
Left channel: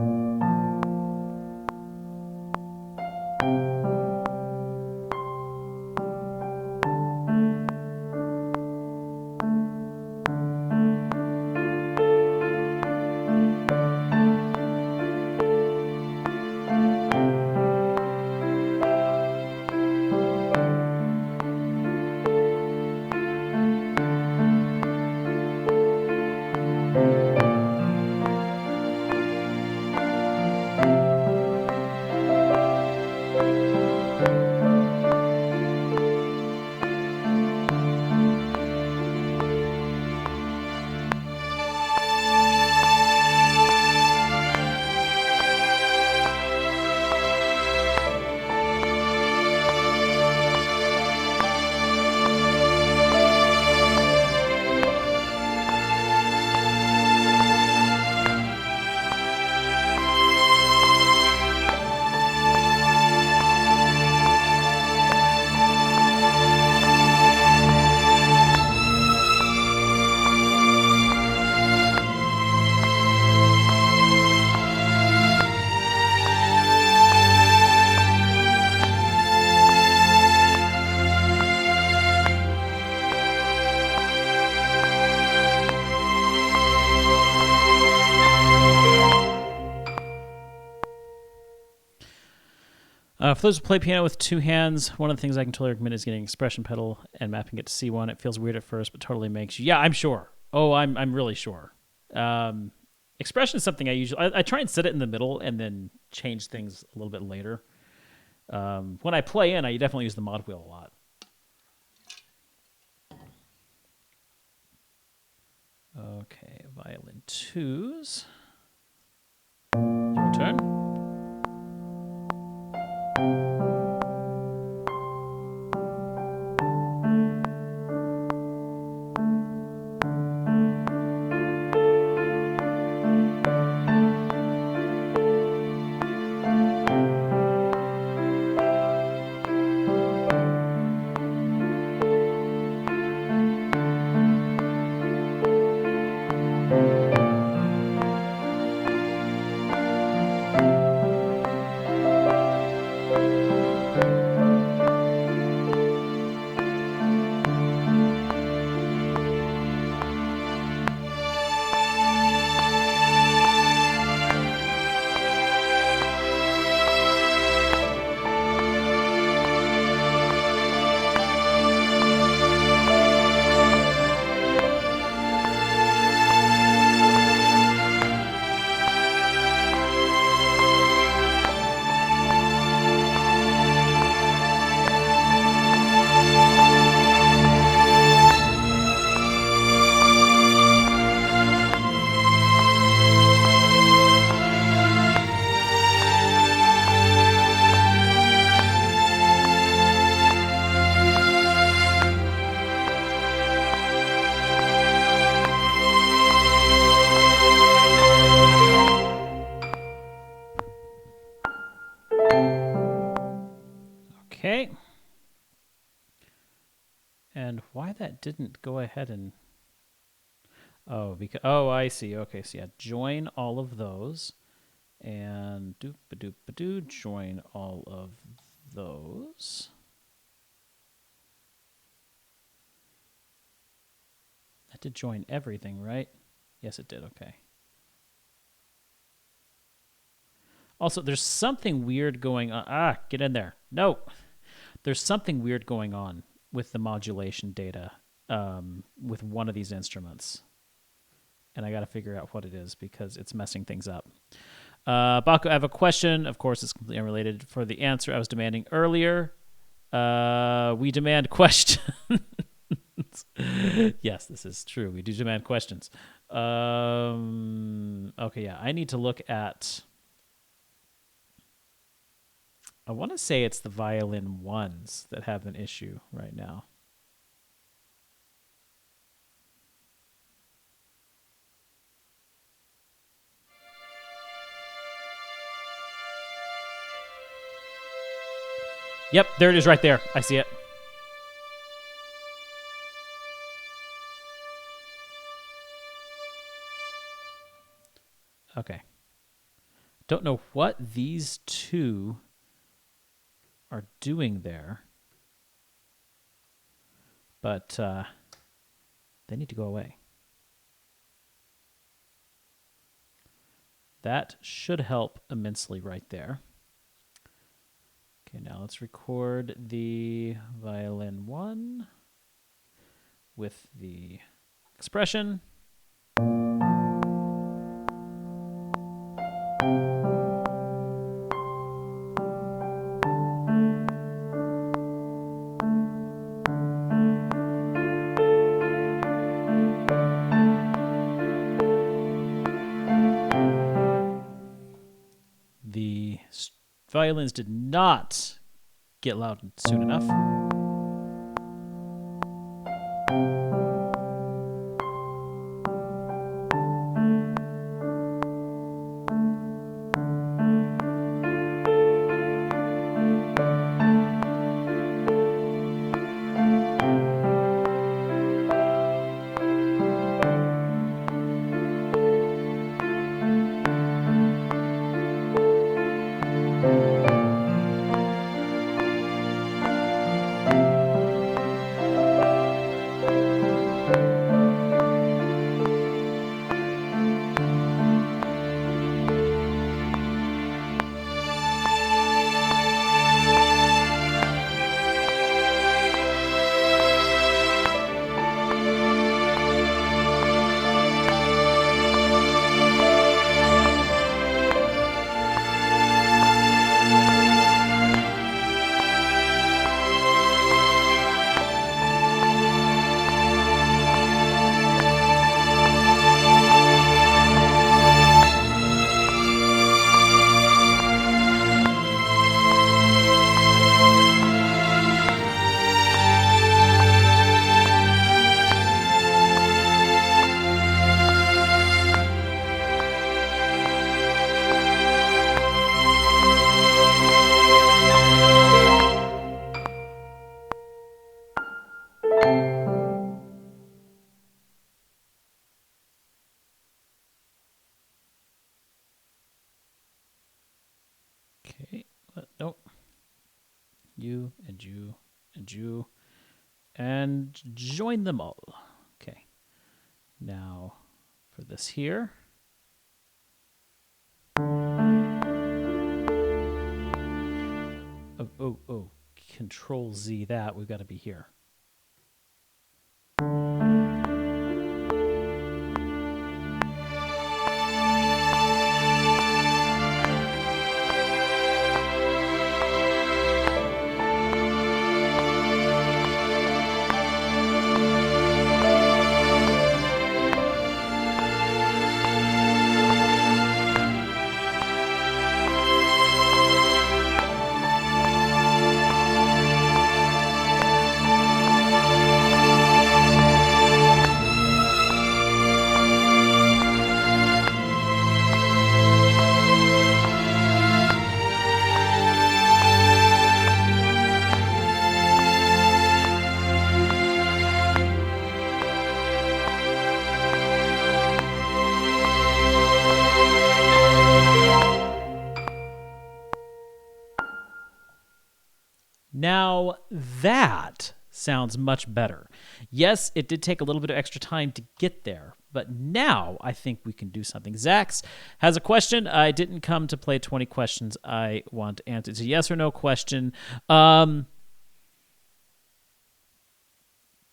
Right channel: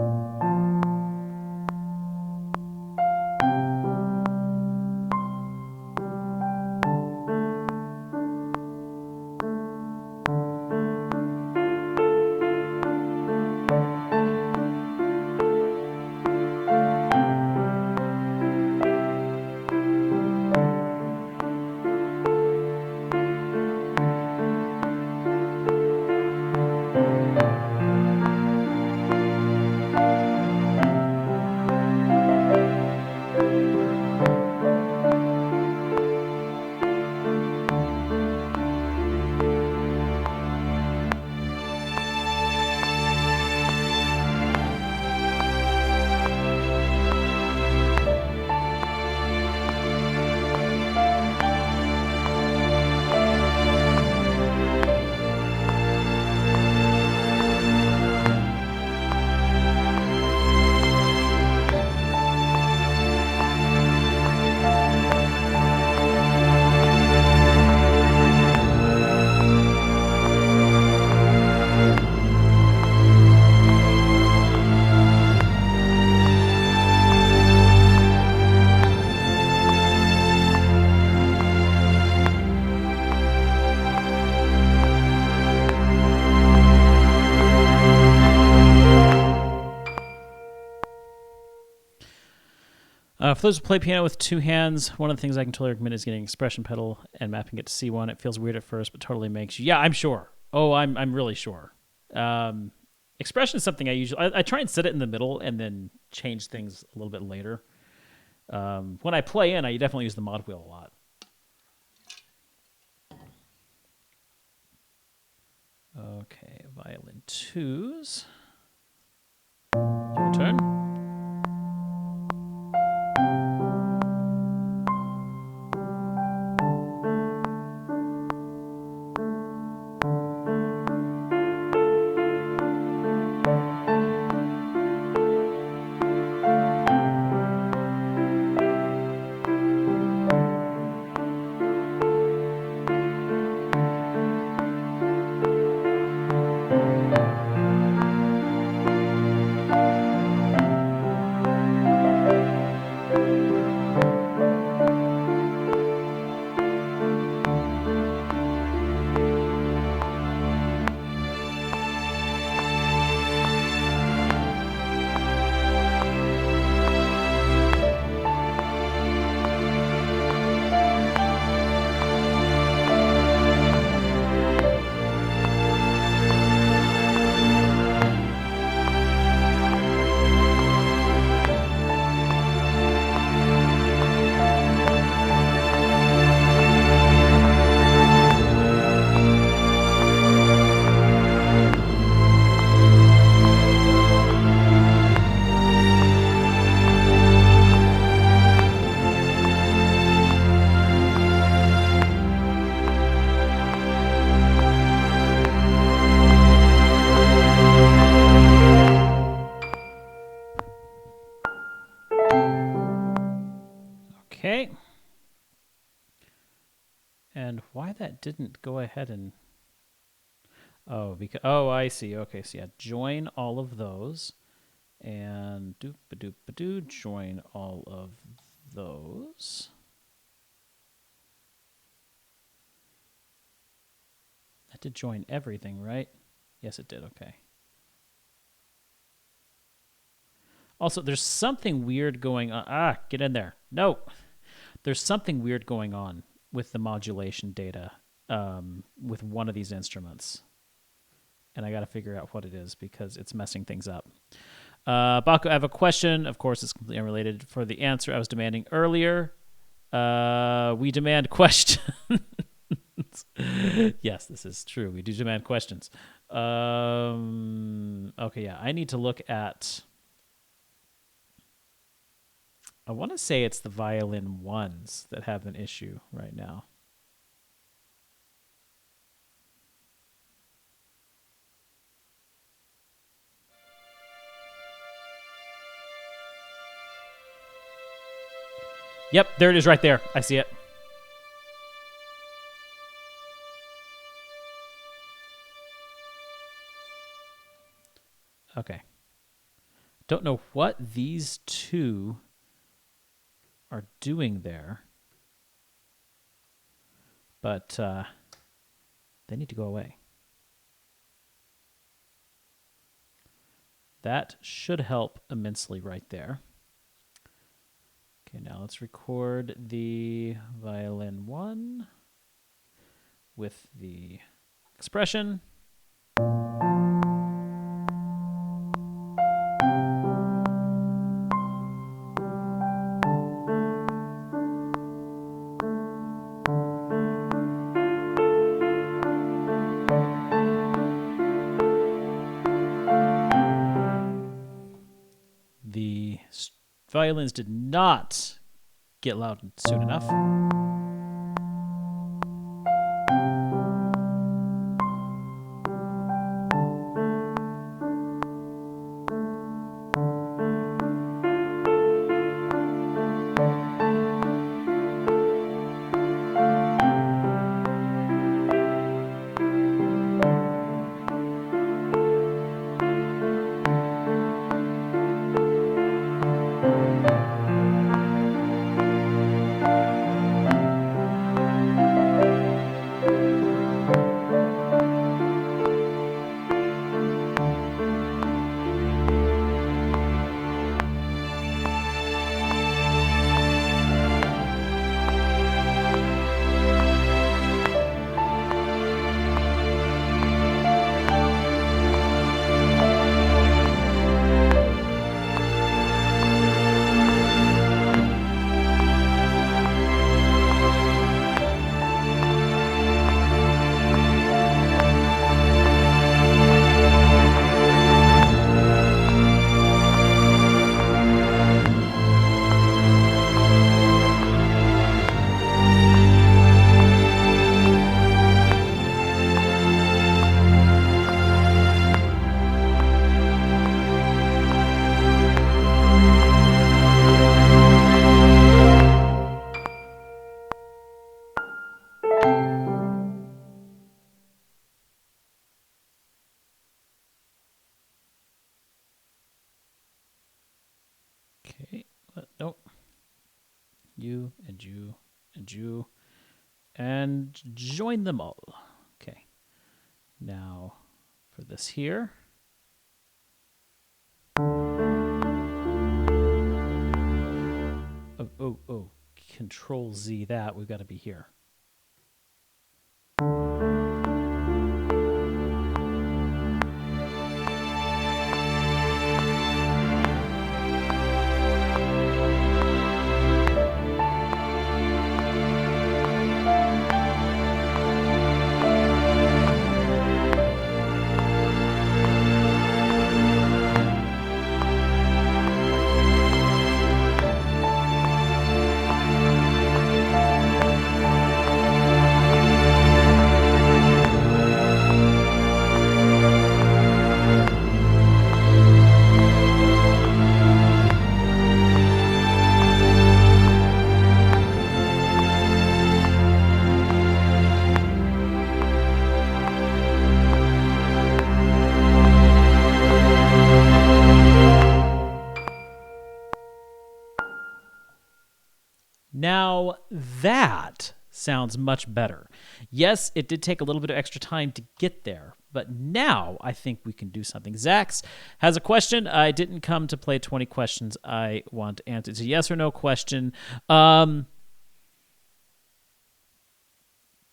For those who play piano with two hands, one of the things I can totally recommend is getting an expression pedal and mapping it to C1. It feels weird at first, but totally makes you. Yeah, I'm sure. Oh, I'm really sure. Expression is something I try and set it in the middle and then change things a little bit later. When I play in, I definitely use the mod wheel a lot. Okay, violin twos. Your turn. Okay. And why that didn't go ahead and... I see. Okay, so yeah, join all of those. And doop-a-doop-a-doo, join all of those. That did join everything, right? Yes, it did. Okay. Also, there's something weird going on. Get in there. No. There's something weird going on with the modulation data with one of these instruments. And I got to figure out what it is because it's messing things up. Baku, I have a question. Of course, it's completely unrelated. For the answer I was demanding earlier, we demand questions. Yes, this is true. We do demand questions. Okay, yeah. I need to look at... I want to say it's the violin ones that have an issue right now. Yep, there it is right there. I see it. Okay. Don't know what these two are doing there, but they need to go away. That should help immensely right there. Okay, now let's record the violin 1 with the expression. The violins did not get loud soon enough. Okay, nope. You and you and you. And join them all. Okay. Now, for this here. Oh. Control Z that. We've got to be here. Now that sounds much better. Yes, it did take a little bit of extra time to get there, but now I think we can do something. Zax has a question. I didn't come to play 20 questions I want to answer. It's a yes or no question.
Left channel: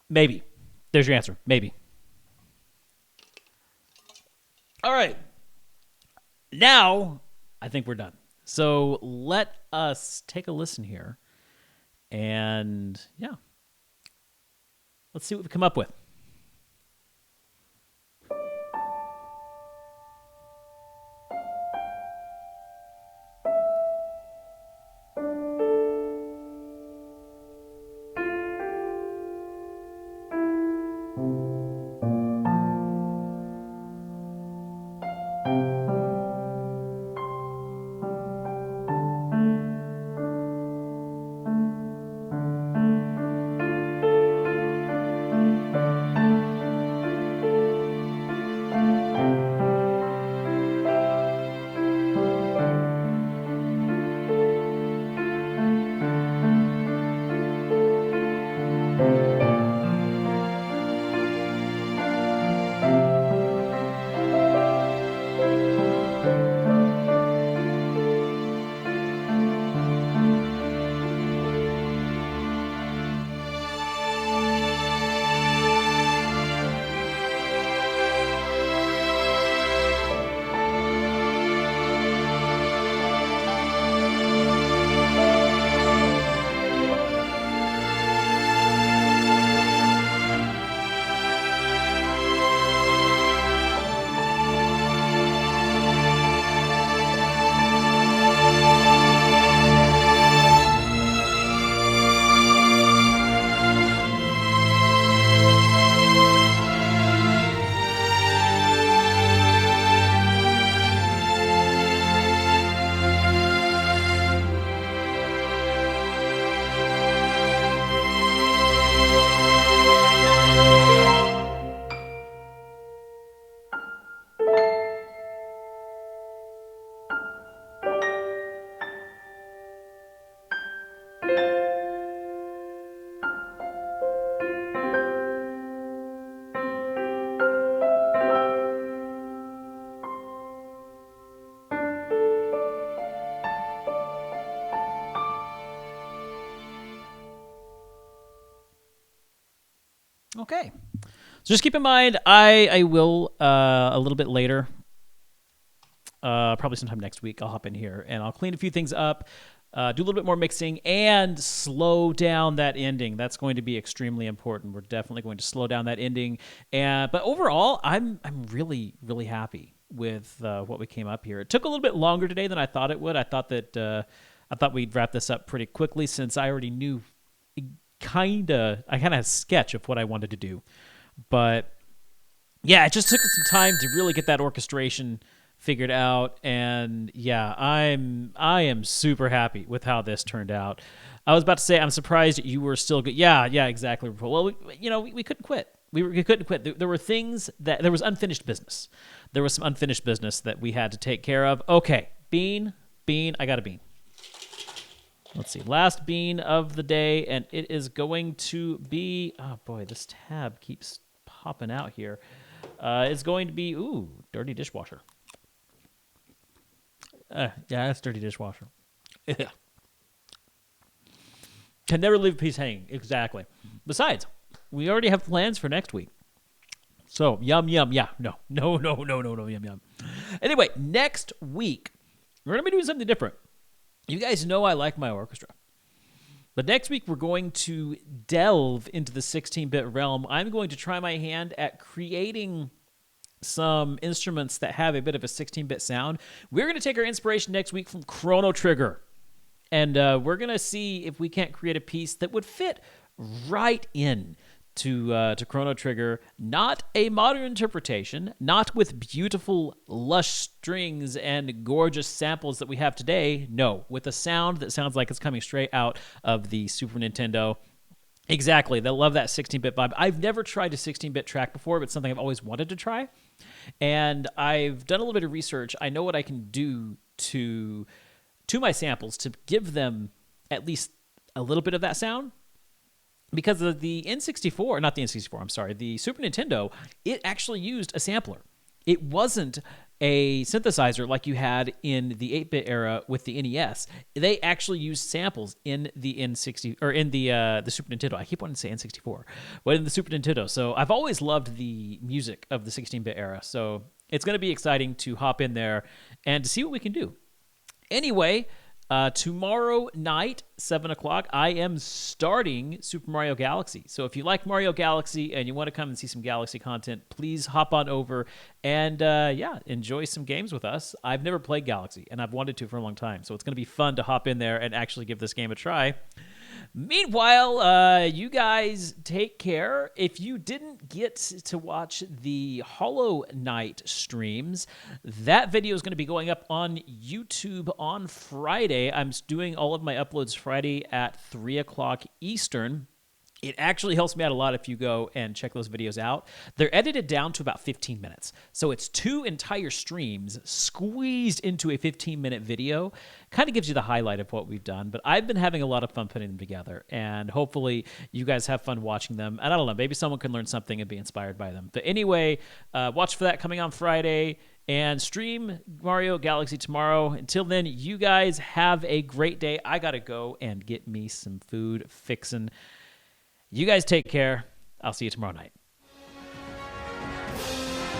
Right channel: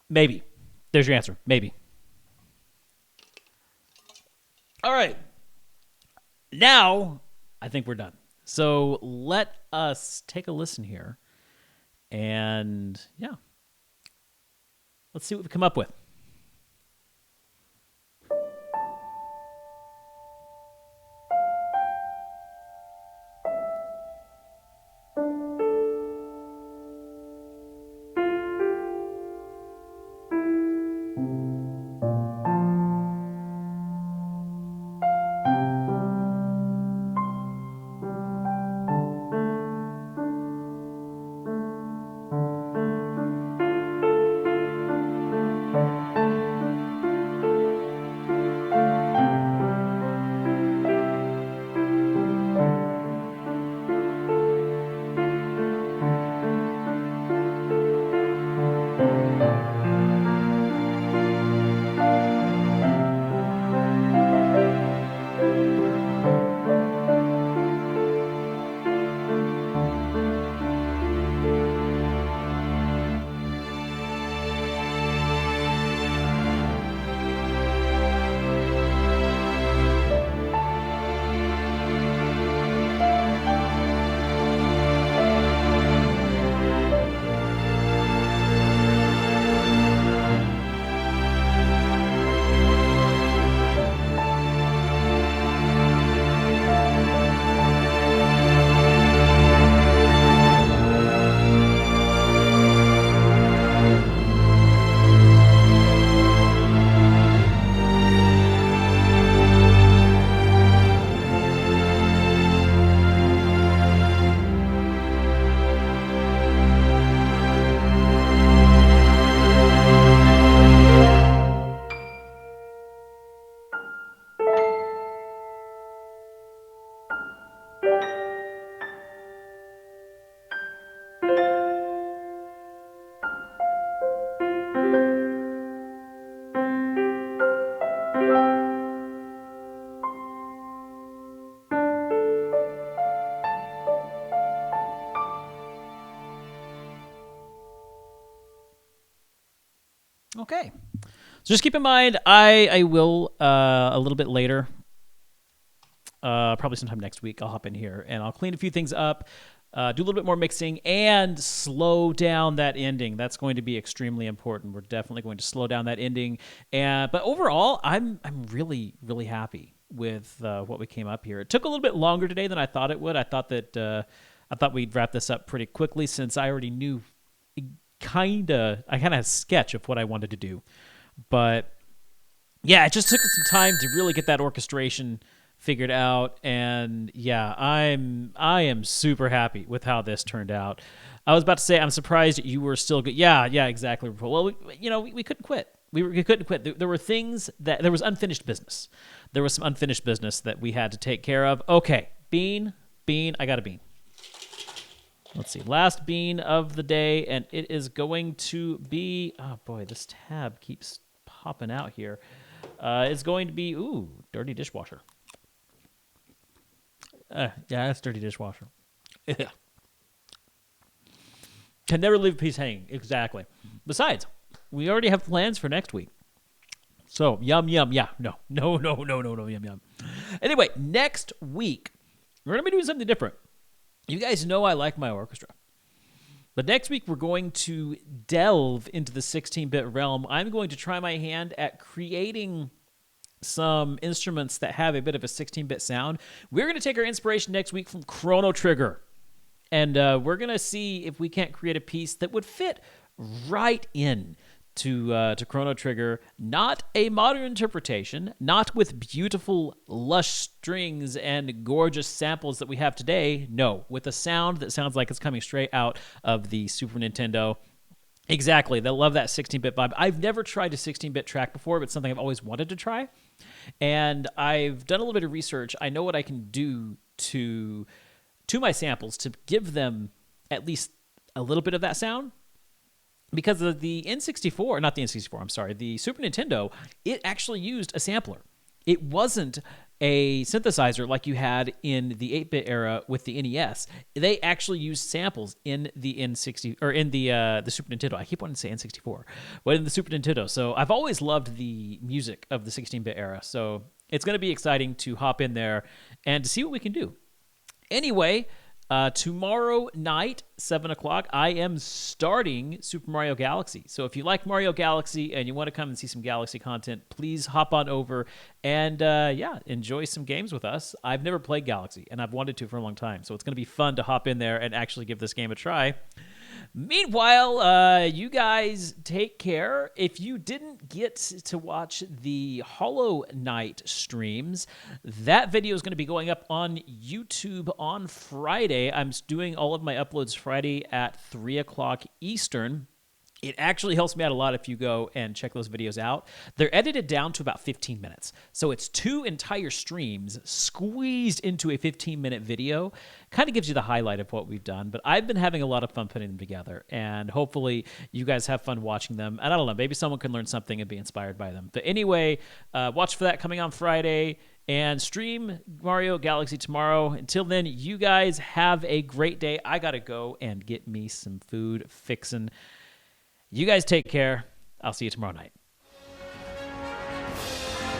Maybe. There's your answer. Maybe. All right. Now, I think we're done. So let us take a listen here. And, yeah. Let's see what we come up with. Okay. So just keep in mind, I will, a little bit later, probably sometime next week, I'll hop in here and I'll clean a few things up, do a little bit more mixing, and slow down that ending. That's going to be extremely important. We're definitely going to slow down that ending. But overall, I'm really, really happy with what we came up here. It took a little bit longer today than I thought it would. I thought we'd wrap this up pretty quickly since I already knew I kind of had a sketch of what I wanted to do. But yeah, it just took some time to really get that orchestration figured out, and yeah, I am super happy with how this turned out. I was about to say I'm surprised you were still good. Yeah, exactly. Well, we couldn't quit. We couldn't quit. There were things there was unfinished business. There was some unfinished business that we had to take care of. Okay, bean. I got a bean. Let's see, last bean of the day, and it is going to be. Oh boy, this tab keeps popping out here. It's going to be dirty dishwasher. Yeah, that's dirty dishwasher. Yeah. Can never leave a piece hanging. Exactly. Besides, we already have plans for next week. So, yum. Yeah, no, yum. Anyway, next week, we're going to be doing something different. You guys know I like my orchestra. But next week, we're going to delve into the 16-bit realm. I'm going to try my hand at creating some instruments that have a bit of a 16-bit sound. We're going to take our inspiration next week from Chrono Trigger. And we're going to see if we can't create a piece that would fit right in to Chrono Trigger. Not a modern interpretation, not with beautiful, lush strings and gorgeous samples that we have today. No, with a sound that sounds like it's coming straight out of the Super Nintendo. Exactly. They'll love that 16-bit vibe. I've never tried a 16-bit track before, but it's something I've always wanted to try. And I've done a little bit of research. I know what I can do to my samples to give them at least a little bit of that sound. Because of the N64, not the N64, I'm sorry, the Super Nintendo, it actually used a sampler. It wasn't a synthesizer like you had in the 8-bit era with the NES. They actually used samples in the N60 or in the Super Nintendo. I keep wanting to say N64, but in the Super Nintendo. So I've always loved the music of the 16-bit era. So it's going to be exciting to hop in there and to see what we can do. Anyway, tomorrow night, 7 o'clock, I am starting Super Mario Galaxy. So if you like Mario Galaxy and you want to come and see some Galaxy content, please hop on over and, enjoy some games with us. I've never played Galaxy, and I've wanted to for a long time. So it's going to be fun to hop in there and actually give this game a try. Meanwhile, you guys take care. If you didn't get to watch the Hollow Knight streams, that video is going to be going up on YouTube on Friday. I'm doing all of my uploads Friday at 3 o'clock Eastern. It actually helps me out a lot if you go and check those videos out. They're edited down to about 15 minutes. So it's 2 entire streams squeezed into a 15-minute video. Kind of gives you the highlight of what we've done. But I've been having a lot of fun putting them together. And hopefully you guys have fun watching them. And I don't know, maybe someone can learn something and be inspired by them. But anyway, watch for that coming on Friday. And stream Mario Galaxy tomorrow. Until then, you guys have a great day. I got to go and get me some food fixin'. You guys take care. I'll see you tomorrow night.